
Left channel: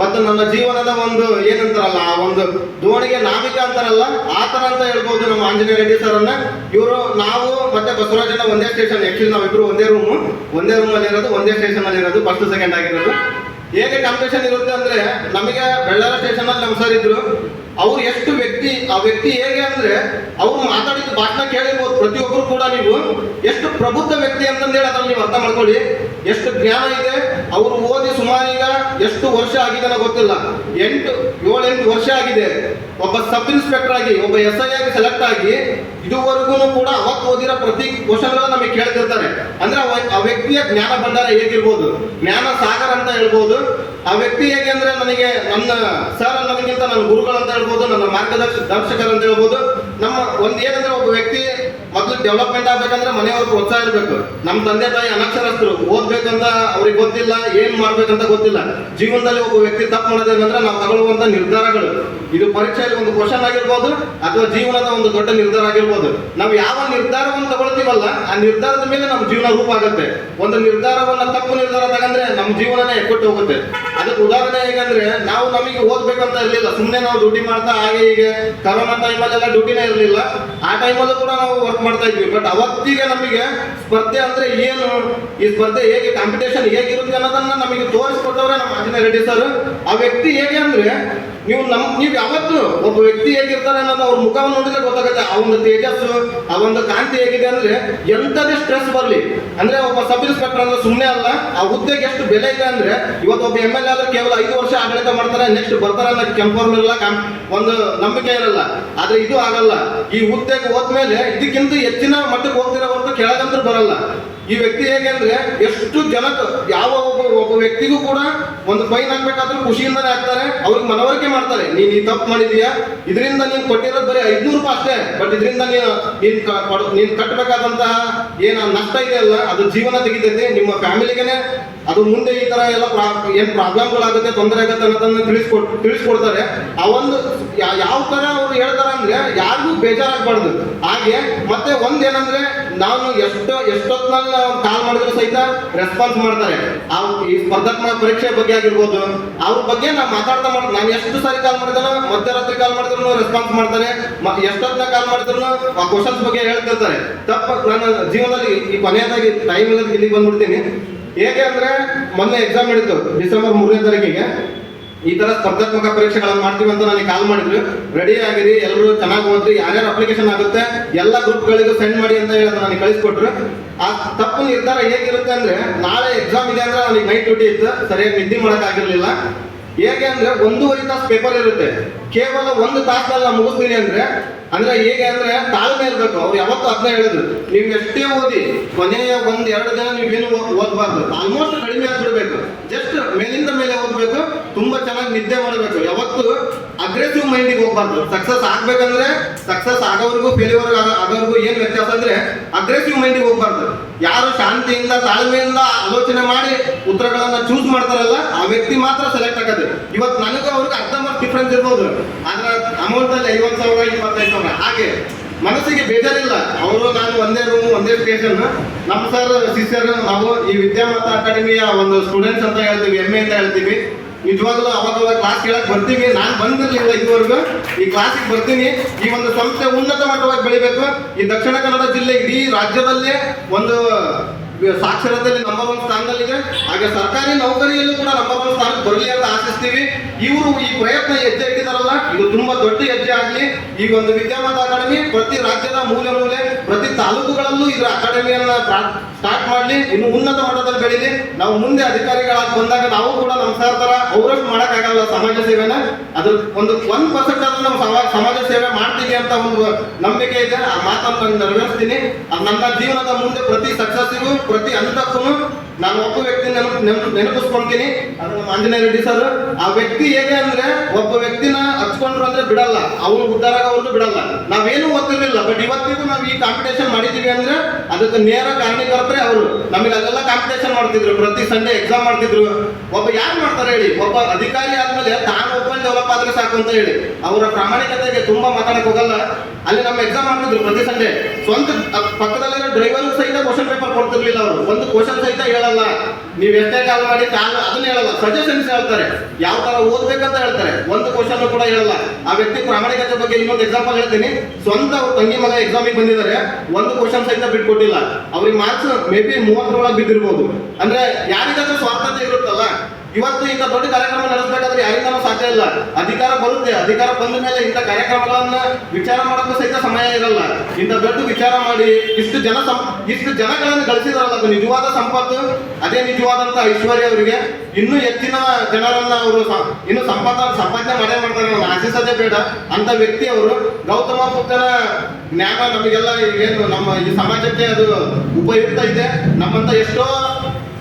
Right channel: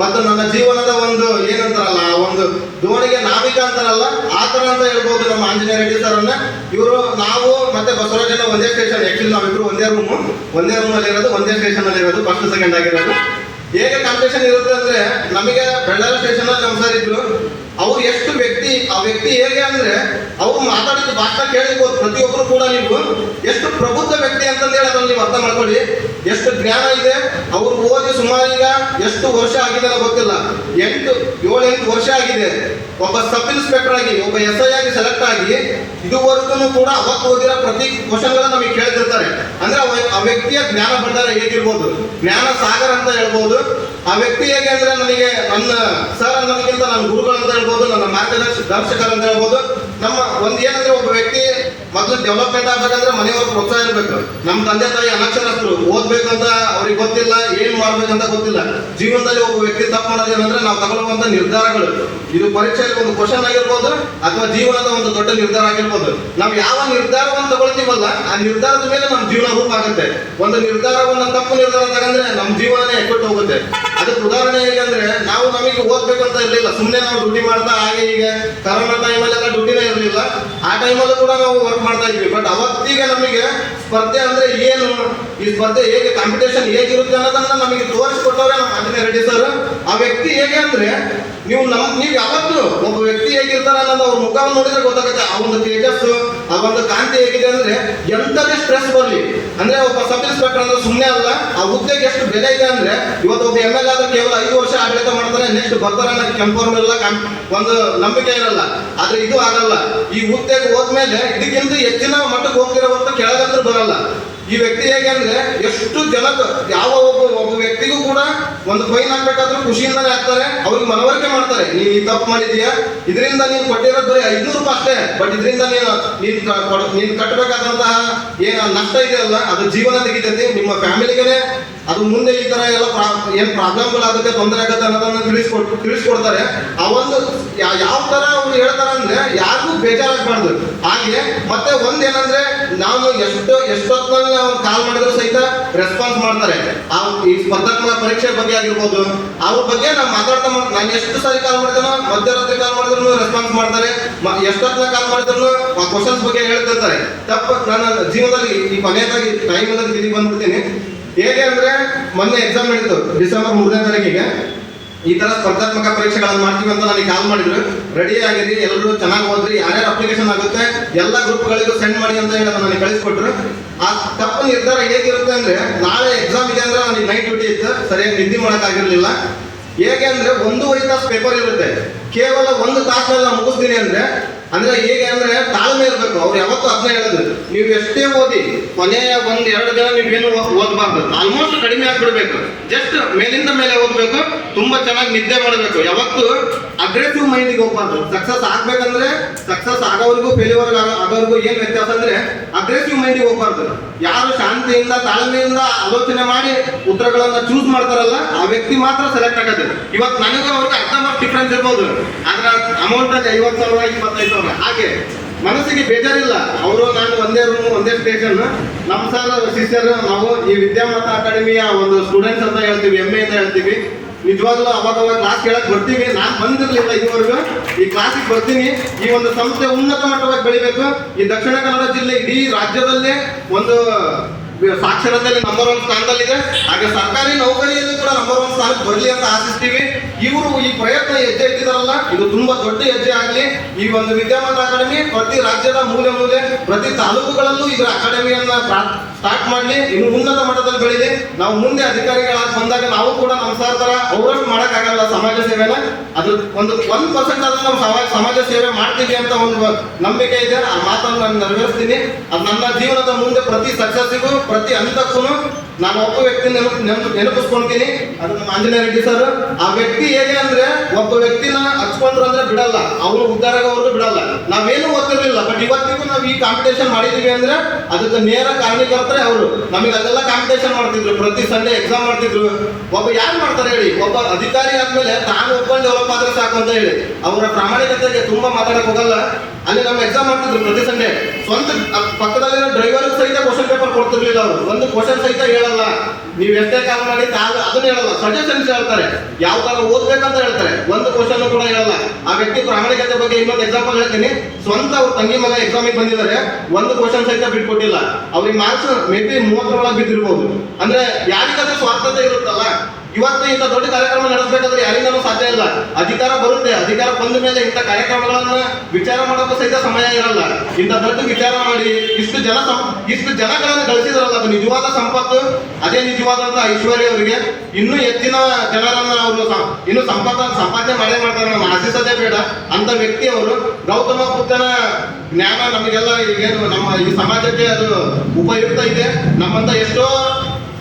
ಮತ್ತು ನನ್ನ ಜೀವನದ ಒಂದು ಏನಂತಾರಲ್ಲ, ಆ ಒಂದು ದೋಣಿಗೆ ನಾವಿಕ ಅಂತಾರಲ್ಲ, ಆ ತರ ಅಂತ ಹೇಳ್ಬೋದು ನಮ್ಮ ಆಂಜನೇಯ ರೆಡ್ಡಿ ಸರ್ ಅನ್ನ. ಇವರು ನಾವು ಮತ್ತೆ ಬಸವರಾಜಣ್ಣ ಒಂದೇ ಸ್ಟೇಷನ್. ಆಕ್ಚುಲಿ ನಾವಿಬ್ರು ಒಂದೇ ರೂಮಲ್ಲಿ ಇರೋದು, ಒಂದೇ ಸ್ಟೇಷನ್ ಅಲ್ಲಿ ಇರೋದು, ಫಸ್ಟ್ ಸೆಕೆಂಡ್ ಆಗಿರೋದು. ಹೇಗೆ ಕಾಂಪಿಟೇಷನ್ ಇರುತ್ತೆ ಅಂದ್ರೆ, ನಮಗೆ ಬೆಳ್ಳಾರ ಸ್ಟೇಷನ್ ಅಲ್ಲಿ ನಮ್ಮ ಸರ್ ಇದ್ರು. ಅವ್ರು ಎಷ್ಟು ಆ ವ್ಯಕ್ತಿ ಹೇಗೆ ಅಂದ್ರೆ ಅವ್ರು ಮಾತಾಡಿದ ಭಾಷಣ ಕೇಳಿರ್ಬೋದು ಪ್ರತಿಯೊಬ್ಬರು ಕೂಡ. ನೀವು ಎಷ್ಟು ಪ್ರಬುದ್ಧ ವ್ಯಕ್ತಿ ಅಂತಂದೇಳಿ ಅದ್ರಲ್ಲಿ ನೀವು ಅರ್ಥ ಮಾಡ್ಕೊಳ್ಳಿ. ಎಷ್ಟು ಜ್ಞಾನ ಇದೆ. ಅವ್ರು ಓದಿ ಸುಮಾರು ಈಗ ಎಷ್ಟು ವರ್ಷ ಆಗಿದೆ ಗೊತ್ತಿಲ್ಲ, 7-8 ವರ್ಷ ಆಗಿದೆ. ಒಬ್ಬ ಸಬ್ ಇನ್ಸ್ಪೆಕ್ಟರ್ ಆಗಿ, ಒಬ್ಬ SI ಆಗಿ ಸೆಲೆಕ್ಟ್ ಆಗಿ ಇದುವರೆಗೂ ಕೂಡ ಅವತ್ತು ಓದಿರೋ ಪ್ರತಿ ಕ್ವಶನ್ಗಳು ನಮಗೆ ಕೇಳ್ತಿರ್ತಾರೆ. ಅಂದ್ರೆ ಆ ವ್ಯಕ್ತಿಯ ಜ್ಞಾನ ಭಂಡಾರ ಹೇಗಿರ್ಬೋದು, ಜ್ಞಾನ ಸಾಗರ ಅಂತ ಹೇಳ್ಬೋದು. ಆ ವ್ಯಕ್ತಿ ಹೇಗೆ ಅಂದ್ರೆ ನನಗೆ ನನ್ನ ಸರ್ ಅನ್ನೋದಕ್ಕಿಂತ ನನ್ನ ಗುರುಗಳು ಅಂತ ಹೇಳ್ಬೋದು, ನನ್ನ ಮಾರ್ಗದರ್ಶಕರು ಅಂತ ಹೇಳ್ಬೋದು. ನಮ್ಮ ಒಂದು ಏನಂದ್ರೆ ಒಬ್ಬ ವ್ಯಕ್ತಿ ಮೊದಲು ಡೆವಲಪ್ಮೆಂಟ್ ಆಗ್ಬೇಕಂದ್ರೆ ಮನೆಯವ್ರ ಪ್ರೋತ್ಸಾಹ ಇರಬೇಕು. ನಮ್ಮ ತಂದೆ ತಾಯಿ ಅನಕ್ಷರಸ್ಥರು, ಓದ್ಬೇಕು ಅಂತ ಅವ್ರಿಗೆ ಗೊತ್ತಿಲ್ಲ, ಏನ್ ಮಾಡ್ಬೇಕಂತ ಗೊತ್ತಿಲ್ಲ. ಜೀವನದಲ್ಲಿ ಒಬ್ಬ ವ್ಯಕ್ತಿ ತಪ್ಪು ಮಾಡೋದೇನಂದ್ರೆ ನಾವು ತಗೊಳ್ಳುವಂತ ನಿರ್ಧಾರಗಳು. ಇದು ಪರೀಕ್ಷೆಯಲ್ಲಿ ಒಂದು ಕ್ವಶನ್ ಆಗಿರ್ಬೋದು ಅಥವಾ ಜೀವನದ ಒಂದು ದೊಡ್ಡ ನಿರ್ಧಾರ ಆಗಿರ್ಬೋದು. ನಾವು ಯಾವ ನಿರ್ಧಾರವನ್ನು ತಗೊಳ್ತೀವಲ್ಲ ಆ ನಿರ್ಧಾರದ ಮೇಲೆ ನಮ್ಮ ಜೀವನ ರೂಪ ಆಗುತ್ತೆ. ಒಂದು ನಿರ್ಧಾರವನ್ನ ತಪ್ಪು ನಿರ್ಧಾರ ತಗಂದ್ರೆ ನಮ್ಮ ಜೀವನನೇ ಎಕ್ಕಟ್ಟು ಹೋಗುತ್ತೆ. ಅದಕ್ಕೆ ಉದಾಹರಣೆ ಹೇಗಂದ್ರೆ, ನಮಗೆ ಓದ್ಬೇಕಂತ ಇರಲಿಲ್ಲ, ಸುಮ್ಮನೆ ನಾವು ಡ್ಯೂಟಿ ಮಾಡ್ತಾ ಹಾಗೆ ಹೀಗೆ ಕರೋನಾ ಟೈಮಲ್ಲೆಲ್ಲ ಡ್ಯೂಟಿನೇ ಇರಲಿಲ್ಲ. ಆ ಟೈಮಲ್ಲೂ ಕೂಡ ನಾವು ವರ್ಕ್ ಮಾಡ್ತಾ ಇದ್ವಿ. ಬಟ್ ಅವತ್ತಿಗೆ ನಮಗೆ ಸ್ಪರ್ಧೆ ಅಂದ್ರೆ ಏನು, ಈ ಸ್ಪರ್ಧೆ ಹೇಗೆ, ಕಾಂಪಿಟೇಷನ್ ಹೇಗಿರುತ್ತೆ ಅನ್ನೋದನ್ನ ನಮಗೆ ತೋರಿಸ್ಕೊಟ್ಟವ್ರೆ ನಮ್ಮ ಆಂಜನೇಯ ರೆಡ್ಡಿ ಸರ್. ಆ ವ್ಯಕ್ತಿ ಹೇಗೆ ಅಂದ್ರೆ ನೀವು ಯಾವತ್ತು ಒಬ್ಬ ವ್ಯಕ್ತಿ ಹೇಗಿರ್ತಾರೆ ಅನ್ನೋದು ಅವ್ರ ಮುಖವನ್ನು ನೋಡಿದ್ರೆ ಗೊತ್ತಾಗುತ್ತೆ. ಆ ಒಂದು ತೇಜಸ್ಸು, ಆ ಒಂದು ಕಾಂತಿ ಹೇಗಿದೆ ಅಂದ್ರೆ ಎಂಥದೇ ಸ್ಟ್ರೆಸ್ ಬರಲಿ ಅಂದ್ರೆ ಒಬ್ಬ ಸಬ್ ಇನ್ಸ್ಪೆಕ್ಟರ್ ಅಂದ್ರೆ ಸುಮ್ಮನೆ ಅಲ್ಲ, ಆ ಹುದ್ದೆಗೆ ಎಷ್ಟು ಬೆಲೆ ಇದೆ ಅಂದ್ರೆ ಇವತ್ತು ಒಬ್ಬ MLA ಆದ್ರೆ ಕೇವಲ 5 ವರ್ಷ ಆಡಳಿತ ಮಾಡ್ತಾರೆ, ನೆಕ್ಸ್ಟ್ ಬರ್ತಾರೆ ಅನ್ನೋ ಕೆಂಪರ್ಮೆಲ್ಲ ಒಂದು ನಂಬಿಕೆ ಇರಲ್ಲ. ಆದ್ರೆ ಇದು ಆಗಲ್ಲ. ಈ ಹುದ್ದೆಗೆ ಹೋದ್ಮೇಲೆ ಇದಕ್ಕಿಂತ ಹೆಚ್ಚಿನ ಮಟ್ಟಕ್ಕೆ ಹೋಗ್ತಿರೋ ಹೊರತು ಕೆಳಗಂತೂ ಬರಲ್ಲ. ಈ ವ್ಯಕ್ತಿ ಹೇಗೆ ಅಂದ್ರೆ ಎಷ್ಟು ಜನಕ್ಕೆ ಯಾವ ಒಬ್ಬ ವ್ಯಕ್ತಿಗೂ ಕೂಡ ಒಂದು ಫೈನ್ ಹಾಕ್ಬೇಕಾದ್ರೂ ಖುಷಿಯಿಂದನೇ ಹಾಕ್ತಾರೆ. ಅವ್ರಿಗೆ ಮನವರಿಕೆ ಮಾಡ್ತಾರೆ, ನೀನ್ ಈ ತಪ್ಪು ಮಾಡಿದೀಯಾ, ಇದರಿಂದ ನೀನು ಕೊಟ್ಟಿರೋದು ಬರೀ 500 ರೂಪಾಯಿ ಅಷ್ಟೇ, ಬಟ್ ಇದರಿಂದ ನೀನು ಕಟ್ಟಬೇಕಾದಂತಹ ಏನ್ ನಷ್ಟ ಇದೆ ಅಲ್ಲ ಅದು ಜೀವನ ತೆಗಿತೈತಿ, ನಿಮ್ಮ ಫ್ಯಾಮಿಲಿಗೆ ಅದು ಮುಂದೆ ಈ ತರ ಎಲ್ಲ ಏನ್ ಪ್ರಾಬ್ಲಮ್ಗಳಾಗುತ್ತೆ, ತೊಂದರೆ ಆಗುತ್ತೆ ಅನ್ನೋದನ್ನ ತಿಳಿಸ್ಕೊಡ್ತಾರೆ. ಆ ಒಂದು ಯಾವ ತರ ಅವ್ರು ಹೇಳ್ತಾರೆ ಅಂದ್ರೆ ಯಾರಿಗೂ ಬೇಜಾರಾಗಬಾರ್ದು. ಹಾಗೆ ಮತ್ತೆ ಒಂದೇನಂದ್ರೆ ನಾವು ಎಷ್ಟೊತ್ತಿನಲ್ಲಿ ನಾವು ಕಾಲ್ ಮಾಡಿದ್ರು ಸಹಿತ ರೆಸ್ಪಾನ್ಸ್ ಮಾಡ್ತಾರೆ. ಈ ಸ್ಪರ್ಧಾತ್ಮಕ ಪರೀಕ್ಷೆ ಬಗ್ಗೆ ಆಗಿರ್ಬೋದು, ಅವ್ರ ಬಗ್ಗೆ ನಾವು ಮಾತಾಡ್ತಾ ನಾನು ಎಷ್ಟು ಸಾರಿ ಕಾಲ್ ಮಾಡಿದ್ರು, ಮಧ್ಯರಾತ್ರಿ ಕಾಲ್ ಮಾಡಿದ್ರು ರೆಸ್ಪಾನ್ಸ್ ಮಾಡ್ತಾರೆ. ಎಷ್ಟೊತ್ತಿನ ಕಾಲ್ ಮಾಡಿದ್ರು ಆ ಕ್ವಶನ್ಸ್ ಬಗ್ಗೆ ಹೇಳ್ತಿರ್ತಾರೆ. ನನ್ನ ಜೀವನದಲ್ಲಿ ಈ ಕೊನೆಯದಾಗಿ ಟೈಮ್ ಇಲ್ಲದ ಇಲ್ಲಿ ಬಂದ್ಬಿಡ್ತೀನಿ. ಹೇಗೆ ಅಂದ್ರೆ ಮೊನ್ನೆ ಎಕ್ಸಾಮ್ ನಡೀತು ಡಿಸೆಂಬರ್ 3ನೇ ತಾರೀಕಿಗೆ. ಈ ತರ ಸ್ಪರ್ಧಾತ್ಮಕ ಪರೀಕ್ಷೆಗಳನ್ನು ಮಾಡ್ತೀವಿ ಅಂತ ನನಗೆ ಕಾಲ್ ಮಾಡಿದ್ರು. ರೆಡಿ ಆಗಿರಿ, ಎಲ್ಲರೂ ಚೆನ್ನಾಗಿ ಓದ್ರಿ, ಯಾರ್ಯಾರು ಅಪ್ಲಿಕೇಶನ್ ಆಗುತ್ತೆ ಎಲ್ಲ ಗ್ರೂಪ್ಗಳಿಗೂ ಸೆಂಡ್ ಮಾಡಿ ಅಂತ ಹೇಳಿ ನನಗೆ ಕಳಿಸ್ಕೊಟ್ರು. ಆ ತಪ್ಪು ನಿರ್ಧಾರ ಹೇಗಿರುತ್ತೆ ಅಂದ್ರೆ, ನಾಳೆ ಎಕ್ಸಾಮ್ ಇದೆ ಅಂದ್ರೆ ನನಗೆ ನೈಟ್ ಡ್ಯೂಟಿ ಇತ್ತು, ಸರಿಯಾಗಿ ನಿದ್ದೆ ಮಾಡೋಕ್ಕಾಗಿರ್ಲಿಲ್ಲ. ಹೇಗೆ ಅಂದ್ರೆ 1.5 ತಾಸು ಪೇಪರ್ ಇರುತ್ತೆ, ಕೇವಲ 1 ತಾಸಿನಲ್ಲಿ ನಾನು ಮುಗಿಸ್ತೀನಿ ಅಂದ್ರೆ ಹೇಗೆ ಅಂದ್ರೆ ತಾಳ್ಮೆ ಇರಬೇಕು. ಅವ್ರು ಯಾವತ್ತೂ ಅದನ್ನ ಹೇಳಿದ್ರು, ನೀವು ಎಷ್ಟೇ ಓದಿ ಕೊನೆಯ 1-2 ದಿನ ನೀವೇನು ಓದಬಾರ್ದು, ಆಲ್ಮೋಸ್ಟ್ ಕಡಿಮೆ ಆಗ್ಬಿಡ್ಬೇಕು, ಜಸ್ಟ್ ಮೇಲಿಂದ ಮೇಲೆ ಓದ್ಬೇಕು, ತುಂಬಾ ಚೆನ್ನಾಗಿ ನಿದ್ದೆ ಮಾಡಬೇಕು. ಯಾವತ್ತು ಅಗ್ರೆಸಿವ್ ಮೈಂಡಿಗೆ ಹೋಗ್ಬಾರ್ದು. ಸಕ್ಸಸ್ ಆಗ್ಬೇಕಂದ್ರೆ ಸಕ್ಸಸ್ ಆಗೋವರೆಗೂ ಫೇಲ್ಯೂರ್ ಆಗೋವರೆಗೂ ಏನ್ ವ್ಯತ್ಯಾಸ ಅಂದ್ರೆ ಅಗ್ರೆಸಿವ್ ಮೈಂಡಿಗೆ ಹೋಗ್ಬಾರ್ದು. ಯಾರು ಶಾಂತಿಯಿಂದ ತಾಳ್ಮೆಯಿಂದ ಆಲೋಚನೆ ಮಾಡಿ ಉತ್ತರಗಳನ್ನ ಚೂಸ್ ಮಾಡ್ತಾರಲ್ಲ ಆ ವ್ಯಕ್ತಿ ಮಾತ್ರ ಸೆಲೆಕ್ಟ್ ಆಗೋದು. ಇವತ್ತು ನನಗೂ ಅವ್ರಿಗೆ ಅರ್ಧ ಮಾರ್ಕ್ಸ್ ಡಿಫ್ರೆನ್ಸ್ ಇರ್ಬೋದು, ಆದ್ರೆ ಅಮೌಂಟ್ ಅಲ್ಲಿ 50,000 25,000. ಹಾಗೆ ಮನಸ್ಸಿಗೆ ಬೇಜಾರಿಲ್ಲ. ಅವರು ನಾನು ಒಂದೇ ರೂಮ್ ಒಂದೇ ಸ್ಟೇಷನ್. ನಮ್ಮ ಸರ್ ಶಿಷ್ಯರು ನಾವು ಈ ವಿದ್ಯಾಮಾತಾ ಅಕಾಡೆಮಿಯ ಒಂದು ಸ್ಟೂಡೆಂಟ್ಸ್ ಅಂತ ಹೇಳ್ತೀವಿ, MA ಅಂತ ಹೇಳ್ತೀವಿ. ನಿಜವಾಗ್ಲೂ ಅವಾಗ ಕ್ಲಾಸ್ ಕೇಳಕ್ ಬರ್ತೀವಿ. ನಾನು ಬಂದಿರ್ಲಿಲ್ಲ ಇದುವರೆಗೂ, ಈ ಕ್ಲಾಸಿಗೆ ಬರ್ತೀನಿ. ಈ ಒಂದು ಸಂಸ್ಥೆ ಉನ್ನತ ಮಟ್ಟವಾಗಿ ಬೆಳಿಬೇಕು. ಈ ದಕ್ಷಿಣ ಕನ್ನಡ ಜಿಲ್ಲೆ ಇಡೀ ರಾಜ್ಯದಲ್ಲೇ ಒಂದು ಸಾಕ್ಷರತೆಯಲ್ಲಿ ನಂಬರ್ 1 ಸ್ಥಾನದಲ್ಲಿದೆ. ಹಾಗೆ ಸರ್ಕಾರಿ ನೌಕರಿಯಲ್ಲೂ ಕೂಡ ನಂಬರ್ 1 ಸ್ಥಾನಕ್ಕೆ ಬರಲಿ ಅಂತ ಆಶಿಸ್ತೀವಿ. ಇವರು ಈ ಪ್ರಯತ್ನ ಹೆಜ್ಜೆ ಇಟ್ಟಿದಾರಲ್ಲ ಇದು ತುಂಬಾ ದೊಡ್ಡ ಹೆಜ್ಜೆ ಆಗಲಿ. ಈಗ ಒಂದು ವಿದ್ಯಾವಂತ ಅಕಾಡೆಮಿ ಪ್ರತಿ ರಾಜ್ಯದ ಮೂಲೆ ಮೂಲೆ ಪ್ರತಿ ತಾಲೂಕುಗಳಲ್ಲೂ ಇದರ ಅಕಾಡೆಮಿಯನ್ನ ಸ್ಟಾರ್ಟ್ ಮಾಡಲಿ, ಇನ್ನು ಉನ್ನತ ಮಟ್ಟದಲ್ಲಿ ಬೆಳೀಲಿ. ನಾವು ಮುಂದೆ ಅಧಿಕಾರಿಗಳಾಗಿ ಬಂದಾಗ ನಾವು ಕೂಡ ನಮ್ಮ ಸರ್ ತರ ಅವರಷ್ಟು ಮಾಡೋಕ್ಕಾಗಲ್ಲ ಸಮಾಜ ಸೇವೆನ. ಅದು 1% ಆದ್ರೂ ನಾವು ಸಮಾಜ ಸೇವೆ ಮಾಡ್ತೀವಿ ಅಂತ ಒಂದು ನಂಬಿಕೆ ಇದೆ. ಆ ಮಾತನ್ನು ನಾನು ನೆರವೇರಿಸ್ತೀನಿ. ಅದು ನನ್ನ ಜೀವನದ ಮುಂದೆ ಪ್ರತಿ ಸಕ್ಸಸ್ಸಿಗೂ ಪ್ರತಿ ಹಂತಕ್ಕೂ ನಾನು ಒಬ್ಬ ವ್ಯಕ್ತಿ ನೆನಪಿಸ್ಕೊಂತೀನಿ. ಅದು ನಮ್ಮ ಆಂಜನೇಯ ರೆಡ್ಡಿ ಸರ್. ಆ ವ್ಯಕ್ತಿ ಹೇಗೆ ಅಂದ್ರೆ ಒಬ್ಬ ವ್ಯಕ್ತಿನ ಹಚ್ಕೊಂಡ್ರು ಅಂದ್ರೆ ಬಿಡಲ್ಲ, ಅವನು ಉದ್ಧಾರ ಆಗೋವರೆಗೂ ಬಿಡಲ್ಲ. ನಾವೇನು ಓದ್ತಿರ್ಲಿಲ್ಲ, ಬಟ್ ಇವತ್ತಿಗೂ ನಾವು ಈ ಕಾಂಪಿಟೇಷನ್ ಮಾಡಿದೀವಿ ಅಂದ್ರೆ ಅದಕ್ಕೆ ನೇರ ಕಾರಣೀಕರ್ತರೆ ಅವರು. ನಮಗೆ ಅದೆಲ್ಲ ಕಾಂಪಿಟೇಷನ್ ಮಾಡ್ತಿದ್ರು, ಪ್ರತಿ ಸಂಡೇ ಎಕ್ಸಾಮ್ ಮಾಡ್ತಿದ್ರು. ಒಬ್ಬ ಯಾರು ಮಾಡ್ತಾರೆ ಹೇಳಿ? ಒಬ್ಬ ಅಧಿಕಾರಿ ಆದ್ಮೇಲೆ ತಾನು ಒಬ್ಬ ಡೆವಲಪ್ ಆದ್ರೆ ಸಾಕು ಅಂತ ಹೇಳಿ ಅವರ ಪ್ರಾಮಾಣಿಕತೆಗೆ ತುಂಬಾ ಮಾತಾಡಕ್ ಹೋಗಲ್ಲ. ಅಲ್ಲಿ ನಮ್ಮ ಎಕ್ಸಾಮ್ ಮಾಡ್ತಿದ್ರು ಪ್ರತಿ ಸಂಡೇ. ಸ್ವಂತ ಪಕ್ಕದಲ್ಲಿರೋ ಡ್ರೈವರ್ ಸಹಿತ ಕ್ವಶನ್ ಪೇಪರ್ ಕೊಡ್ತಿರ್ಲಿಲ್ಲ ಅವರು. ಒಂದು ಕ್ವಶನ್ ಸಹಿತ ಹೇಳಲ್ಲ, ನೀವು ಎಷ್ಟೇ ಕಾಲ್ ಮಾಡಿ ಅದನ್ನ ಹೇಳಲ್ಲ, ಸಜೆಷನ್ಸ್ ಹೇಳ್ತಾರೆ, ಯಾವ ತರ ಓದ್ಬೇಕಂತ ಹೇಳ್ತಾರೆ. ಒಂದು ಕ್ವಶನ್ ಕೂಡ ಹೇಳಲ್ಲ. ಆ ವ್ಯಕ್ತಿ ಪ್ರಾಮಾಣಿಕತೆ ಬಗ್ಗೆ ಇನ್ನೊಂದು ಎಕ್ಸಾಂಪಲ್ ಹೇಳ್ತೀನಿ. ಸ್ವಂತ ಅವ್ರ ತಂಗಿ ಮಗ ಎಕ್ಸಾಮಿಗೆ ಬಂದಿದ್ದಾರೆ, ಒಂದು ಕ್ವಶನ್ ಸಹಿತ ಬಿಟ್ಕೊಟ್ಟಿಲ್ಲ. ಅವ್ರಿಗೆ ಮಾರ್ಕ್ಸ್ ಮೇ ಬಿ 30 ಒಳಗೆ ಬಿದ್ದಿರ್ಬೋದು. ಅಂದ್ರೆ ಯಾರಿಗಾದ್ರೂ ಸ್ವಾರ್ಥತೆ ಇರುತ್ತಲ್ಲ. ಇವತ್ತು ಇಂಥ ದೊಡ್ಡ ಕಾರ್ಯಕ್ರಮ ನಡೆಸಬೇಕಾದ್ರೆ ಯಾರಿಂದಲೂ ಸಾಧ್ಯ ಇಲ್ಲ. ಅಧಿಕಾರ ಬರುತ್ತೆ, ಅಧಿಕಾರ ಬಂದ ಮೇಲೆ ಇಂಥ ಕಾರ್ಯಕ್ರಮಗಳನ್ನ ವಿಚಾರ ಮಾಡೋಕ್ಕೂ ಸಹಿತ ಸಮಯ ಇರಲ್ಲ. ಇಂಥ ದೊಡ್ಡ ವಿಚಾರ ಮಾಡಿ ಇಷ್ಟು ಜನಗಳನ್ನು ಗಳಿಸಿದಾರಲ್ಲ, ಅದು ನಿಜವಾದ ಸಂಪತ್ತು. ಅದೇ ನಿಜವಾದಂತ ಐಶ್ವರ್ಯ ಅವರಿಗೆ. ಇನ್ನೂ ಹೆಚ್ಚಿನ ಜನರನ್ನ ಅವರು ಇನ್ನು ಸಂಪಾದನೆ ಮಾಡೇ ಮಾಡ್ತಾರೆ, ನಮ್ಮ ಆಶಿಸೋದೇ ಬೇಡ ಅಂತ ವ್ಯಕ್ತಿ ಅವರು. ಗೌತಮ ಬುದ್ಧನ ಜ್ಞಾನ ನಮಗೆಲ್ಲ ಏನು ನಮ್ಮ ಈ ಸಮಾಜಕ್ಕೆ ಅದು ಉಪಯುಕ್ತ ಇದೆ. ನಮ್ಮಂತ ಎಷ್ಟೋ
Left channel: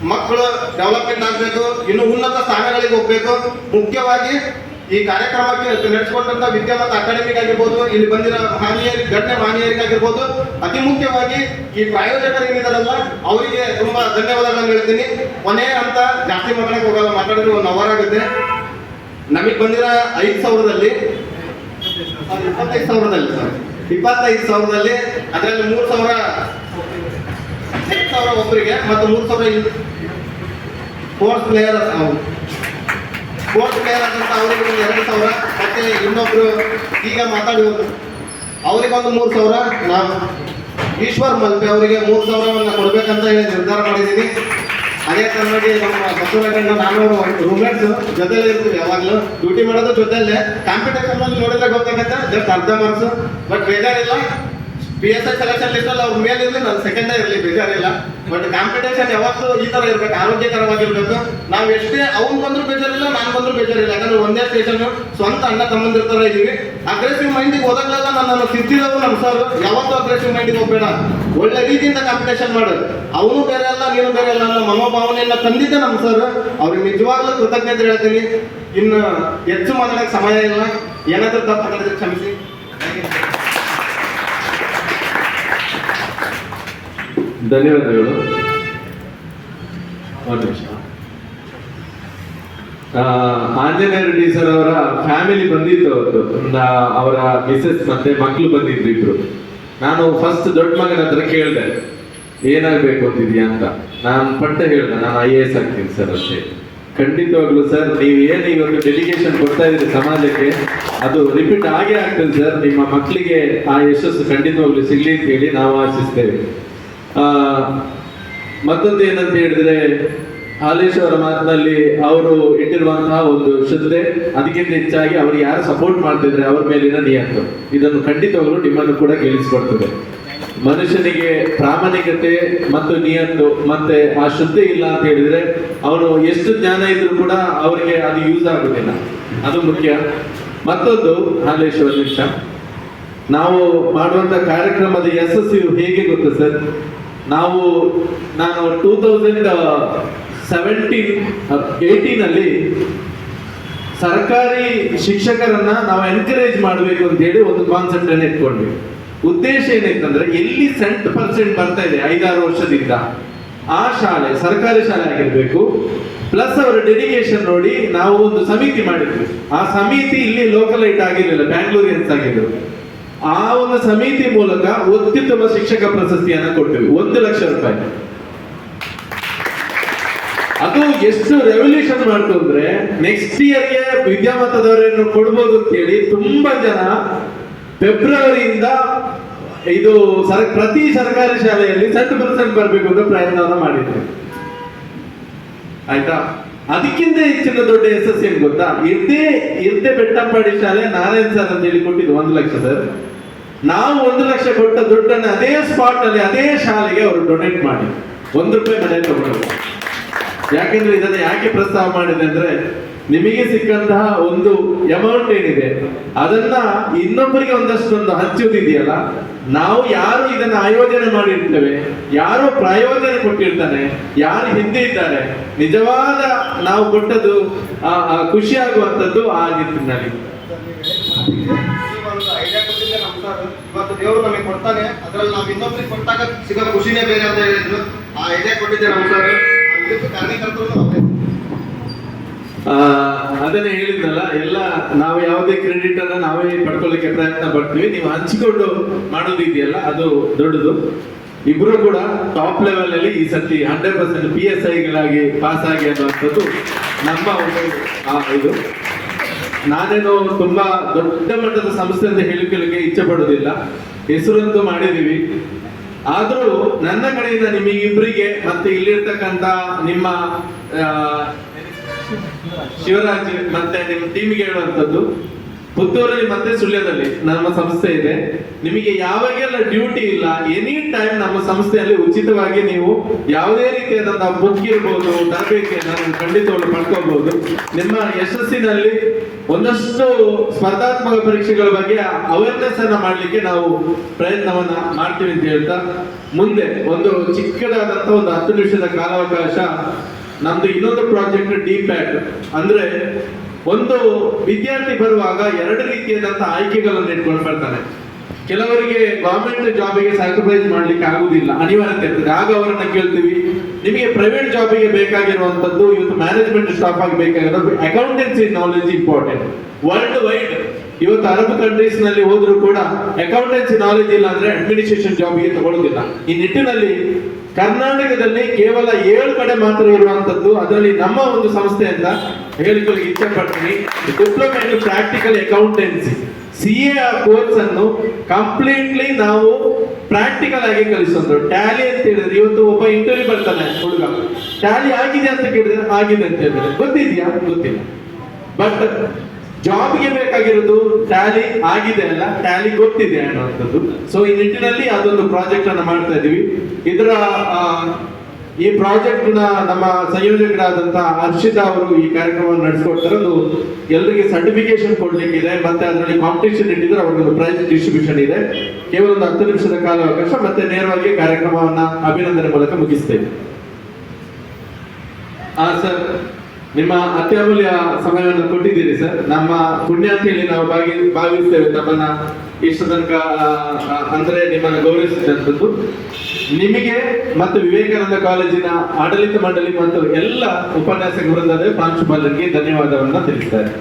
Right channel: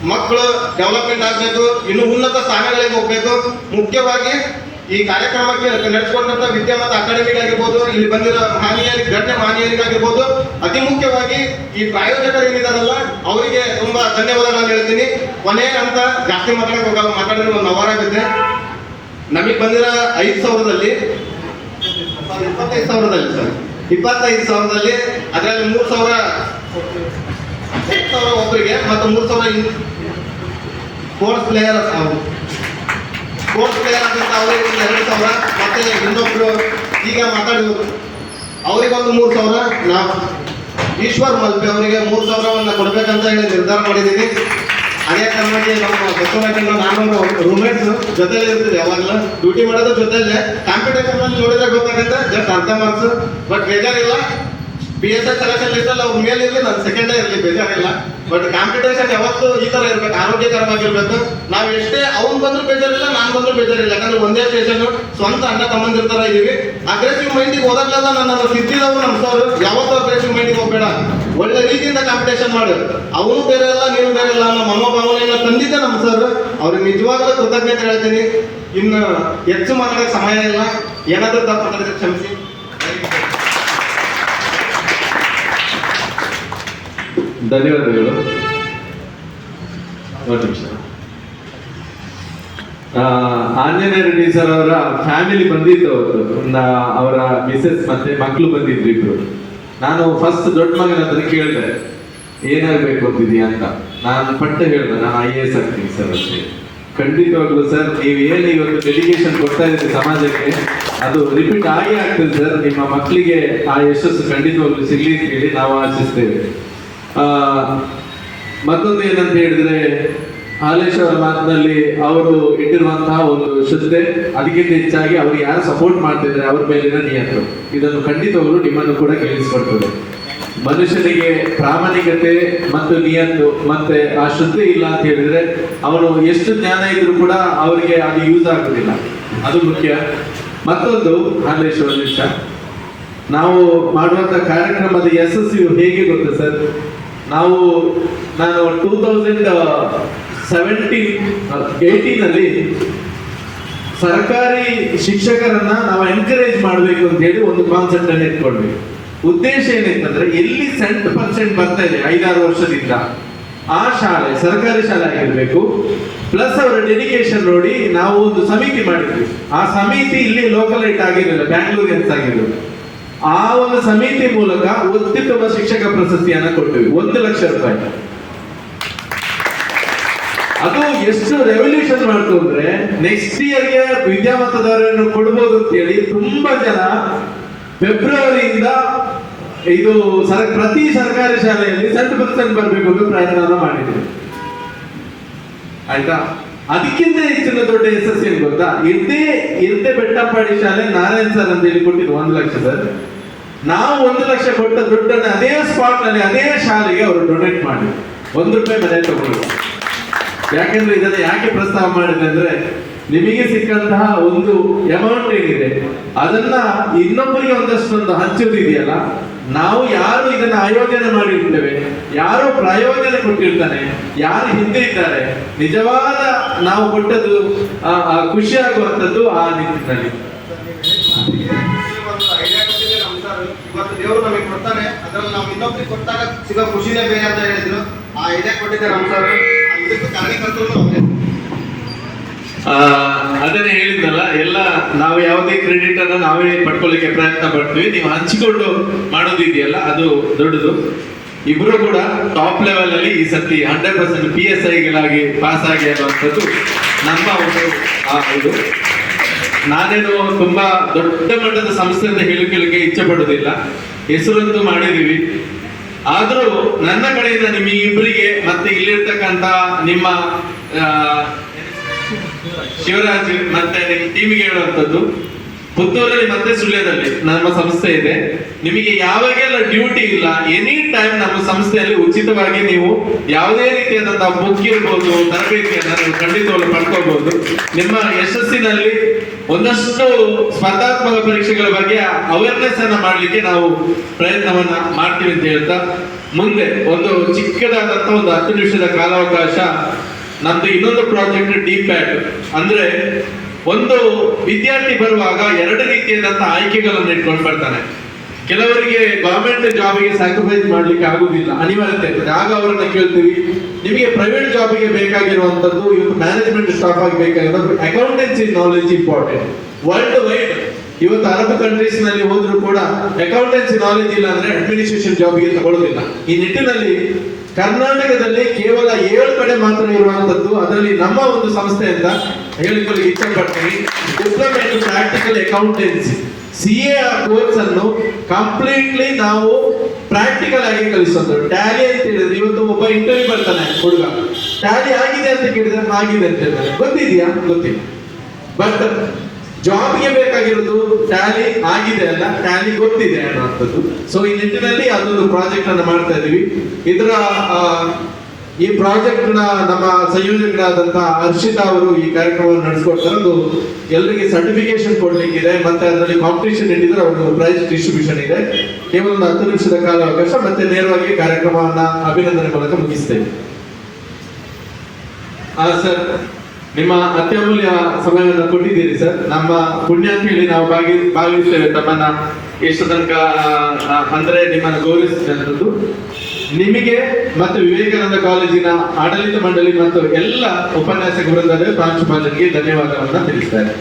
ಮಕ್ಕಳು ಡೆವಲಪ್ಮೆಂಟ್ ಆಗಬೇಕು, ಇನ್ನು ಉನ್ನತ ಸ್ಥಾನಗಳಿಗೆ ಹೋಗ್ಬೇಕು. ಮುಖ್ಯವಾಗಿ ಈ ಕಾರ್ಯಕ್ರಮಕ್ಕೆ ನಡೆಸಿಕೊಂಡಂತ ವಿದ್ಯಾವಂತ ಅಕಾಡೆಮಿಗೆ ಆಗಿರ್ಬೋದು, ಇಲ್ಲಿ ಬಂದಿರೋ ಗಣ್ಯ ಮಾನ್ಯರಿಗಾಗಿರ್ಬೋದು, ಅತಿ ಮುಖ್ಯವಾಗಿ ಈ ಪ್ರಾಯೋಜಕರು ಏನಿದಾರಲ್ಲ ಅವರಿಗೆ ತುಂಬಾ ಧನ್ಯವಾದಗಳನ್ನು ಹೇಳ್ತೀನಿ. ಕೊನೆಯ ಅಂತ ಜಾಸ್ತಿ ಮಾತಾಡಿದ್ರೆ 1 ಅವರ್ ಆಗುತ್ತೆ. ನಮಗೆ ಬಂದಿರೋ 5,000ದಲ್ಲಿ 25,000ದಲ್ಲಿ ಸರ್ 25,000ದಲ್ಲಿ ಅದರಲ್ಲಿ 3,000 ಒಬ್ಬರಿಗೆ ಮತ್ತು 3,000 ಸ್ಪೋರ್ಟ್ಸ್ ಪ್ಲೇಯರ್ ಅಂತ ಅವರಿಗೆ 2,000 ಮತ್ತೆ ಇನ್ನೊಬ್ರು ಈಗ ಮಾತಾಡಿದ್ರು ಅವರಿಗೊಂದು 3,000. ನಾವು ಈಶ್ವರ್ ಮಲ್ಪೆ ಅವರಿಗೆ 3,000 ಕೊಡ್ಬೇಕಂತ ಹೇಳಿ ನಿರ್ಧಾರ ಮಾಡಿದ್ದೀನಿ. ಅದೇ ಕಾರಣವಾಗಿ ನಮ್ಮ ಬಸವನಗಂಡ ನಾನು ರೂಮ್ಮೇಟ್ಸ್ ಜೊತೆಲೇ ಇರ್ತೀವಿ, ಯಾವಾಗಲೂ ಡ್ಯೂಟಿ ಮಾಡೋದು ಜೊತೆಯಲ್ಲೇ. ಕಾಂಪಿಟೇಷನ್ ಅಲ್ಲಿ ನೋಡಿದ್ರೆ ಗೊತ್ತಾಗುತ್ತೆ, ಜಸ್ಟ್ ಅರ್ಧ ಮಾರ್ಕ್ಸ್. ಬಟ್ ಬೇಜಾರಿಲ್ಲ, PSI ಸೆಲೆಕ್ಷನ್ ಲಿಸ್ಟ್ ಅಲ್ಲಿ ಅವ್ರ ಮೇಲೆ ಇರಲಿ, ನಾನು ಸೆಕೆಂಡೇ ಇರಲಿ, ಬೇಜಾರಿಲ್ಲ. ಬಟ್ ಕಾಂಪಿಟೇಷನ್ ಯಾವತ್ತೂ ಈ ತರ ಇರ್ಬೇಕು, ಆರೋಗ್ಯಕರವಾಗಿರ್ಬೇಕು. ನಾವು ಎಷ್ಟೇ ಅವ್ನು ಬಂದ್ರು ಬೇಜಾರಿಲ್ಲ, ನಾನು ಬಂದ್ರು ಬೇಜಾರಿಲ್ಲ. ಯಾಕಂದ್ರೆ ಒಂದೇ ಸ್ಟೇಷನ್, ಸ್ವಂತ ಅಣ್ಣ ತಮ್ಮಂದಿರ ತರ ಇದೀವಿ. ಅಗ್ರೆಸಿವ್ ಮೈಂಡಿಗೆ ಹೋದಾಗಲೆಲ್ಲ ನನ್ನ ಸಿದ್ಧಿದವು ನಮ್ಮ ಸರ್ ಯಾವತ್ತೂ ಅಗ್ರೆಸಿವ್ ಮೈಂಡಿಗೆ ಹೋಗ್ಬೇಡ, ಒಳ್ಳೆ ರೀತಿಯಿಂದ ಕಾಂಪಿಟೇಷನ್ ಮಾಡು. ಅವನು ಬೇರೆ ಅಲ್ಲ, ನೀನು ಬೇರೆ ಅಲ್ಲ ಅನ್ನೋ ಮನೋಭಾವನೆಯನ್ನ ತಂದಿದ್ದೆ ನಮ್ಮ ಸರ್. ಅವ್ರಿಗೆ ನಿಜವಾಗ್ಲೂ ಕೃತಜ್ಞತೆ ಹೇಳ್ತೀನಿ. ಇನ್ನು ಹೆಚ್ಚು ಮಾತಾಡೋಕೆ ಸಮಯ ಇಲ್ಲ, ಏನಾದ್ರೂ ತಪ್ಪು ಮಾತಾಡಿದ್ರೆ ಕ್ಷಮಿಸಿ. ಧನ್ಯವಾದಗಳು. ಒಂದು ನಿಮಿಷ. ಆಂಜನೇಯ ರೆಡ್ಡಿ ಸರ್ ಅವರ ಫ್ಯಾಮಿಲಿ ಬಂದಿತ್ತು ಅವತ್ತು. ಅವರ ಮಿಸಸ್ ಮತ್ತೆ ಮಕ್ಕಳು ಬಂದಿದ್ರು ಇಬ್ರು. ನಾನು ಫಸ್ಟ್ ದೊಡ್ಡ ಮಗನ ಹತ್ರ ಕೇಳಿದೆ ಏನಾಗಬೇಕು ಅಂತಿದ್ಯಾ ಅಂತ. ನಾನು ಪಟ್ಟ ಹೇಳಿದೆ, ನಾನು IAS ಆಗ್ತೀನಿ ಸರ್ ಅಷ್ಟೇ. ಖಂಡಿತವಾಗ್ಲು ಸರ್, ನೀವು ಏನು ಇವತ್ತು ಡೆಡಿಕೇಶನ್ ಕೊಡ್ತಾ ಇದ್ದೀರಿ ಸಮಾಜಕ್ಕೆ, ಅದು ರಿಪೀಟ್ ಆಗೇ ಆಗ್ತದೆ ಸರ್. ನಿಮ್ಮ ಮಕ್ಕಳಿಗೆ ಆ ಯಶಸ್ಸು ಖಂಡಿತವಾಗ್ಲು ಸಿಗ್ಲಿ ಅಂತ ಹೇಳಿ ನಾವು ಆಶಿಸ್ತೇವೆ. ಮತ್ತೊಂದು ಏನಂತ ಹೇಳಿದ್ರೆ, ಹಾಲೇಶ್ ಅವರ ಮಾತಿನಲ್ಲಿ ಅವರು ಇಟ್ಟಿರುವಂತಹ ಒಂದು ಶ್ರದ್ಧೆ, ಅದಕ್ಕಿಂತ ಹೆಚ್ಚಾಗಿ ಅವ್ರಿಗೆ ಯಾರು ಸಪೋರ್ಟ್ ಮಾಡ್ತಿದ್ರೆ ಅವ್ರ ಮೇಲಿನ ನಿಯಂತ್ರಣ, ಇದನ್ನು ಖಂಡಿತವಾಗ್ಲು ನಿಮ್ಮನ್ನು ಕೂಡ ಗೆಲ್ಲಿಸ್ಕೊಡ್ತದೆ. ಮನುಷ್ಯನಿಗೆ ಪ್ರಾಮಾಣಿಕತೆ ಮತ್ತು ನಿಯತ್ತು ಮತ್ತೆ ಆ ಶ್ರದ್ಧೆ ಇಲ್ಲ ಅಂತ ಹೇಳಿದ್ರೆ ಅವನು ಎಷ್ಟು ಜ್ಞಾನ ಇದ್ರೂ ಕೂಡ ಅವರಿಗೆ ಅದು ಯೂಸ್ ಆಗುದಿಲ್ಲ, ಅದು ಮುಖ್ಯ. ಮತ್ತೊಂದು ಹಾಲೇಶ್ ಅವರ ನಿಮಿಷ, ನಾವು ಮಾಡುವಂತ ಕಾರ್ಯಕ್ರಮದ ಯಶಸ್ಸು ಹೇಗೆ ಗೊತ್ತಾ ಸರ್? ನಾನು 2018 ಸರ್ಕಾರಿ ಶಿಕ್ಷಕರನ್ನ ನಾವು ಎನ್ಕರೇಜ್ ಮಾಡಬೇಕು ಅಂತ ಹೇಳಿ ಒಂದು ಕಾನ್ಸೆಪ್ಟ್ ಅನ್ನು ಇಟ್ಕೊಂಡ್ವಿ. ಉದ್ದೇಶ ಏನಿತ್ತಂದ್ರೆ, ಎಲ್ಲಿ % ಬರ್ತಾ ಇದೆ 5-6 ವರ್ಷದಿಂದ ಆ ಶಾಲೆ ಸರ್ಕಾರಿ ಶಾಲೆ ಆಗಿರ್ಬೇಕು. ಪ್ಲಸ್ ಅವರ ಡೆಡಿಕೇಶನ್ ನೋಡಿ ನಾವು ಒಂದು ಸಮಿತಿ ಮಾಡಿದ್ವಿ. ಆ ಸಮಿತಿ ಇಲ್ಲಿ ಲೋಕಲೈಟ್ ಆಗಿರಲಿಲ್ಲ, ಬ್ಯಾಂಗ್ಳೂರಿಯನ್ಸ್ ಆಗಿದ್ರು. ಆ ಒಂದು ಸಮಿತಿ ಮೂಲಕ ಅತ್ಯುತ್ತಮ ಶಿಕ್ಷಕ ಪ್ರಶಸ್ತಿಯನ್ನ ಕೊಟ್ಟಿವಿ, 1 ಲಕ್ಷ ರೂಪಾಯಿ. ಅದು ಎಷ್ಟು ರೆವಲ್ಯೂಷನ್ ಮಾಡ್ತು ಅಂದ್ರೆ, ನೆಕ್ಸ್ಟ್ ಇಯರ್ಗೆ ವಿದ್ಯಾವಂತದವರನ್ನು ಕೊಡ್ಬೋದು ಅಂತ ಹೇಳಿ ತುಂಬಾ ಜನ ಫೆಬ್ರವರಿಯಿಂದ ಇದು ಪ್ರತಿ ಸರ್ಕಾರಿ ಶಾಲೆಯಲ್ಲಿ 100% ಬರಬೇಕು ಅಂತ ಪ್ರಯತ್ನ ಮಾಡಿದ್ರು. ಆಯ್ತಾ? ಅದಕ್ಕಿಂತ ಹೆಚ್ಚಿನ ದೊಡ್ಡ ಯಶಸ್ಸು ಏನು ಗೊತ್ತಾ, ಇರ್ತೆ ಬೆಟ್ಟಪ್ಪಾಡಿ ಶಾಲೆ ನಾರಾಯಣ್ ಸರ್ ಅಂತ ಹೇಳಿ ಕೊಟ್ಟಿದ್ದು 1 ಲಕ್ಷ ಸರ್. ನಾವು 1 ಲಕ್ಷ ಕೊಟ್ಟ ದುಡ್ಡನ್ನು ಅದೇ ಸ್ಪಾಟ್ ನಲ್ಲಿ ಅದೇ ಶಾಲೆಗೆ ಅವರು ಡೊನೇಟ್ ಮಾಡಿ 1 ರೂಪಾಯಿ ಮನೆ ತಗೊಂಡು. ಯಾಕೆಂದ್ರೆ ಇದನ್ನ ಯಾಕೆ ಪ್ರಸ್ತಾವ ಮಾಡಿದೆ ಅಂದ್ರೆ, ನಿಮಗೆ ಸಿಕ್ಕಂತಹ ಒಂದು ಅಮೌಂಟ್ ಏನಿದೆ ಅದನ್ನ ಇನ್ನೊಬ್ಬರಿಗೆ ಒಂದಷ್ಟೊಂದು ಹಂಚುವುದಿದೆಯಲ್ಲ, ನಾವು ಯಾರು ಇದನ್ನ ಆಯೋಜನೆ ಮಾಡಿರ್ತೇವೆ, ಯಾರು ಪ್ರಯೋಜನ ಕೊಟ್ಟಿರ್ತಾನೆ, ಯಾರು ಹಿಂದೆ ಇದ್ದಾರೆ, ನಿಜವಾದ ನಾವು ಕೊಟ್ಟದ್ದು ಖುಷಿ ಆಗುವಂಥದ್ದು ಆ ನಿಟ್ಟಿನಲ್ಲಿ. ಇವತ್ತು ದೇವರು ನಮಗೆ ಕೊಡ್ತಾನೆ, ಅದ್ರಲ್ಲಿ ನಾವು ಇನ್ನೊಬ್ರಿಗೆ ಕೊಟ್ಟಾಗ ಸಿಗೋ ಖುಷಿನೇ ಬೇರೆ ಅಂತ ಹೇಳಿದ್ರು. ಆ ಐಡಿಯಾ ಕೊಟ್ಟಿದ್ದೆ ನಮ್ಮ ಸರ್, ಇದಕ್ಕೆ ಕಾರ್ಯಕರ್ತರು ಅದನ್ನೇ ಹೇಳಿದ್ನಲ್ಲ, ಎಲ್ಲ ನಾವು ಯಾವುದೇ ಕ್ರೆಡಿಟ್ ಅನ್ನ ನಾವೇ ಪಡ್ಕೊಳ್ಳಿಕ್ಕೆ ಪ್ರಯತ್ನ ಪಡ್ತೀವಿ. ನೀವು ಹಂಚಿಕೊಂಡು ಮಾಡೋದಿದೆಯಲ್ಲ ಅದು ದೊಡ್ಡದು. ಇಬ್ರು ಕೂಡ ಟಾಪ್ ಲೆವೆಲ್ ಅಲ್ಲಿ ಈ ಸತಿ 100% PSIಗಳಾಗಿ ಪಾಸ್ ಆಗಿ ಅನ್ನುವಂಥದ್ದು ನಮ್ಮ ಒಂದು ಇದು. ನಾನೇನು ತುಂಬಾ ದೊಡ್ಡ ಮಟ್ಟದ ಸಂಸ್ಥೆ ಅಂತ ಹೇಳಿಕೊಳ್ಳಿಕ್ಕೆ ಇಚ್ಛೆ ಪಡುವುದಿಲ್ಲ, ಹೆಸರಂತೂ ಮಾಡಿದೀವಿ. ಆದ್ರೂ ನನ್ನ ಕಡೆಯಿಂದ ನಿಮ್ಮಿಬ್ಬರಿಗೆ ಮತ್ತೆ ಇಲ್ಲಿರ್ತಕ್ಕಂಥ ನಿಮ್ಮ ಶಿವರಾಜ್ ಮತ್ತೆ ನಿಮ್ಮ ಟೀಮಿಗೆ ಹೇಳುವಂಥದ್ದು, ಪುತ್ತೂರಲ್ಲಿ ಮತ್ತೆ ಸುಳ್ಯದಲ್ಲಿ ನಮ್ಮ ಸಂಸ್ಥೆ ಇದೆ. ನಿಮಗೆ ಯಾವಾಗೆಲ್ಲ ಡ್ಯೂಟಿ ಇಲ್ಲ, ಎನಿ ಟೈಮ್ ನಮ್ಮ ಸಂಸ್ಥೆಯಲ್ಲಿ ಉಚಿತವಾಗಿ ನೀವು ಯಾವುದೇ ರೀತಿಯಾದಂತಹ ಬುಕ್ ಇರ್ಬೋದು, ತರಬೇತಿಯನ್ನು ನೀವು ಖಂಡಿತವಾಗ್ಲೂ ಪಡ್ಕೋಬಹುದು. ನಿಮ್ಮ ಯಶಸ್ಸಿನಲ್ಲಿ ಒಂದಷ್ಟು ಸ್ಪರ್ಧಾತ್ಮಕ ಪರೀಕ್ಷೆಗಳ ಬಗ್ಗೆ ಅವೇರ್ನೆಸ್ ಅನ್ನ ಮಾಡ್ಲಿಕ್ಕೆ ನಾವು ಪ್ರಯತ್ನವನ್ನ ಮಾಡ್ತೀವಿ ಅಂತ ಹೇಳ್ತಾ, ಮುಂದೆ ಒಂದು ಚಿಕ್ಕದಾದಂತಹ ಒಂದು 10 ನಿಮಿಷದ ಕಾಲಾವಕಾಶ ನಮ್ದು ಇನ್ನೊಂದು ಪ್ರಾಜೆಕ್ಟ್ DPAT ಅಂದ್ರೆ, ಒಂದು ವಿದ್ಯಾರ್ಥಿ ಬರುವಾಗ 2 ರೀತಿಯಾದಂತಹ ಆಯ್ಕೆಗಳನ್ನು ಇಟ್ಕೊಂಡು ಬರ್ತಾನೆ. ಕೆಲವರಿಗೆ ಗವರ್ಮೆಂಟ್ ಜಾಬಿಗೆ ಸ್ಯಾಕ್ರಿಫೈಸ್ ಮಾಡ್ಲಿಕ್ಕೆ ಆಗುದಿಲ್ಲ, ಅನಿವಾರ್ಯತೆ ಇರ್ತದೆ. ಆಗ ಅವರನ್ನ ಕೇಳ್ತೀವಿ, ನಿಮಗೆ ಪ್ರೈವೇಟ್ ಜಾಬಿಗೆ ಬೇಕಾಗಿರುವಂತದ್ದು, ಇವತ್ತು ಮ್ಯಾನೇಜ್ಮೆಂಟ್ ಸ್ಟಾಫ್ ಆಗಿ ಬೇಕಾಗಿರೋದು accountancy knowledge important. World wide ಇವತ್ತು ಅರಬ್ ಕಂಟ್ರೀಸ್ ನಲ್ಲಿ ಹೋದ್ರು ಕೂಡ ಅಕೌಂಟೆನ್ಸಿ ನಾಲೆಜ್ ಇಲ್ಲ ಅಂದ್ರೆ ಅಡ್ಮಿನಿಸ್ಟ್ರೇಷನ್ ಜಾಬಿಗೆ ತಗೊಳ್ಳೋದಿಲ್ಲ. ಈ ನಿಟ್ಟಿನಲ್ಲಿ ಕರ್ನಾಟಕದಲ್ಲಿ ಕೇವಲ 7 ಕಡೆ ಮಾತ್ರ ಇರುವಂತದ್ದು, ಅದರಲ್ಲಿ ನಮ್ಮ ಒಂದು ಸಂಸ್ಥೆ ಅಂತ ಹೇಳಿಕೊಳ್ಳಿ ಇಚ್ಛೆ ಪಡ್ತೀನಿ. Diploma in practical accountancy CA course ಅನ್ನು ಕಂಪ್ಲೀಟ್ಲಿ ನಾವು ಪ್ರಾಕ್ಟಿಕಲ್ ಆಗಿ ಕಲಿಸೋದು. ಟ್ಯಾಲಿ ಅಂತ ಹೇಳಿದ್ರೆ, ಇವತ್ತು ಒಬ್ಬ ಇಂಟರ್ವ್ಯೂ ಬರ್ತಾನೆ ಹುಡುಗ, ಟ್ಯಾಲಿ ಆಗಿದೆ ಅಂತ ಕೇಳಿದ್ರೆ ಆಗಿದೆ ಅಂತ ಹೇಳಿದ್ರೆ ಗೊತ್ತಿದ್ಯಾ, ಗೊತ್ತಿಲ್ಲ. ಬಟ್ ಜಾಬ್ಗೆ ಬೇಕಾಗಿರೋದು ಟ್ಯಾಲಿ ಆಗಿದೆ ಅಲ್ಲ, ಟ್ಯಾಲಿ ಗೊತ್ತಿದೆ ಅನ್ನುವಂಥದ್ದು. ಸೊ ಈ ನಿಟ್ಟಿನಲ್ಲಿ ಅದೊಂದು ಪ್ರಾಜೆಕ್ಟ್ ಅನ್ನು ಮಾಡ್ತಾ ಇದೀವಿ. ಇದರ ಈ ಪ್ರಾಜೆಕ್ಟ್ ನ ನಮ್ಮ ಸಂಯೋಜಕರಾದಂತಹ ಹರ್ಷಿತಾ ಅವರು ಈ ಕಾರ್ಯಕ್ರಮವನ್ನು ನಡೆಸಿಕೊಡ್ತಾರೆ. ಅದು ಎಲ್ಲರಿಗೆ ಸರ್ಟಿಫಿಕೇಶನ್ ಕೊಡ್ಲಿಕ್ಕಿದೆ, ಮತ್ತೆ ಅದರಲ್ಲಿ ಕಾಂಪಿಟೇಷನ್ ಇಟ್ಟಿದ್ರೆ ಅವ್ರಿಗೆ ಪ್ರೈಸ್ ಡಿಸ್ಟ್ರಿಬ್ಯೂಷನ್ ಇದೆ. ಕೇವಲ 10 ನಿಮಿಷದ ಕಾಲಾವಕಾಶ, ಮತ್ತೆ ನೇರವಾಗಿ ಕಾರ್ಯಕ್ರಮವನ್ನ ಅಭಿನಂದನೆ ಮೂಲಕ ಮುಗಿಸ್ತೇವೆ. ಸರ್, ನಿಮ್ಮ ಅತ್ಯಮೂಲ್ಯ ಸಮಯವನ್ನು ಕೊಟ್ಟಿದ್ದೀರಿ ಸರ್. ನಮ್ಮ ಪುಣ್ಯ ಅಂತ ಹೇಳಿ ನಾವು ಭಾವಿಸ್ತೇವೆ ತಮ್ಮನ್ನ ಎಷ್ಟು ತನಕ ಅಂದ್ರೆ ನಿಮ್ಮನ್ನು ಗೌರವಿಸಿದಂಥದ್ದು. ನಿಮಗೆ ಮತ್ತು ವಿವೇಕಾನಂದ ಕಾಲೇಜಿನ ಆಡಳಿತ ಮಂಡಳಿ ಮತ್ತು ಎಲ್ಲ ಉಪನ್ಯಾಸಕ ವೃಂದದ ಪ್ರಾಂಶುಪಾಲರಿಗೆ ಧನ್ಯವಾದವನ್ನ ತಿಳಿಸ್ತಾರೆ.